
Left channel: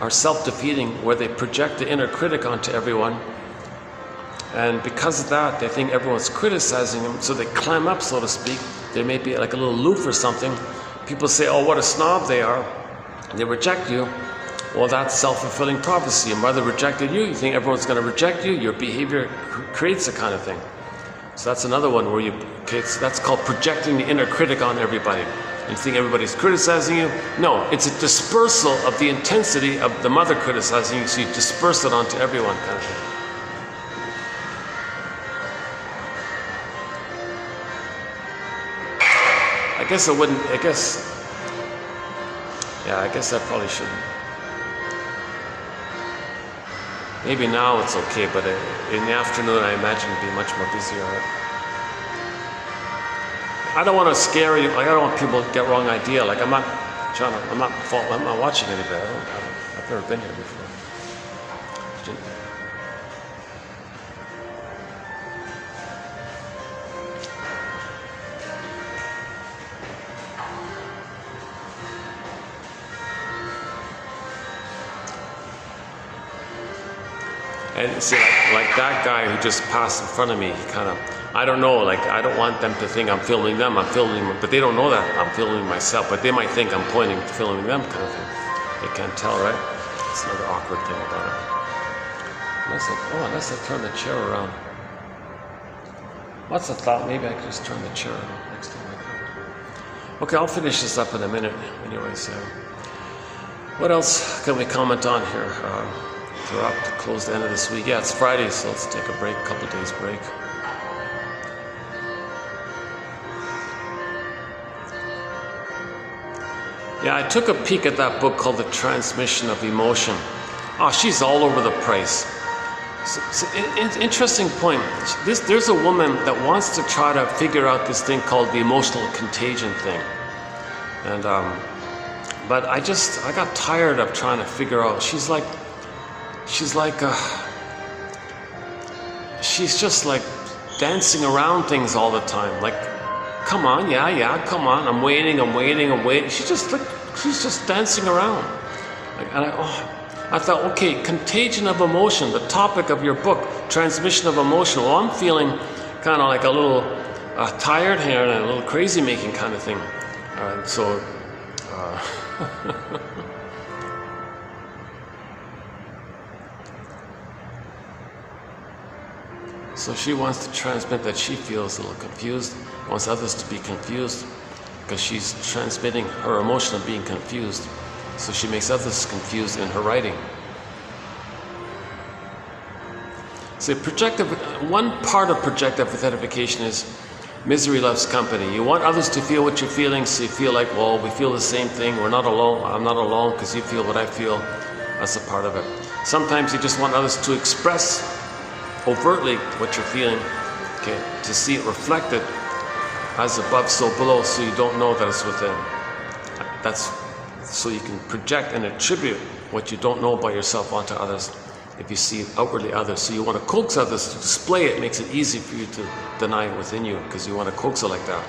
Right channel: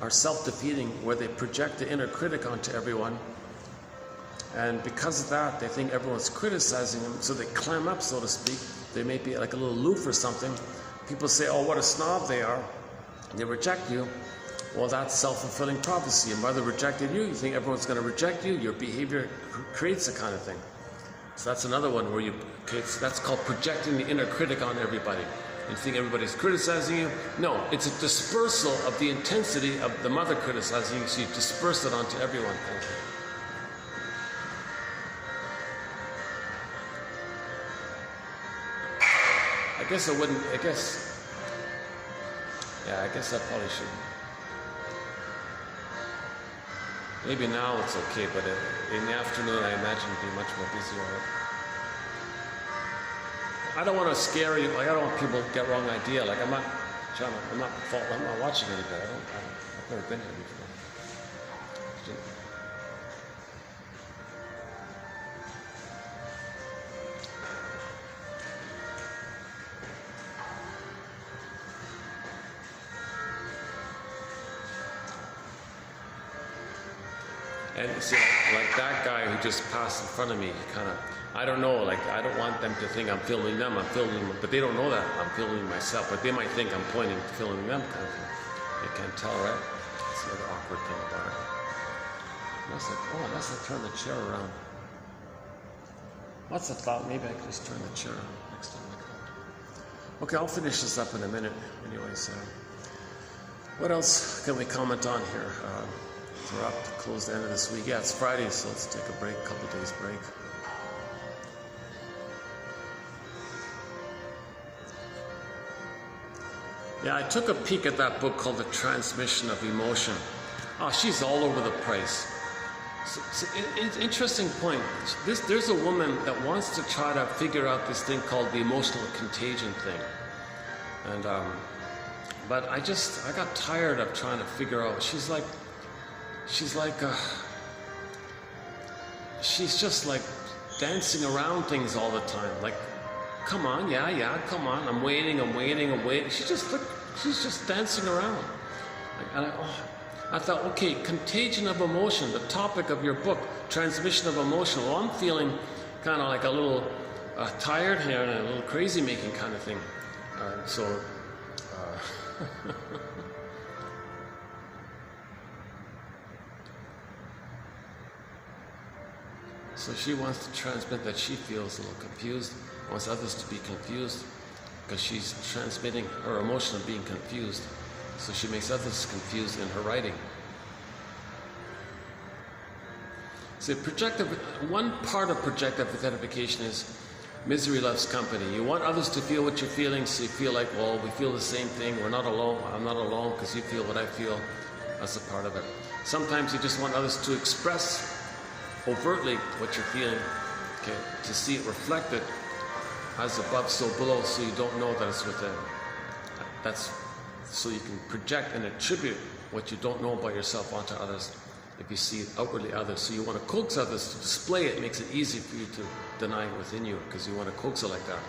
are self-defeating, where they project the inner critic onto everyone. And because of that, they think everyone's criticizing them, so they climb up, so to speak. They may be like a little aloof or something. People say, oh, what a snob they are. They reject you. Well, that's self-fulfilling prophecy. Your mother rejected you. You think everyone's going to reject you. Your behavior creates a kind of thing. So that's another one where so that's called projecting the inner critic on everybody. You think everybody's criticizing you. No, it's a dispersal of the intensity of the mother criticizing you, so you disperse it onto everyone, kind of thing. I guess I probably shouldn't. Maybe now it's okay, but in the afternoon I imagine it'd be much more busier. I don't want to scare you. Like, I don't want people to get wrong idea. Like, I'm not watching anybody. I've never been here before. And see, like that guy who just passed in front of me, he kind of, I don't know, like, I don't want them to think I'm filming them, but they don't know that I'm filming myself, but they might think I'm filming them, kind of thing. They can't tell, right? It's another awkward thing about it. Unless I turn the chair around. What's the thought? Maybe I could just turn the chair around next to me. Okay, I'll finish this up in a minute. Anyway, so what else can we comment on here? they're up to close the end of this week. Yeah, it's Friday, so let's take a break, a couple days break. Yeah, I took a peek at that book called The Transmission of Emotion. Oh, she's all over the place. Interesting point. There's a woman that wants to try to figure out this thing called the emotional contagion thing. And, but I got tired of trying to figure out. She's just like dancing around things all the time. Like, come on, yeah, come on. I'm waiting. She's just dancing around. And I thought, okay, contagion of emotion, the topic of your book, transmission of emotion. Well, I'm feeling kind of like a little tired here and a little crazy making kind of thing. So she wants to transmit that she feels a little confused, wants others to be confused, because she's transmitting her emotion of being confused. So she makes others confused in her writing. So one part of projective identification is misery loves company. You want others to feel what you're feeling, so you feel like, well, we feel the same thing. We're not alone. I'm not alone because you feel what I feel. That's a part of it. Sometimes you just want others to express overtly what you're feeling, okay, to see it reflected as above, so below, so you don't know that it's within. That's so you can project and attribute what you don't know about yourself onto others if you see it outwardly others. So you want to coax others to display it. It makes it easy for you to deny it within you because you want to coax it like that.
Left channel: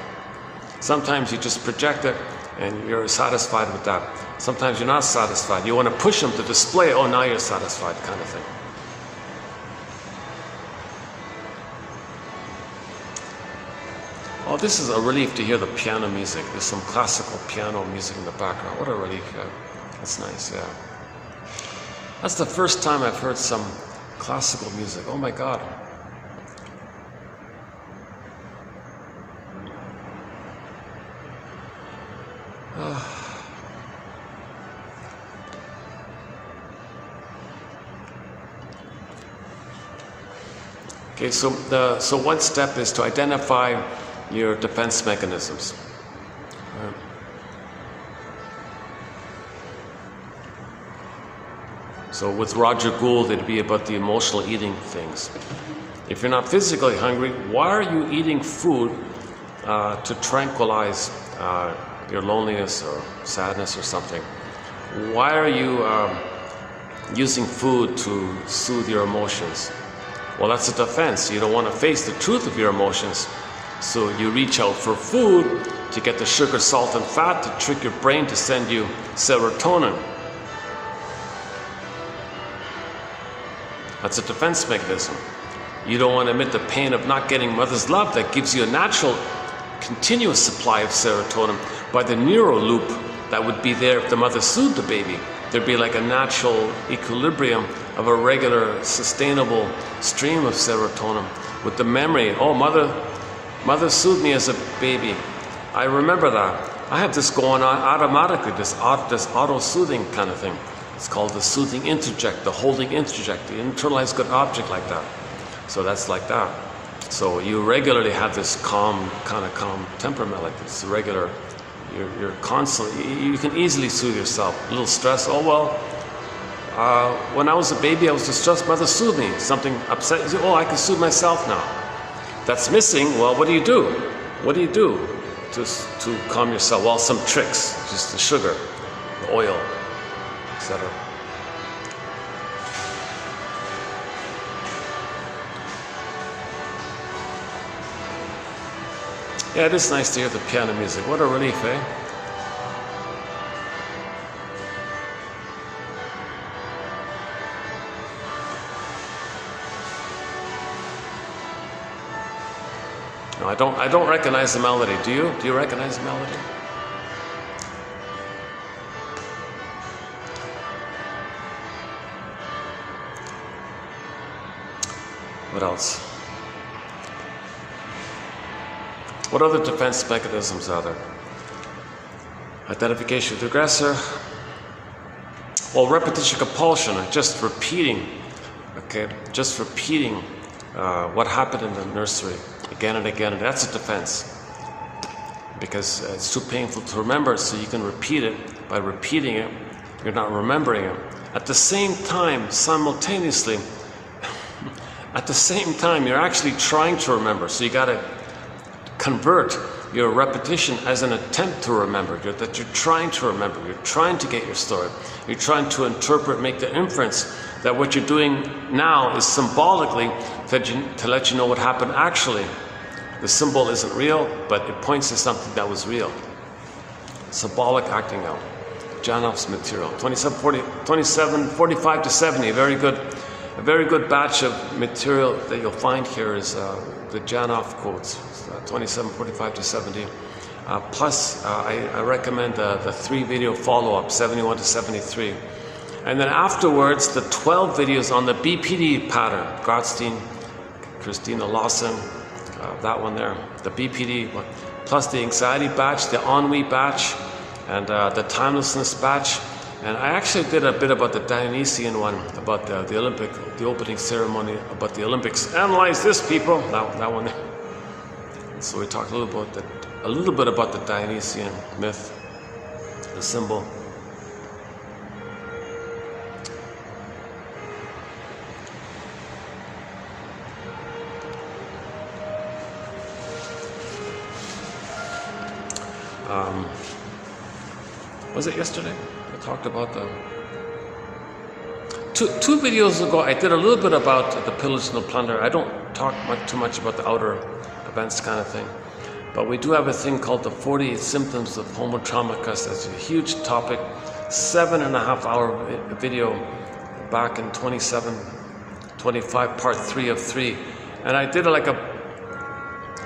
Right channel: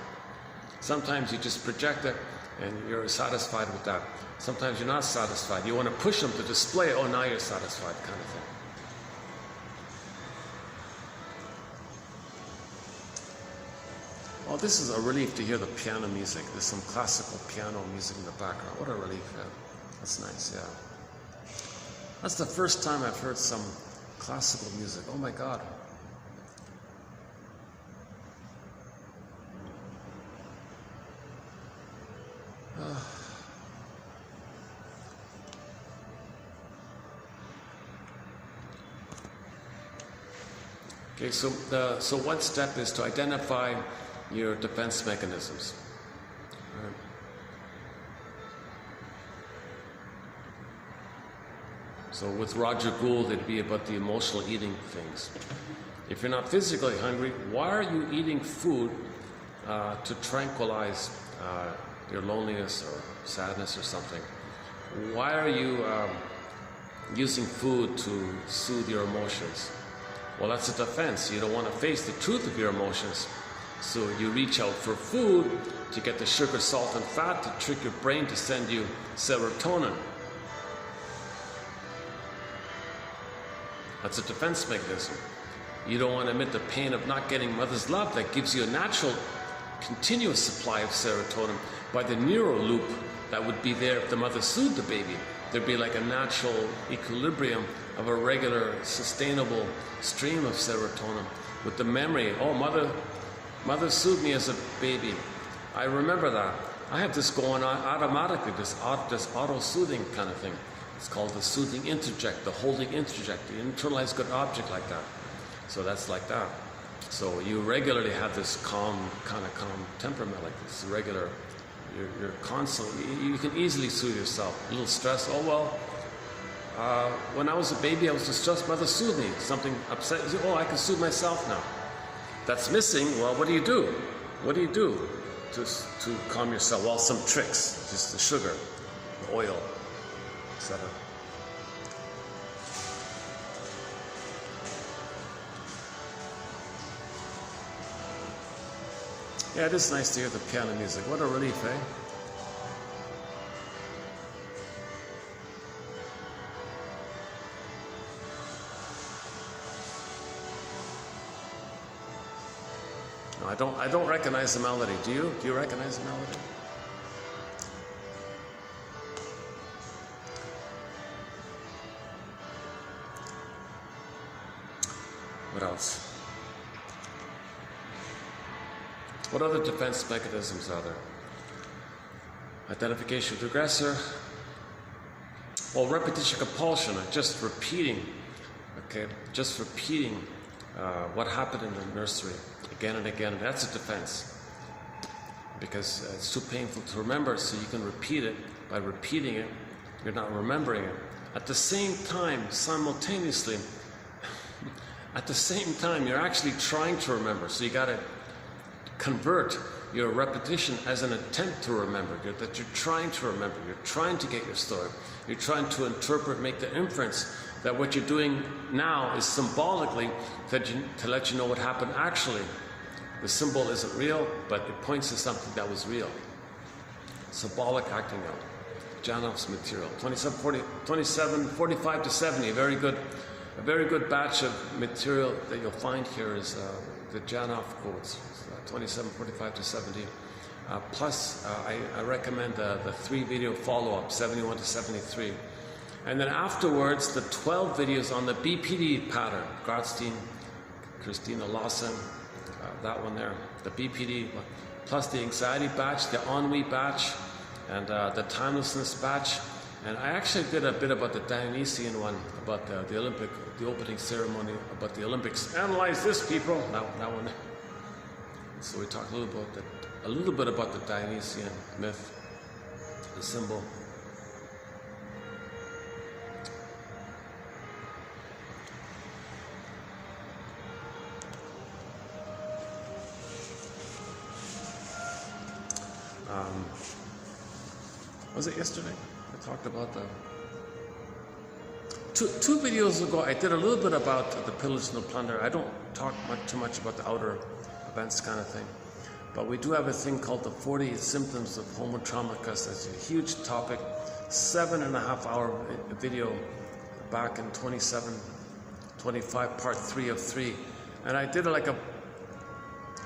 Sometimes you just project it and you're satisfied with that. Sometimes you're not satisfied. You want to push them to display it. Oh, now you're satisfied, kind of thing. Oh, this is a relief to hear the piano music. There's some classical piano music in the background. What a relief, yeah. That's nice, yeah. That's the first time I've heard some classical music. Oh my God. Okay, so one step is to identify your defense mechanisms. So with Roger Gould, it'd be about the emotional eating things. If you're not physically hungry, why are you eating food to tranquilize your loneliness or sadness or something? Why are you using food to soothe your emotions? Well, that's a defense. You don't want to face the truth of your emotions. So you reach out for food to get the sugar, salt, and fat to trick your brain to send you serotonin. That's a defense mechanism. You don't want to admit the pain of not getting mother's love that gives you a natural, continuous supply of serotonin by the neural loop that would be there if the mother soothed the baby. There'd be like a natural equilibrium of a regular, sustainable stream of serotonin with the memory. Oh, mother soothed me as a baby. I remember that. I have this going on automatically, this auto-soothing kind of thing. It's called the soothing interject, the holding interject, the internalized good object like that. So that's like that. So you regularly have this calm temperament like this, regular, you're constantly, you can easily soothe yourself. A little stress, oh well, when I was a baby I was distressed, mother soothed me. Something upset, you say, oh, I can soothe myself now. That's missing, well, what do you do? What do you do to calm yourself? Well, some tricks, just the sugar, the oil, etc. Yeah, it is nice to hear the piano music. What a relief, eh? No, I don't recognize the melody. Do you? Do you recognize the melody? What else? What other defense mechanisms are there? Identification with the aggressor, Well, repetition compulsion, just repeating, okay, just repeating what happened in the nursery again and again, and that's a defense. Because it's too painful to remember, so you can repeat it. By repeating it, you're not remembering it. At the same time, simultaneously, at the same time, you're actually trying to remember. So you got to convert your repetition as an attempt to remember, that you're trying to remember. You're trying to get your story. You're trying to interpret, make the inference that what you're doing now is symbolically to let you know what happened actually. The symbol isn't real, but it points to something that was real. Symbolic acting out. Janoff's material. 2745 to 70. A very good batch of material that you'll find here is the Janoff quotes. 2745 to 70. Plus, I recommend the 3 video follow-up, 71 to 73. And then afterwards, the 12 videos on the BPD pattern. Gratstein, Christina Lawson, that one there, the BPD, plus the anxiety batch, the ennui batch, and the timelessness batch. And I actually did a bit about the Dionysian one, about the opening ceremony, about the Olympics. Analyze this, people. That one there. So we talked a little bit about the Dionysian myth, the symbol. Was it yesterday? I talked about the two videos ago. I did a little bit about the pillage and the plunder. I don't talk too much about the outer events kind of thing, but we do have a thing called the 48 symptoms of homo traumicus. That's a huge topic. 7.5 hour video back in 27-25, part 3 of 3, and I did like a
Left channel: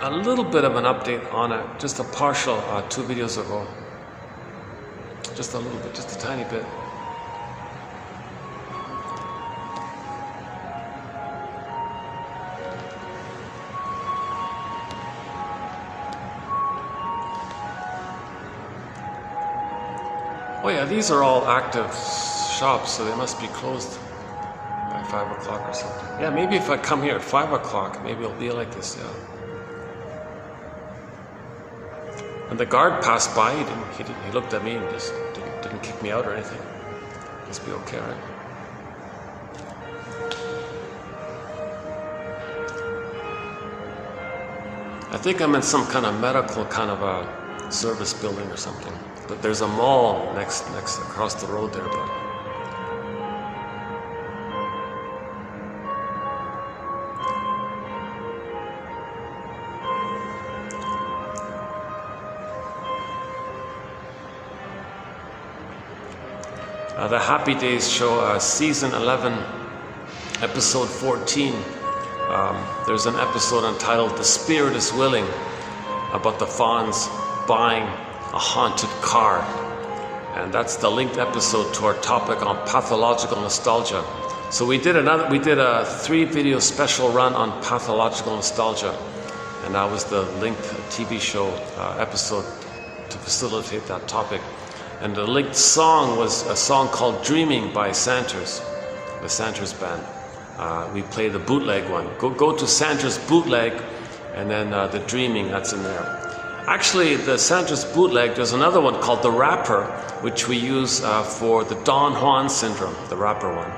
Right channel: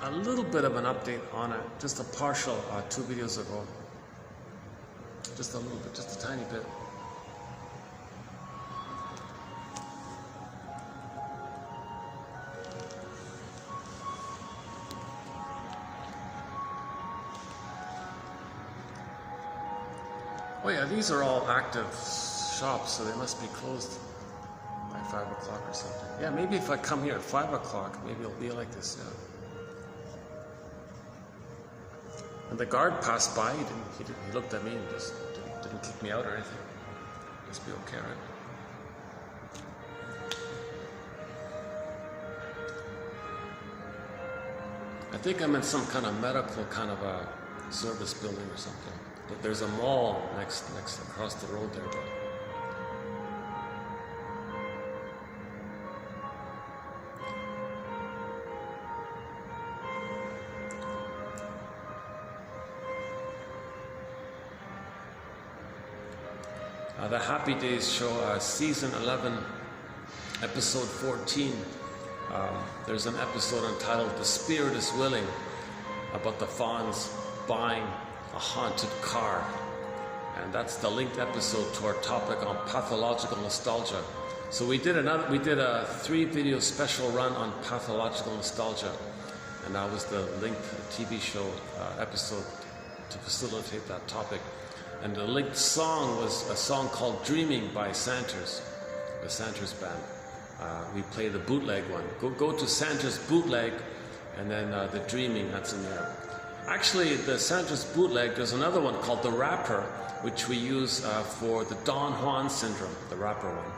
little bit of an update on it, just a partial 2 videos ago. Just a little bit, just a tiny bit. Oh yeah, these are all active shops, so they must be closed by 5 o'clock or something. Yeah, maybe if I come here at 5 o'clock, maybe it'll be like this, yeah. When the guard passed by, he looked at me and just didn't kick me out or anything. Just be okay, right? I think I'm in some kind of medical kind of a service building or something. But there's a mall next across the road there, but the Happy Days show, season 11, episode 14. There's an episode entitled "The Spirit is Willing," about the Fawns buying a haunted car, and that's the linked episode to our topic on pathological nostalgia. So we did a 3 video special run on pathological nostalgia, and that was the linked TV show episode to facilitate that topic. And the linked song was a song called "Dreaming" by Santers, the Santers band. We played the bootleg one. Go to Santers bootleg, and then the "Dreaming," that's in there. Actually, the Santers bootleg, there's another one called "The Rapper," which we use for the Don Juan syndrome, the rapper one.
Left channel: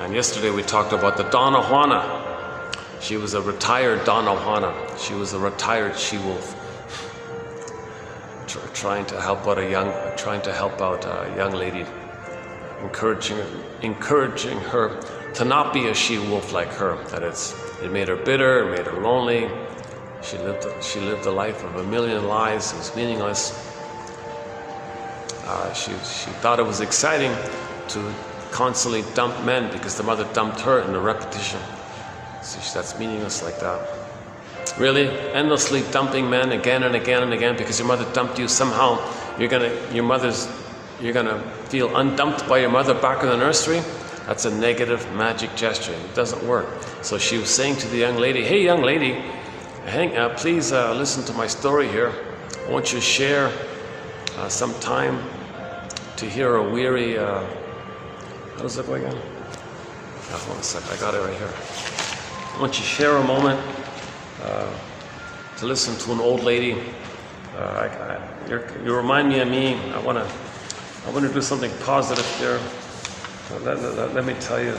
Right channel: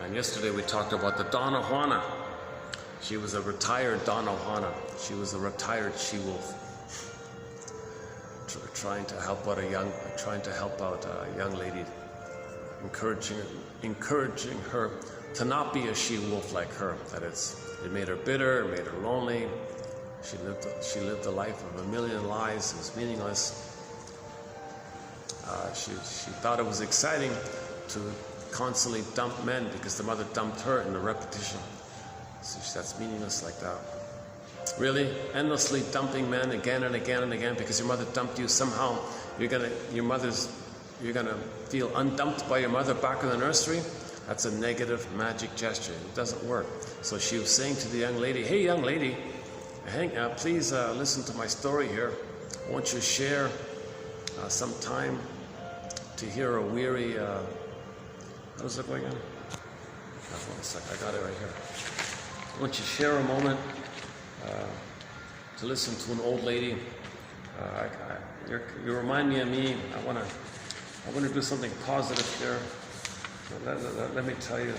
And yesterday we talked about the Donna Juana. She was a retired Donna Juana. She was a retired she-wolf, trying to help out a young lady, encouraging her to not be a she-wolf like her. That it made her bitter, it made her lonely. She lived a life of a million lies. It was meaningless. She thought it was exciting to constantly dump men because the mother dumped her in the repetition. So that's meaningless like that. Really, endlessly dumping men again and again and again because your mother dumped you. Somehow you're gonna feel undumped by your mother back in the nursery. That's a negative magic gesture. It doesn't work. So she was saying to the young lady, "Hey, young lady, please listen to my story here. I want you to share some time to hear a weary, how's it going on? Hold on a sec, I got it right here. I want you to share a moment to listen to an old lady. You remind me of me. I want to do something positive here. Let me tell you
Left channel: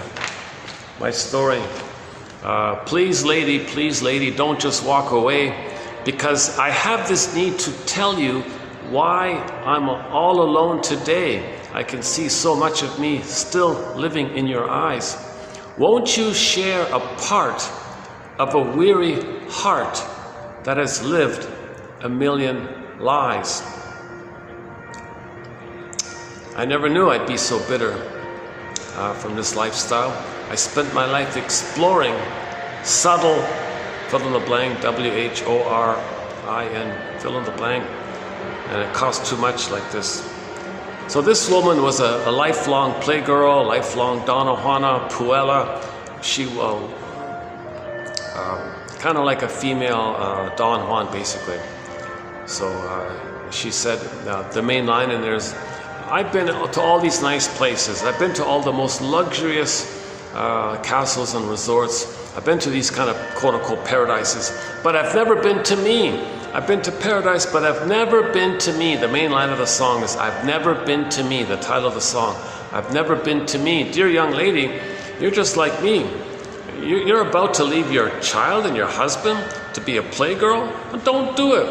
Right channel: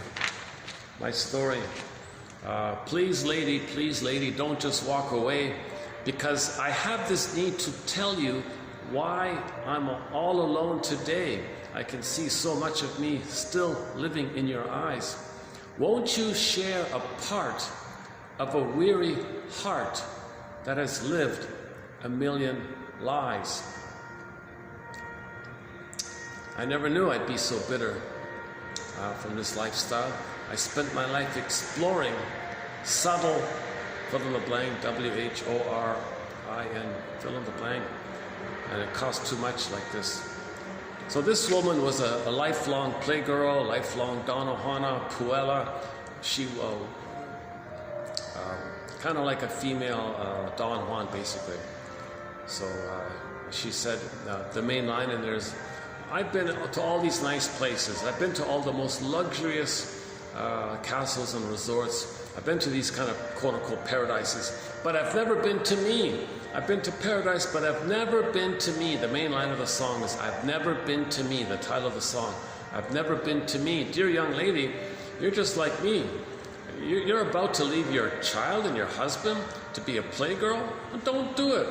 my story. Please lady, don't just walk away, because I have this need to tell you why I'm all alone today. I can see so much of me still living in your eyes. Won't you share a part of a weary heart that has lived a million lies? I never knew I'd be so bitter from this lifestyle. I spent my life exploring subtle, fill in the blank, WHORIN, fill in the blank, and it cost too much like this. So this woman was a lifelong playgirl, lifelong Donna Juana Puella. She kind of like a female Don Juan, basically. So she said, the main line in there is, I've been to all these nice places. I've been to all the most luxurious castles and resorts. I've been to these kind of quote-unquote paradises, but I've never been to me. I've been to paradise, but I've never been to me. The main line of the song is, I've never been to me, the title of the song. I've never been to me. Dear young lady, you're just like me. You're about to leave your child and your husband to be a playgirl? Don't do it.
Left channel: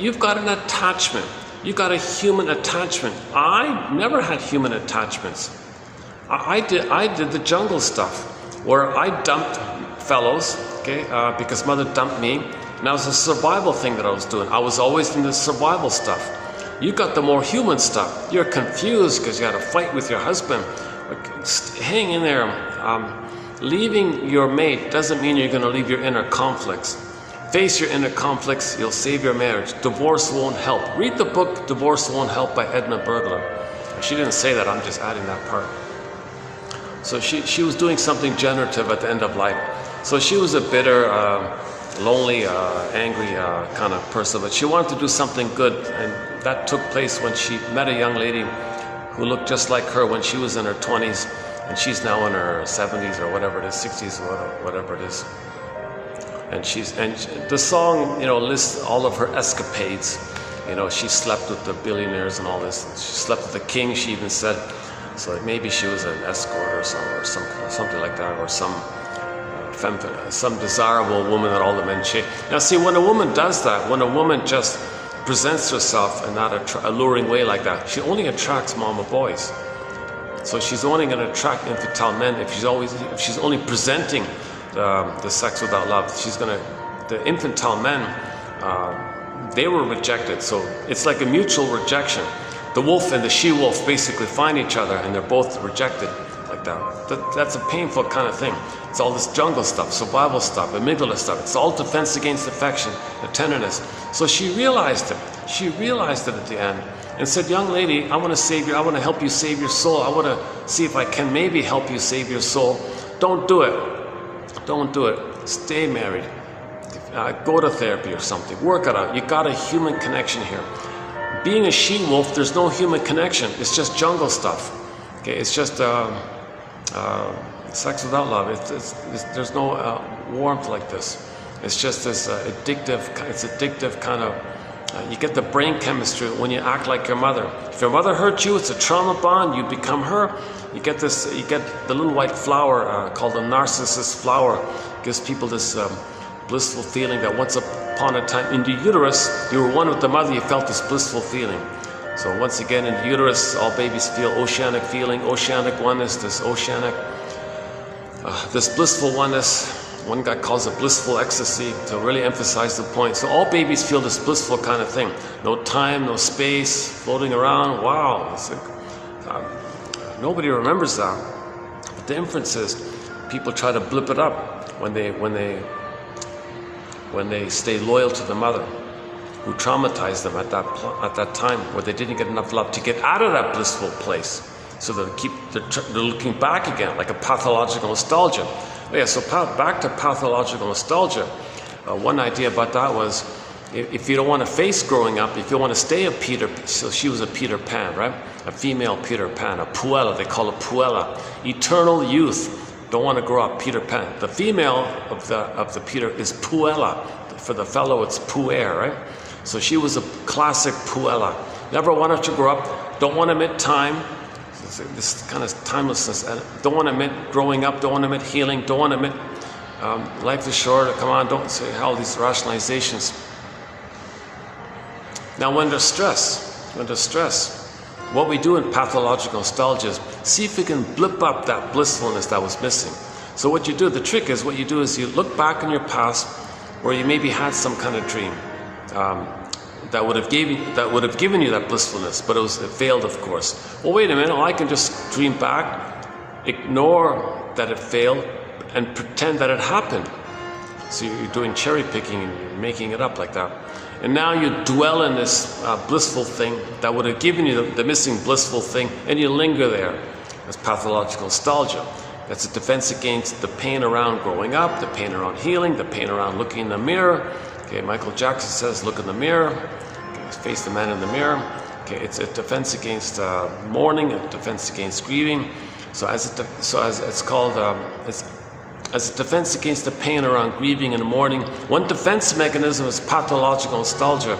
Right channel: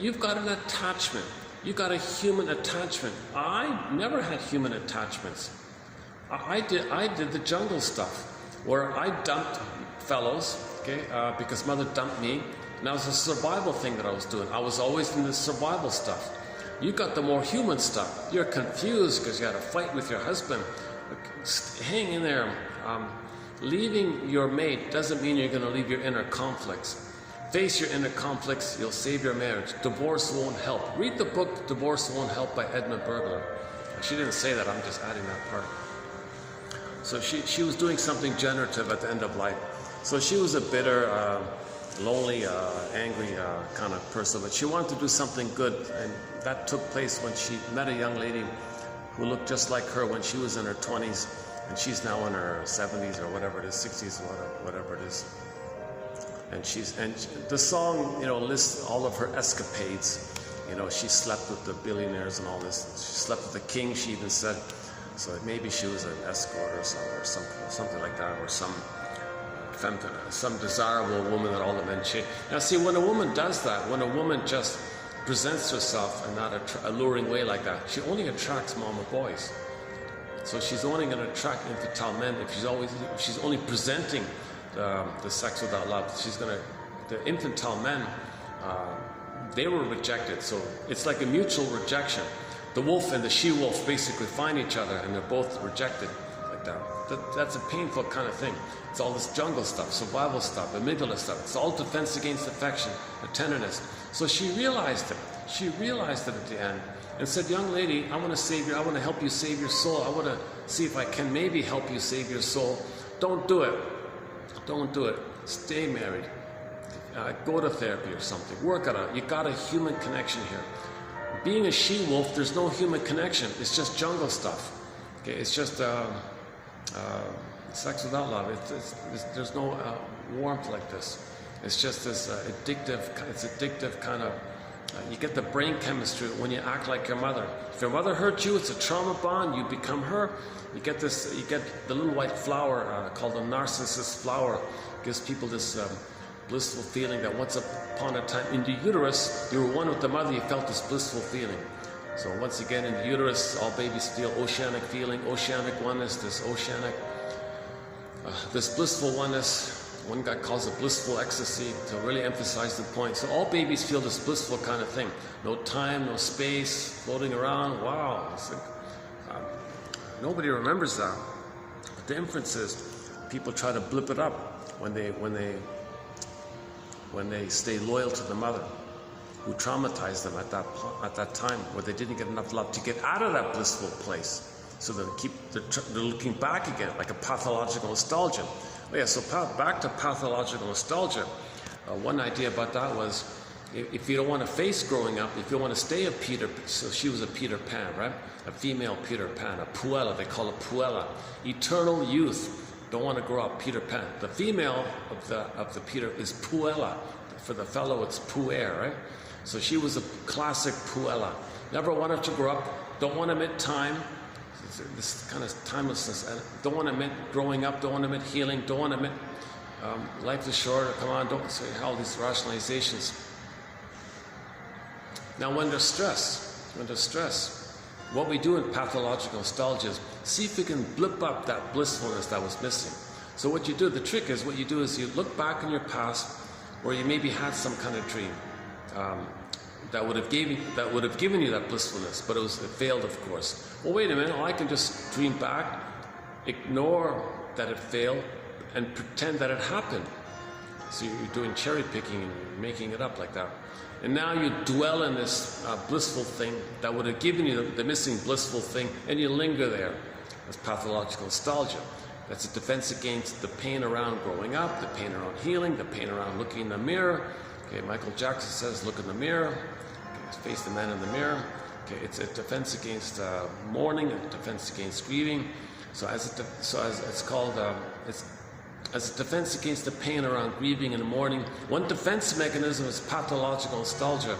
You've got an attachment. You've got a human attachment. I never had human attachments. I did the jungle stuff, where I dumped fellows, okay, because mother dumped me. And that was a survival thing that I was doing. I was always in the survival stuff. You got the more human stuff. You're confused because you had a fight with your husband. Hang in there. Leaving your mate doesn't mean you're going to leave your inner conflicts. Face your inner conflicts, you'll save your marriage. Divorce won't help. Read the book Divorce Won't Help by Edna Bergler. She didn't say that, I'm just adding that part. So she was doing something generative at the end of life. So she was a bitter, lonely, angry kind of person, but she wanted to do something good, and that took place when she met a young lady who looked just like her when she was in her 20s, and she's now in her 70s or whatever it is, 60s or whatever it is. And the song, lists all of her escapades. She slept with the billionaires and all this. She slept with the king, she even said. So maybe she was an escort or something like that, or some desirable woman that all the men chase. Now see, when a woman does that, when a woman just presents herself in that alluring way like that, she only attracts mama boys. So she's only going to attract infantile men if she's only presenting the sex without love. The infantile men, they were rejected. So it's like a mutual rejection. The wolf and the she-wolf basically find each other and they're both rejected like that. That's a painful kind of thing. It's all this jungle stuff, survival stuff, amygdala stuff. It's all defense against affection, the tenderness. So she realized it. She realized it at the end and said, young lady, I want to help you save your soul. I want to see if I can maybe help you save your soul. Don't do it. Don't do it. Stay married. Go to therapy or something. Work it out. You got a human connection here. Being a she-wolf, there's no human connection. It's just jungle stuff. Okay, it's just sex without love. There's no warmth like this. It's just this addictive kind of. You get the brain chemistry when you act like your mother. If your mother hurt you, it's a trauma bond. You become her. You get the little white flower called the narcissus flower. It gives people this blissful feeling that once upon a time in the uterus, you were one with the mother, you felt this blissful feeling. So once again, in the uterus, all babies feel oceanic feeling, oceanic oneness, this blissful oneness. One guy calls it blissful ecstasy to really emphasize the point. So all babies feel this blissful kind of thing. No time, no space, floating around. Wow. Nobody remembers that. But the inference is people try to blip it up when they stay loyal to the mother who traumatized them at that time where they didn't get enough love to get out of that blissful place. So they're looking back again, like a pathological nostalgia. Yeah, so back to pathological nostalgia. One idea about that was if you don't want to face growing up, if you want to stay a Peter, so she was a Peter Pan, right? A female Peter Pan, a puella, they call it puella. Eternal youth, don't want to grow up, Peter Pan. The female of the Peter is puella. For the fellow, it's puer, right? So she was a classic puella. Never wanted to grow up, don't want to admit time, this kind of timelessness, don't want to admit growing up, don't want to admit healing, don't want to admit life is short, come on, don't say all these rationalizations. Now when there's stress, what we do in pathological nostalgia is see if we can blip up that blissfulness that was missing. So what you do, the trick is, what you do is you look back in your past where you maybe had some kind of dream that would have given you that blissfulness, but it failed, of course. Well, wait a minute, I can just dream back, ignore that it failed, and pretend that it happened. So you're doing cherry picking and you're making it up like that. And now you dwell in this blissful thing that would have given you the missing blissful thing, and you linger there. That's pathological nostalgia. That's a defense against the pain around growing up, the pain around healing, the pain around looking in the mirror. Okay, Michael Jackson says, look in the mirror. Okay, face the man in the mirror. Okay, it's a defense against mourning, a defense against grieving. So as a defense against the pain around grieving and mourning, one defense mechanism is pathological nostalgia,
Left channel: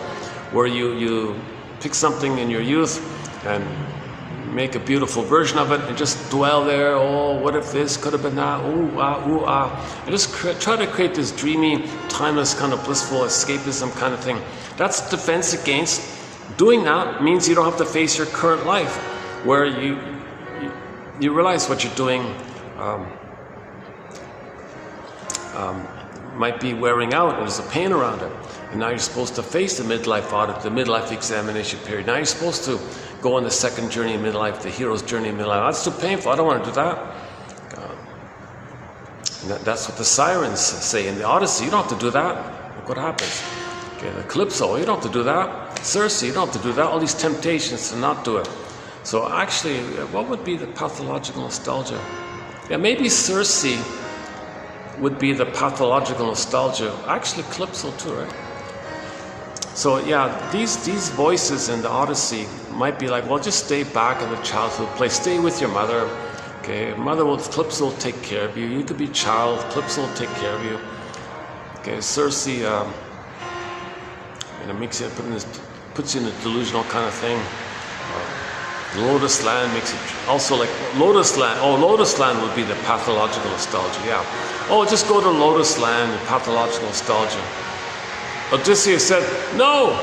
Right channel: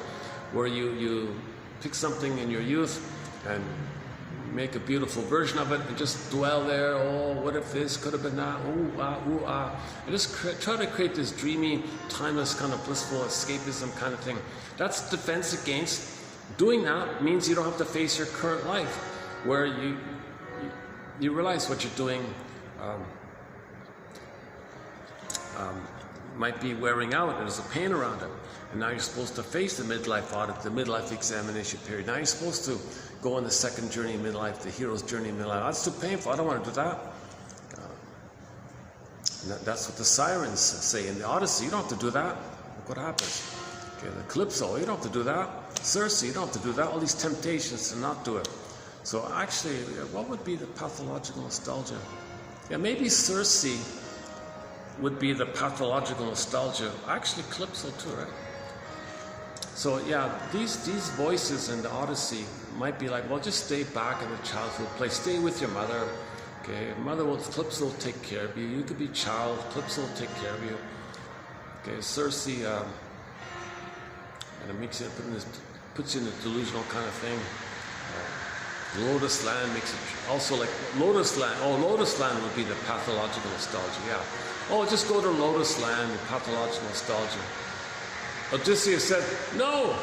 where you pick something in your youth and make a beautiful version of it and just dwell there. Oh, what if this could have been that? Ooh, ah, ooh, ah. And just try to create this dreamy, timeless, kind of blissful escapism kind of thing. That's defense against. Doing that means you don't have to face your current life, where you realize what you're doing might be wearing out, and there's a pain around it. And now you're supposed to face the midlife audit, the midlife examination period. Now you're supposed to go on the second journey in midlife, the hero's journey in midlife. That's too painful, I don't want to do that. That's what the sirens say in the Odyssey. You don't have to do that. Look what happens. Okay, the Calypso, you don't have to do that. Circe, you don't have to do that. All these temptations to not do it. So actually, what would be the pathological nostalgia? Yeah, maybe Circe would be the pathological nostalgia. Actually, Calypso too, right? So yeah, these voices in the Odyssey might be like, well, just stay back in the childhood place. Stay with your mother. Okay, Calypso will take care of you. You could be child, Calypso will take care of you. Okay, Circe, makes you puts you in a delusional kind of thing. Lotus Land makes it also like Lotus Land. Oh, Lotus Land would be the pathological nostalgia. Yeah. Oh, just go to Lotus Land, pathological nostalgia. Odysseus said, no,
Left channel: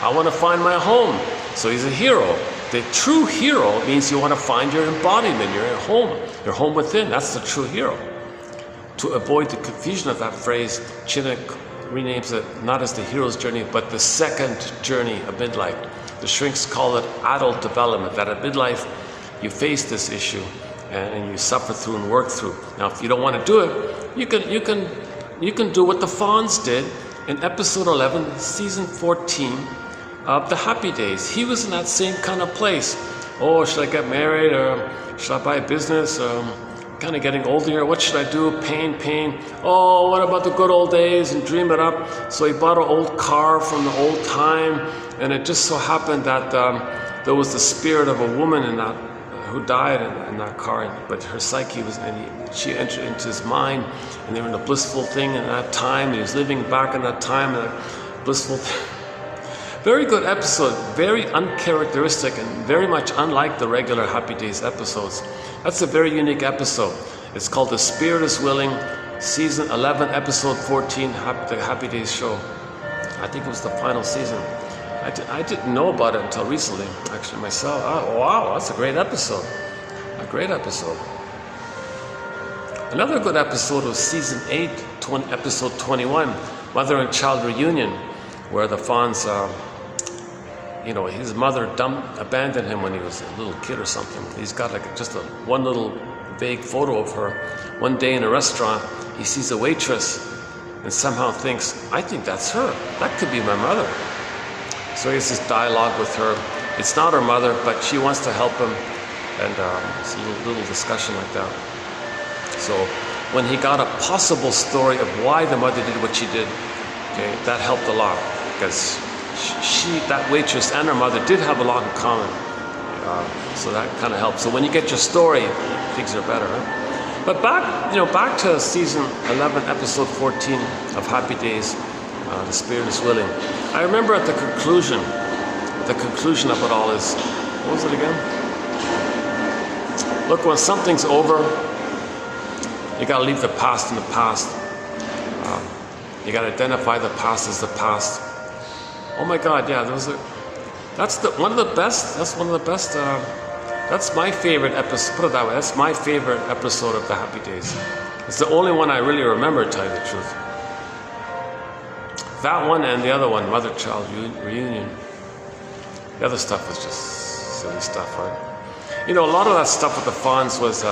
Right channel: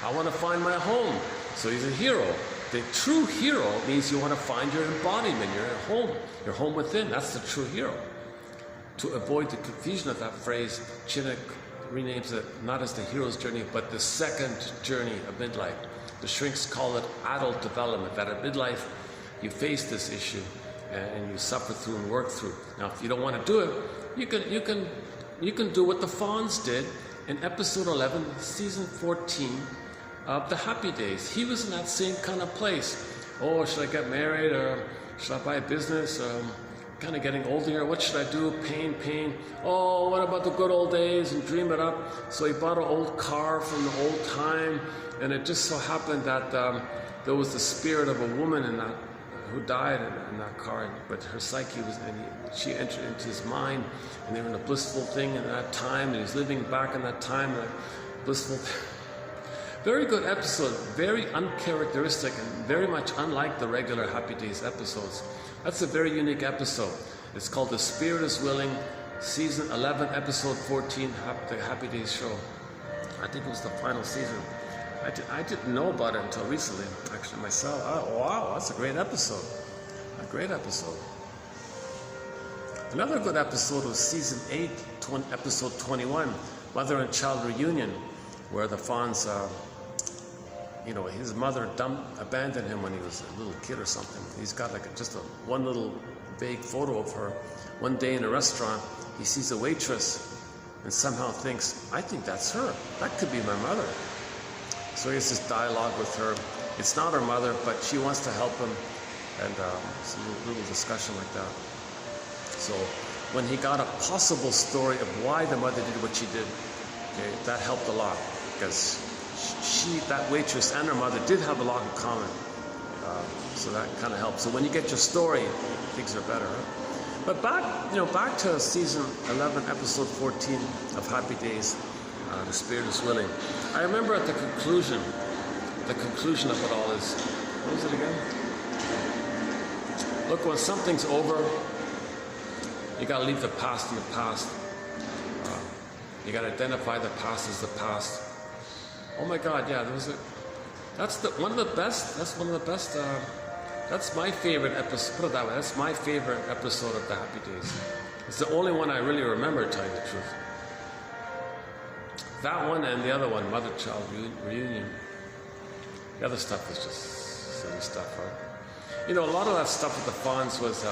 I want to find my home. So he's a hero. The true hero means you want to find your embodiment, your home within. That's the true hero. To avoid the confusion of that phrase, Chinnock renames it not as the hero's journey, but the second journey of midlife. The shrinks call it adult development, that at midlife you face this issue and you suffer through and work through. Now, if you don't want to do it, you can do what the Fawns did in episode 11, season 14 of The Happy Days. He was in that same kind of place. Oh, should I get married, or should I buy a business? Kind of getting older here. What should I do? Pain. Oh, what about the good old days? And dream it up. So he bought an old car from the old time, and it just so happened that there was the spirit of a woman in that who died in that car, but her psyche was, and she entered into his mind, and they were in a blissful thing in that time, and he was living back in that time, in a blissful thing. Very good episode, very uncharacteristic and very much unlike the regular Happy Days episodes. That's a very unique episode. It's called The Spirit is Willing, season 11, episode 14, the Happy Days show. I think it was the final season. I didn't know about it until recently, actually, myself. Oh, wow, that's a great episode. A great episode. Another good episode was season 8, episode 21, Mother and Child Reunion, where the Fawns, his mother abandoned him when he was a little kid or something. He's got just one little vague photo of her. One day in a restaurant, he sees a waitress and somehow thinks, I think that's her. That could be my mother. So he has this dialogue with her. It's not her mother, but she wants to help him. And it's a little discussion like that. So when he got a possible story of why the mother did what she did, Okay, that helped a lot because that waitress and her mother did have a lot in common. So that kind of helps. So when you get your story, things are better. Right? But back to season 11, episode 14 of Happy Days, The Spirit is Willing. I remember at the conclusion of it all is, what was it again? Look, when something's over, you got to leave the past in the past. You got to identify the past as the past. Oh my God, yeah, that's one of the best. That's my favorite episode. Put it that way. That's my favorite episode of the Happy Days. It's the only one I really remember, to tell you the truth. That one and the other one, Mother-Child Reunion. The other stuff was just silly stuff, right? You know, a lot of that stuff with the fawns was,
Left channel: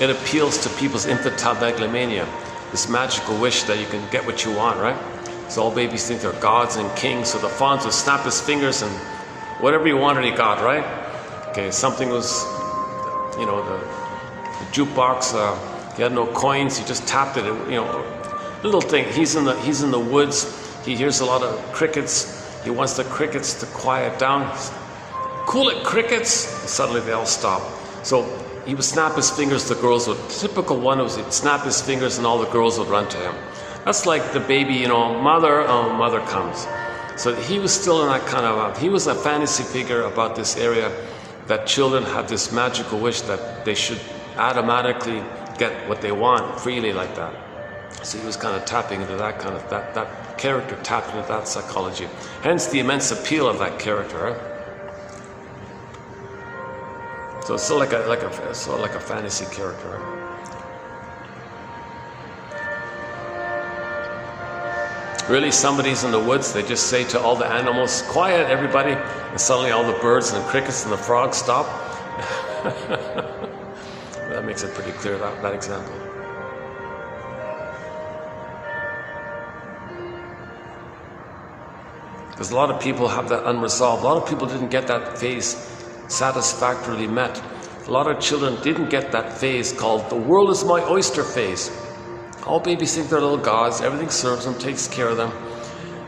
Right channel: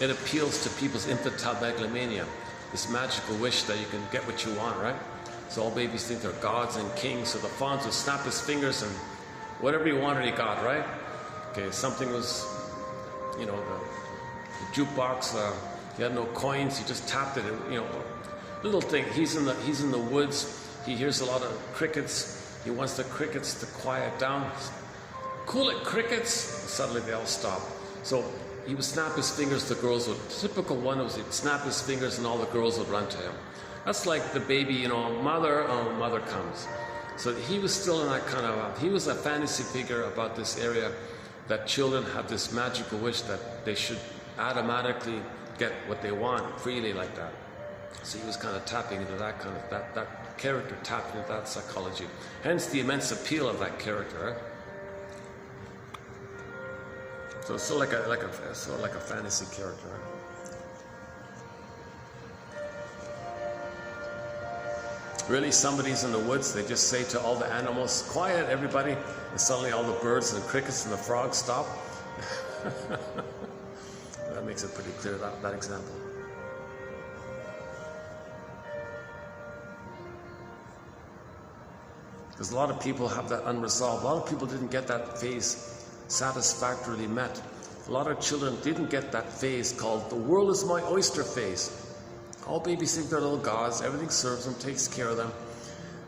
it appeals to people's infantile megalomania, this magical wish that you can get what you want, right? So all babies think they're gods and kings, so the fawns would snap his fingers and whatever he wanted he got, right? Okay, something was, you know, the jukebox, he had no coins, he just tapped it, you know, little thing. He's in the woods, he hears a lot of crickets, he wants the crickets to quiet down. Cool it, crickets! Suddenly they all stop. So he would snap his fingers, the girls would, typical one was he'd snap his fingers and all the girls would run to him. That's like the baby, you know, mother comes. So he was still in that kind of, he was a fantasy figure about this area that children have this magical wish that they should automatically get what they want freely like that. So he was kind of tapping into that kind of, that character tapped into that psychology. Hence the immense appeal of that character. Right? So it's sort of like a fantasy character. Right? Really, somebody's in the woods, they just say to all the animals, quiet everybody, and suddenly all the birds and the crickets and the frogs stop. That makes it pretty clear, that example. Because a lot of people have that unresolved. A lot of people didn't get that phase satisfactorily met. A lot of children didn't get that phase called the world is my oyster phase. All babies think they're little gods, everything serves them, takes care of them.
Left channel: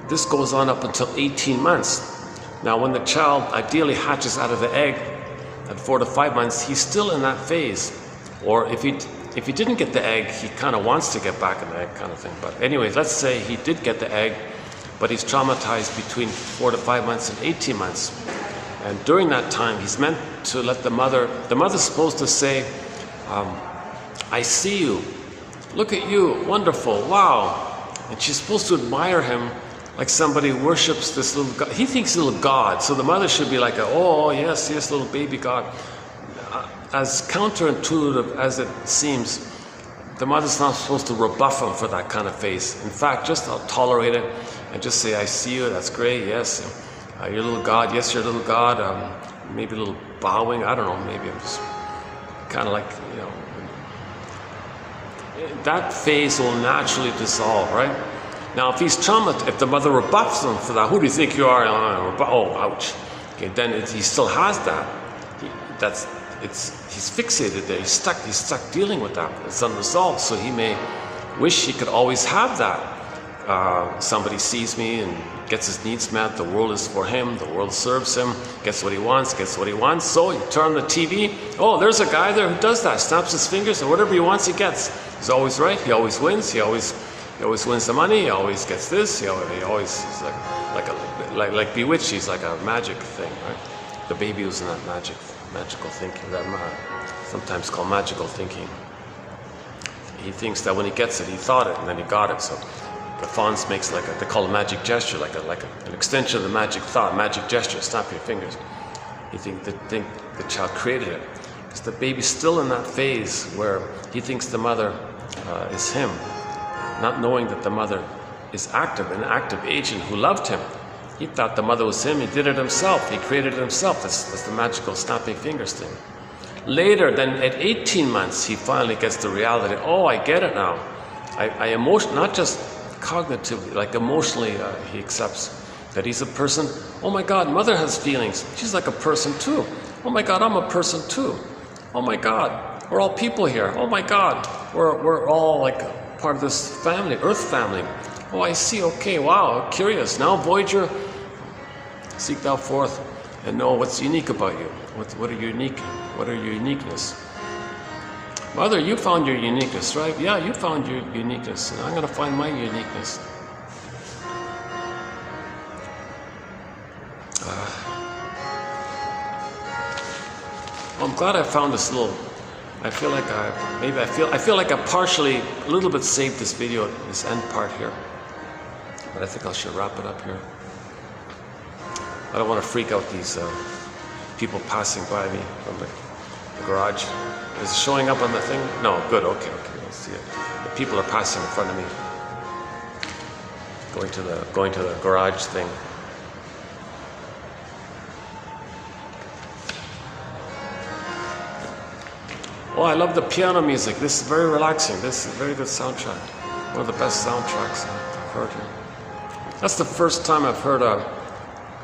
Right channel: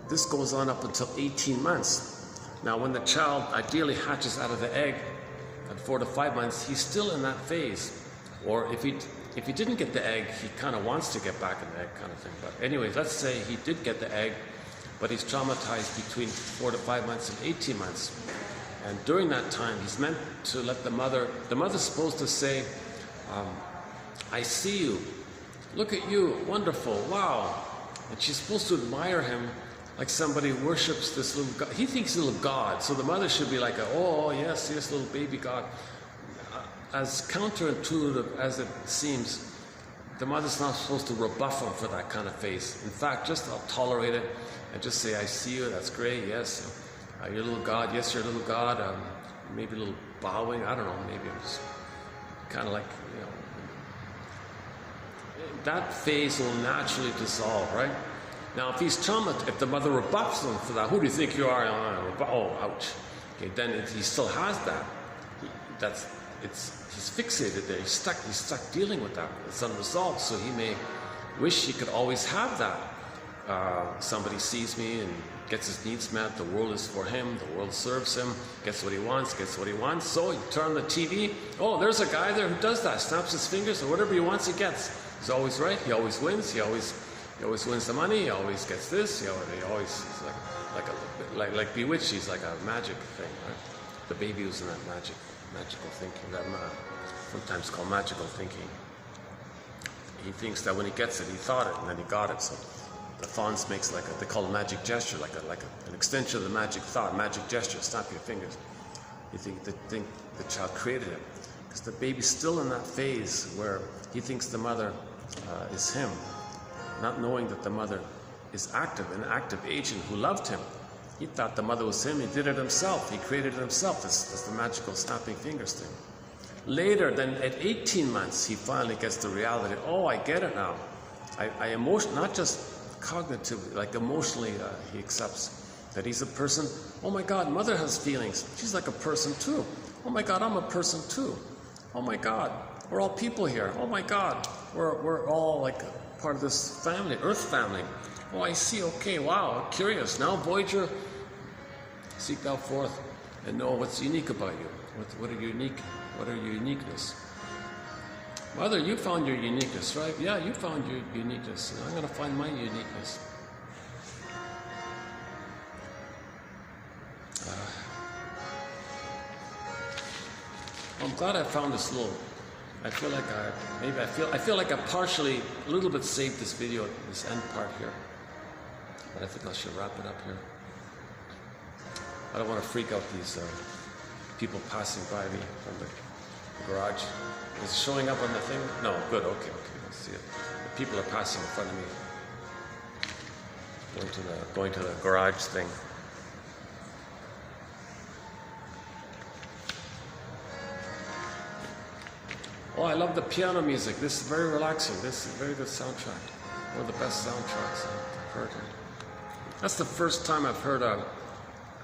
This goes on up until 18 months. Now when the child ideally hatches out of the egg at 4 to 5 months, he's still in that phase. Or if he didn't get the egg, he kind of wants to get back in the egg kind of thing. But anyways, let's say he did get the egg, but he's traumatized between 4 to 5 months and 18 months. And during that time, he's meant to let the mother's supposed to say, I see you. Look at you, wonderful, wow. And she's supposed to admire him like somebody worships this little God. He thinks he's a little God, so the mother should be like, oh, yes, little baby God. As counterintuitive as it seems, the mother's not supposed to rebuff him for that kind of face. In fact, just tolerate it and just say, I see you, that's great, yes. You're a little God, yes, you're a little God. Maybe a little bowing, I don't know, maybe I'm just kind of like, you know, that phase will naturally dissolve, right? Now, if he's traumatized, if the mother rebuffs him for that, who do you think you are? Oh, ouch. Okay, then he still has that. He's fixated there. He's stuck dealing with that. It's unresolved. So he may wish he could always have that. Somebody sees me and gets his needs met. The world is for him. The world serves him. Gets what he wants. So you turn on the TV. Oh, there's a guy there who does that. Snaps his fingers, and whatever he wants, he gets. He's always right. He always wins. He always wins the money. He always gets this. He always is like bewitched. He's like a magic thing, right? The baby was in that magical thinking. That sometimes called magical thinking. He thinks that when he gets it, he thought it, and then he got it. So the fawns makes they call a magic gesture, like an extension of the magic thought, magic gesture. Snap your fingers. You think the child created it. Because the baby's still in that phase where he thinks the mother is him, not knowing that the mother is an active agent who loved him. He thought the mother was him. He did it himself. He created it himself. That's the magical snapping fingers thing. Later, then at 18 months, he finally gets the reality. Oh, I get it now. I not just cognitively, like emotionally, he accepts that he's a person. Oh my God, mother has feelings. She's like a person too. Oh my God, I'm a person too. Oh my God, we're all people here. Oh my God, we're all like part of this family, Earth family. Oh, I see. Okay, wow, curious. Now, Voyager, seek thou forth and know what's unique about you. What are your uniqueness? Mother, you found your uniqueness, right? Yeah, you found your uniqueness. And I'm going to find my uniqueness. I'm glad I found this little. I feel like I feel like I partially, a little bit saved this video, this end part here. But I think I should wrap it up here. I don't want to freak out these people passing by me from the garage. Is it showing up on the thing? No, good. Okay, let's see it. The people are passing in front of me, going to the garage thing. Oh, I love the piano music. This is very relaxing. This is a very good soundtrack. One of the best soundtracks I've heard here. That's the first time I've heard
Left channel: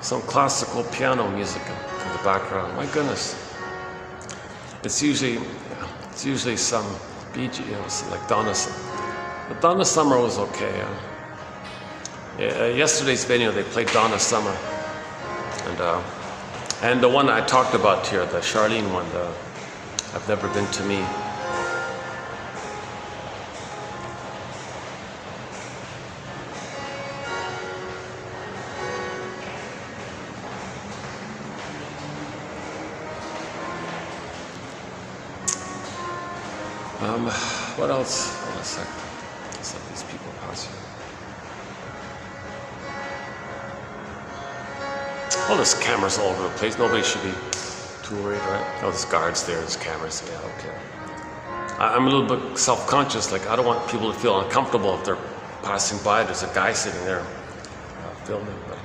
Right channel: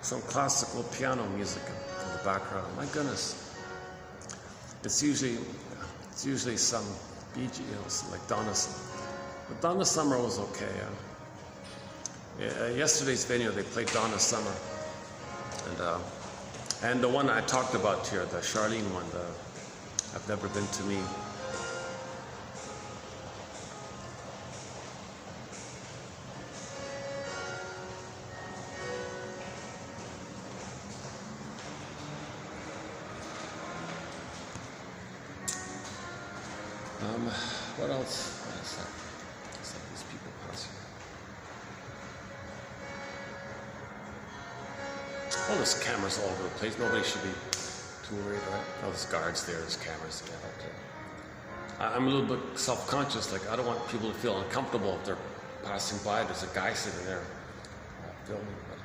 some classical piano music in the background. My goodness. It's usually some Bee Gees, like Donna Summer. But Donna Summer was okay. Yesterday's video they played Donna Summer, and the one I talked about here, the Charlene one, I've Never Been to Me. What else? Hold a sec. Let's let these people pass here. Oh, there's cameras all over the place. Nobody should be too worried, right? Oh, there's guards there. There's cameras. Yeah, okay. I'm a little bit self-conscious. Like, I don't want people to feel uncomfortable if they're passing by. There's a guy sitting there filming. But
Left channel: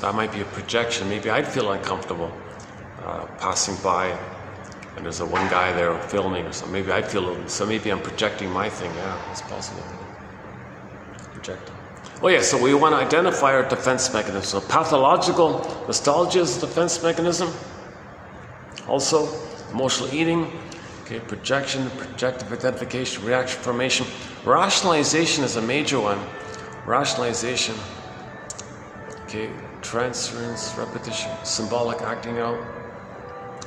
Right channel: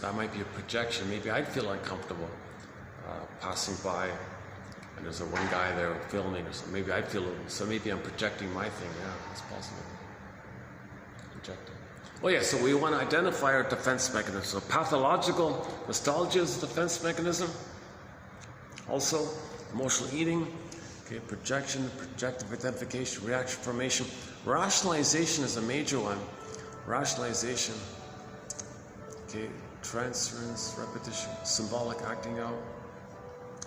that might be a projection. Maybe I'd feel uncomfortable passing by, and there's one guy there filming or something. Maybe I'd feel, so maybe I'm projecting my thing. Yeah, it's possible. Projecting. Oh yeah, so we want to identify our defense mechanism. So pathological nostalgia is a defense mechanism. Also, emotional eating, okay, projection, projective identification, reaction formation. Rationalization is a major one. Rationalization, okay, transference, repetition, symbolic acting out,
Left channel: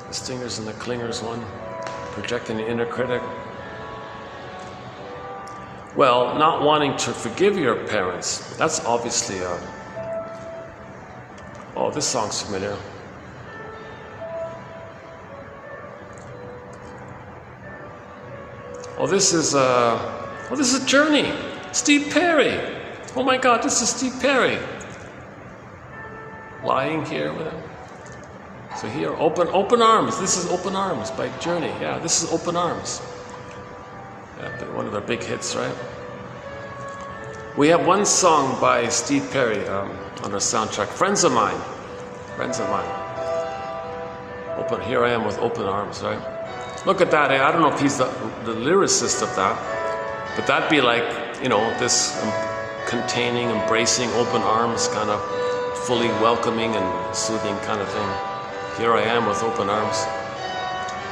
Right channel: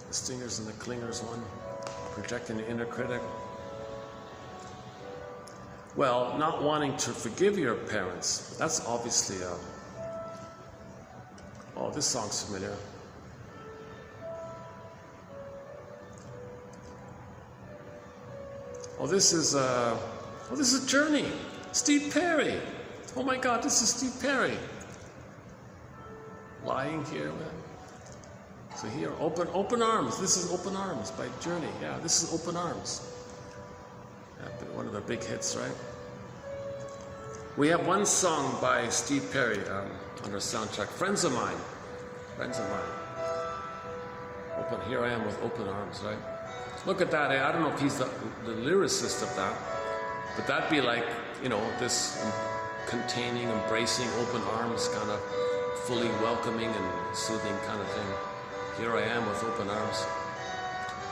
the stingers and the clingers one, projecting the inner critic. Well, not wanting to forgive your parents, that's obviously oh, this song's familiar. Oh, this is Journey. Steve Perry. Oh my God, this is Steve Perry. Lying here with him. So here, Open Arms. This is Open Arms by Journey. Yeah, this is Open Arms. Yeah, one of their big hits, right? We have one song by Steve Perry on our soundtrack, Friends of Mine. Friends of Mine. Here I am with Open Arms, right? Look at that. I don't know if he's the lyricist of that, but that'd be like, you know, this containing, embracing, open arms, kind of fully welcoming and soothing kind of thing. Here I am with open arms,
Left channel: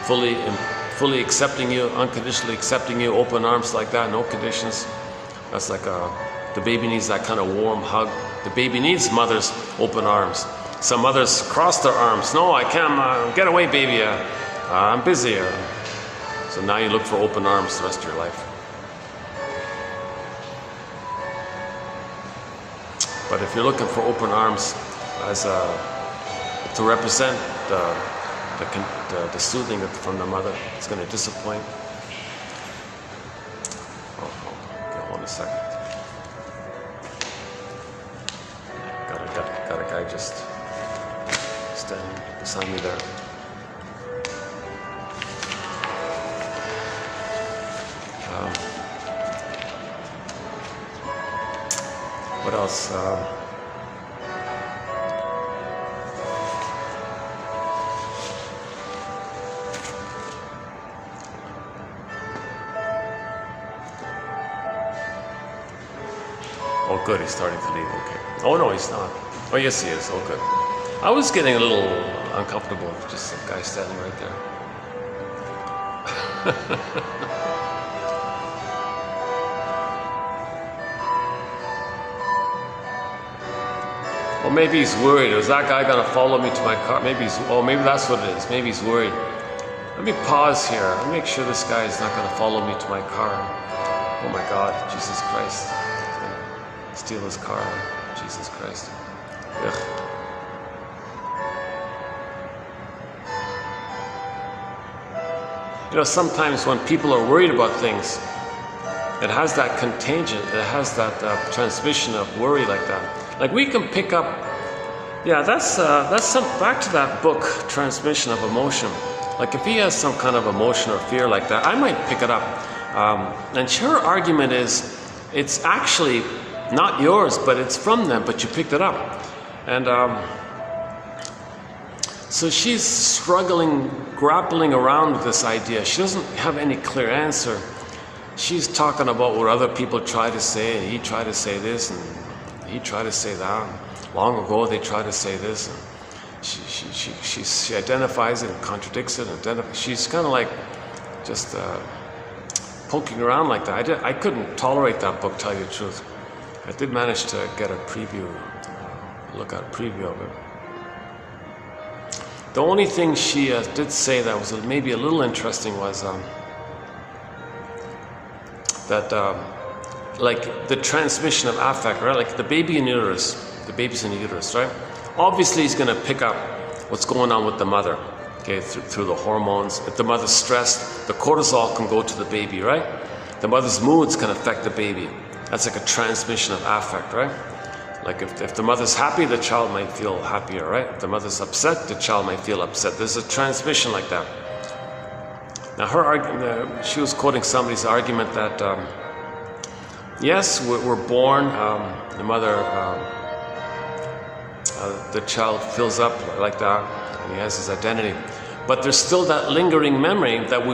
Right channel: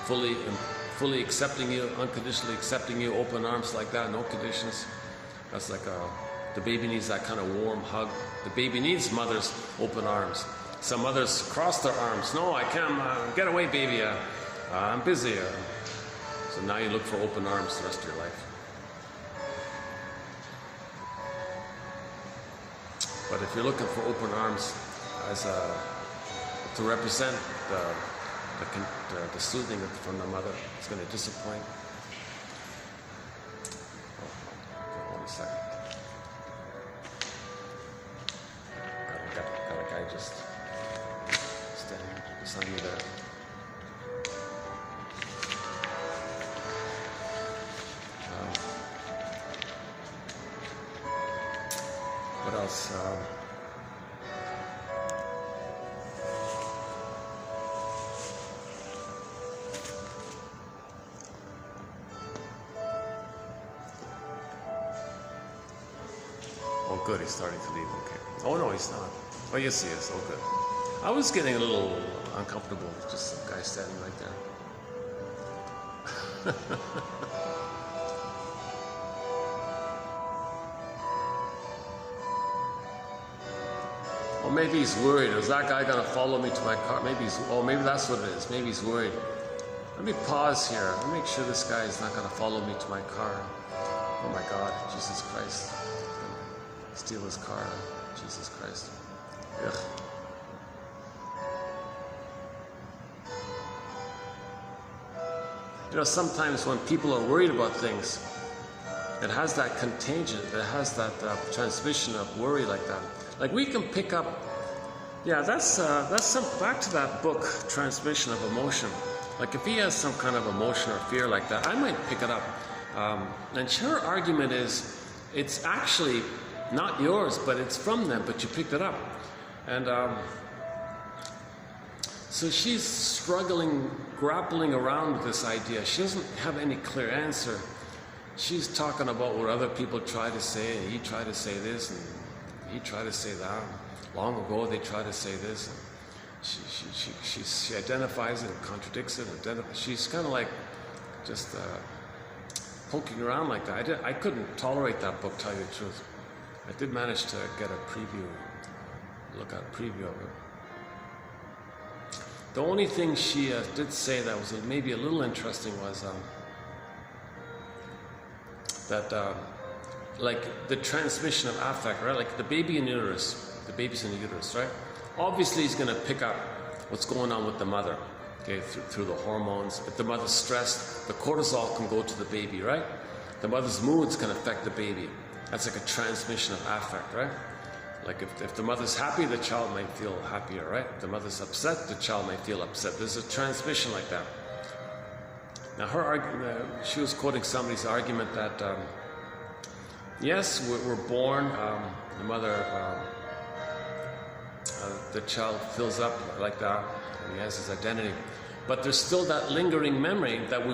fully accepting you, unconditionally accepting you, open arms like that, no conditions. That's like the baby needs that kind of warm hug. The baby needs mother's open arms. Some mothers cross their arms. No, I can't, get away, baby. I'm busy. So now you look for open arms the rest of your life. But if you're looking for open arms as to represent the soothing from the mother, it's going to disappoint. Okay, hold a second. Got a guy just standing beside me there. What else? Oh, good, he's starting to leave. Okay. Oh, no, he's not. Oh, yes, he is. Oh, good. I was getting a little uncomfortable with just that guy standing right there. Or maybe he's worried. Is that guy gonna follow me to my car? Maybe maybe that's what it is. Maybe he's worried. Let me pause here and make sure this guy is not gonna follow me to my car. Oh my God, Jesus Christ. He's gonna steal his car. Jesus Christ. Ugh. You know, sometimes when people are worried about things, it has that contagion, it has that transmission of worry like that. Like we can pick up, yeah, that's some, back to that book, Transmission of Emotion. Like if he has some kind of emotion or fear like that, I might pick it up. And her argument is, it's actually not yours, but it's from them, but you picked it up. And so she's struggling, grappling around with this idea. She doesn't have any clear answer. She's talking about what other people try to say, and he tried to say this, and he tried to say that. Long ago, they tried to say this. And she identifies it and contradicts it. She's kind of like just poking around like that. I couldn't tolerate that book, tell you the truth. I did manage to get a preview, look at a preview of it. The only thing she did say that was maybe a little interesting was that like the transmission of affect, right? Like the baby in uterus, the baby's in the uterus, right? Obviously he's gonna pick up what's going on with the mother, okay, through the hormones. If the mother's stressed, the cortisol can go to the baby, right? The mother's moods can affect the baby. That's like a transmission of affect, right? Like if the mother's happy, the child might feel happier, right? If the mother's upset, the child might feel upset. There's a transmission like that. Now her argument, she was quoting somebody's argument that yes, we're born, the mother, the child fills up like that, and he has his identity. But there's still that lingering memory that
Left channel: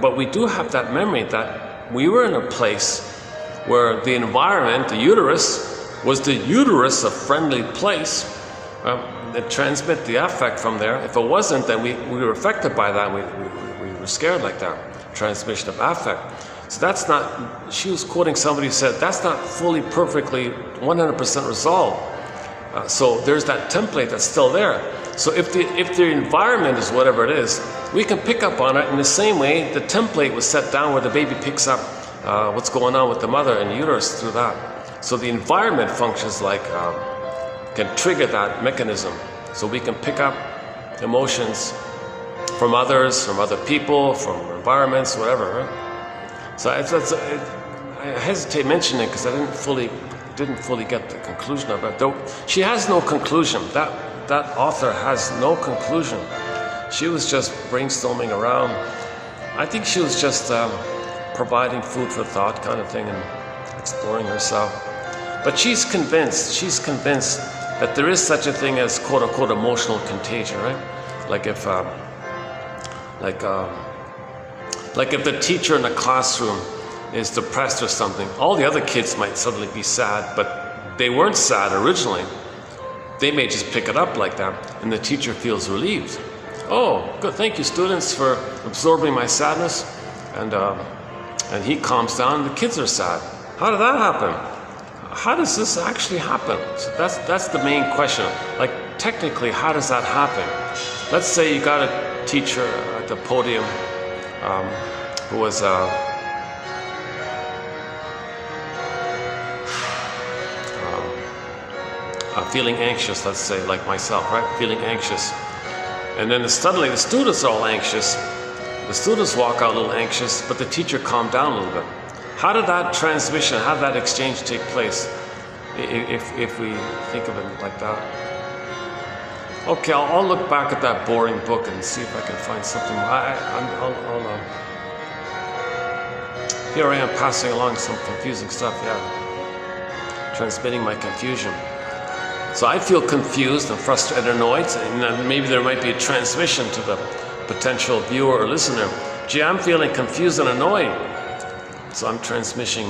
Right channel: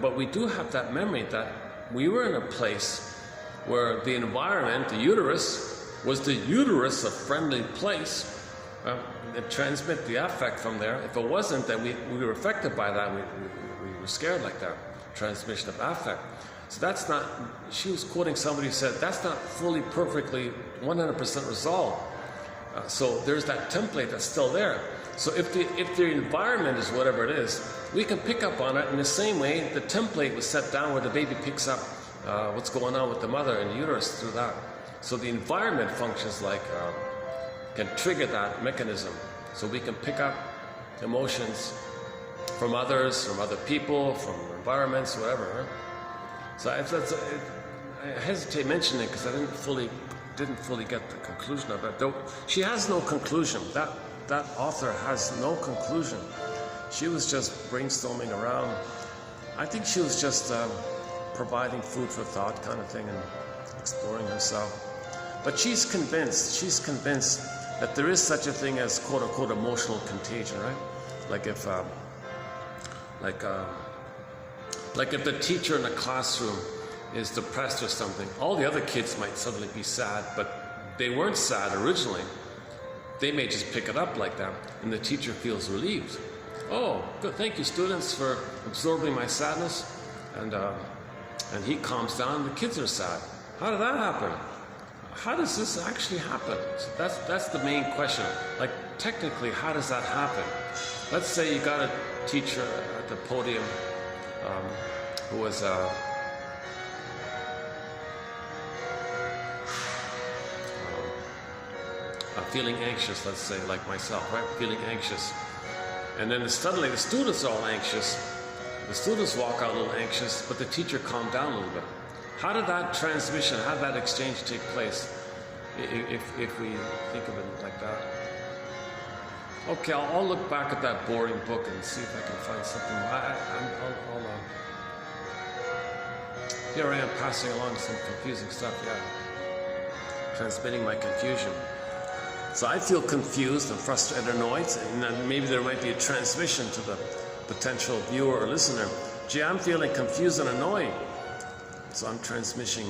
but we do have that memory that we were in a place where the environment, the uterus, was the uterus a friendly place that transmit the affect from there. If it wasn't, then we were affected by that. We were scared like that. Transmission of affect. So that's not, she was quoting somebody who said, that's not fully, perfectly, 100% resolved. So there's that template that's still there. So if the environment is whatever it is, we can pick up on it in the same way the template was set down where the baby picks up what's going on with the mother and the uterus through that. So the environment functions like, can trigger that mechanism. So we can pick up emotions from others, from other people, from environments, whatever. Right? So I hesitate mentioning it because I didn't fully get the conclusion of it. Though she has no conclusion. That author has no conclusion. She was just brainstorming around. I think she was just providing food for thought kind of thing and exploring herself. But she's convinced that there is such a thing as quote unquote emotional contagion, right? Like if the teacher in a classroom is depressed or something, all the other kids might suddenly be sad, but they weren't sad originally. They may just pick it up like that, and the teacher feels relieved. Oh, good, thank you students for absorbing my sadness. And he calms down, and the kids are sad. How did that happen? How does this actually happen? So that's the main question. Like, technically, how does that happen? Let's say you got a teacher at the podium who was feeling anxious, let's say, like myself, right? Feeling anxious. And then suddenly the students are all anxious. The students walk out a little anxious, but the teacher calmed down a little bit. How did that transmission, how did that exchange take place? If we think of it like that. Okay, I'll look back at that boring book and see if I can find something. Here I am passing along some confusing stuff, yeah. Transmitting my confusion. So I feel confused and frustrated and annoyed, and maybe there might be a transmission to the potential viewer or listener. Gee, I'm feeling confused and annoyed. So I'm transmitting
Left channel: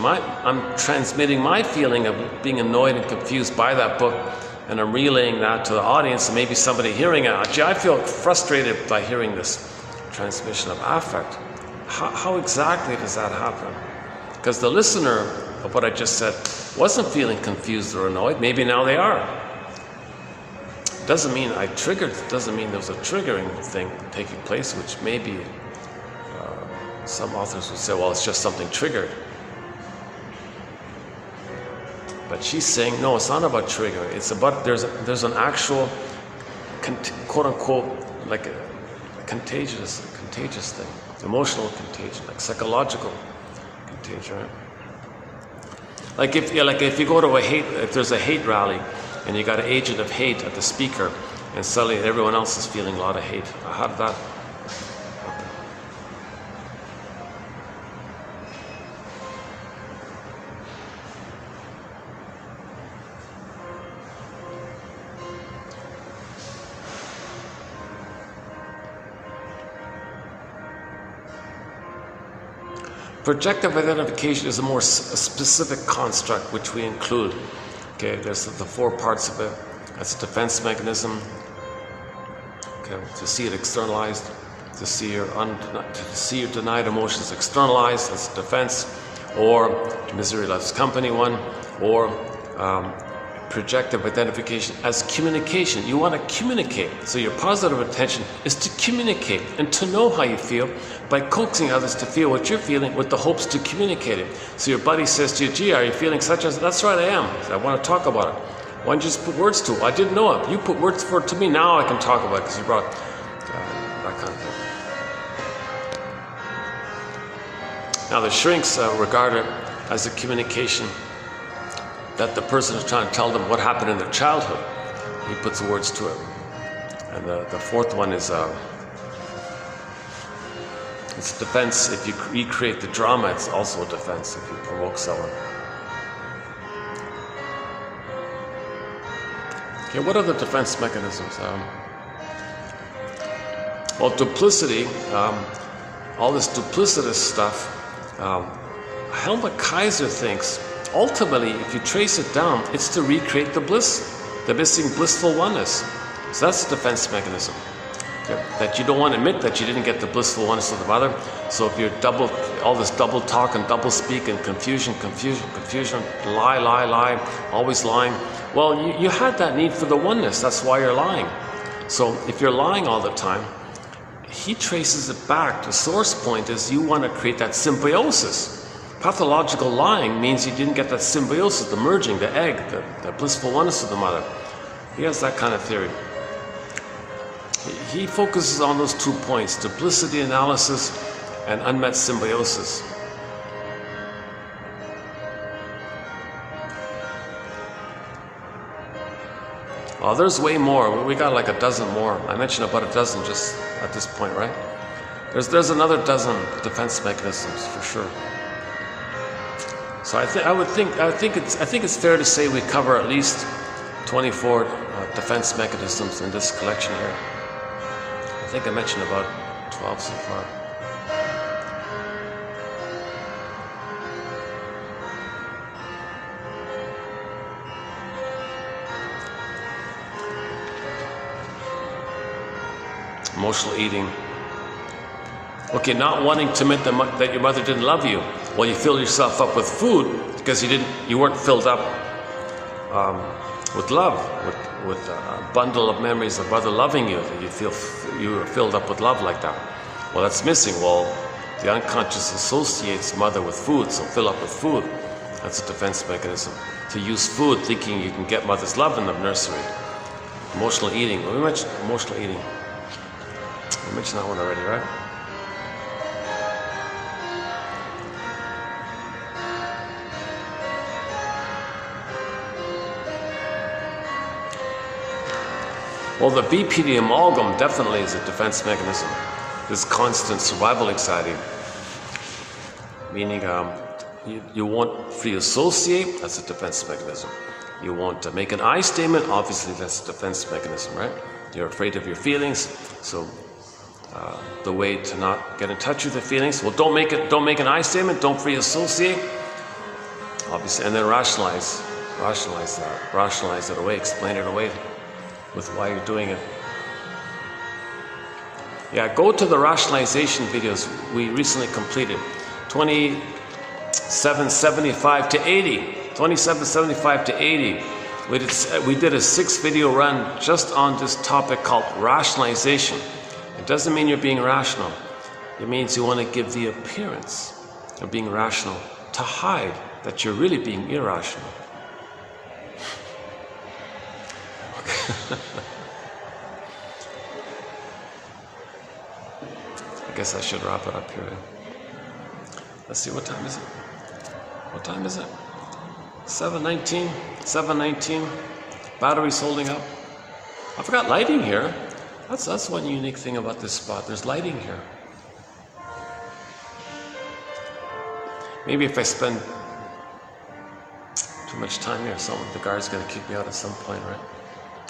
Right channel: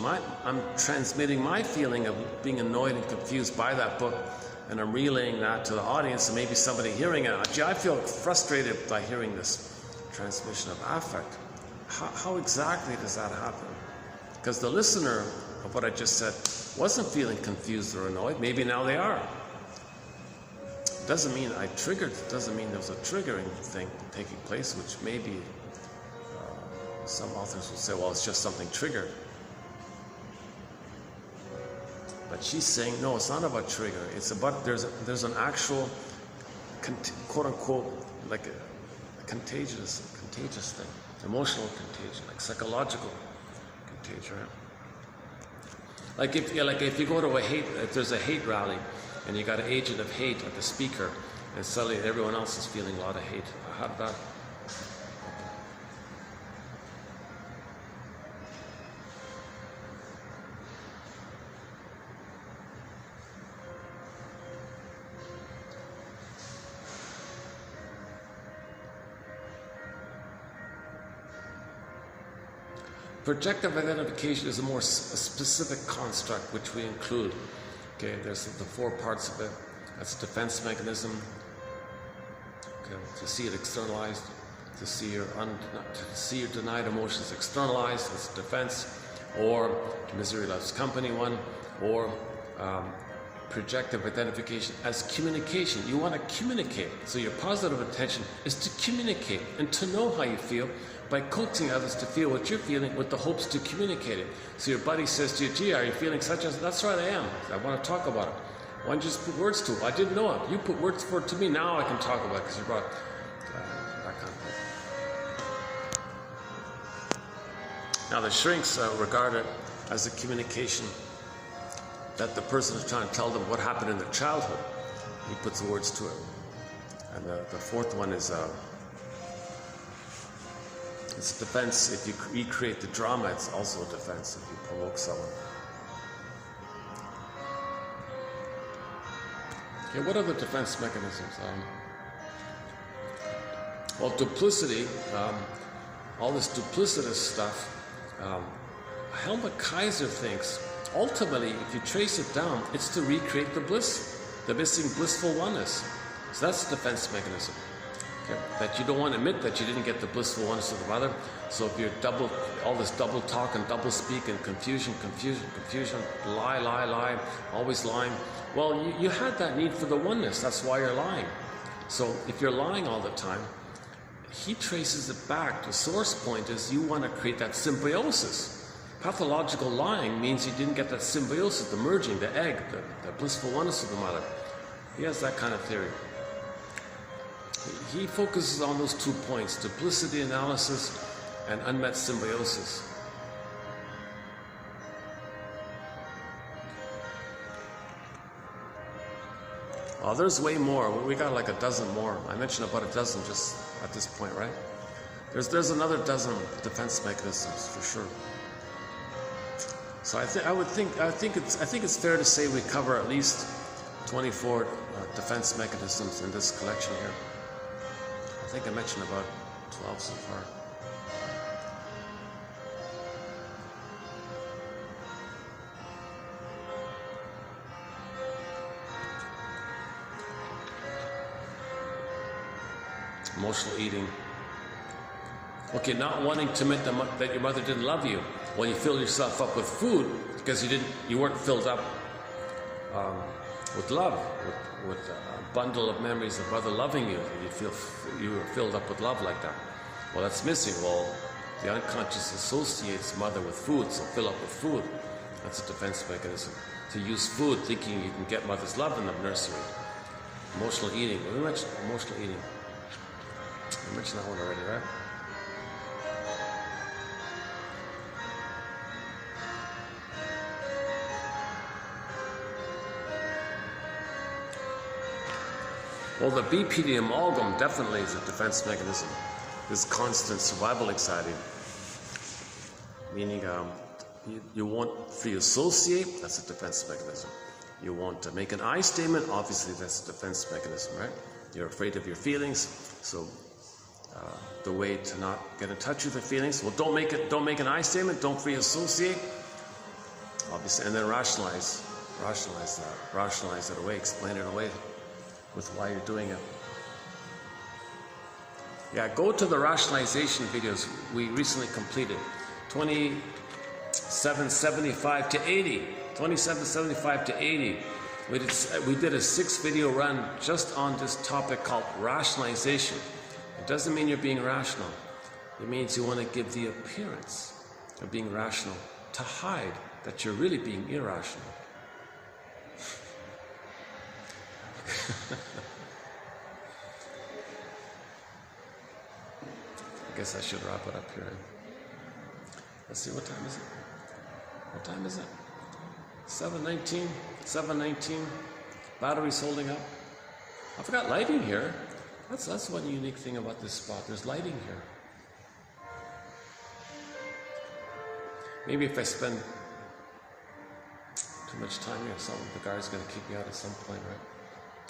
my feeling of being annoyed and confused by that book and I'm relaying that to the audience, and maybe somebody hearing it, gee, I feel frustrated by hearing this transmission of affect. How exactly does that happen? Because the listener of what I just said wasn't feeling confused or annoyed. Maybe now they are. Doesn't mean I triggered, doesn't mean there was a triggering thing taking place, which maybe some authors would say, well, it's just something triggered. But she's saying, no, it's not about triggering. It's about, there's an actual, quote unquote, like a contagious thing, emotional contagion, like psychological contagion. Like if you go to if there's a hate rally, and you got an agent of hate at the speaker, and suddenly everyone else is feeling a lot of hate. How did that happen? Projective identification is a more specific construct which we include. Okay, there's the 4 parts of it. That's a defense mechanism. Okay, to see it externalized, to see your denied emotions externalized, that's defense, or misery loves company one, or projective identification as communication. You want to communicate. So your positive intention is to communicate and to know how you feel by coaxing others to feel what you're feeling with the hopes to communicate it. So your buddy says to you, gee, are you feeling such as, that's right, I am. I want to talk about it. Why don't you just put words to it? I didn't know it. You put words for it to me, now I can talk about it because you brought that kind of thing. Now the shrinks regard it as a communication that the person is trying to tell them what happened in their childhood. He puts words to it. And the 4th one is it's defense. If you recreate the drama, it's also a defense if you provoke someone. Okay, what are the defense mechanisms? Well, duplicity, all this duplicitous stuff, Helmut Kaiser thinks, ultimately, if you trace it down, it's to recreate the bliss, the missing blissful oneness. So that's the defense mechanism. Okay? That you don't want to admit that you didn't get the blissful oneness of the mother. So if you're all this double talk and double speak and confusion, lie, always lying, well, you had that need for the oneness. That's why you're lying. So if you're lying all the time, he traces it back. The source point is you want to create that symbiosis. Pathological lying means you didn't get that symbiosis, the merging, the egg, the blissful oneness of the mother. He has that kind of theory. He focuses on those 2 points, duplicity analysis and unmet symbiosis. Oh, there's way more. We got like a dozen more. I mentioned about a dozen just at this point, right? There's another dozen defense mechanisms for sure. So I think it's fair to say we cover at least 24 defense mechanisms in this collection here. I think I mentioned about 12 so far. Emotional eating. Okay, not wanting to admit that your mother didn't love you. Well, you fill yourself up with food because you weren't filled up with love, with a bundle of memories of mother loving you. You were filled up with love like that. Well, that's missing. Well, the unconscious associates mother with food, so fill up with food. That's a defense mechanism. To use food thinking you can get mother's love in the nursery. Emotional eating. We mentioned emotional eating. We mentioned that one already, right? Well, the BPD amalgam definitely is a defense mechanism. This constant survival anxiety, meaning you won't free associate, that's a defense mechanism. You won't make an I statement, obviously that's a defense mechanism, right? You're afraid of your feelings, so the way to not get in touch with the feelings, well, don't make an I statement, don't free associate, obviously, and then rationalize. rationalize it away, explain it away with why you're doing it. Yeah, go to the rationalization videos we recently completed. 2775 to 80. 2775 to 80. We did a 6-video run just on this topic called rationalization. It doesn't mean you're being rational. It means you want to give the appearance of being rational to hide that you're really being irrational. I guess I should wrap it up here. Let's see, what time is it? What time is it? 7:19. 7:19. Battery's holding up. I forgot lighting here. That's one unique thing about this spot. There's lighting here. Maybe if I spend too much time here, the guard's gonna kick me out at some point, right?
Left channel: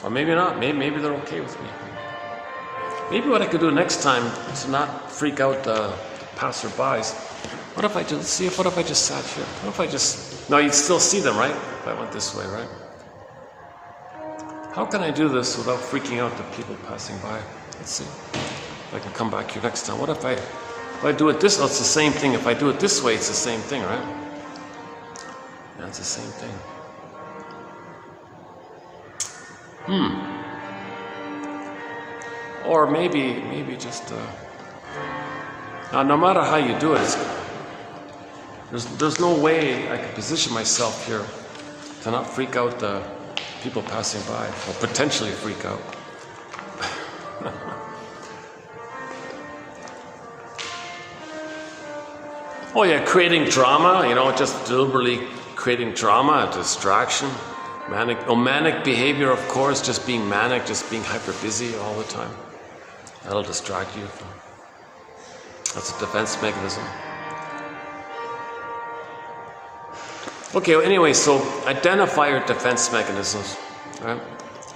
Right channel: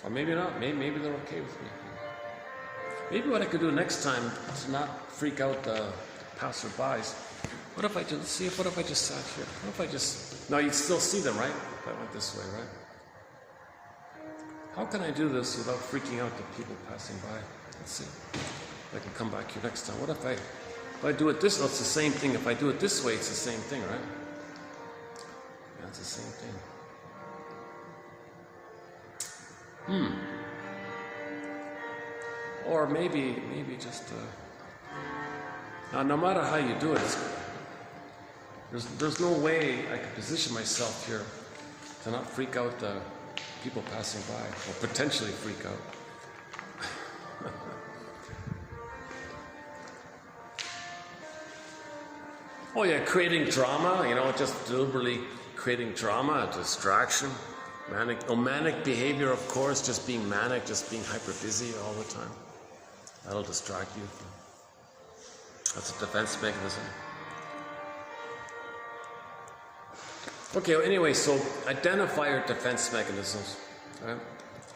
Or maybe not. Maybe they're okay with me. Maybe what I could do next time to not freak out the passerbys. What if I just sat here? What if I just... No, you'd still see them, right? If I went this way, right? How can I do this without freaking out the people passing by? Let's see. If I can come back here next time. What if I do it this way? Oh, it's the same thing. If I do it this way, it's the same thing, right? Yeah, it's the same thing. Or maybe just... Now, no matter how you do it, there's no way I could position myself here to not freak out the people passing by, or potentially freak out. Oh yeah, creating drama, just deliberately creating drama, distraction, manic behavior, of course, just being manic, just being hyper busy all the time. That'll distract you. That's a defense mechanism. Okay, well, anyway, so identify your defense mechanisms. Right?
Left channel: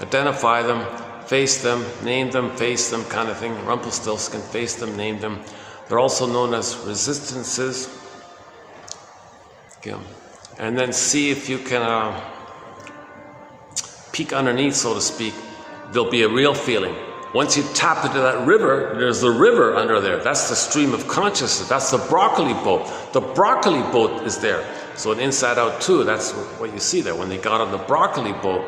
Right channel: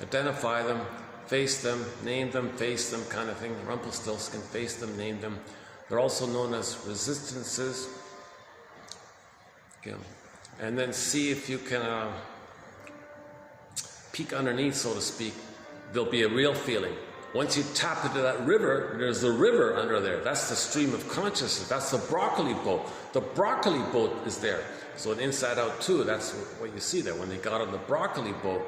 Identify them, face them, name them, face them, kind of thing. Rumpelstiltskin, face them, name them. They're also known as resistances. Okay. And then see if you can peek underneath, so to speak. There'll be a real feeling. Once you tap into that river, there's a river under there. That's the stream of consciousness. That's the broccoli boat. The broccoli boat is there. So in Inside Out 2, that's what you see there. When they got on the broccoli boat,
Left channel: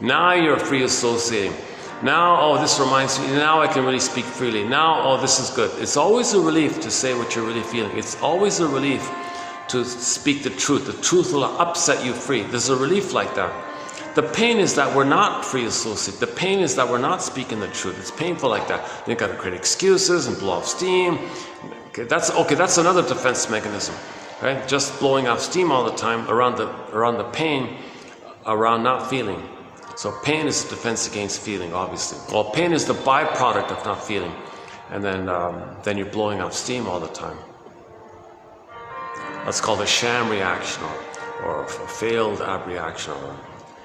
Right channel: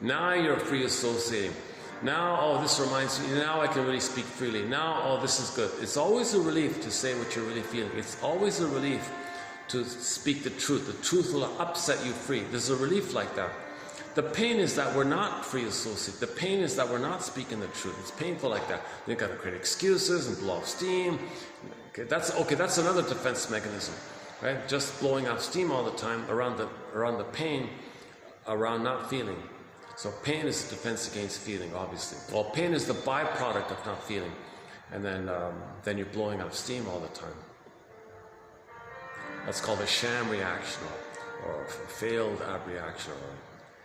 now you're free associating. Now, oh, this reminds me, now I can really speak freely. Now, oh, this is good. It's always a relief to say what you're really feeling. It's always a relief to speak the truth. The truth will upset you free. There's a relief like that. The pain is that we're not free associate. The pain is that we're not speaking the truth. It's painful like that. You've got to create excuses and blow off steam. Okay, that's another defense mechanism, right? Just blowing off steam all the time around the pain, around not feeling. So pain is a defense against feeling, obviously. Well, pain is the byproduct of not feeling, and then you're blowing off steam all the time. That's called a sham reaction, or a failed abreaction.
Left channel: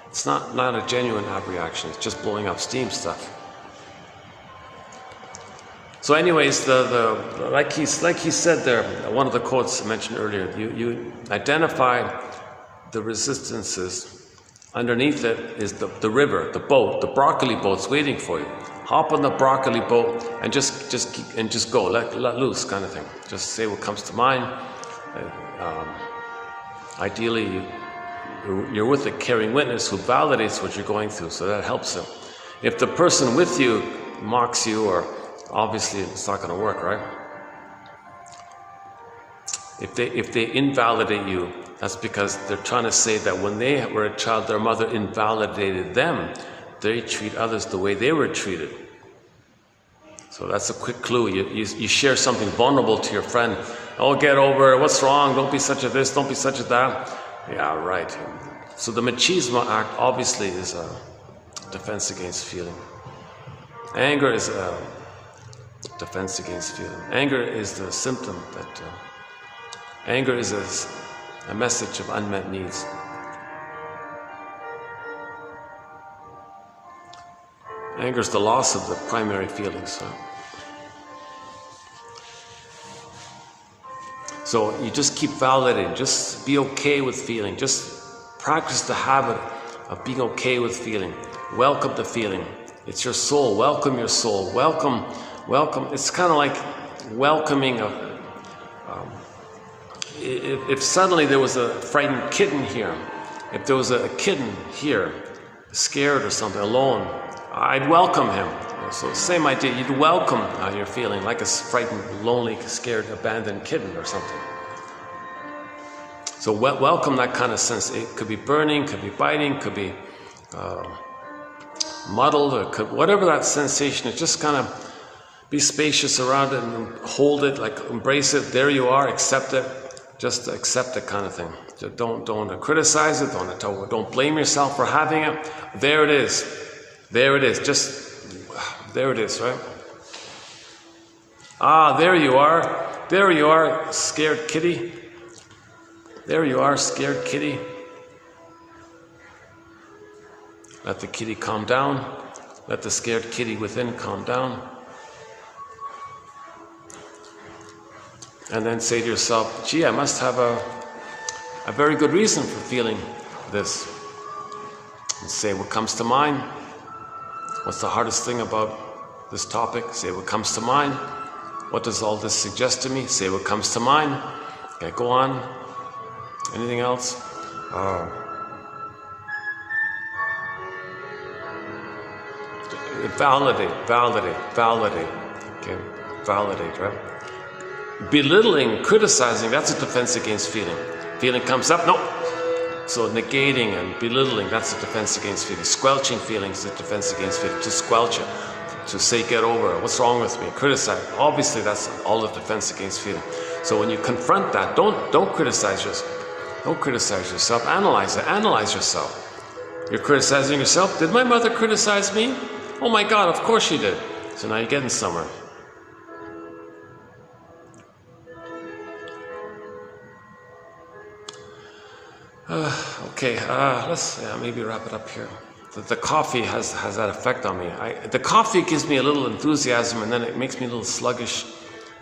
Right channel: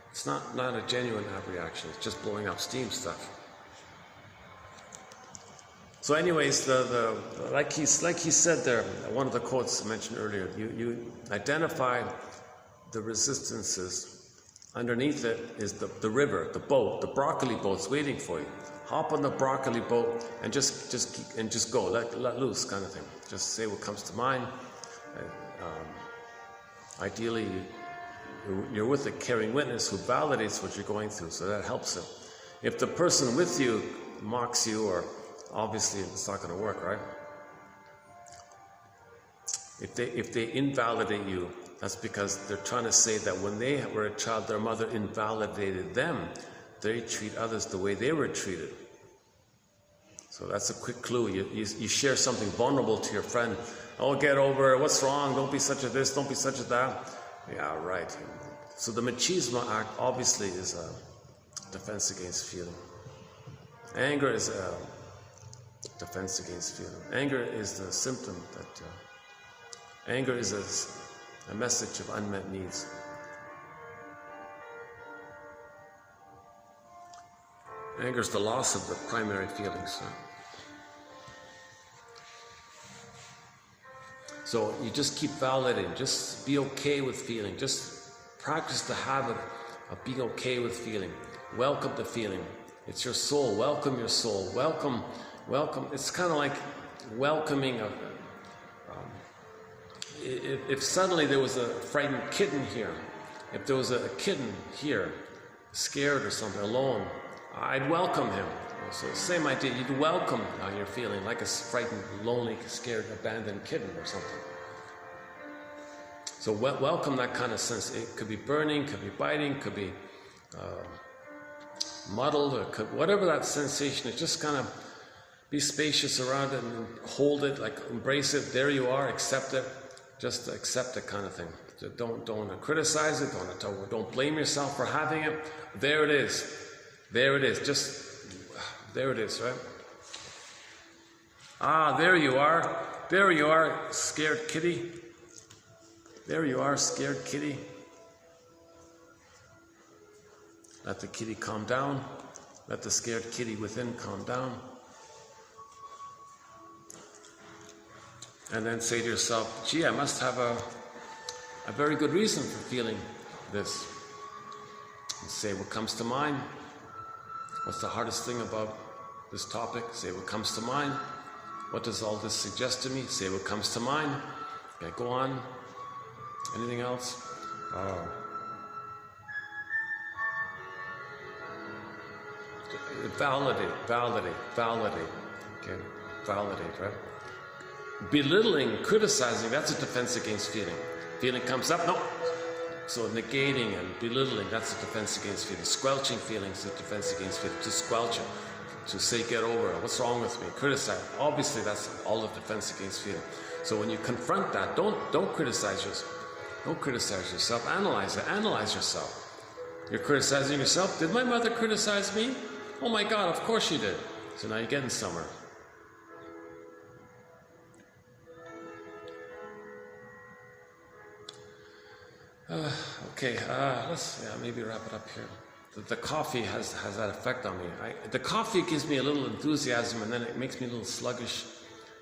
It's not a genuine abreaction. It's just blowing off steam stuff. So, anyways, like he said there, one of the quotes I mentioned earlier. You identify the resistances. Underneath it is the river, the boat, the broccoli boat's waiting for you. Hop on the broccoli boat and just go, let loose, kind of thing. Just say what comes to mind. Ideally, you're with a caring witness who validates what you're going through, so that helps them. If the person with you mocks you, or obviously it's not going to work, right? If they invalidate you, that's because they're trying to say that when they were a child, their mother invalidated them. They treat others the way they were treated. So that's a quick clue. You share something vulnerable to your friend. Oh, get over it. What's wrong? Don't be such a this. Don't be such a that. Yeah, right. So the machismo act obviously is a defense against feeling. Anger is a defense against feeling. Anger is the symptom that... anger is a message of unmet needs. Anger is the loss of the primary feelings. So you just keep validating. Just be okay with feeling. Just Practice the habit of being okay with feeling. Welcome the feeling. It's your soul. Welcome your soul. Welcome. It's kind of like welcoming a... if suddenly there was a frightened kitten here, if there was a kitten here, scared or something, alone, I'd welcome him. So same idea, you'd welcome how you're feeling, like a frightened, lonely, scared, abandoned kitten or something. So welcome that kind of sense. It could be burning, could be biting, could be muddled, or whatever that sensation is, just kind of be spacious around it and hold it, like embrace it. There you are, accept it. Just accept it, kind of thing. Don't criticize it. Don't blame yourself for having it. There it is. There it is. Just there it is, right? Ah, there you are. There you are, scared kitty. There you are, scared kitty. Let the kitty calm down. Let the scared kitty within calm down. And then say to yourself, gee, I must have a very good reason for feeling this. And say what comes to mind. What's the hardest thing about this topic? Say what comes to mind. What does all this suggest to me? Say what comes to mind. Okay, go on. Anything else? Validate. Okay, validate, right? Belittling, criticizing, that's a defense against feeling. Feeling comes up, no. So negating and belittling, that's a defense against feeling. Squelching feelings is a defense against feeling. To squelch it, to say get over it, what's wrong with me, criticize. Obviously that's all a defense against feeling. So when you confront that, don't criticize yourself. Don't criticize yourself, analyze it, analyze yourself. You're criticizing yourself. Did my mother criticize me? Oh my God, of course she did. So now you're getting somewhere. Okay, let's maybe wrap it up here. The coffee has that effect on me. The coffee gives me a little enthusiasm, and then it makes me a little sluggish.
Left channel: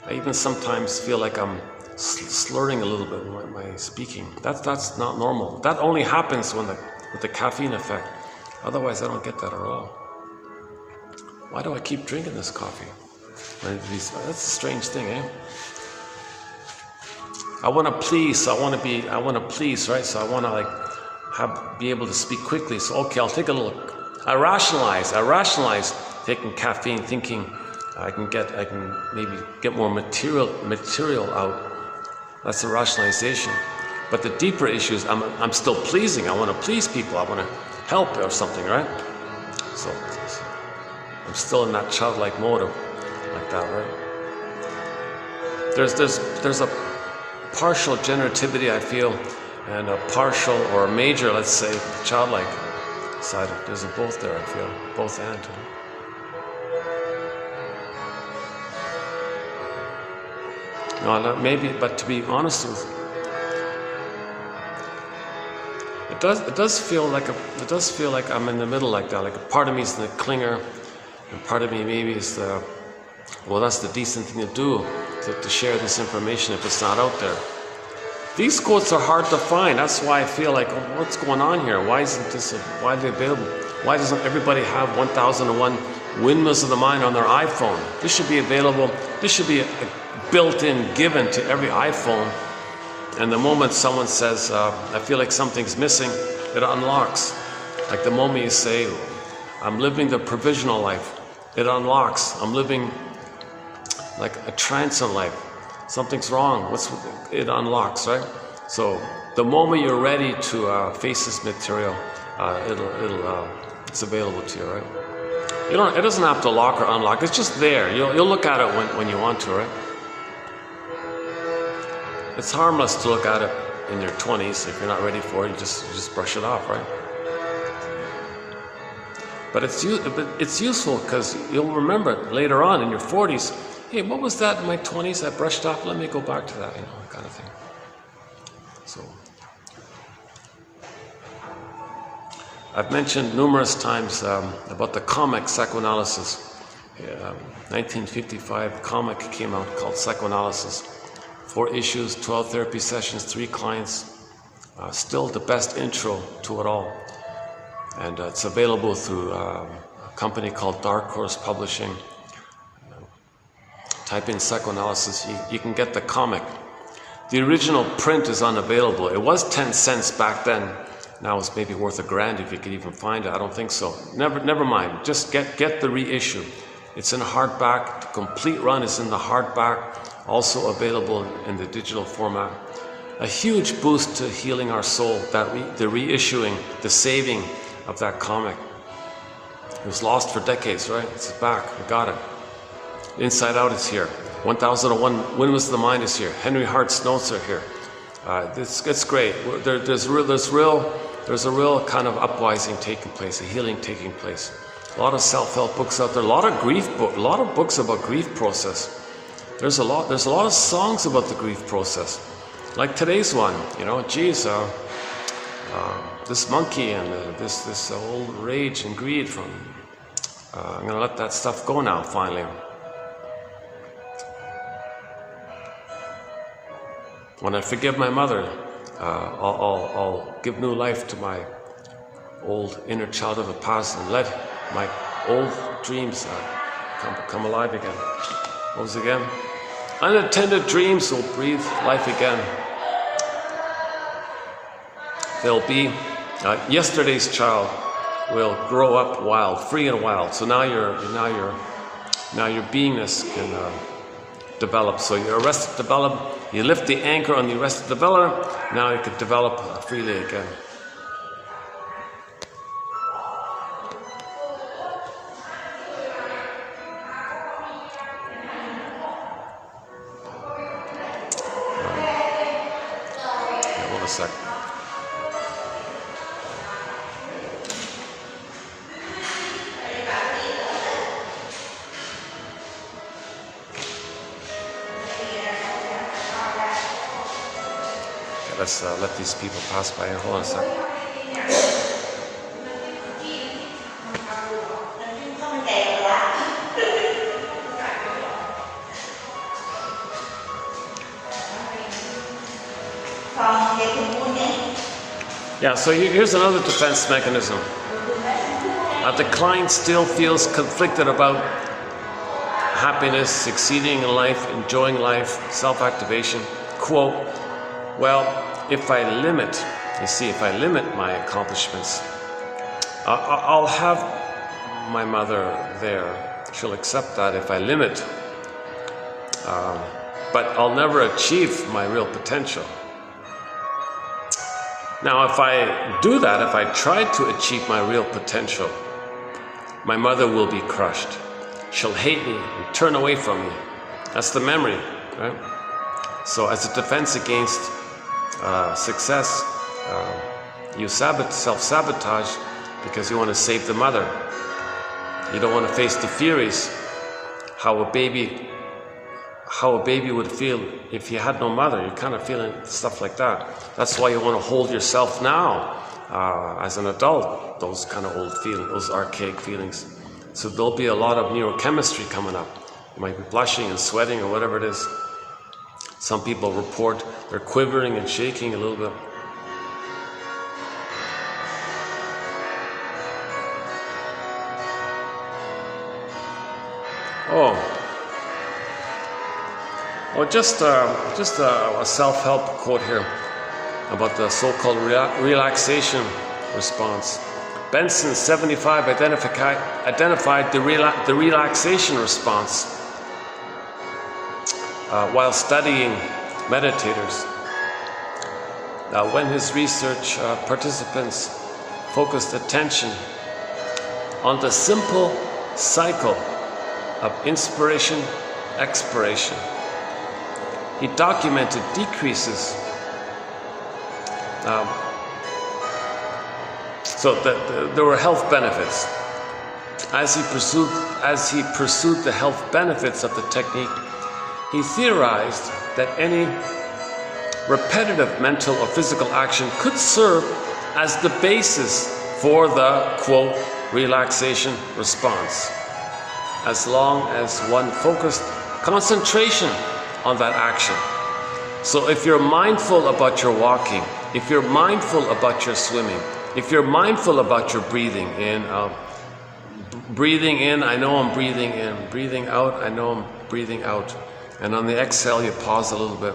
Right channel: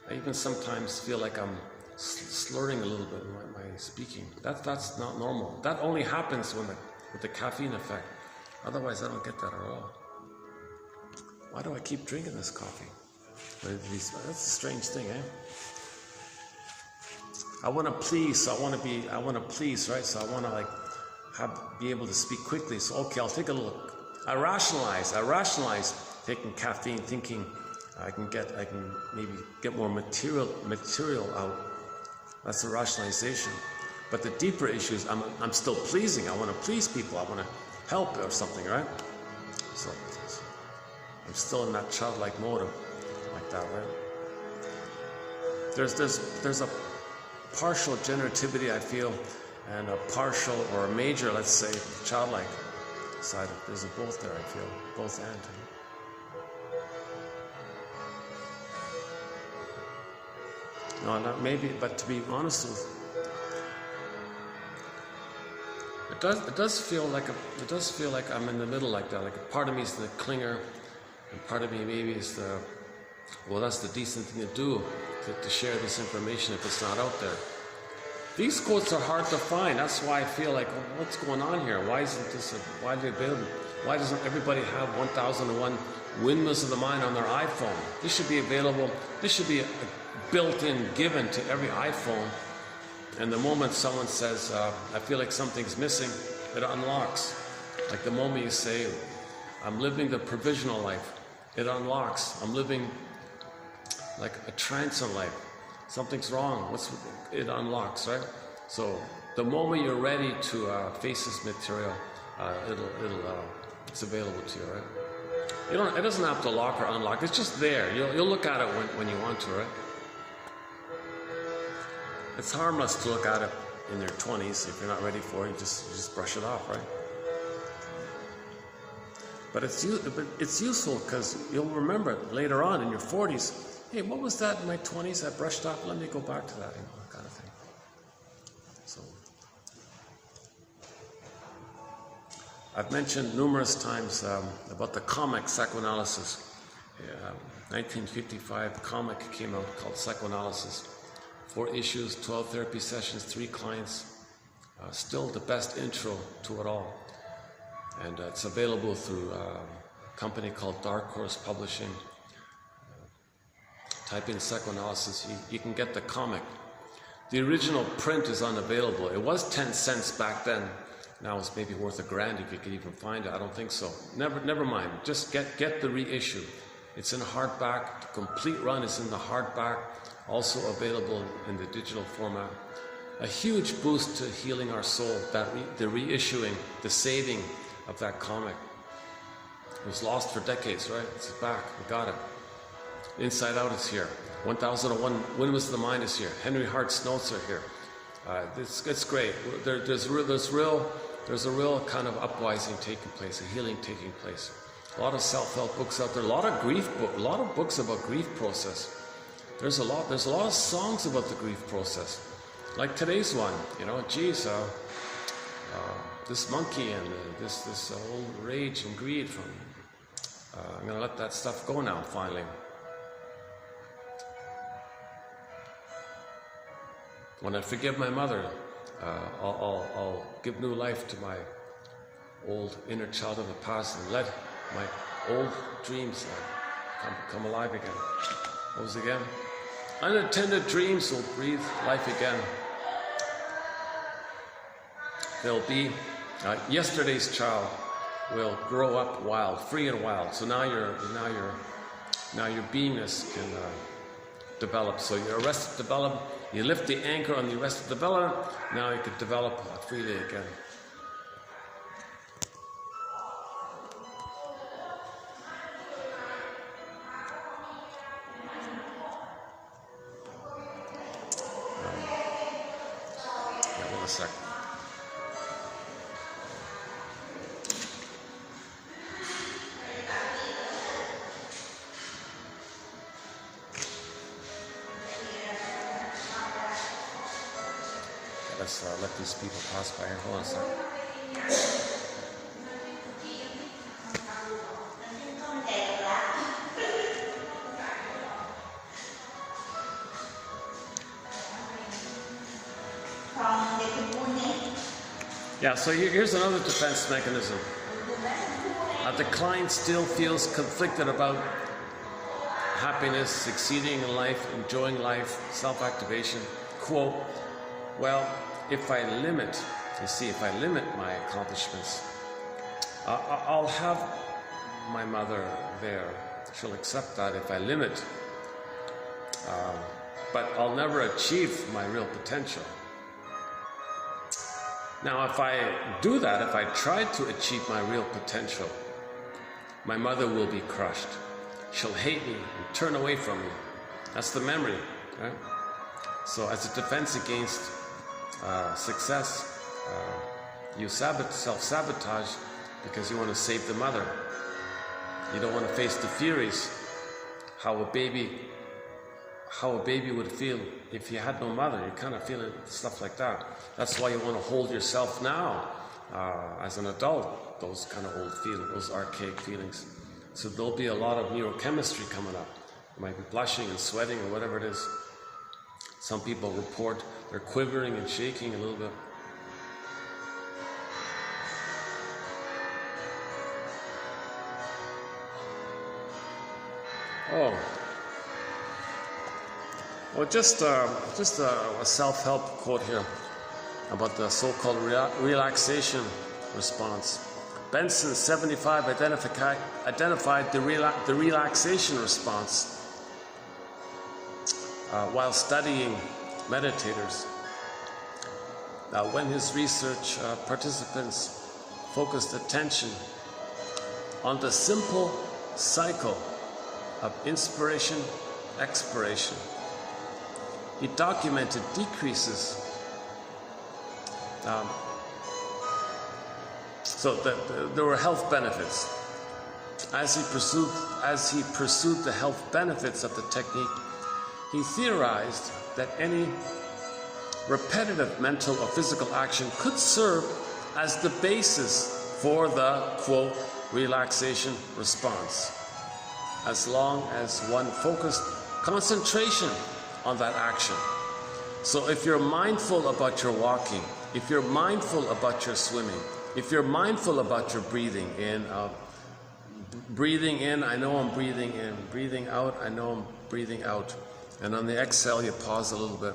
I even sometimes feel like I'm slurring a little bit in my speaking. That's not normal. That only happens with the caffeine effect. Otherwise, I don't get that at all. Why do I keep drinking this coffee? That's a strange thing, eh? I want to please. I want to please, right? So I want to be able to speak quickly. So okay, I'll take a little. I rationalize taking caffeine, thinking I can maybe get more material out. That's a rationalization. But the deeper issue is I'm still pleasing. I want to please people. I want to help or something, right? So I'm still in that childlike mode of like that, right? There's a partial generativity, I feel, and a partial or a major, let's say, childlike side. There's a both there, I feel, both and. No, maybe, but to be honest with you, it does feel like I'm in the middle like that. Like a part of me is the clinger, and part of me maybe is that's the decent thing to do, to share this information if it's not out there. These quotes are hard to find. That's why I feel like, what's going on here? Why isn't this widely available? Why doesn't everybody have 1001 Windmills of the Mind on their iPhone? This should be available. This should be a built-in given to every iPhone. And the moment someone says, I feel like something's missing, it unlocks. Like the moment you say, I'm living the provisional life, it unlocks. I'm living like a transient life. Something's wrong. It unlocks, right? So the moment you're ready to face this material, it's available to you, right? It doesn't have to lock or unlock. It's just there. You'll look at it when you want to, right? It's harmless to look at it in your 20s. If you're not ready for it, you just brush it off, right? But it's useful because you'll remember later on in your 40s. Hey, what was that in my 20s? I brushed off. Let me go back to that, kind of thing. So, I've mentioned numerous times about the comic psychoanalysis. 1955 comic came out called Psychoanalysis. 4 issues, 12 therapy sessions, 3 clients, Still the best intro to it all. And it's available through a company called Dark Horse Publishing. Type in psychoanalysis, you can get the comic. The original print is unavailable. It was 10 cents back then. Now it's maybe worth $1,000 if you could even find it. I don't think so. Never mind. Just get the reissue. It's in hardback. The complete run is in the hardback. Also available in the digital format. A huge boost to healing our soul, the reissuing, the saving of that comic. It was lost for decades, right? It's back. I got it. Inside Out is here. 1001 Windmills of the Mind is here. Henry Hart's notes are here. It's great. There's a real kind of upwising taking place, a healing taking place. A lot of self-help books out there. A lot of books about grief process. There's a lot of songs about the grief process. Like today's one, you know, geez, this monkey and this old rage and greed from. I'm gonna let that stuff go now. Finally. When I forgive my mother, I'll give new life to my old inner child of the past and let my old dreams come alive again. What was it again? Unattended dreams will breathe life again. They'll be yesterday's child will grow up wild, free and wild. So now your beingness can develop. So your arrested develop. You lift the anchor on the arrested developer. Now you can develop freely again. Hold a sec. Let's let these people pass by here. Hold on a second. Yeah, so here's another defense mechanism. The client still feels conflicted about happiness, succeeding in life, enjoying life, self-activation. Quote, well, if I limit my accomplishments, I'll have my mother there. She'll accept that if I limit. But I'll never achieve my real potential. Now, if I do that, if I try to achieve my real potential, my mother will be crushed. She'll hate me and turn away from me. That's the memory, right? So as a defense against success, you self-sabotage because you want to save the mother. You don't want to face the furies, how a baby would feel if you had no mother. You're kind of feeling stuff like that. That's why you want to hold yourself now as an adult, those kind of old feelings, those archaic feelings. So there'll be a lot of neurochemistry coming up. You might be blushing and sweating or whatever it is. Some people report they're quivering and shaking a little bit. Just a self-help quote here about the so-called relaxation response. Benson, 75, identified the relaxation response while studying meditators. When his research participants focused attention on the simple cycle of inspiration, expiration, he documented decreases. There were health benefits. As he pursued the health benefits of the technique, he theorized that any repetitive mental or physical action could serve as the basis for the, quote, relaxation response, as long as one focused concentration on that action. So if you're mindful about your walking, if you're mindful about your swimming, if you're mindful about your breathing in, out, breathing in, I know I'm breathing in, breathing out, I know I'm breathing out. And on the exhale, you pause a little bit.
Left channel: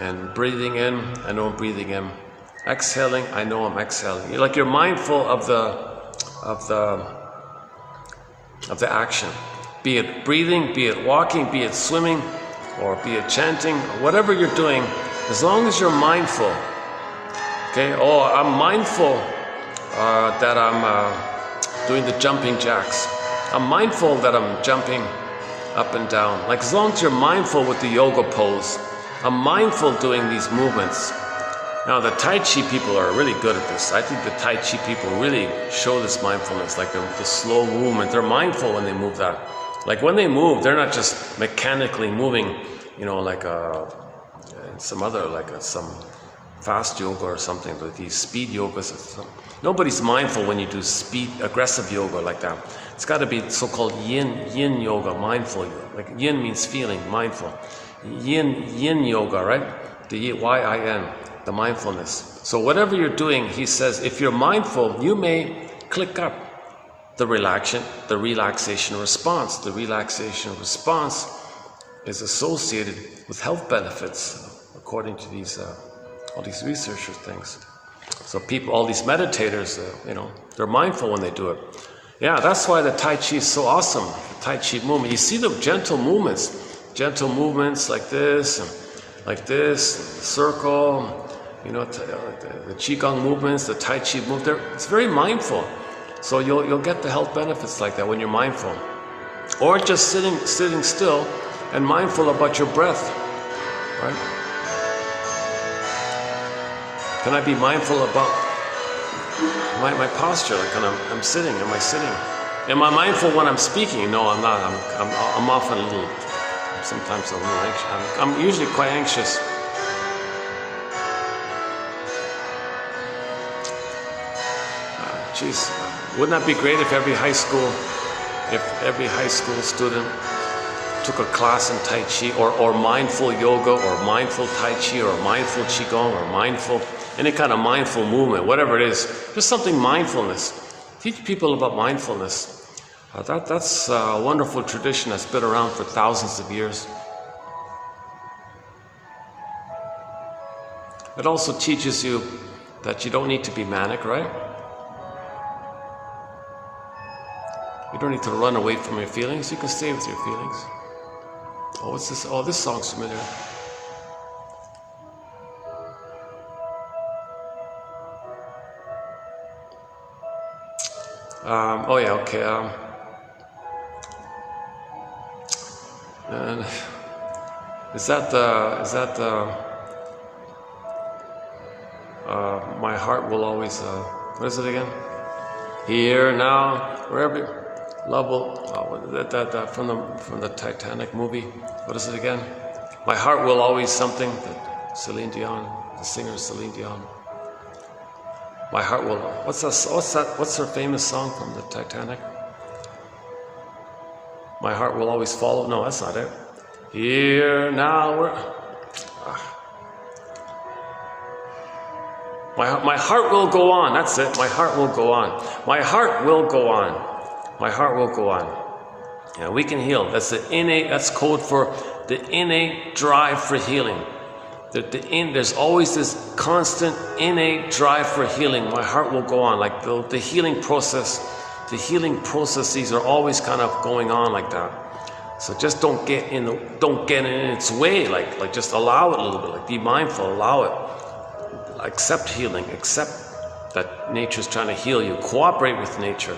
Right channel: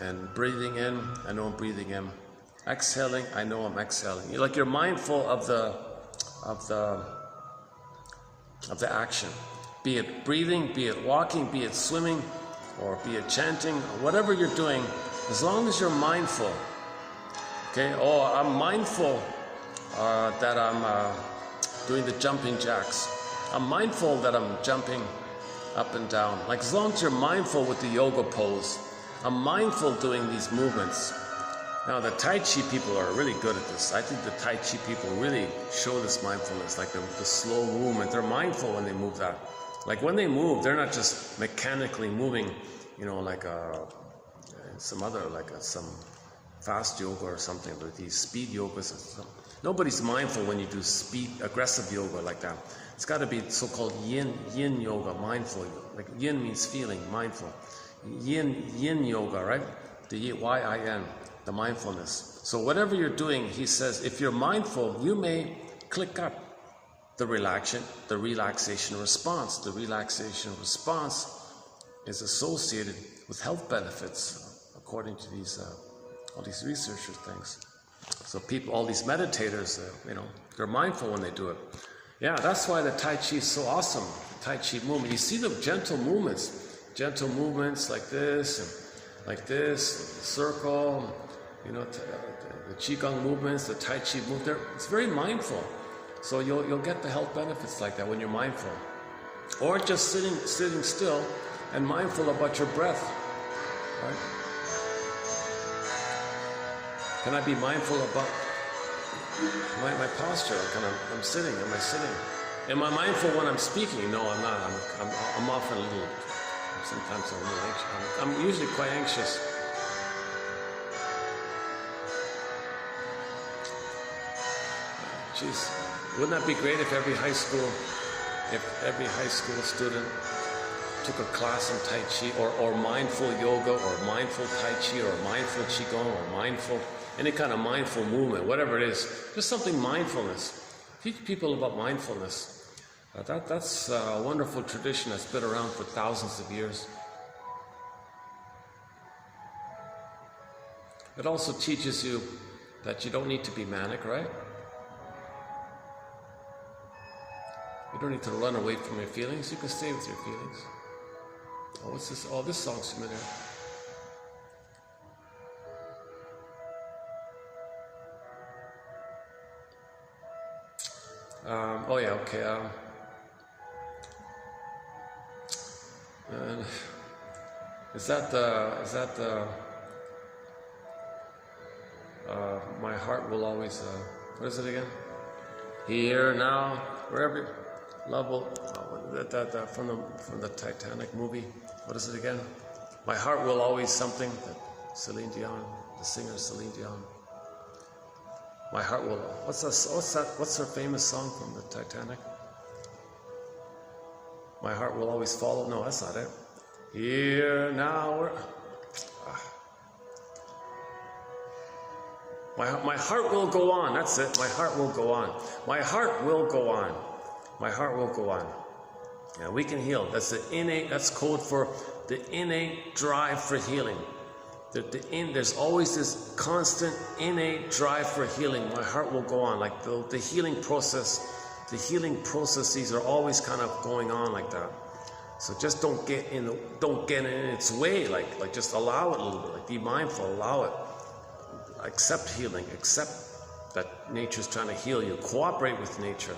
And breathing in, I know I'm breathing in. Exhaling, I know I'm exhaling. You're mindful of the action. Be it breathing, be it walking, be it swimming, or be it chanting, whatever you're doing, as long as you're mindful. Okay, oh, I'm mindful that I'm doing the jumping jacks. I'm mindful that I'm jumping up and down. Like as long as you're mindful with the yoga pose, I'm mindful doing these movements. Now the Tai Chi people are really good at this. I think the Tai Chi people really show this mindfulness, like the slow movement. They're mindful when they move that. Like when they move, they're not just mechanically moving, you know, like some other, some fast yoga or something, but these speed yogas. Nobody's mindful when you do aggressive yoga like that. It's got to be so-called yin yoga, mindful yoga. Like yin means feeling, mindful. Yin yoga, right? The Y-I-N, the mindfulness. So whatever you're doing, he says, if you're mindful, you may click up the relaxation response. The relaxation response is associated with health benefits, according to these all these researchers things. So people, all these meditators, you know, they're mindful when they do it. Yeah, that's why the Tai Chi is so awesome. The Tai Chi movement. You see the gentle movements like this, circle. You know, the Qigong movements, the Tai Chi movement. It's very mindful. So you'll get the health benefits like that when you're mindful, or just sitting still and mindful about your breath, right? Can I be mindful about my posture? Like when I'm sitting, am I sitting? Am I mindful when I'm speaking? No, I'm not. I'm often a little. Sometimes a little anxious. I'm usually quite anxious. Geez, wouldn't that be great if every high school student took a class in Tai Chi or mindful yoga or mindful Tai Chi or mindful Qigong or mindful, any kind of mindful movement, whatever it is, just something mindfulness. Teach people about mindfulness. That's a wonderful tradition that's been around for thousands of years. It also teaches you that you don't need to be manic, right? You don't need to run away from your feelings. You can stay with your feelings. Oh, what's this? Oh, this song's familiar. Oh yeah, okay. And is that the my heart will always what is it again? Here now, wherever love will that from the Titanic movie. What is it again? My heart will always something. Celine Dion, the singer Celine Dion. My heart will. What's her famous song from the Titanic? My heart will always follow. No, that's not it. Here now, my heart will go on. That's it. My heart will go on. My heart will go on. My heart will go on. Yeah, we can heal. That's the innate. That's code for the innate drive for healing. There's always this constant innate drive for healing. My heart will go on. Like the healing process. The healing processes are always kind of going on like that. So just don't get in its way. Like just allow it a little bit. Like be mindful. Allow it. Accept healing. Accept that nature's trying to heal you. Cooperate with nature.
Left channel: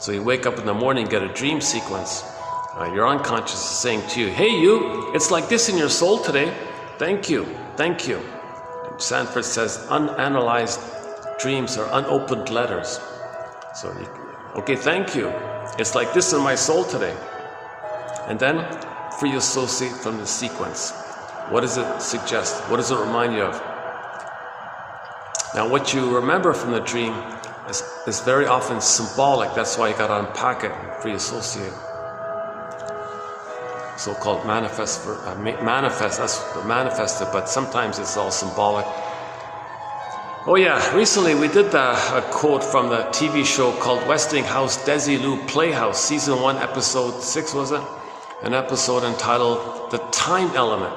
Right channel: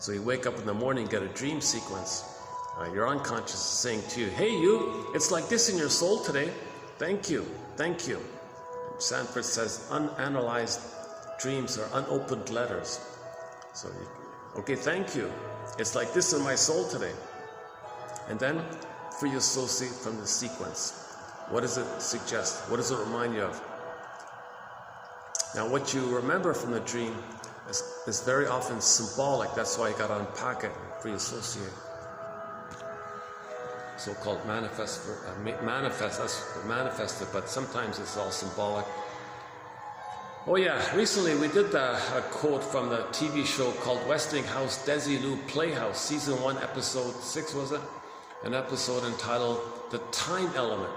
So you wake up in the morning, get a dream sequence. Your unconscious is saying to you, "Hey, you! It's like this in your soul today. Thank you. Thank you." And Sanford says, unanalyzed dreams are unopened letters. So, okay, thank you. It's like this in my soul today. And then, free associate from the sequence. What does it suggest? What does it remind you of? Now, what you remember from the dream is very often symbolic. That's why you got to unpack it and free associate. so-called manifested, but sometimes it's all symbolic. Oh yeah, recently we did a quote from the TV show called Westinghouse Desilu Playhouse, season 1, episode 6 was it? An episode entitled The Time Element,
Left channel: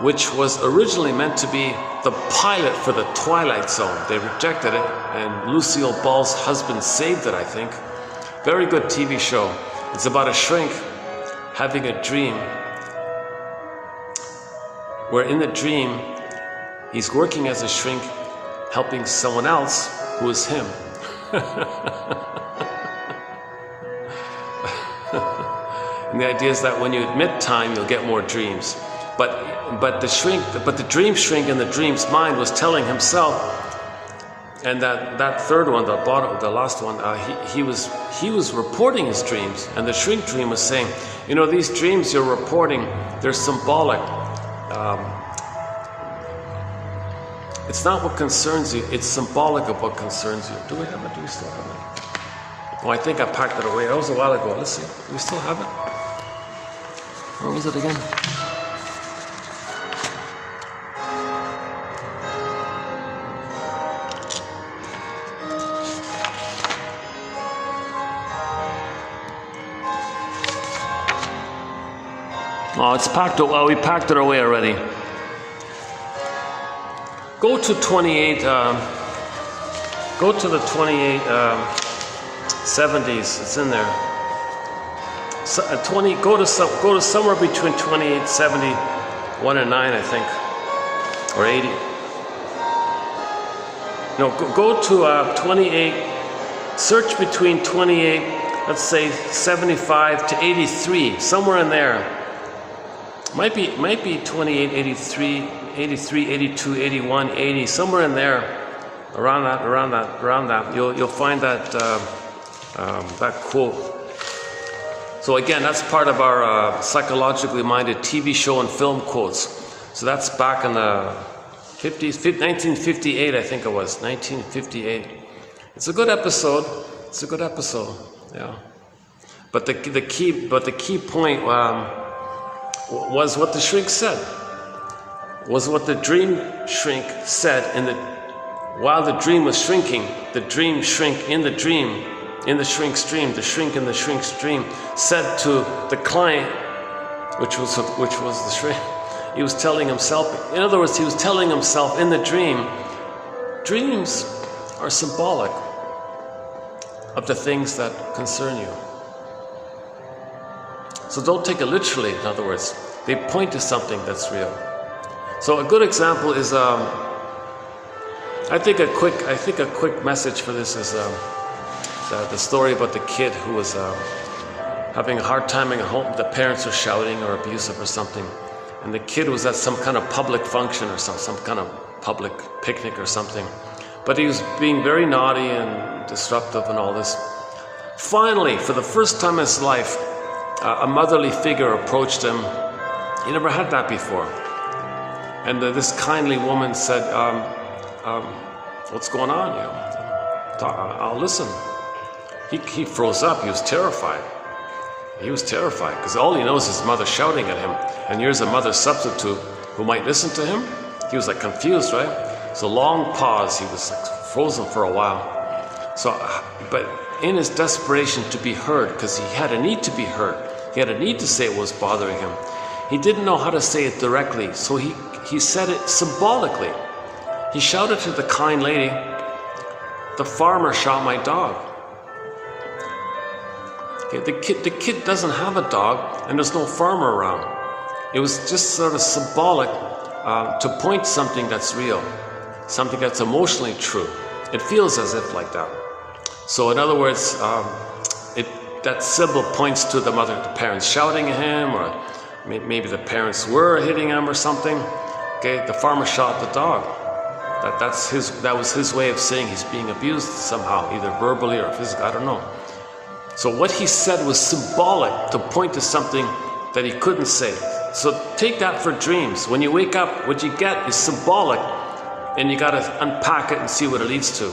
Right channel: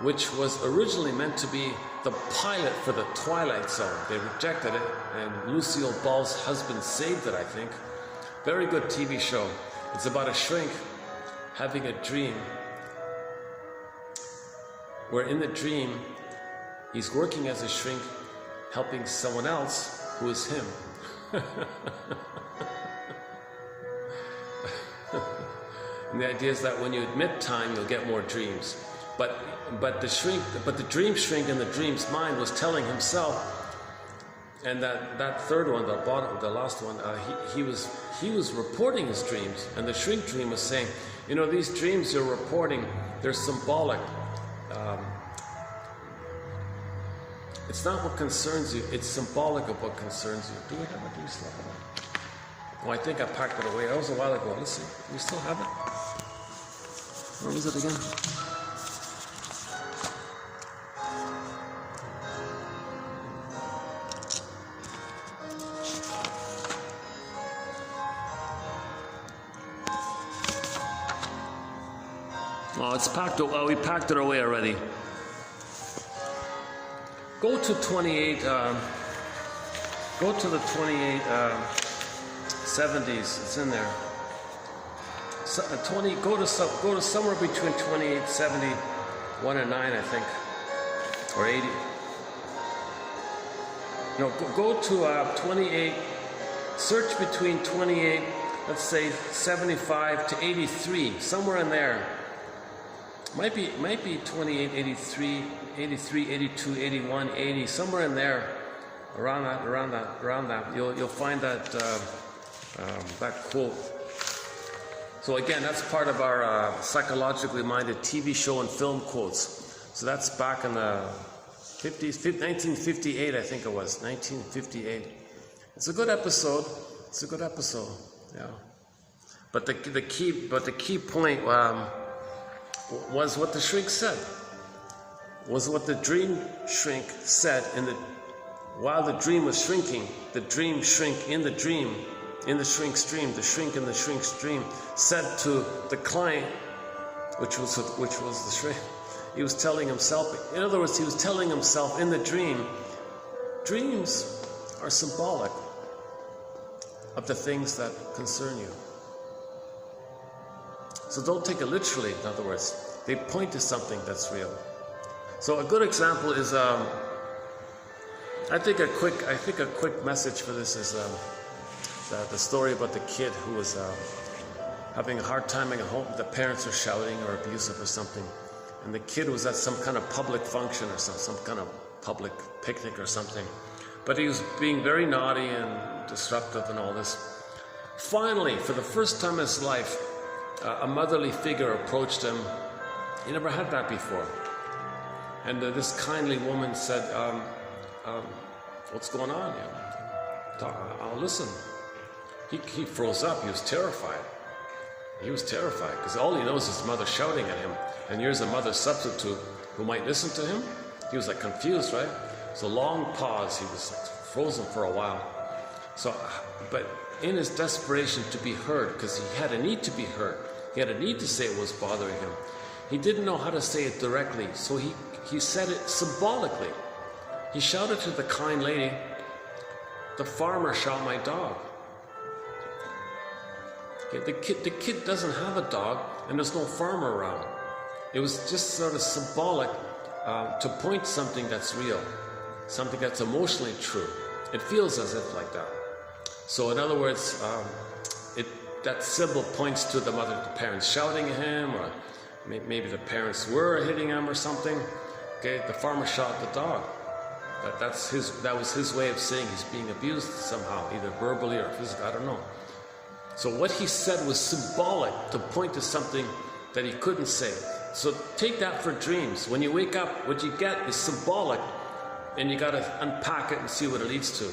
which was originally meant to be the pilot for the Twilight Zone. They rejected it, and Lucille Ball's husband saved it, I think. Very good TV show. It's about a shrink having a dream, where in the dream, he's working as a shrink, helping someone else who is him. And the idea is that when you admit time, you'll get more dreams. But the dream shrink in the dream's mind was telling himself, and that third one, the last one, he was reporting his dreams, and the shrink dream was saying, you know, these dreams you're reporting, they're symbolic. It's not what concerns you, it's symbolic of what concerns you. Do we have it? Do we still have it? Oh, I think I packed it away. That was a while ago. Let's see. Do we still have it? Where was it again? Oh, it's packed. Oh, we packed it away already. Go to 28. Go to the 2870s. It's in there. So, 20. Go to somewhere between 2871 and 9, I think, or 80. No, go to 28. Search between 28. Let's say 75 to 83, somewhere in there. Might be 28, 83, 82, 81, 80, somewhere in there, around that. You'll find that that quote. So again, that's part of our psychologically minded TV show and film quotes. So that's back in the 50s, 1958, I think it was, 1958. It's a good episode. Yeah. But the key point. Was what the shrink said. Was what the dream shrink said while the dream was shrinking, the dream shrink in the dream, in the shrink's dream, the shrink in the shrink's dream said to the client, which was the shrink. He was telling himself, in other words, he was telling himself in the dream, dreams are symbolic of the things that concern you. So don't take it literally, in other words. They point to something that's real. So a good example is, I think a quick message for this is the story about the kid who was having a hard time at home. The parents were shouting or abusive or something. And the kid was at some kind of public function or some kind of public picnic or something. But he was being very naughty and disruptive and all this. Finally, for the first time in his life, a motherly figure approached him. He never had that before. And this kindly woman said, what's going on? I'll listen. He froze up. He was terrified. Because all he knows is his mother shouting at him. And here's a mother substitute who might listen to him. He was like confused, right? So long pause. He was frozen for a while. But in his desperation to be heard, because he had a need to be heard, he had a need to say what was bothering him. He didn't know how to say it directly, so he said it symbolically. He shouted to the kind lady, "The farmer shot my dog." Okay, the kid doesn't have a dog, and there's no farmer around. It was just sort of symbolic to point to something that's real, something that's emotionally true. It feels as if like that. So in other words, that symbol points to the parents shouting at him, or maybe the parents were hitting him or something. Okay, the farmer shot the dog. That was his way of saying he's being abused somehow, either verbally or physically, I don't know. So what he said was symbolic to point to something that he couldn't say. So take that for dreams. When you wake up, what you get is symbolic, and you got to unpack it and see what it leads to.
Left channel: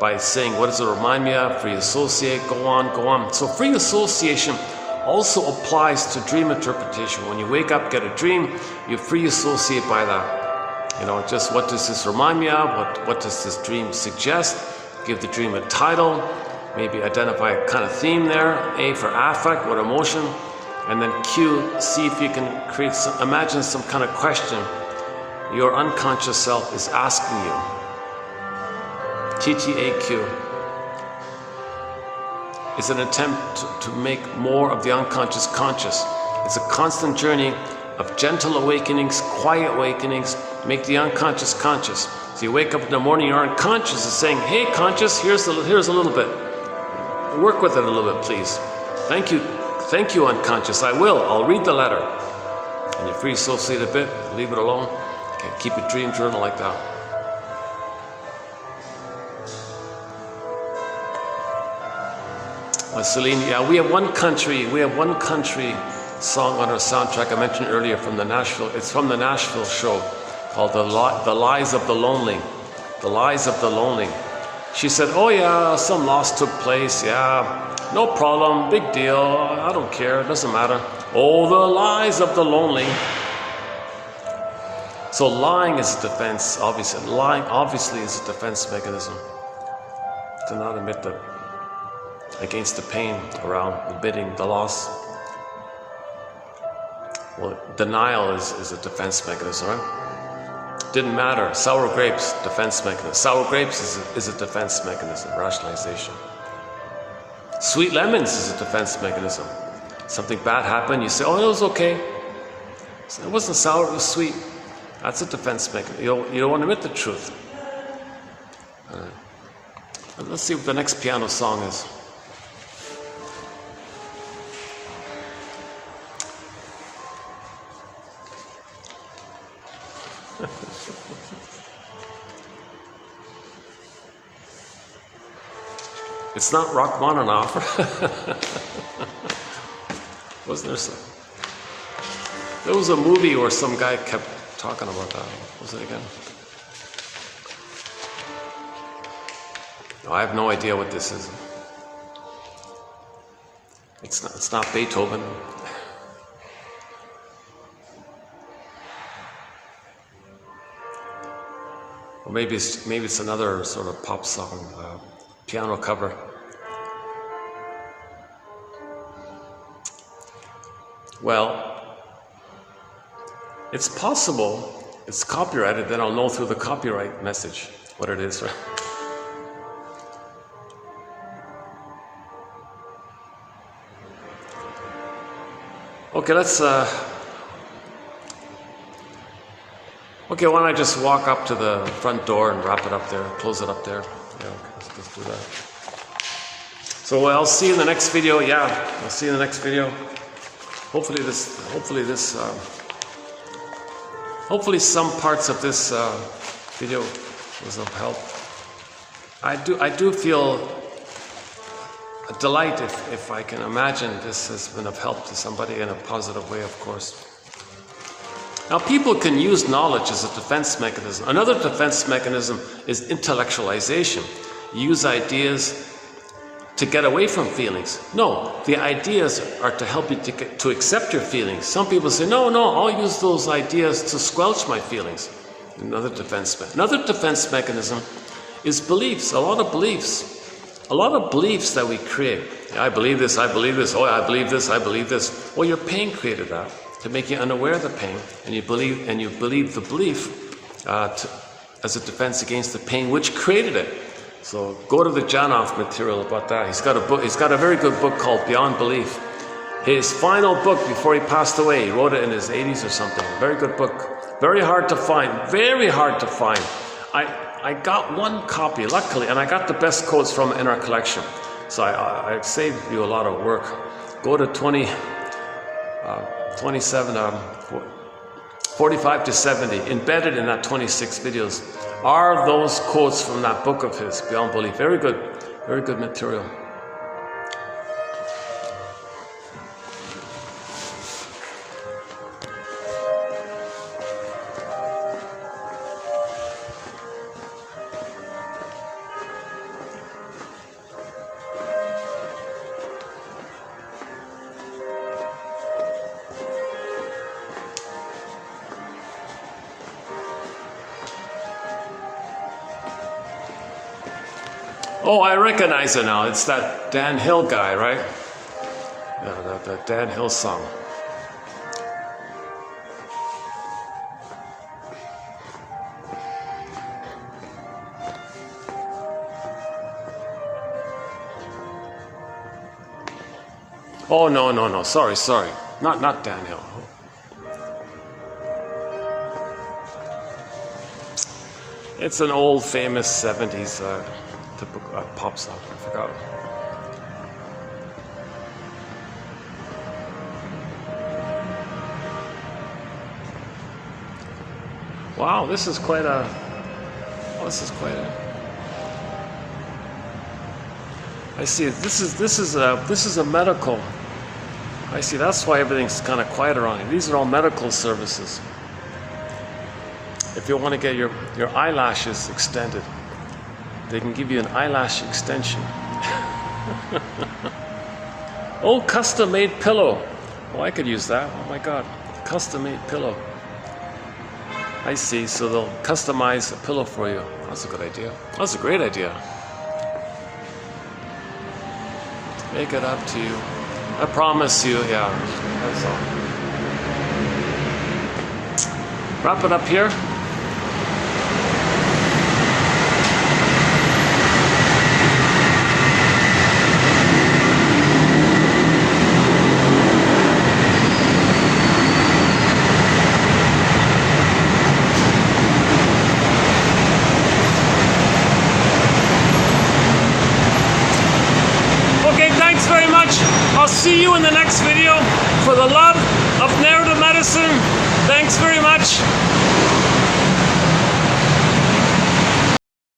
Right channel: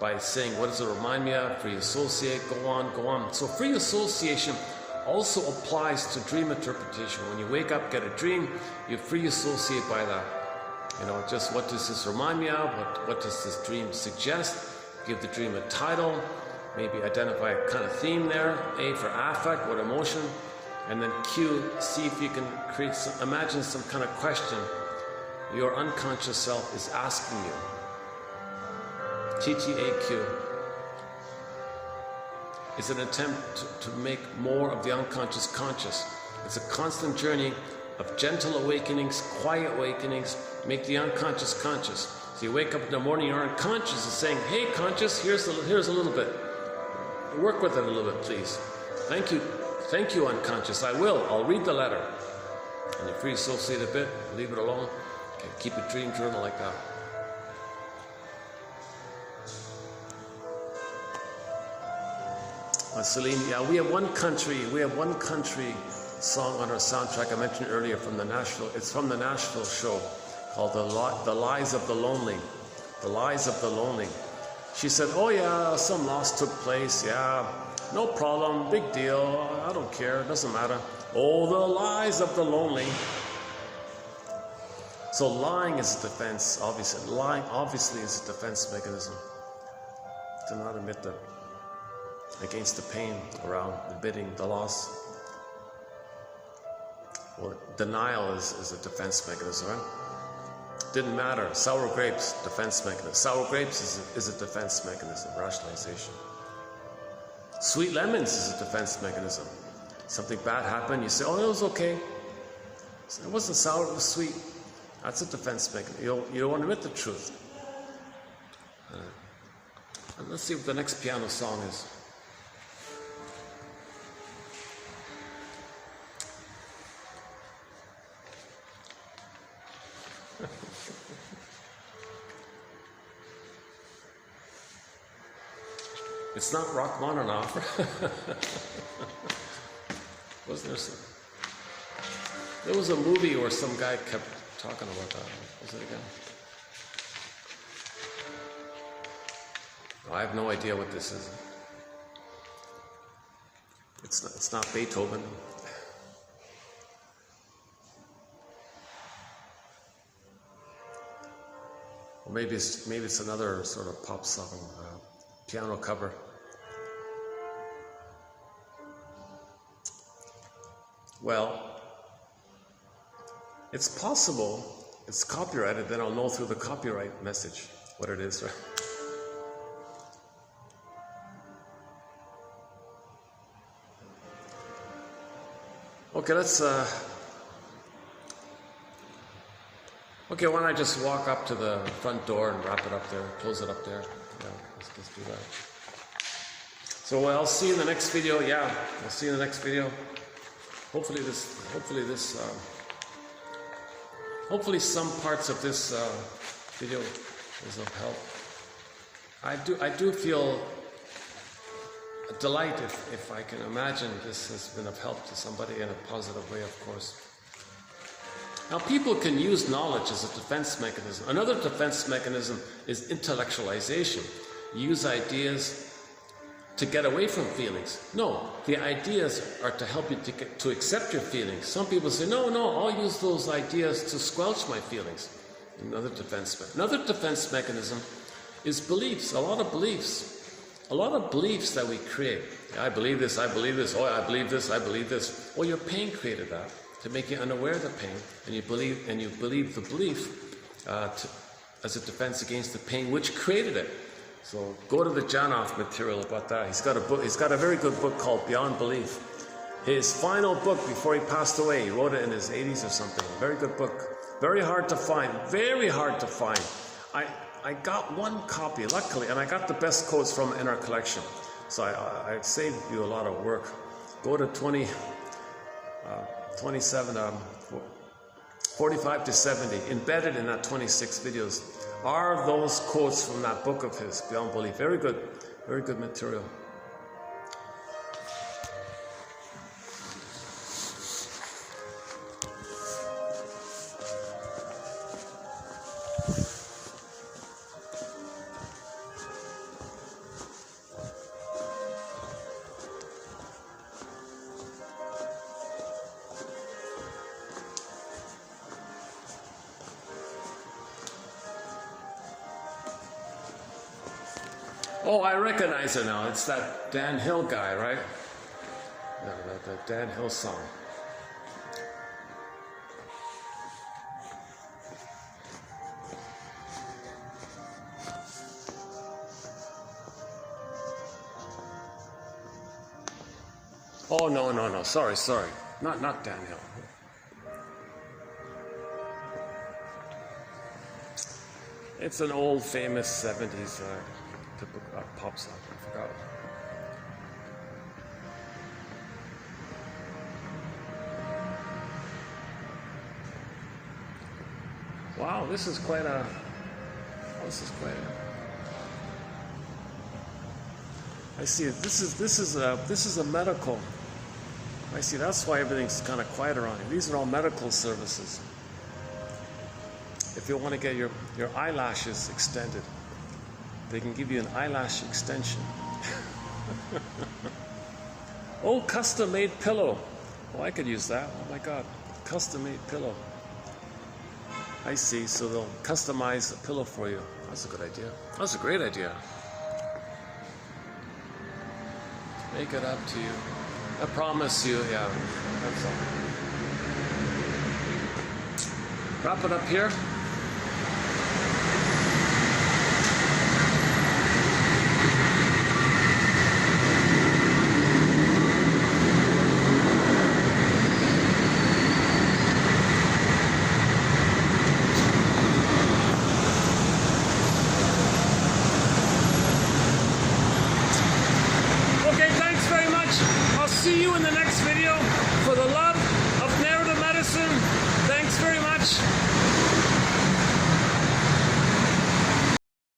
By saying, what does it remind me of? Free associate, go on. So free association also applies to dream interpretation. When you wake up, get a dream, you free associate by that. You know, just what does this remind me of? What does this dream suggest? Give the dream a title, maybe identify a kind of theme there. A for affect, what emotion? And then Q, see if you can create imagine some kind of question your unconscious self is asking you. TTAQ is an attempt to make more of the unconscious conscious. It's a constant journey of gentle awakenings, quiet awakenings, make the unconscious conscious. So you wake up in the morning, your unconscious is saying, hey conscious, here's a little bit. Work with it a little bit, please. Thank you unconscious, I will, I'll read the letter. And you free associate a bit, leave it alone. Okay, keep a dream journal like that. Celine, yeah, we have one country song on our soundtrack I mentioned earlier from the Nashville. It's from the Nashville show called The Lies of the Lonely. The Lies of the Lonely. She said, oh yeah, some loss took place, yeah, no problem, big deal, I don't care, it doesn't matter. Oh, the lies of the lonely. So lying is a defense, obviously. Lying obviously is a defense mechanism to not admit that against the pain around admitting the loss. Well, denial is a defense mechanism, right? Didn't matter. Sour grapes, defense mechanism. Sour grapes is a defense mechanism, rationalization. Sweet lemons is a defense mechanism. Something bad happened, you say, oh, it was okay. It wasn't sour, it was sweet. That's a defense mechanism. You don't want to admit the truth. Let's see what the next piano song is. It's not Rachmaninoff. Wasn't there some? There was a movie where some guy kept talking about that. What was it again? No, I have no idea what this is. It's not Beethoven. Or maybe it's another sort of pop song, piano cover. Well, it's possible it's copyrighted, then I'll know through the copyright message what it is, right? Okay, let's okay, why don't I just walk up to the front door and wrap it up there, close it up there. Yeah, let's do that. So I'll see you in the next video. Yeah, I'll see you in the next video. Hopefully some parts of this video was of help. I do feel a delight if I can imagine this has been of help to somebody in a positive way, of course. Now, people can use knowledge as a defense mechanism. Another defense mechanism is intellectualization. You use ideas to get away from feelings. No, the ideas are to help you to accept your feelings. Some people say, no, I'll use those ideas to squelch my feelings. Another defense mechanism is beliefs, a lot of beliefs that we create. I believe this, oh, I believe this. Well, your pain created that to make you unaware of the pain, and you believe the belief as a defense against the pain which created it. So go to the Janoff material about that. He's got a very good book called Beyond Belief. His final book before he passed away, he wrote it in his 80s or something. Very good book. Very hard to find. I got one copy, luckily, and I got the best quotes from it in our collection. So I saved you a lot of work. Go to 45 to 70. Embedded in that 26 videos are those quotes from that book of his, Beyond Belief. Very good material. Oh, I recognize it now. It's that Dan Hill guy, right? Yeah, that Dan Hill song. Oh, no. Sorry. Not Dan Hill. It's an old famous 70s pop song. I forgot. Wow, this is quite a. I see. This is a medical. I see. That's why everything's kind of quiet around here. These are all medical services. If you want to get your eyelashes extended, they can give you an eyelash extension. Oh, custom-made pillow. Oh, I could use that. Oh my God, custom-made pillow. I see. So they'll customize a pillow for you. That's a good idea. That's a great idea. Make it up to you. I promise you, yeah. That's all. Wrap it up here. See you in the next